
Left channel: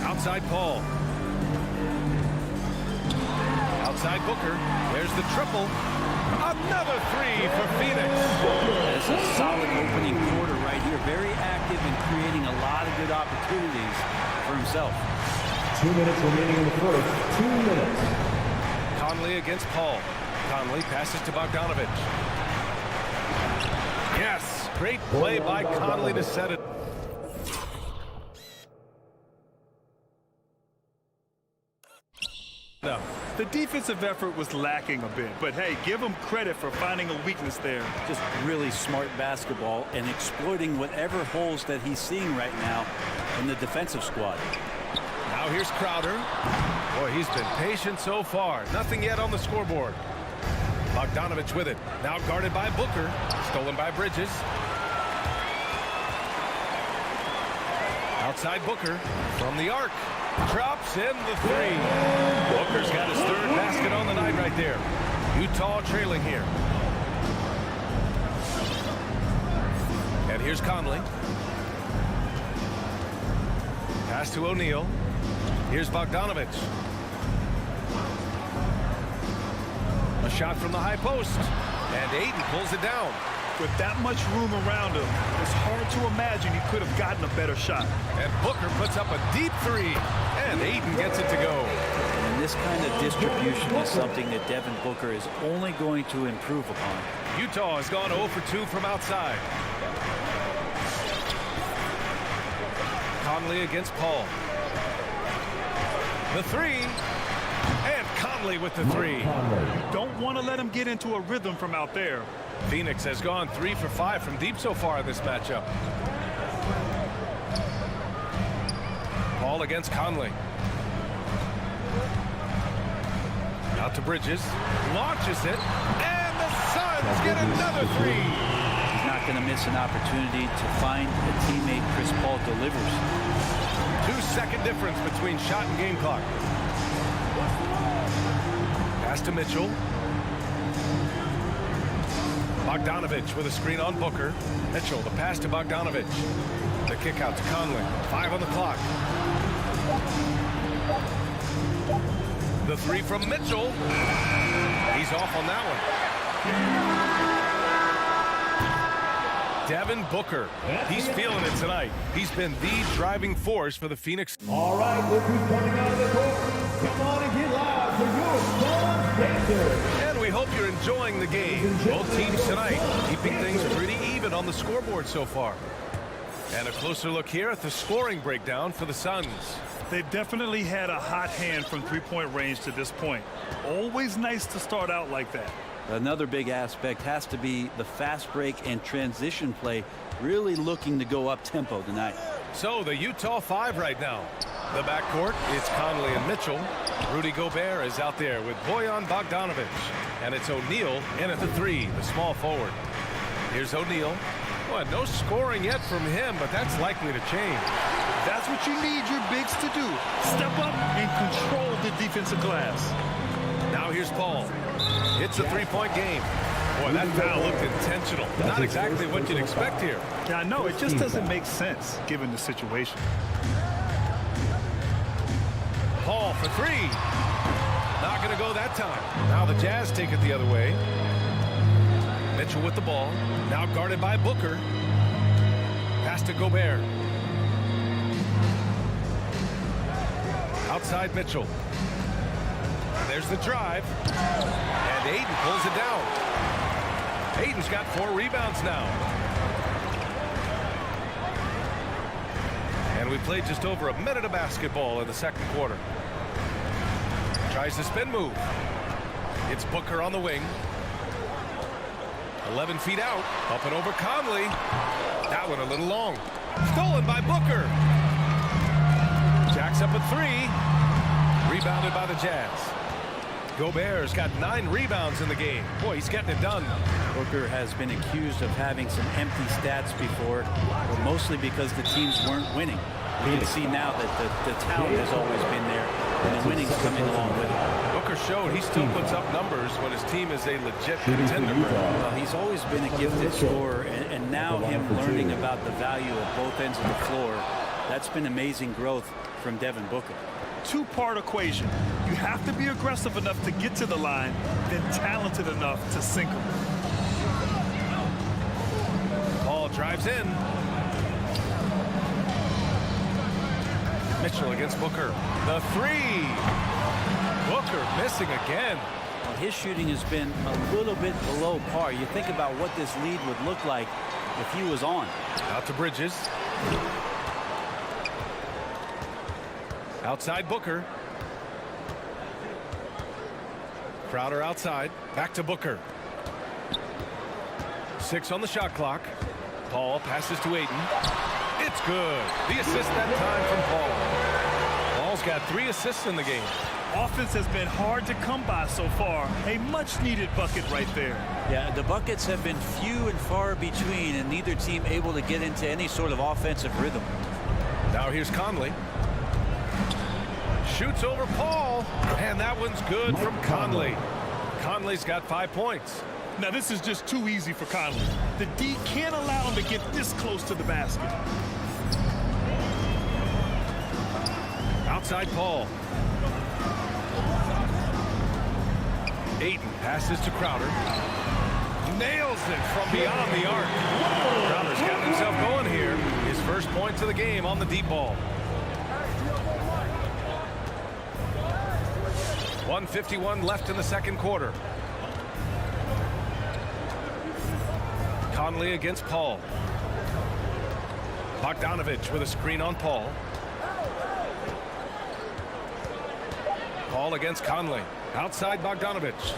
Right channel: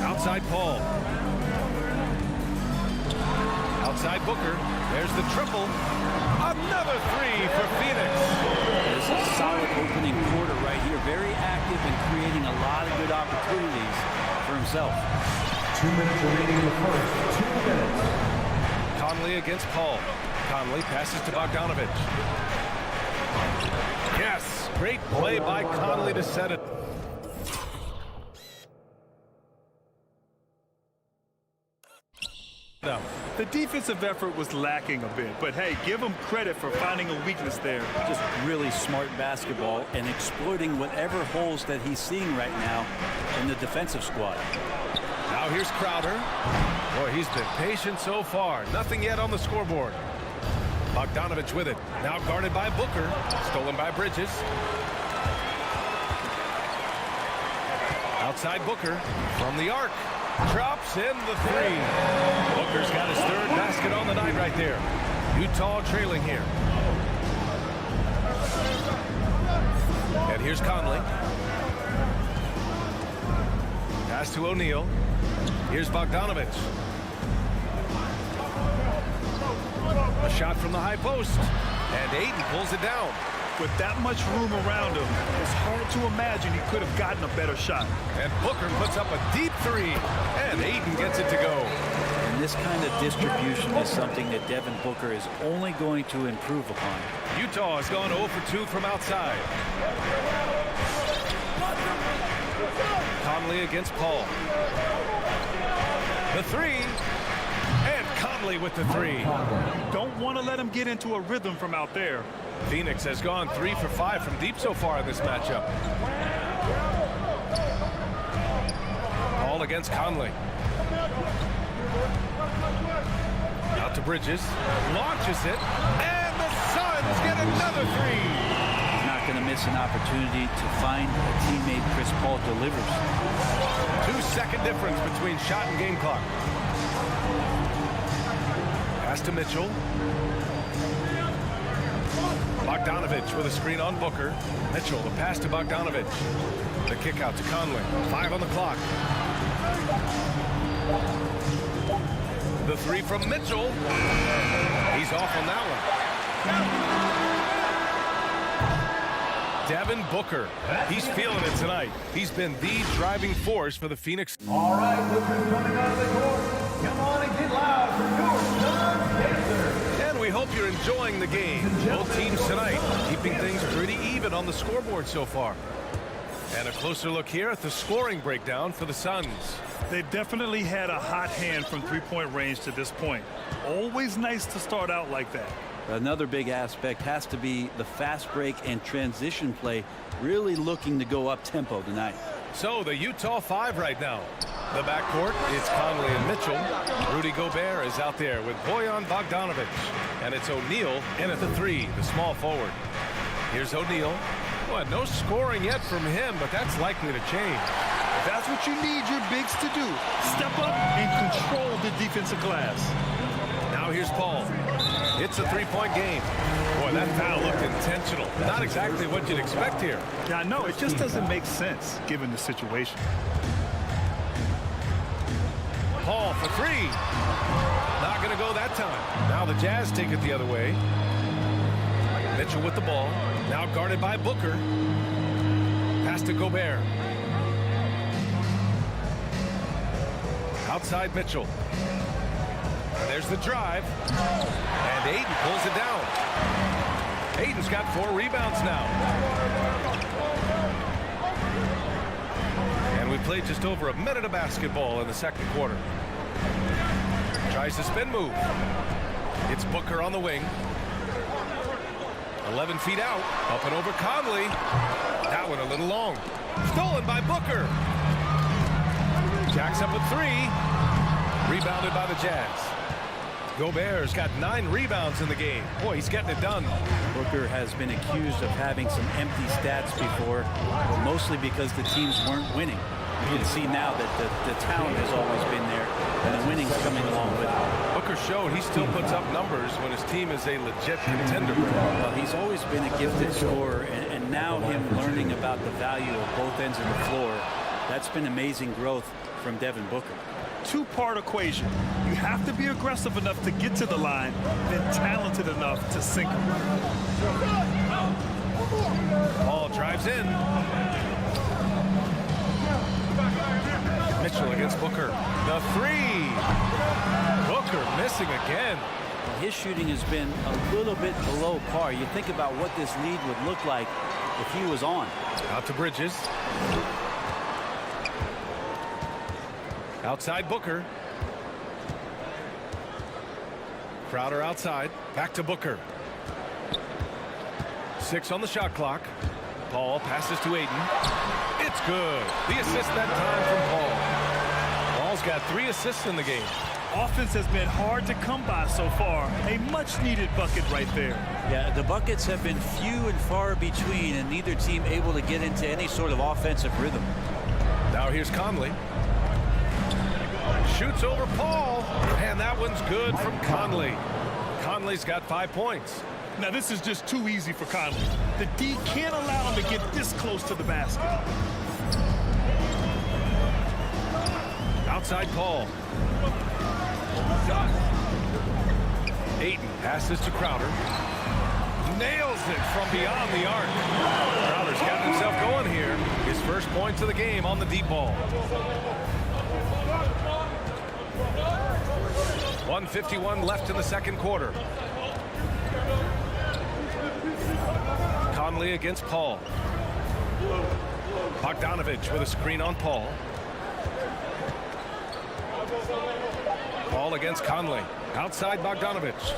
Outside Paul. Outside Booker. There's the triple. Another 3 for Phoenix. It's a solid opening quarter right here. Very active and creating a lot of good opportunities for himself. 2 minutes remaining in the first. 2 minutes. Conley against Paul. Conley passes to Bogdanovic. Yes, great play by Conley to set it. No. The defensive effort was lacking a bit, but hey, give him credit for finding a weakness there. Just really smart basketball and exploiting whatever holes that he's seeing right now in the defensive squad. Now here's Crowder. Boy, he's been patient so far. Nothing yet on the scoreboard. Bogdanovic with it. Now guarded by Booker. Stolen by Bridges. Outside Booker from the arc. Drops in the 3. Booker's got his 3rd basket on the night right there. Utah trailing here. And here's Conley. Pass to O'Neal. Here's Bogdanovich. A shot from the high post. And Ayton pulls it down. With that much room around him, it's hard to imagine he could have gotten a better shot. And Booker puts up a deep three. And Ayton gets it to go. And this kind of distribution is something that Devin Booker is only going to improve upon. Utah has gone 0 for 2 from outside. Conley against Paul. The three. And Conley with the three. You don't want to let him get into a rhythm from out there. Phoenix has gone 3 for 5 from deep so far in this matchup. Paul against Conley. Out to Bridges. Launches it. And the Suns get another three. He's not going to miss an opportunity to find a teammate. Chris Paul delivers. 2-second difference between shot and game clock. Pass to Mitchell. Bogdanovich with a screen on Booker. Mitchell, the pass to Bogdanovich. The kick out to Conley. 5 on the clock. The three from Mitchell. He's off on that one. Devin Booker. He's feeling it tonight. He's been the driving force for the Phoenix. All right, look who's coming out of the court. Come on and get loud for your Suns Pacers. And we hope you're enjoying the game. Both teams tonight keeping things pretty even on the scoreboard so far. And a closer look here at the scoring breakdown for the Suns. They've definitely had a hot hand from three-point range to this point. Always nice to start out like that. Another big aspect has to be the fast break and transition play, really looking to go up tempo tonight. So the Utah 5 right now. The backcourt, it's Conley and Mitchell. Rudy Gobert is out there with Bojan Bogdanovich. And it's O'Neal in at the three, the small forward. Here's O'Neal. Well, no scoring yet from him, but that's likely to change. That's what you need your bigs to do. Step up and control the defensive glass. Now here's Paul. It's a three-point game. Boy, that foul looked intentional. Not exactly what you'd expect here. Yeah, I know. It just doesn't make sense given the situation. Paul for three. Not going to go that time. Now the Jazz take it the other way. Mitchell with the ball. Now guarded by Booker. Pass to Gobert. Outside Mitchell. And there's the drive. And Ayton pulls it down. Ayton's got 4 rebounds now. And we played just over a minute of basketball in the second quarter. Tries the spin move. It's Booker on the wing. 11 feet out. Up and over Conley. That one a little long. Stolen by Booker. Jacks up a 3. Rebounded by the Jazz. Gobert's got 9 rebounds in the game. Boy, he's getting it done. Booker has been accused of having some empty stats before, but mostly because the teams weren't winning. You can see now that the talent has always been there, and the winning's coming along with it. Booker showed he still puts up numbers when his team is a legit contender. Well, he's always been a gifted scorer, and now him learning about the value of both ends of the floor, that's been amazing growth from Devin Booker. Two-part equation. You have to be aggressive enough to get to the line, then talented enough to sink them. Paul drives in. Mitchell against Booker. The 3. Booker missing again. Well, his shooting has been a little bit below par. You think about what this lead would look like if he was on. Out to Bridges. Outside Booker. Crowder outside. Back to Booker. 6 on the shot clock. Paul passes to Ayton. It's good. The assist that time from Paul. Paul's got 3 assists in the game. Offense has been hard to come by so far. A much-needed bucket right there. Yeah, the buckets have been few and far between, and neither team able to get into any sort of offensive rhythm. Now here's Conley. Shoots over Paul, and that one's good from Conley. Conley's got 5 points. Now, this is just too easy for Conley. The D can't allow him to get this close to the basket. Outside Paul. Ayton passes to Crowder. Nails it from beyond the arc. Crowder's got himself going here. His first points of the game on the deep ball. 1:51 left in the second quarter. Conley against Paul. Bogdanovich with a screen on Paul. Paul against Conley. Outside Bogdanovich.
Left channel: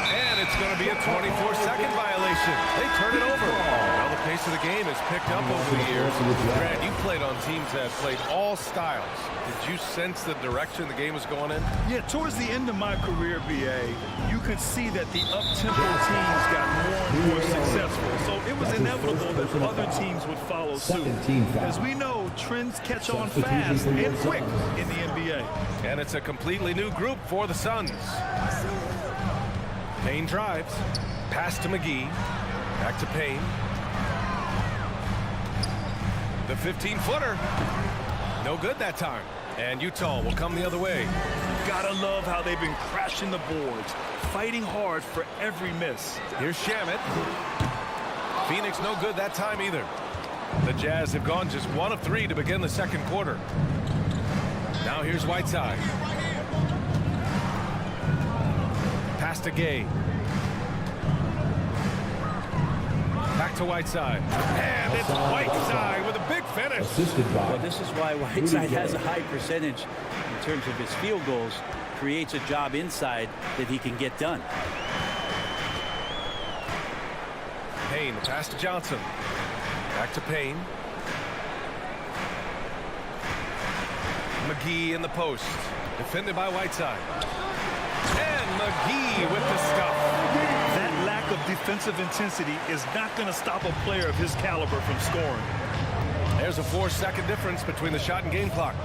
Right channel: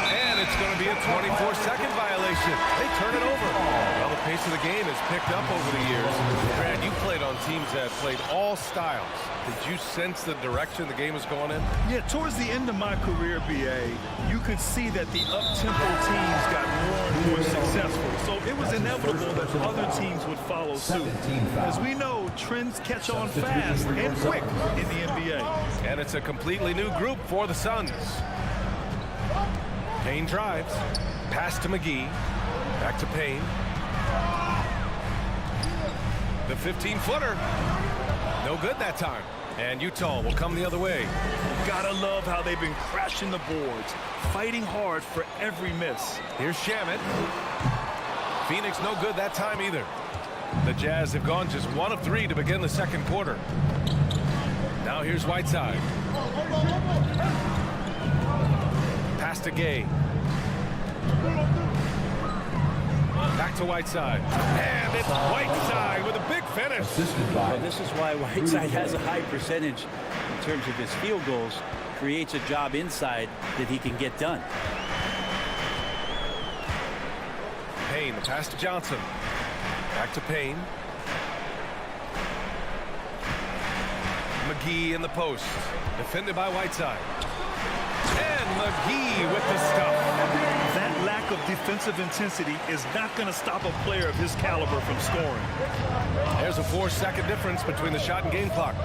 And it's going to be a 24-second violation. They turn it over. Well, the pace of the game has picked up over the years. Grant, you played on teams that played all styles. Did you sense the direction the game was going in? Yeah, towards the end of my career, BA, you could see that the up-tempo teams got more and more successful. So it was inevitable that other teams would follow suit. As we know, trends catch on fast and quick in the NBA. And it's a completely new group for the Suns. Payne drives. Pass to McGee. Back to Payne. The 15-footer. No good that time. And Utah will come the other way. Gotta love how they've been crashing the boards, fighting hard for every miss. Here's Shamet. Phoenix no good that time either. The Jazz have gone just 1 of 3 to begin the second quarter. Now here's Whiteside. Pass to Gay. Back to Whiteside. And it's Whiteside with a big finish. Well, this is why Whiteside has a high percentage in terms of his field goals. Creates a job inside that he can get done. Payne, the pass to Johnson. Back to Payne. McGee in the post. Defended by Whiteside. And McGee with the stuff. That lack of defensive intensity is not going to stop a player of his caliber from scoring. There's a 4-second difference between the shot and game clock.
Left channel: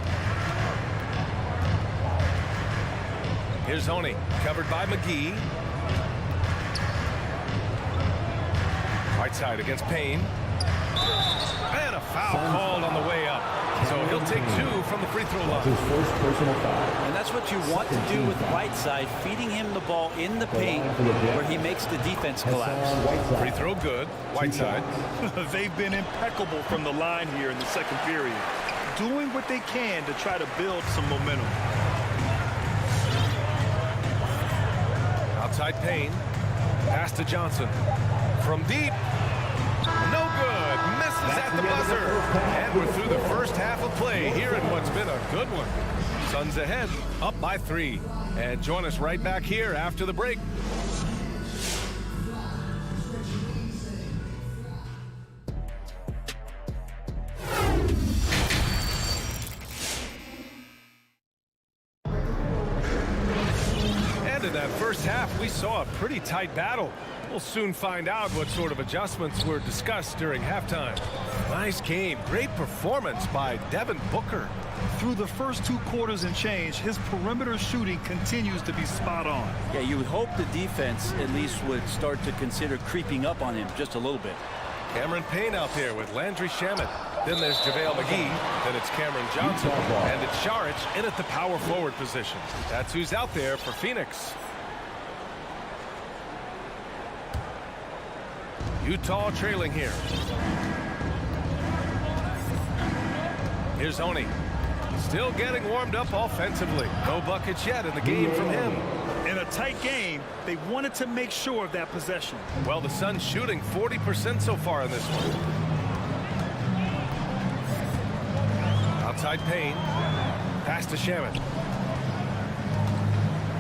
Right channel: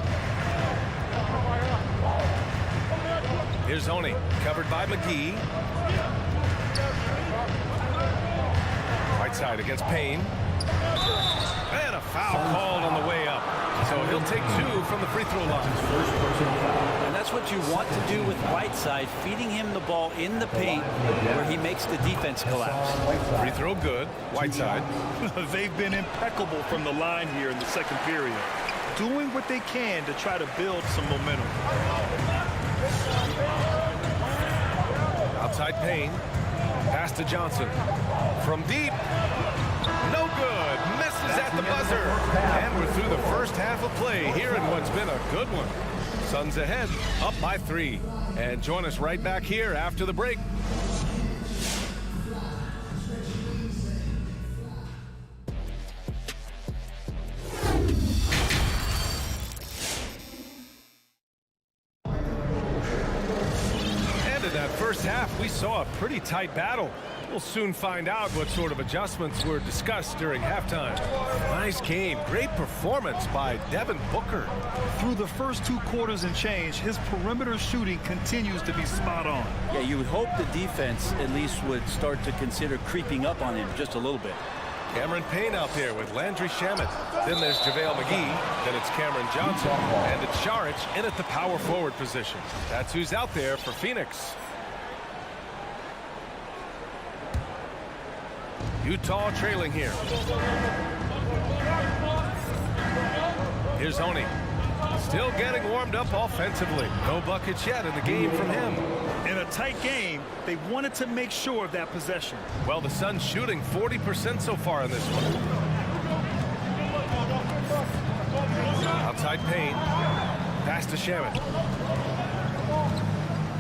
Here's Honey, covered by McGee. Whiteside against Payne. And a foul called on the way up. So he'll take 2 from the free throw line. His first personal foul. And that's what you want to do with Whiteside, feeding him the ball in the paint where he makes the defense collapse. Free throw good. Whiteside. They've been impeccable from the line here in the second period, doing what they can to try to build some momentum. Outside Payne. Pass to Johnson. From deep. No good. Misses at the buzzer. And we're through the first half of play here in what's been a good one. Suns ahead, up by 3. And join us right back here after the break. And in that first half, we saw a pretty tight battle. We'll soon find out what sort of adjustments were discussed during halftime. Nice game. Great performance by Devin Booker. Through the first 2 quarters and change, his perimeter shooting continues to be spot on. Yeah, you would hope the defense at least would start to consider creeping up on him just a little bit. Cameron Payne out there with Landry Shamet. Then there's JaVale McGee. Then it's Cameron Johnson. And it's Šarić in at the power forward position. That's who's out there for Phoenix. Utah trailing here. Here's Oni. Still getting warmed up offensively. No buckets yet in the game from him. In a tight game, they wanted to make sure of that possession. Well, the Suns shooting 40% so far in this one. Outside Payne. Pass to Shamet.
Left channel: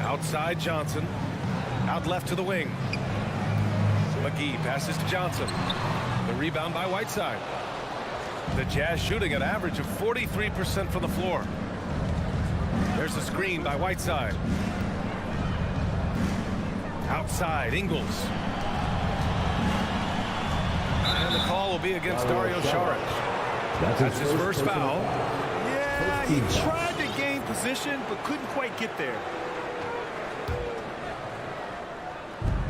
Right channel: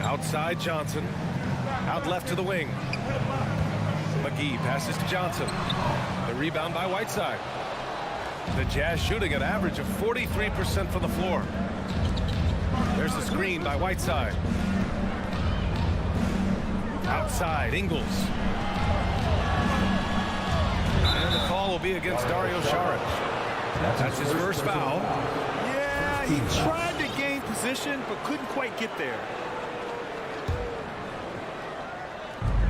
Outside Johnson. Out left to the wing. McGee passes to Johnson. The rebound by Whiteside. The Jazz shooting an average of 43% from the floor. There's the screen by Whiteside. Outside, Ingles. And the call will be against Dario Šarić. That's his first foul. Yeah, he tried to gain position, but couldn't quite get there.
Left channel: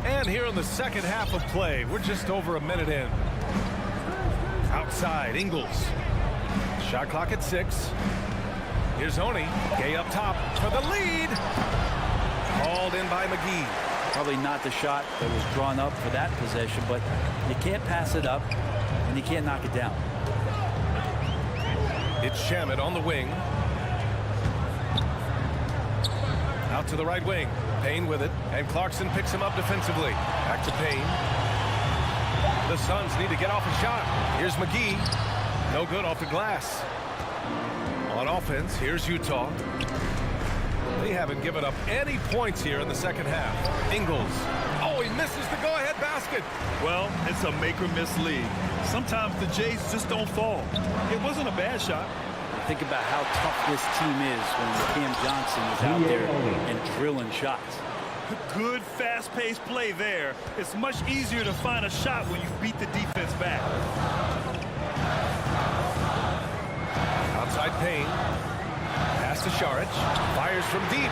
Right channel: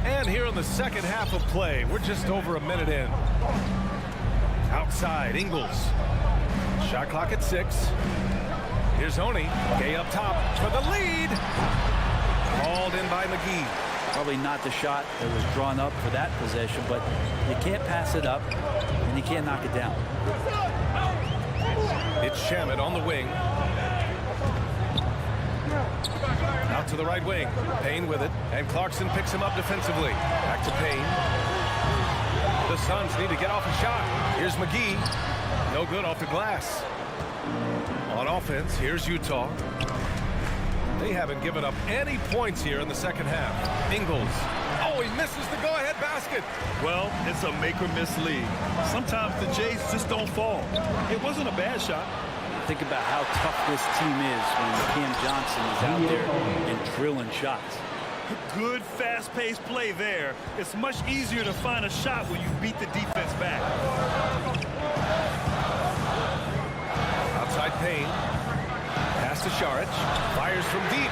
And here in the second half of play, we're just over a minute in. Outside, Ingles. Shot clock at 6. Here's Oni. Gay up top for the lead. Called in by McGee. Probably not the shot that was drawn up for that possession, but you can't pass it up, and you can't knock it down. It's Shamet on the wing. Out to the right wing. Payne with it, and Clarkson picks him up defensively. Back to Payne. The Suns need to get off a shot. Here's McGee. No good off the glass. On offense, here's Utah. They haven't given up any points here in the second half. Ingles. Oh, he misses the go-ahead basket. Well, it's a make-or-miss league. Sometimes the Jays just don't fall. It wasn't a bad shot. Think about how tough this team is when Cam Johnson is out there and drilling shots. Good, fast-paced play there. It's much easier to find a shot when you beat the defense back. Outside Payne. Pass to Šarić. Fires from deep.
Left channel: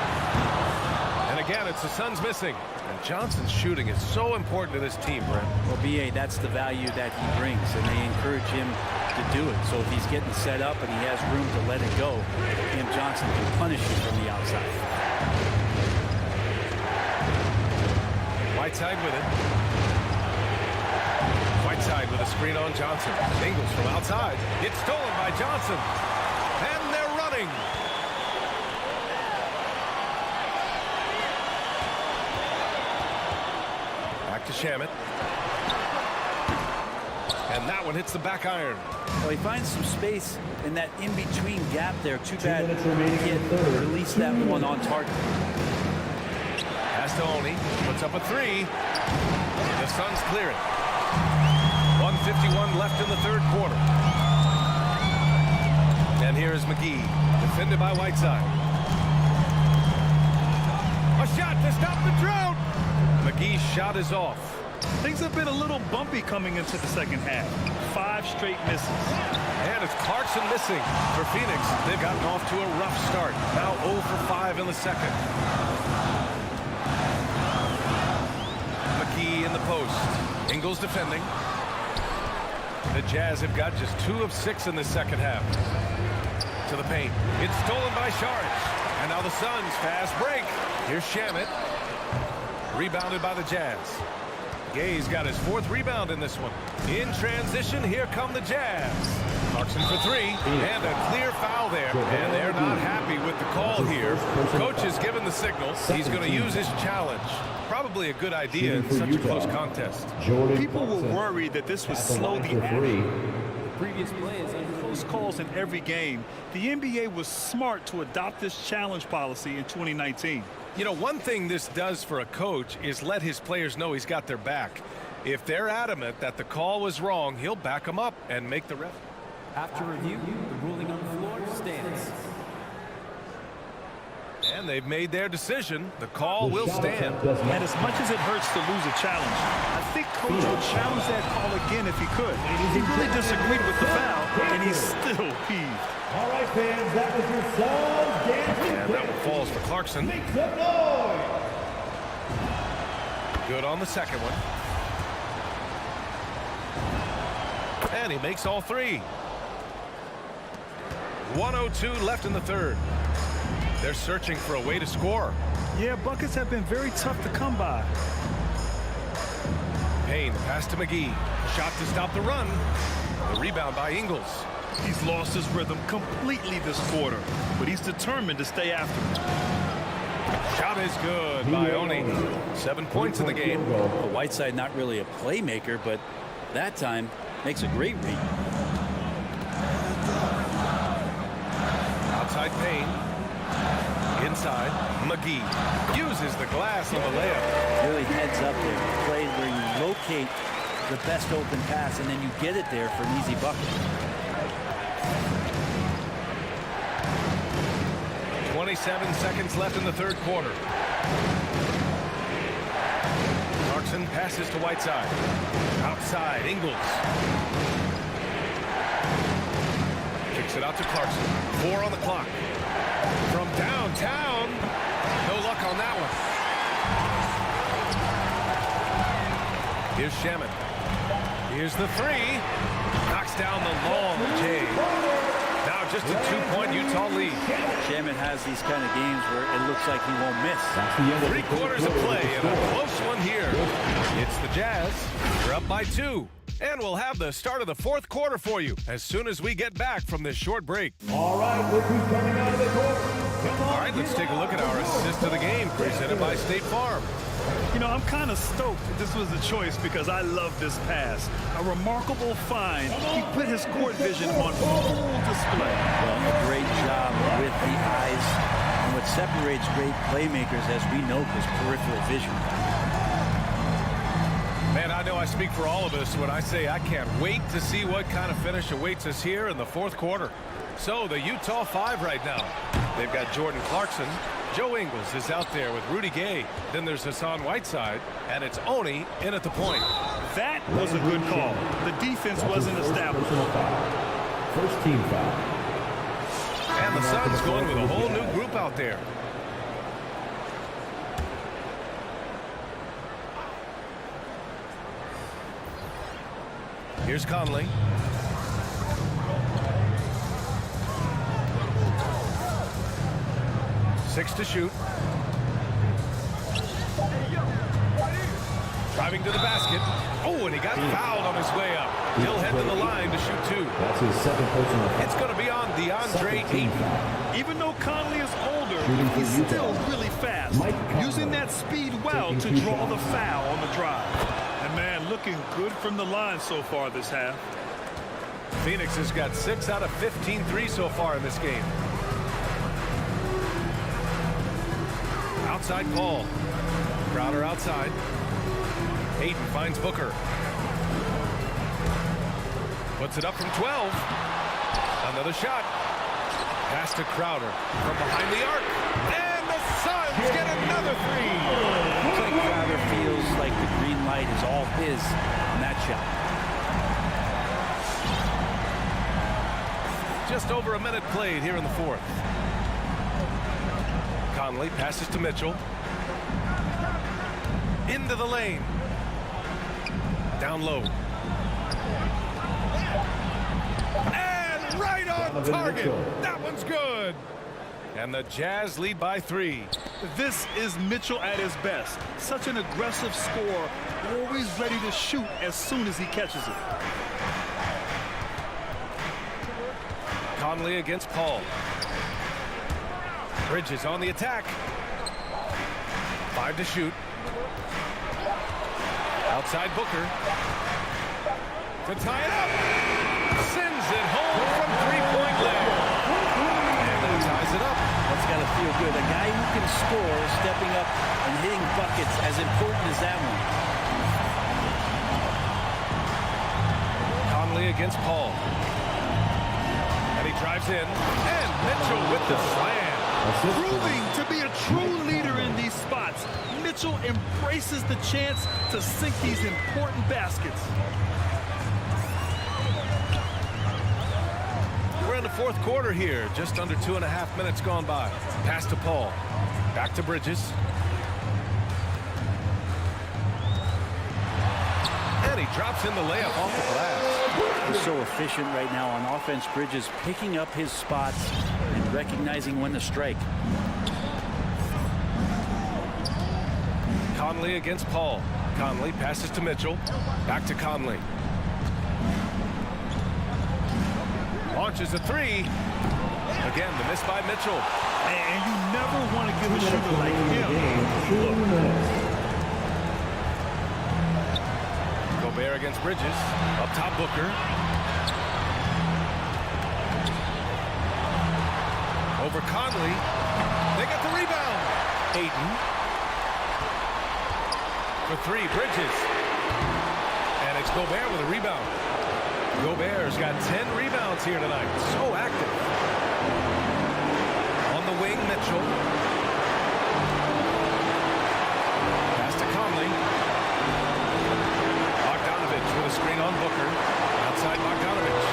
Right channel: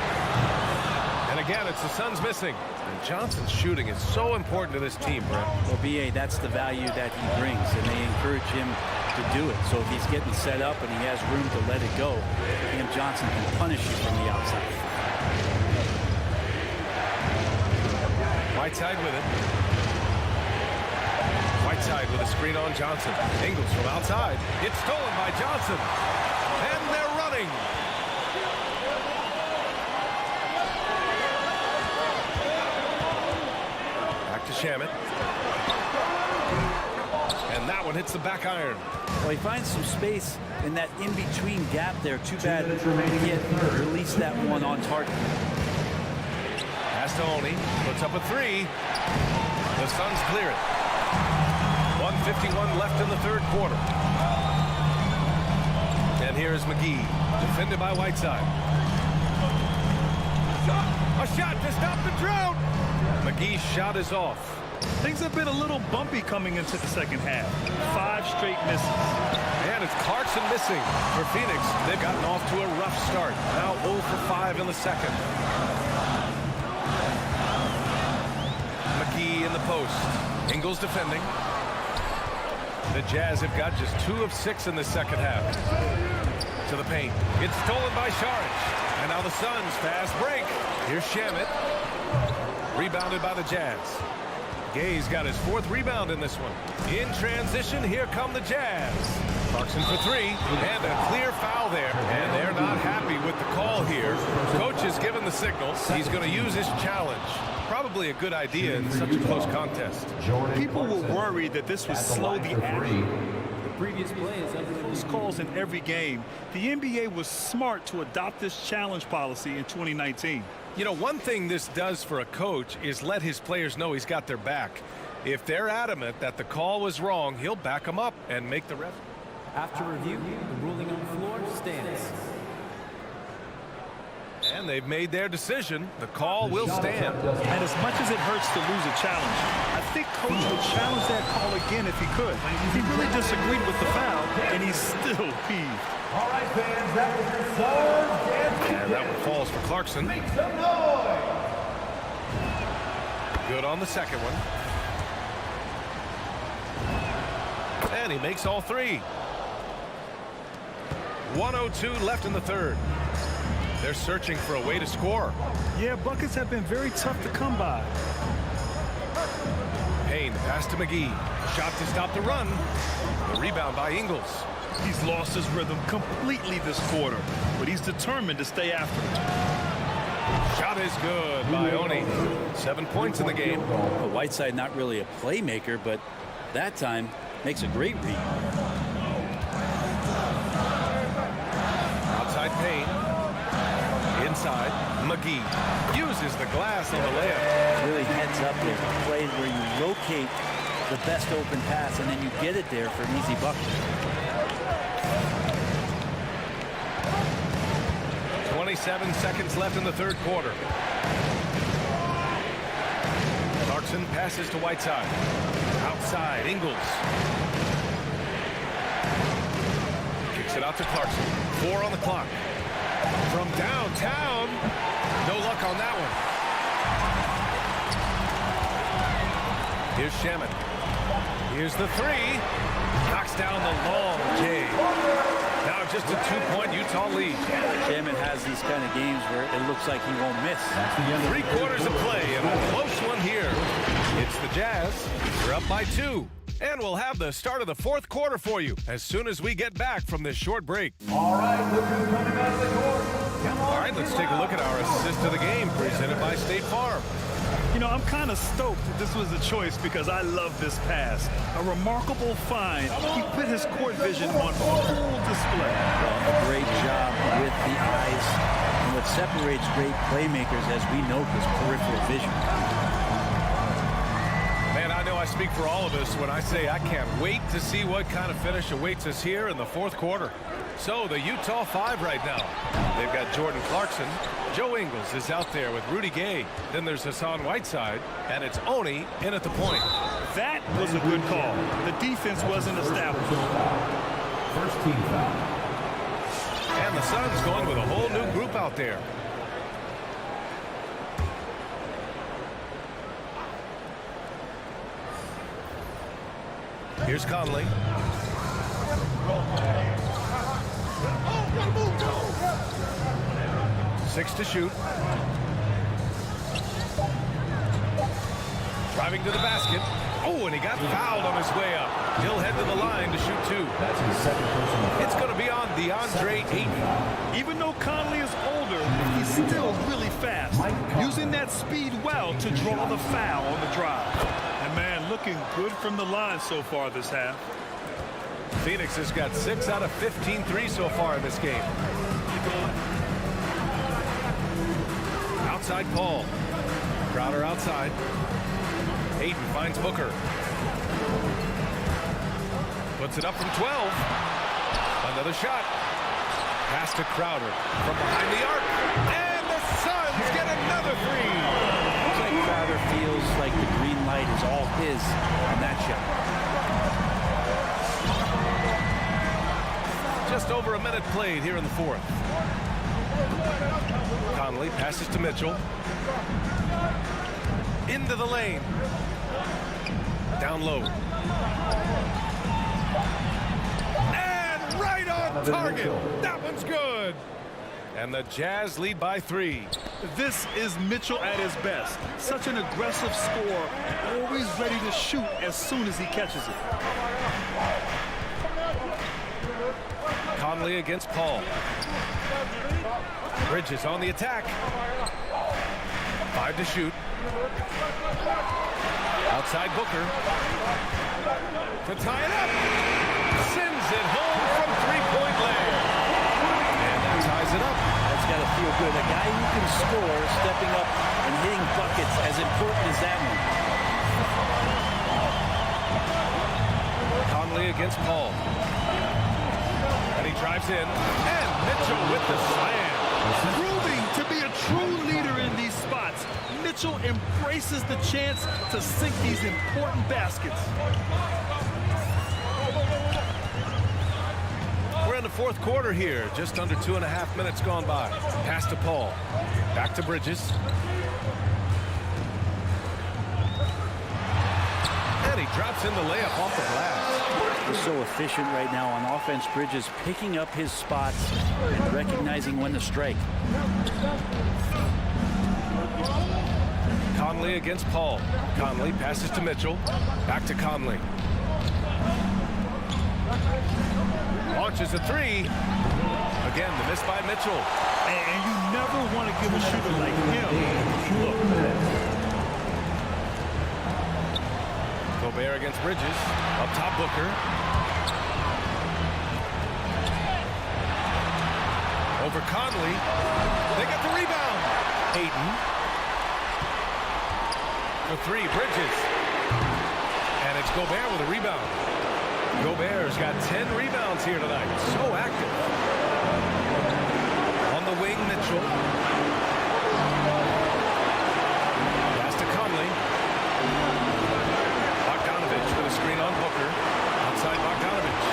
And again, it's the Suns missing. And Johnson's shooting is so important to this team, Brent. Well, B.A., that's the value that he brings, and they encourage him to do it. So if he's getting set up and he has room to let it go, Cam Johnson can punish you from the outside. Whiteside with it. Whiteside with a screen on Johnson. Ingles from outside. It's stolen by Johnson. And they're running. Back to Shamet. And that one hits the back iron. Well, he finds some space in that in-between gap there. Too bad he can't release that one on target. Pass to Oni. Puts up a 3. The Suns clear it. 1:51 left in the third quarter. And here is McGee. Defended by Whiteside. A shot to stop the drought. McGee's shot is off. Things have been a little bumpy coming into the second half. 5 straight misses. And it's Clarkson missing for Phoenix. They've gotten off to a rough start. Now 0 for 5 in the second. McGee in the post. Ingles defending. The Jazz have got just 2 of 6 in the second half. To the paint. It's stolen by Šarić. And now the Suns fast break. Here's Shamet. Rebounded by the Jazz. Gay's got his 4th rebound in this one. In transition, here come the Jazz. Clarkson for 3, and a clear foul there. And they're not happy with the call here. Coach has given the signal. He's going to use his challenge. Probably a good idea in such a close contest. People were worried that this would slow the action. The previous play is under close calls in every game. The NBA was smart to adopt this challenge policy in 2019. You know, one thing this does for a coach is let his players know he's got their back. If they're adamant that the call was wrong, he'll back them up and make the ref. After review, the ruling on the floor stands. And they've made their decision. The call will stand. And as much as it hurts to lose a challenge, I think Coach would challenge that call again if he could. He really disagreed with the foul, and he's still peeved. All right, fans, that was your Suns dancing. And that one falls for Clarkson. Make some noise. Good on the second one. And he makes all 3. 1:02 left in the third. They're searching for a way to score. Yeah, buckets have been very tough to come by. Payne, pass to McGee. Shot to stop the run. The rebound by Ingles. He's lost his rhythm completely this quarter, but he's determined to stay after it. Shot is good by Oni. 7 points in the game. Well, Whiteside not really a playmaker, but that time makes a great read. Outside Payne. Inside, McGee uses the glass on the layup. Really heads up there. A play where you locate the best open pass and then you get it there for an easy bucket. 27 seconds left in the third quarter. Clarkson passes to Whiteside. Outside, Ingles. Kicks it out to Clarkson. 4 on the clock. From downtown. No luck on that one. Here's Shaman. Here's the three. Knocks down the long J. Now just a 2-point Utah lead. Shaman has these kind of games where it looks like he won't miss. 3/4 of play and a close one here. It's the Jazz. They're up by 2. And we'll have the start of the 4th quarter for you as soon as we get back from this short break. All right, look who's coming out of the court. All right, let's take a look at our assist of the game presented by State Farm. You know, I'm kind of stoked that this was a choice because I love this pass. A remarkable find. He put his court vision on full display. Well, a great job with the eyes. And what separates great playmakers, as we know, is peripheral vision. Man, I know I speak for all of us when I say I can't wait to see what kind of finish awaits us here in the 4th quarter. So the Utah 5 right now. They've got Jordan Clarkson. Joe Ingles is out there with Rudy Gay. Then there's Hassan Whiteside. And it's Oni in at the point. That was a good call. The defense wasn't established. First team foul. And the Suns going with a whole new group out there. Here's Conley. Six to shoot. Driving to the basket. Oh, and he got fouled on his way up. He'll head to the line to shoot 2. That's his second personal foul. It's going to be on DeAndre Ayton. Even though Conley is older, he's still really fast. Using that speed well to draw the foul on the drive. And man, looking good from the line so far this half. Phoenix has got 6 out of 15 threes so far in this game. Outside Paul. Crowder outside. Ayton finds Booker. Puts it up from 12. Another shot. Pass to Crowder from behind the arc. And the Suns get another 3. Looks like Crowder feels like the green light is all his on that shot. Just over a minute played here in the 4th. Conley passes to Mitchell. Into the lane. Down low. And right on target. That one's good. And the Jazz lead by 3. This is Mitchell at his best. Such an aggressive scorer, always ready to shoot as soon as he catches it. Conley against Paul. Bridges on the attack. 5 to shoot. Outside Booker. To tie it up. Sends it home from 3-point land. And that ties it up. That's got to feel good. A guy who can score, stepping up and hitting buckets, as important as that one. Conley against Paul. And he drives in. And Mitchell with the slam. Proving to be a true leader in these spots, Mitchell embraces the chance to sink these important baskets. We're in the 4th quarter here. Just under 2.5 minutes gone by. Pass to Paul. Back to Bridges. And he drops in the layup off the glass. He's so efficient right now on offense. Bridges picking up his spots and recognizing when to strike. Conley against Paul. Conley passes to Mitchell. Back to Conley. Launches a 3. Again, the miss by Mitchell. And you never want to give a shooter like him. Look. Gobert against Bridges. Up top Booker. Over Conley. They got the rebound. Ayton. For 3, Bridges. And it's Gobert with a rebound. Gobert's got 10 rebounds here tonight. So active. On the wing, Mitchell. Pass to Conley. Bogdanovich with a screen on Booker. Outside Bogdanovich.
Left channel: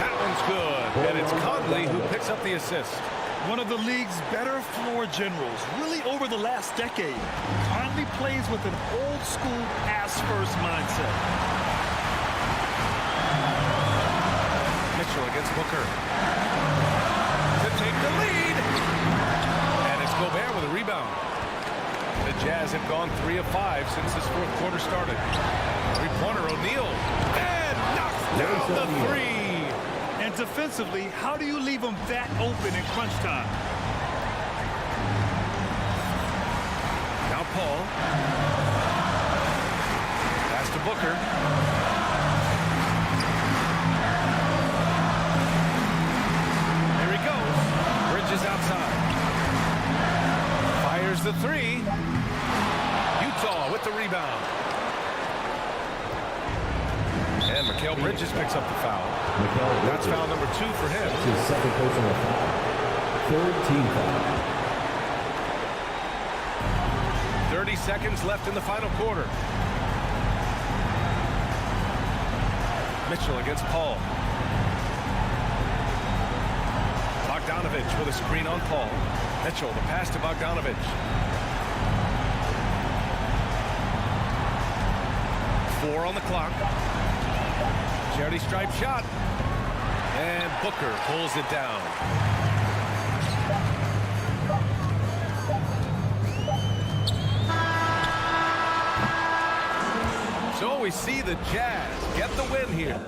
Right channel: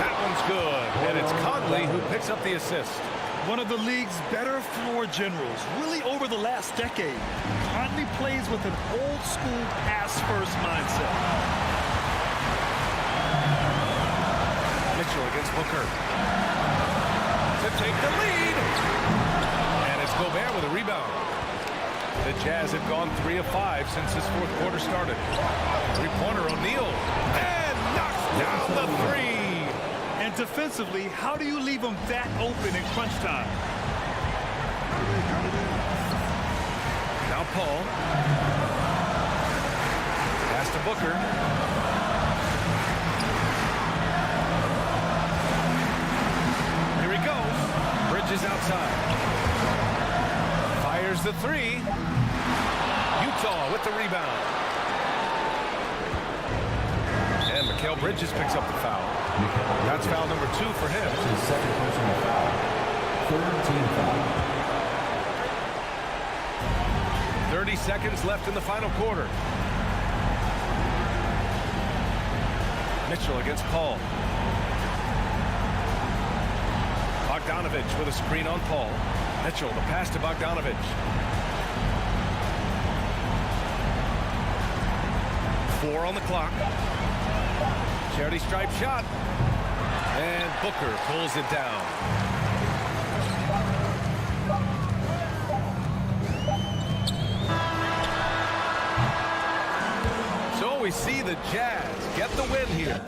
That one's good. And it's Conley who picks up the assist. One of the league's better floor generals, really over the last decade. Conley plays with an old-school pass-first mindset. Mitchell against Booker. To take the lead. And it's Gobert with a rebound. The Jazz have gone 3 of 5 since this fourth quarter started. Three-pointer O'Neal. And knocks down the three. And defensively, how do you leave them that open in crunch time? Now Paul. Pass to Booker. Here he goes. Bridges outside. Fires the three. Utah with the rebound. And Mikal Bridges picks up the foul. That's foul number 2 for him. His second personal foul. Third team foul. 30 seconds left in the final quarter. Mitchell against Paul. Bogdanovich with a screen on Paul. Mitchell, the pass to Bogdanovich. Four on the clock. Charity stripe shot. And Booker pulls it down. So we see the Jazz get the win here.